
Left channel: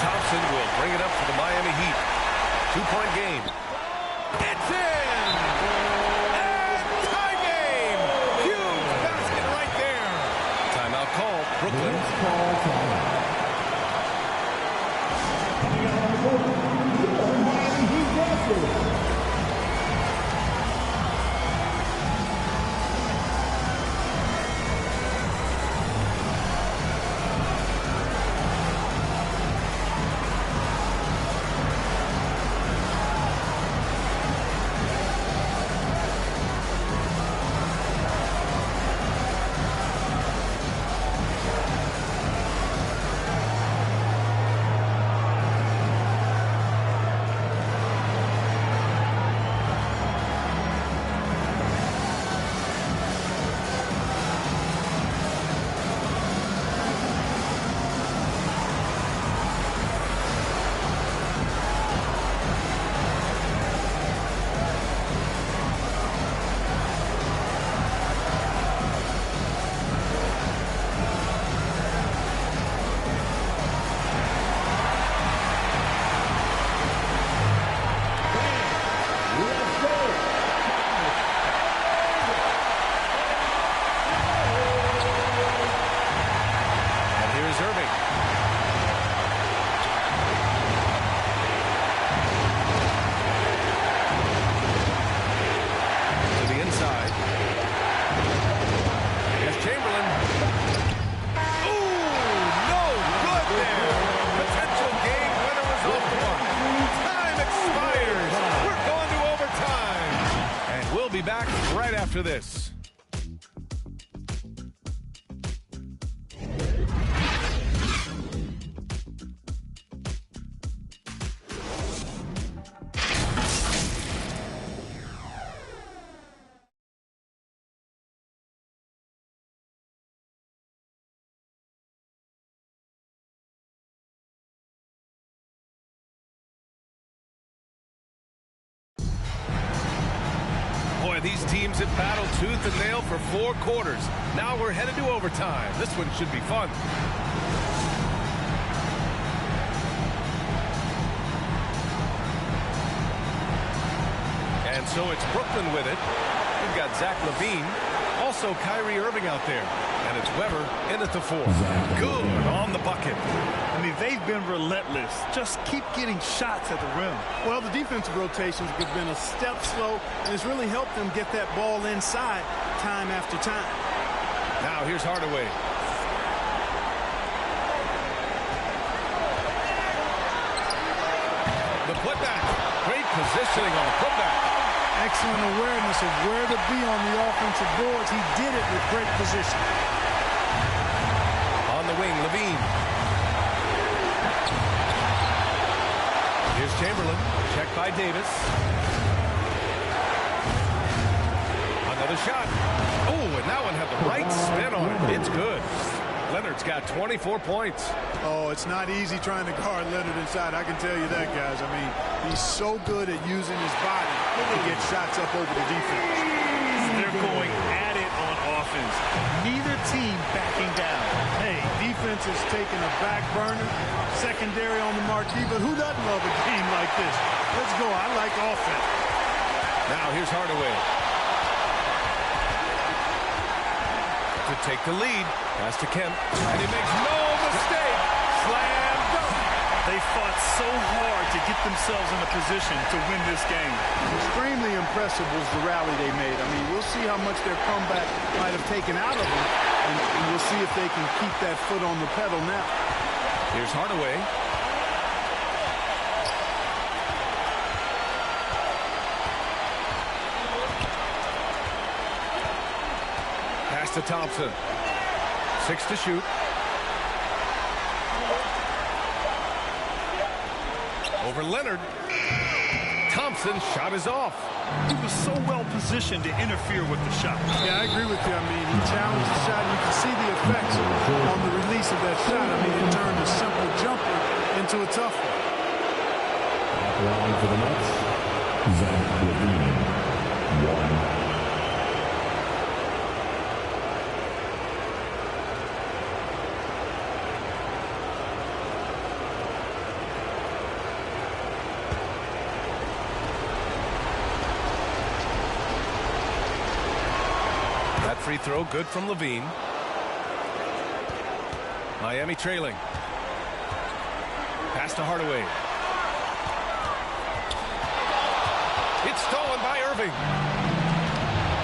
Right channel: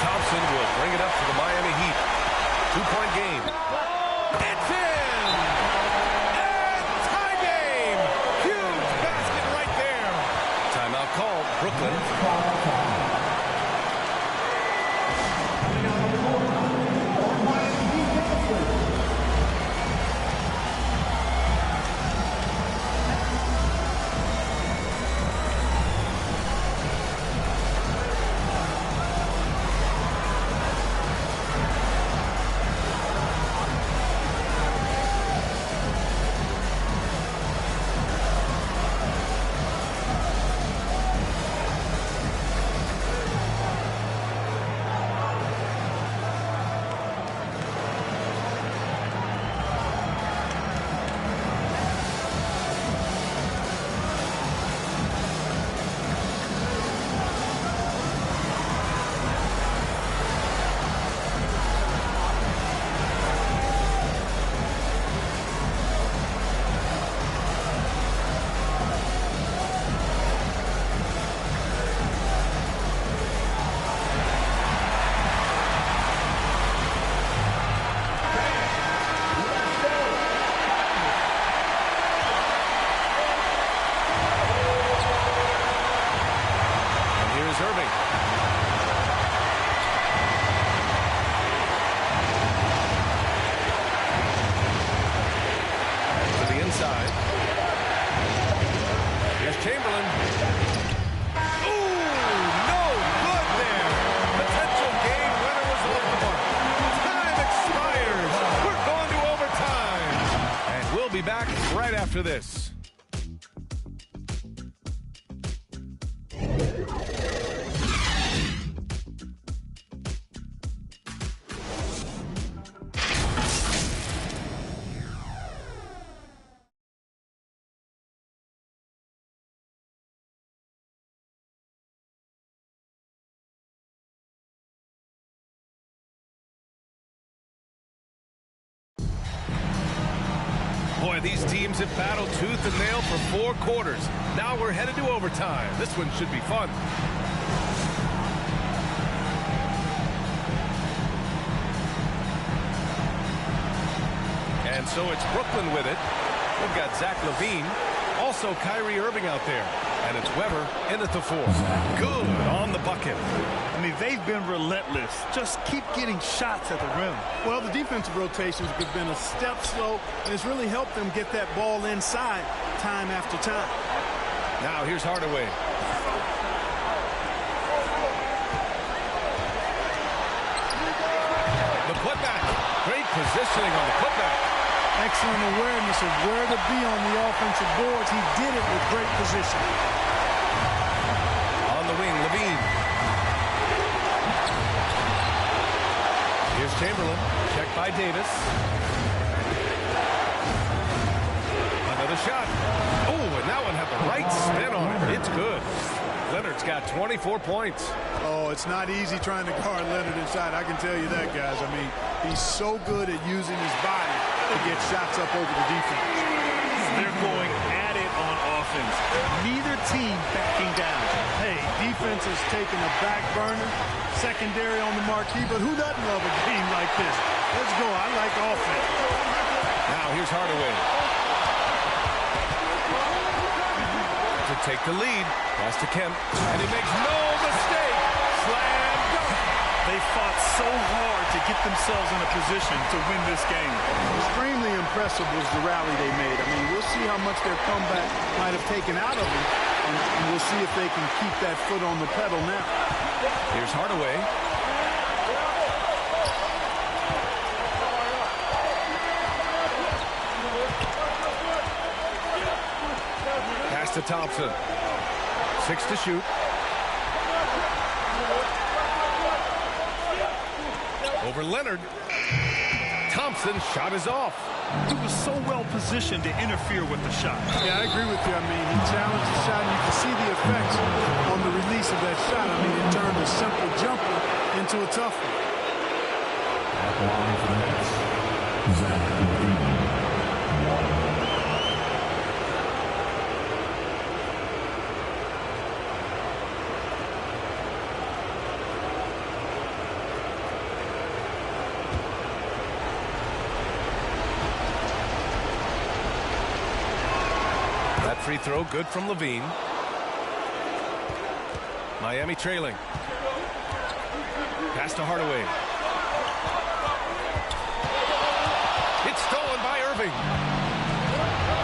Thompson will bring it up for the Miami Heat. 2-point game. It's in! And tie game! Huge basket right there. Timeout called. Brooklyn. Here's Irving. To the inside. Here's Chamberlain. Ooh, no good there. Potential game winner was off the mark. Time expires. We're going to overtime. And we'll be back right after this. Boy, these teams have battled tooth and nail for 4 quarters. Now we're headed to overtime. This one should be fun. And so it's Brooklyn with it. We've got Zach LaVine. Also Kyrie Irving out there. And it's Weber in at the 4. Good on the bucket. I mean, they've been relentless. Just keep getting shots at the rim. Well, the defensive rotations have been a step slow, and it's really helped them get that ball inside time after time. Now here's Hardaway. The putback. Great positioning on the putback. Excellent awareness of where to be on the offensive boards. He did it with great position. On the wing, LaVine. Here's Chamberlain. Checked by Davis. Another shot. Oh, and that one had the right spin on it. It's good. Leonard's got 24 points. Oh, it's not easy trying to guard Leonard inside. I can tell you that, guys. I mean, he's so good at using his body to get shots up over the defense. They're going at it on offense. Neither team backing down. Hey, defense is taking a back burner, secondary on the marquee, but who doesn't love a game like this? Let's go. I like offense. Now here's Hardaway. To take the lead. Pass to Kemp. And he makes no mistake. Slam dunk. They fought so hard to get themselves in a position to win this game. Extremely impressive was the rally they made. I mean, we'll see how much their comeback might have taken out of them, and we'll see if they can keep that foot on the pedal now. Here's Hardaway. Pass to Thompson. 6 to shoot. Over Leonard. Thompson's shot is off. He was so well positioned to interfere with the shot. Yeah, I agree with you. I mean, he challenged the shot, and you can see the effects on the release of that shot. I mean, it turned a simple jumper into a tough one. At the line for the Nets, Zach LaVine, 1. That free throw good from LaVine. Miami trailing. Pass to Hardaway. It's stolen by Irving.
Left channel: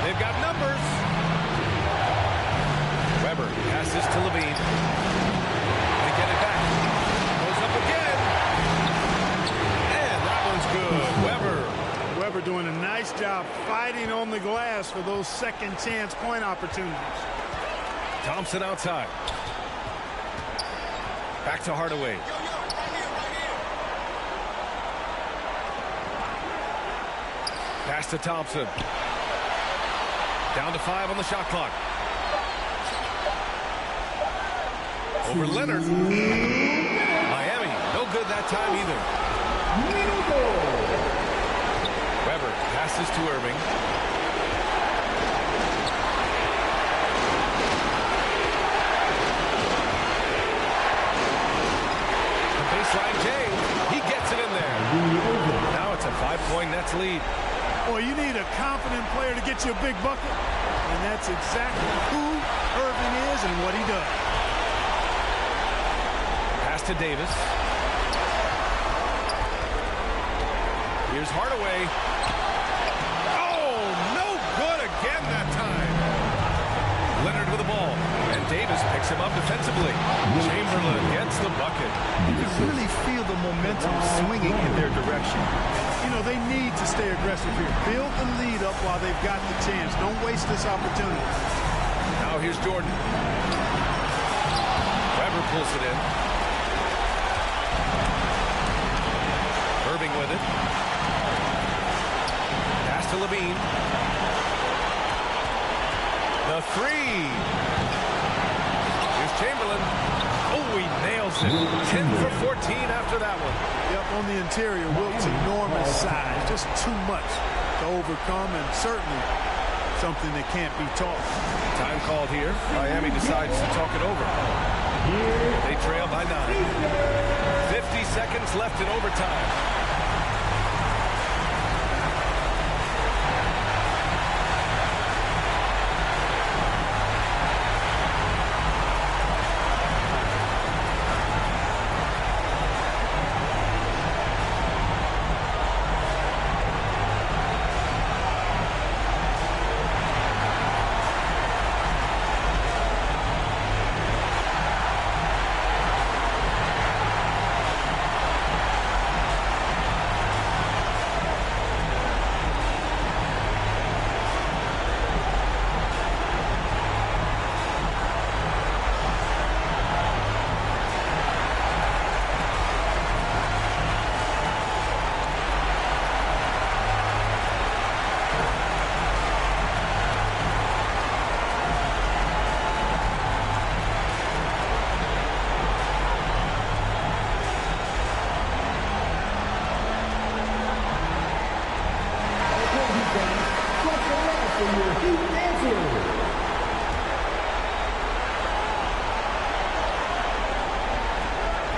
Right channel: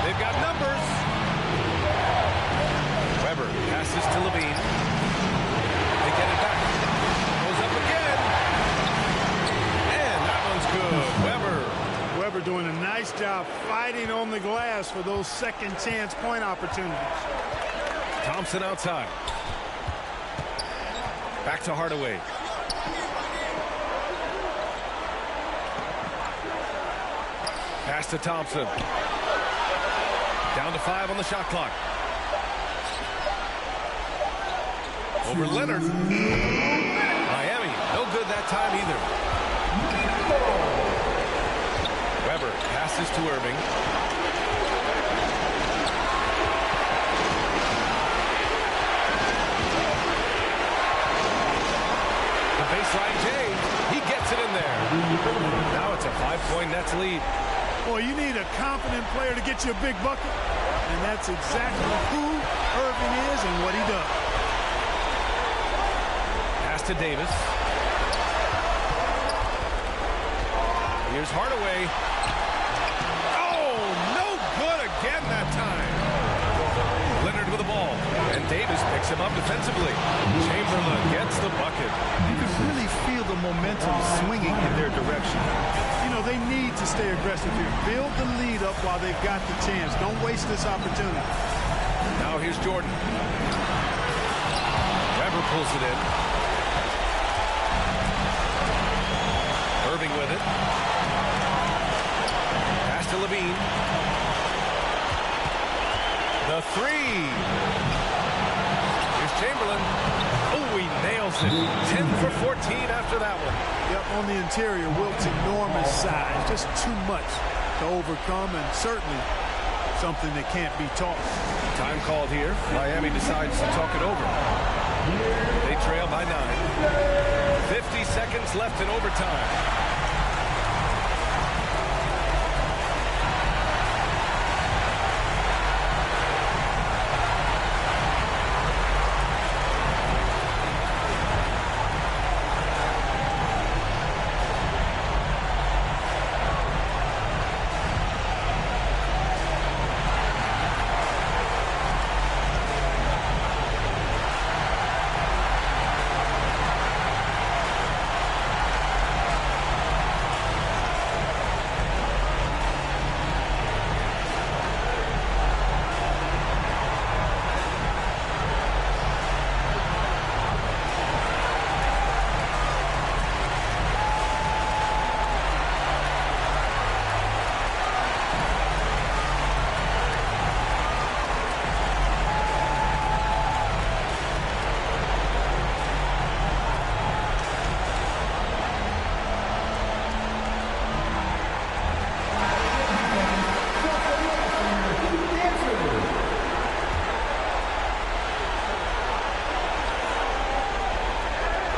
They've got numbers. Weber passes to LaVine. They get it back. Goes up again. And that one's good. Weber doing a nice job fighting on the glass for those second chance point opportunities. Thompson outside. Back to Hardaway. Pass to Thompson. Down to 5 on the shot clock. Over Leonard. Miami, no good that time either. Weber passes to Irving. The baseline J. He gets it in there. Now it's a 5-point Nets lead. Boy, you need a confident player to get you a big bucket. And that's exactly who Irving is and what he does. Pass to Davis. Here's Hardaway. Oh, no good again that time. Leonard with the ball. And Davis picks him up defensively. Chamberlain gets the bucket. You can really feel the momentum swinging in their direction. You know, they need to stay aggressive here. Build the lead up while they've got the chance. Don't waste this opportunity. Now here's Jordan. Weber pulls it in. Irving with it. Pass to LaVine. The 3. Here's Chamberlain. Oh, he nails it. 10 for 14 after that one. Yep, on the interior, Wilt's enormous size. Just too much to overcome, and certainly something that can't be taught. Time called here. Miami decides to talk it over. They trail by 9. 50 seconds left in overtime.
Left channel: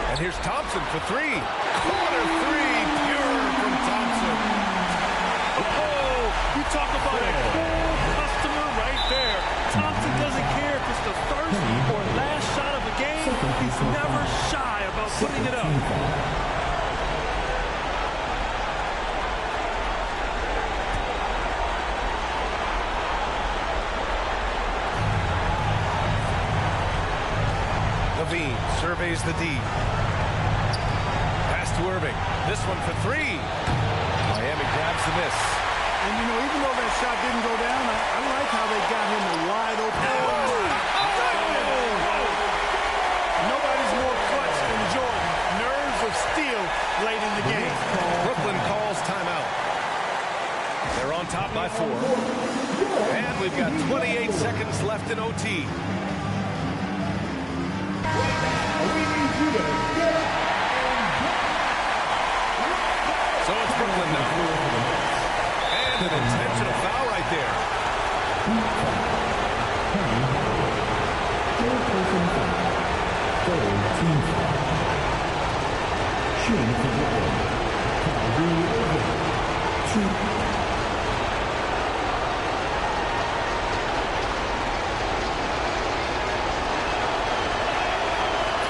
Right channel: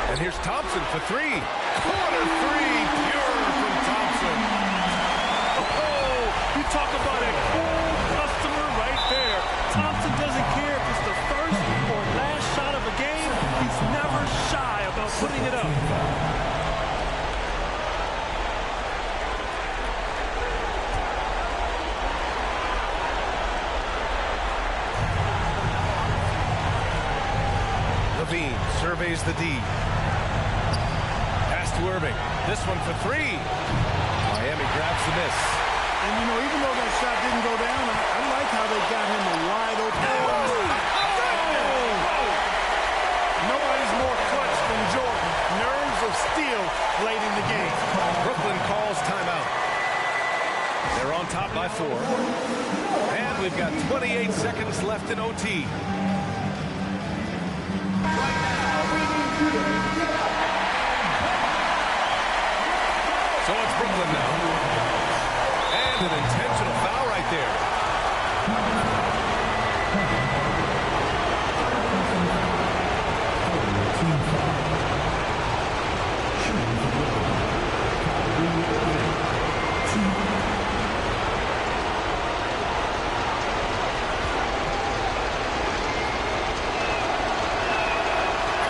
And here's Thompson for 3. Corner 3, pure from Thompson. Oh, you talk about a cool customer right there. Thompson doesn't care if it's the first or last shot of a game. He's never shy about putting it up. Levine surveys the D. Pass to Irving. This one for 3. Miami grabs the miss. And, you know, even though that shot didn't go down, I like how they got him a wide open. Nobody's more clutch than Jordan. Nerves of steel late in the game. Brooklyn calls timeout. They're on top by 4. And we've got 28 seconds left in OT. So it's Brooklyn now. And an intentional foul right there. Team foul. Shooting for Brooklyn. Kyrie Irving. 2.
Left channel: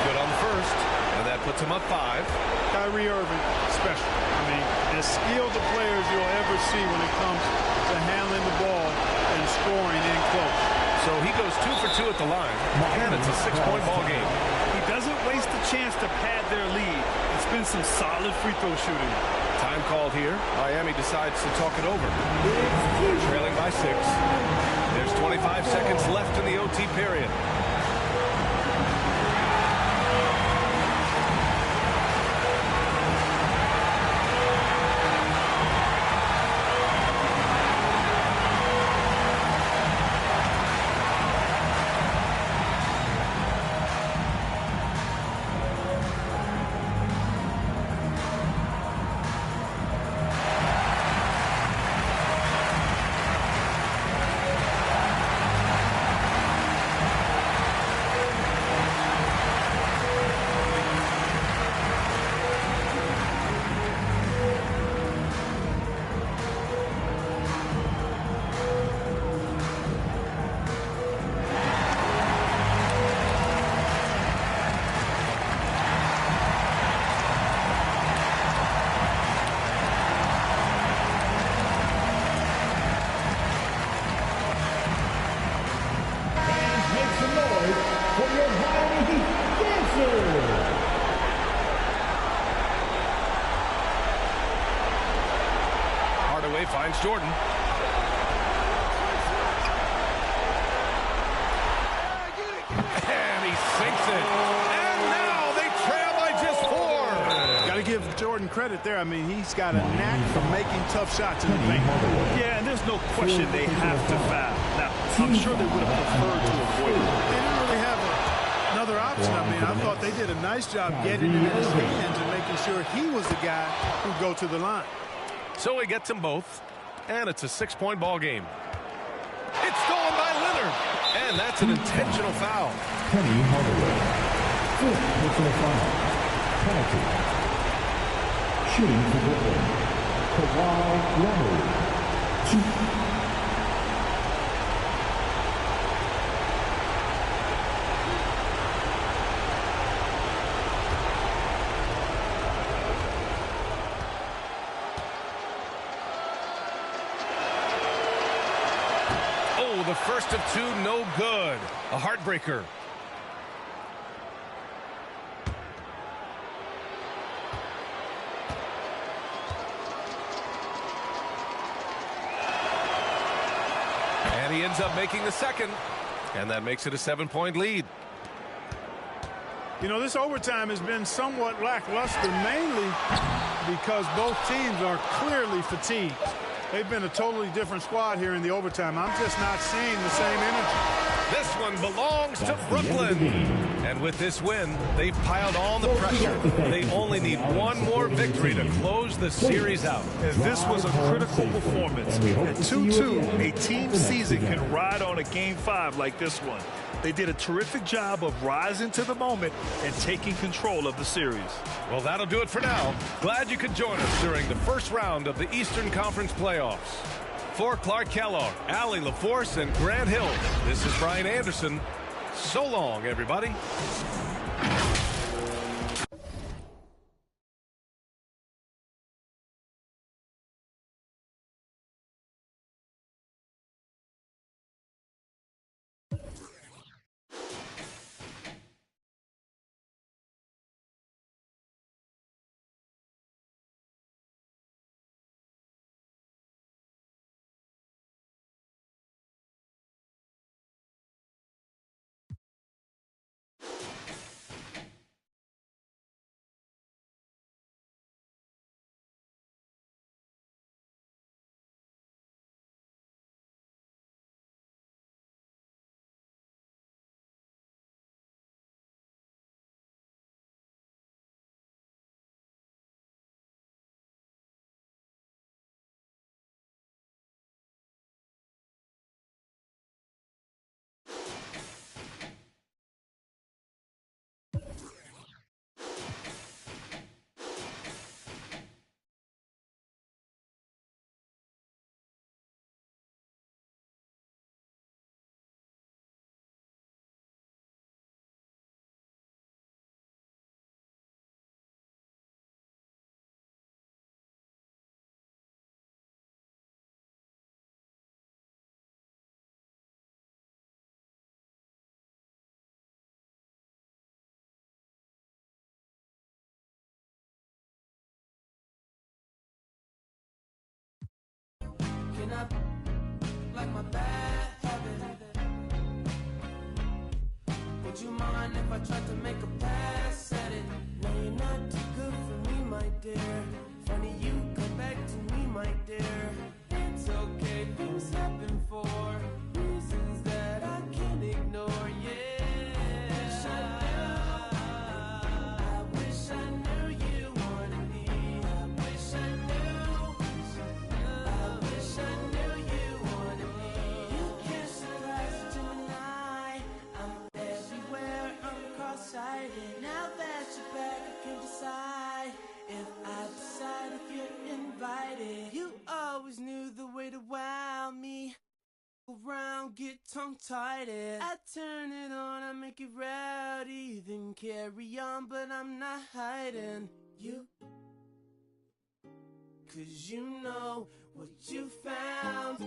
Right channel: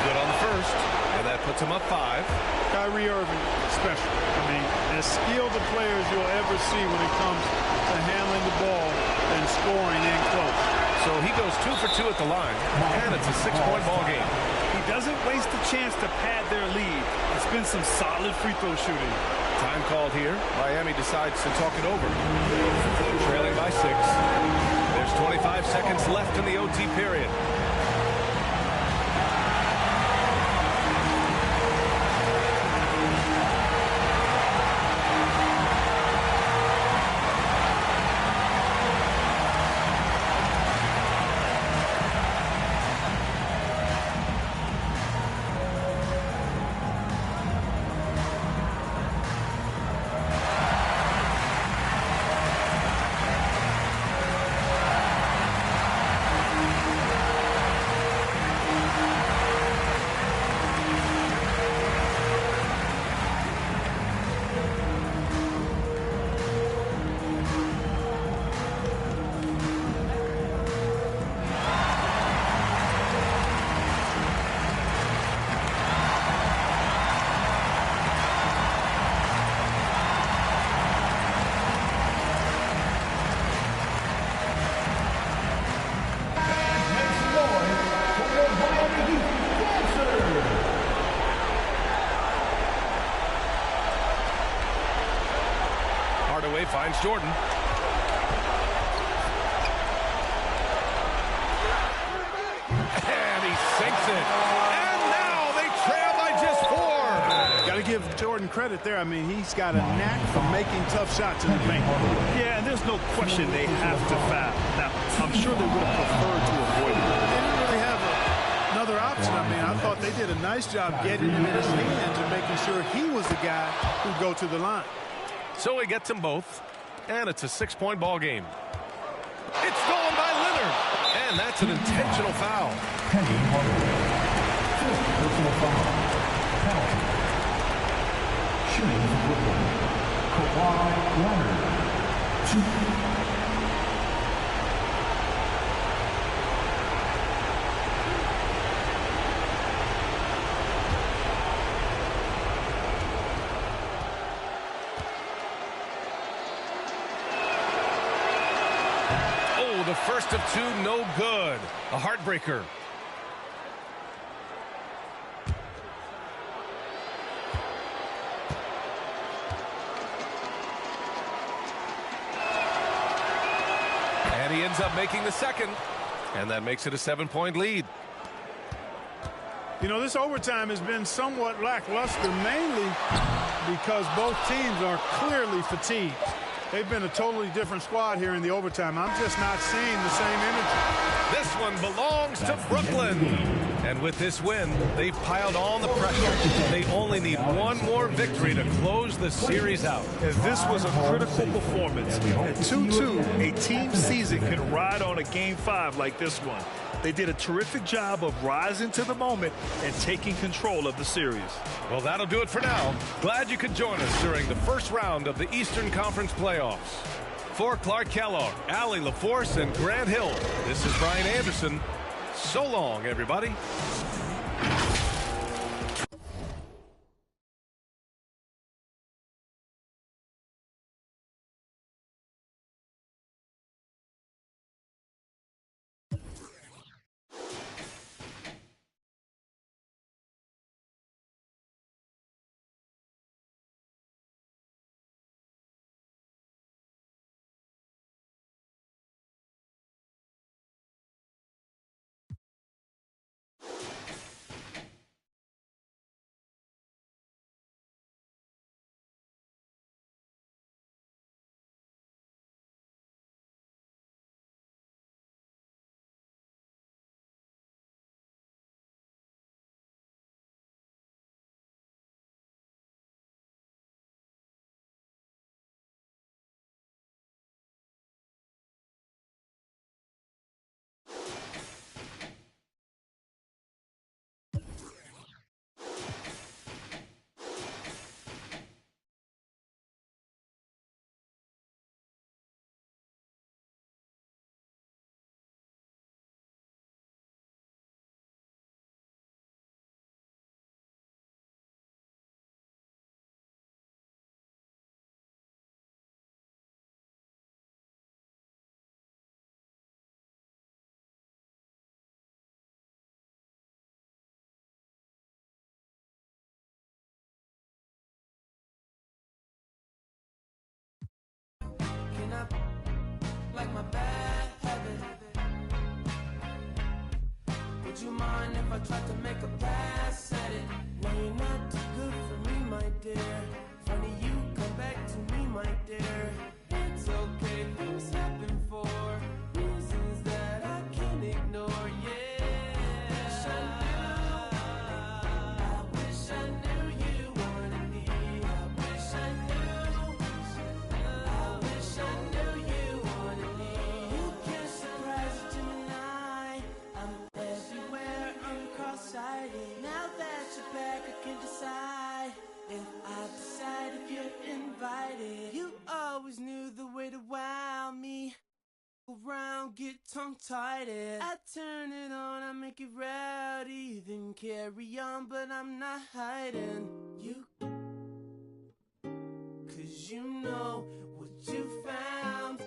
Good on the first, and that puts him up 5. Kyrie Irving, special. I mean, as skilled a player as you'll ever see when it comes to handling the ball and scoring in close. So he goes 2 for 2 at the line, and it's a 6-point ball game. He doesn't waste a chance to pad their lead. It's been some solid free throw shooting. Time called here. Miami decides to talk it over. They're trailing by 6. There's 25 seconds left in the OT period. Hardaway finds Jordan. And he sinks it. And now they trail by just 4. Got to give Jordan credit there. I mean, he's got a knack for making tough shots in the paint. Yeah, and there's no question they have to foul. Now, I'm sure they would have preferred to avoid it. They didn't really have another option. I mean, I thought they did a nice job getting him in his hands and making sure he was the guy who'd go to the line. So he gets them both, and it's a 6-point ball game. It's stolen by Leonard. And that's an intentional foul. Penny Hardaway. Fifth personal foul. Penalty. Shooting for Brooklyn. Kawhi Leonard. 2. Oh, the first of two, no good. A heartbreaker. And he ends up making the second. And that makes it a 7-point lead. You know, this overtime has been somewhat lackluster, mainly because both teams are clearly fatigued. They've been a totally different squad here in the overtime. I'm just not seeing the same energy. This one belongs to Brooklyn. And with this win, they've piled on the pressure. They only need one more victory to close the series out. And this was a critical performance. At 2-2, a team season can ride on a Game 5 like this one. They did a terrific job of rising to the moment and taking control of the series. Well, that'll do it for now. Glad you could join us during the first round of the Eastern Conference playoffs. For Clark Kellogg, Allie LaForce, and Grant Hill, this is Brian Anderson. So long, everybody. Like my bad habit. Would you mind if I tried to make a pass at it? No, you're not too good for me, my dear. Funny you come back to me, my dear. It's okay, things happen for reasons that I can't ignore, yeah. I wish I knew you wanted me. I wish I knew. I wish I knew you wanted me. You can't surprise a Gemini. I'm everywhere, I'm cross-sighted. Now that you're back, I can decide if I decide if you're invited. You always knew the way to wow me. Around, get tongue-tied. I turn it on, I make it rowdy. Then carry on, but I'm not hiding. Cause you know what you found.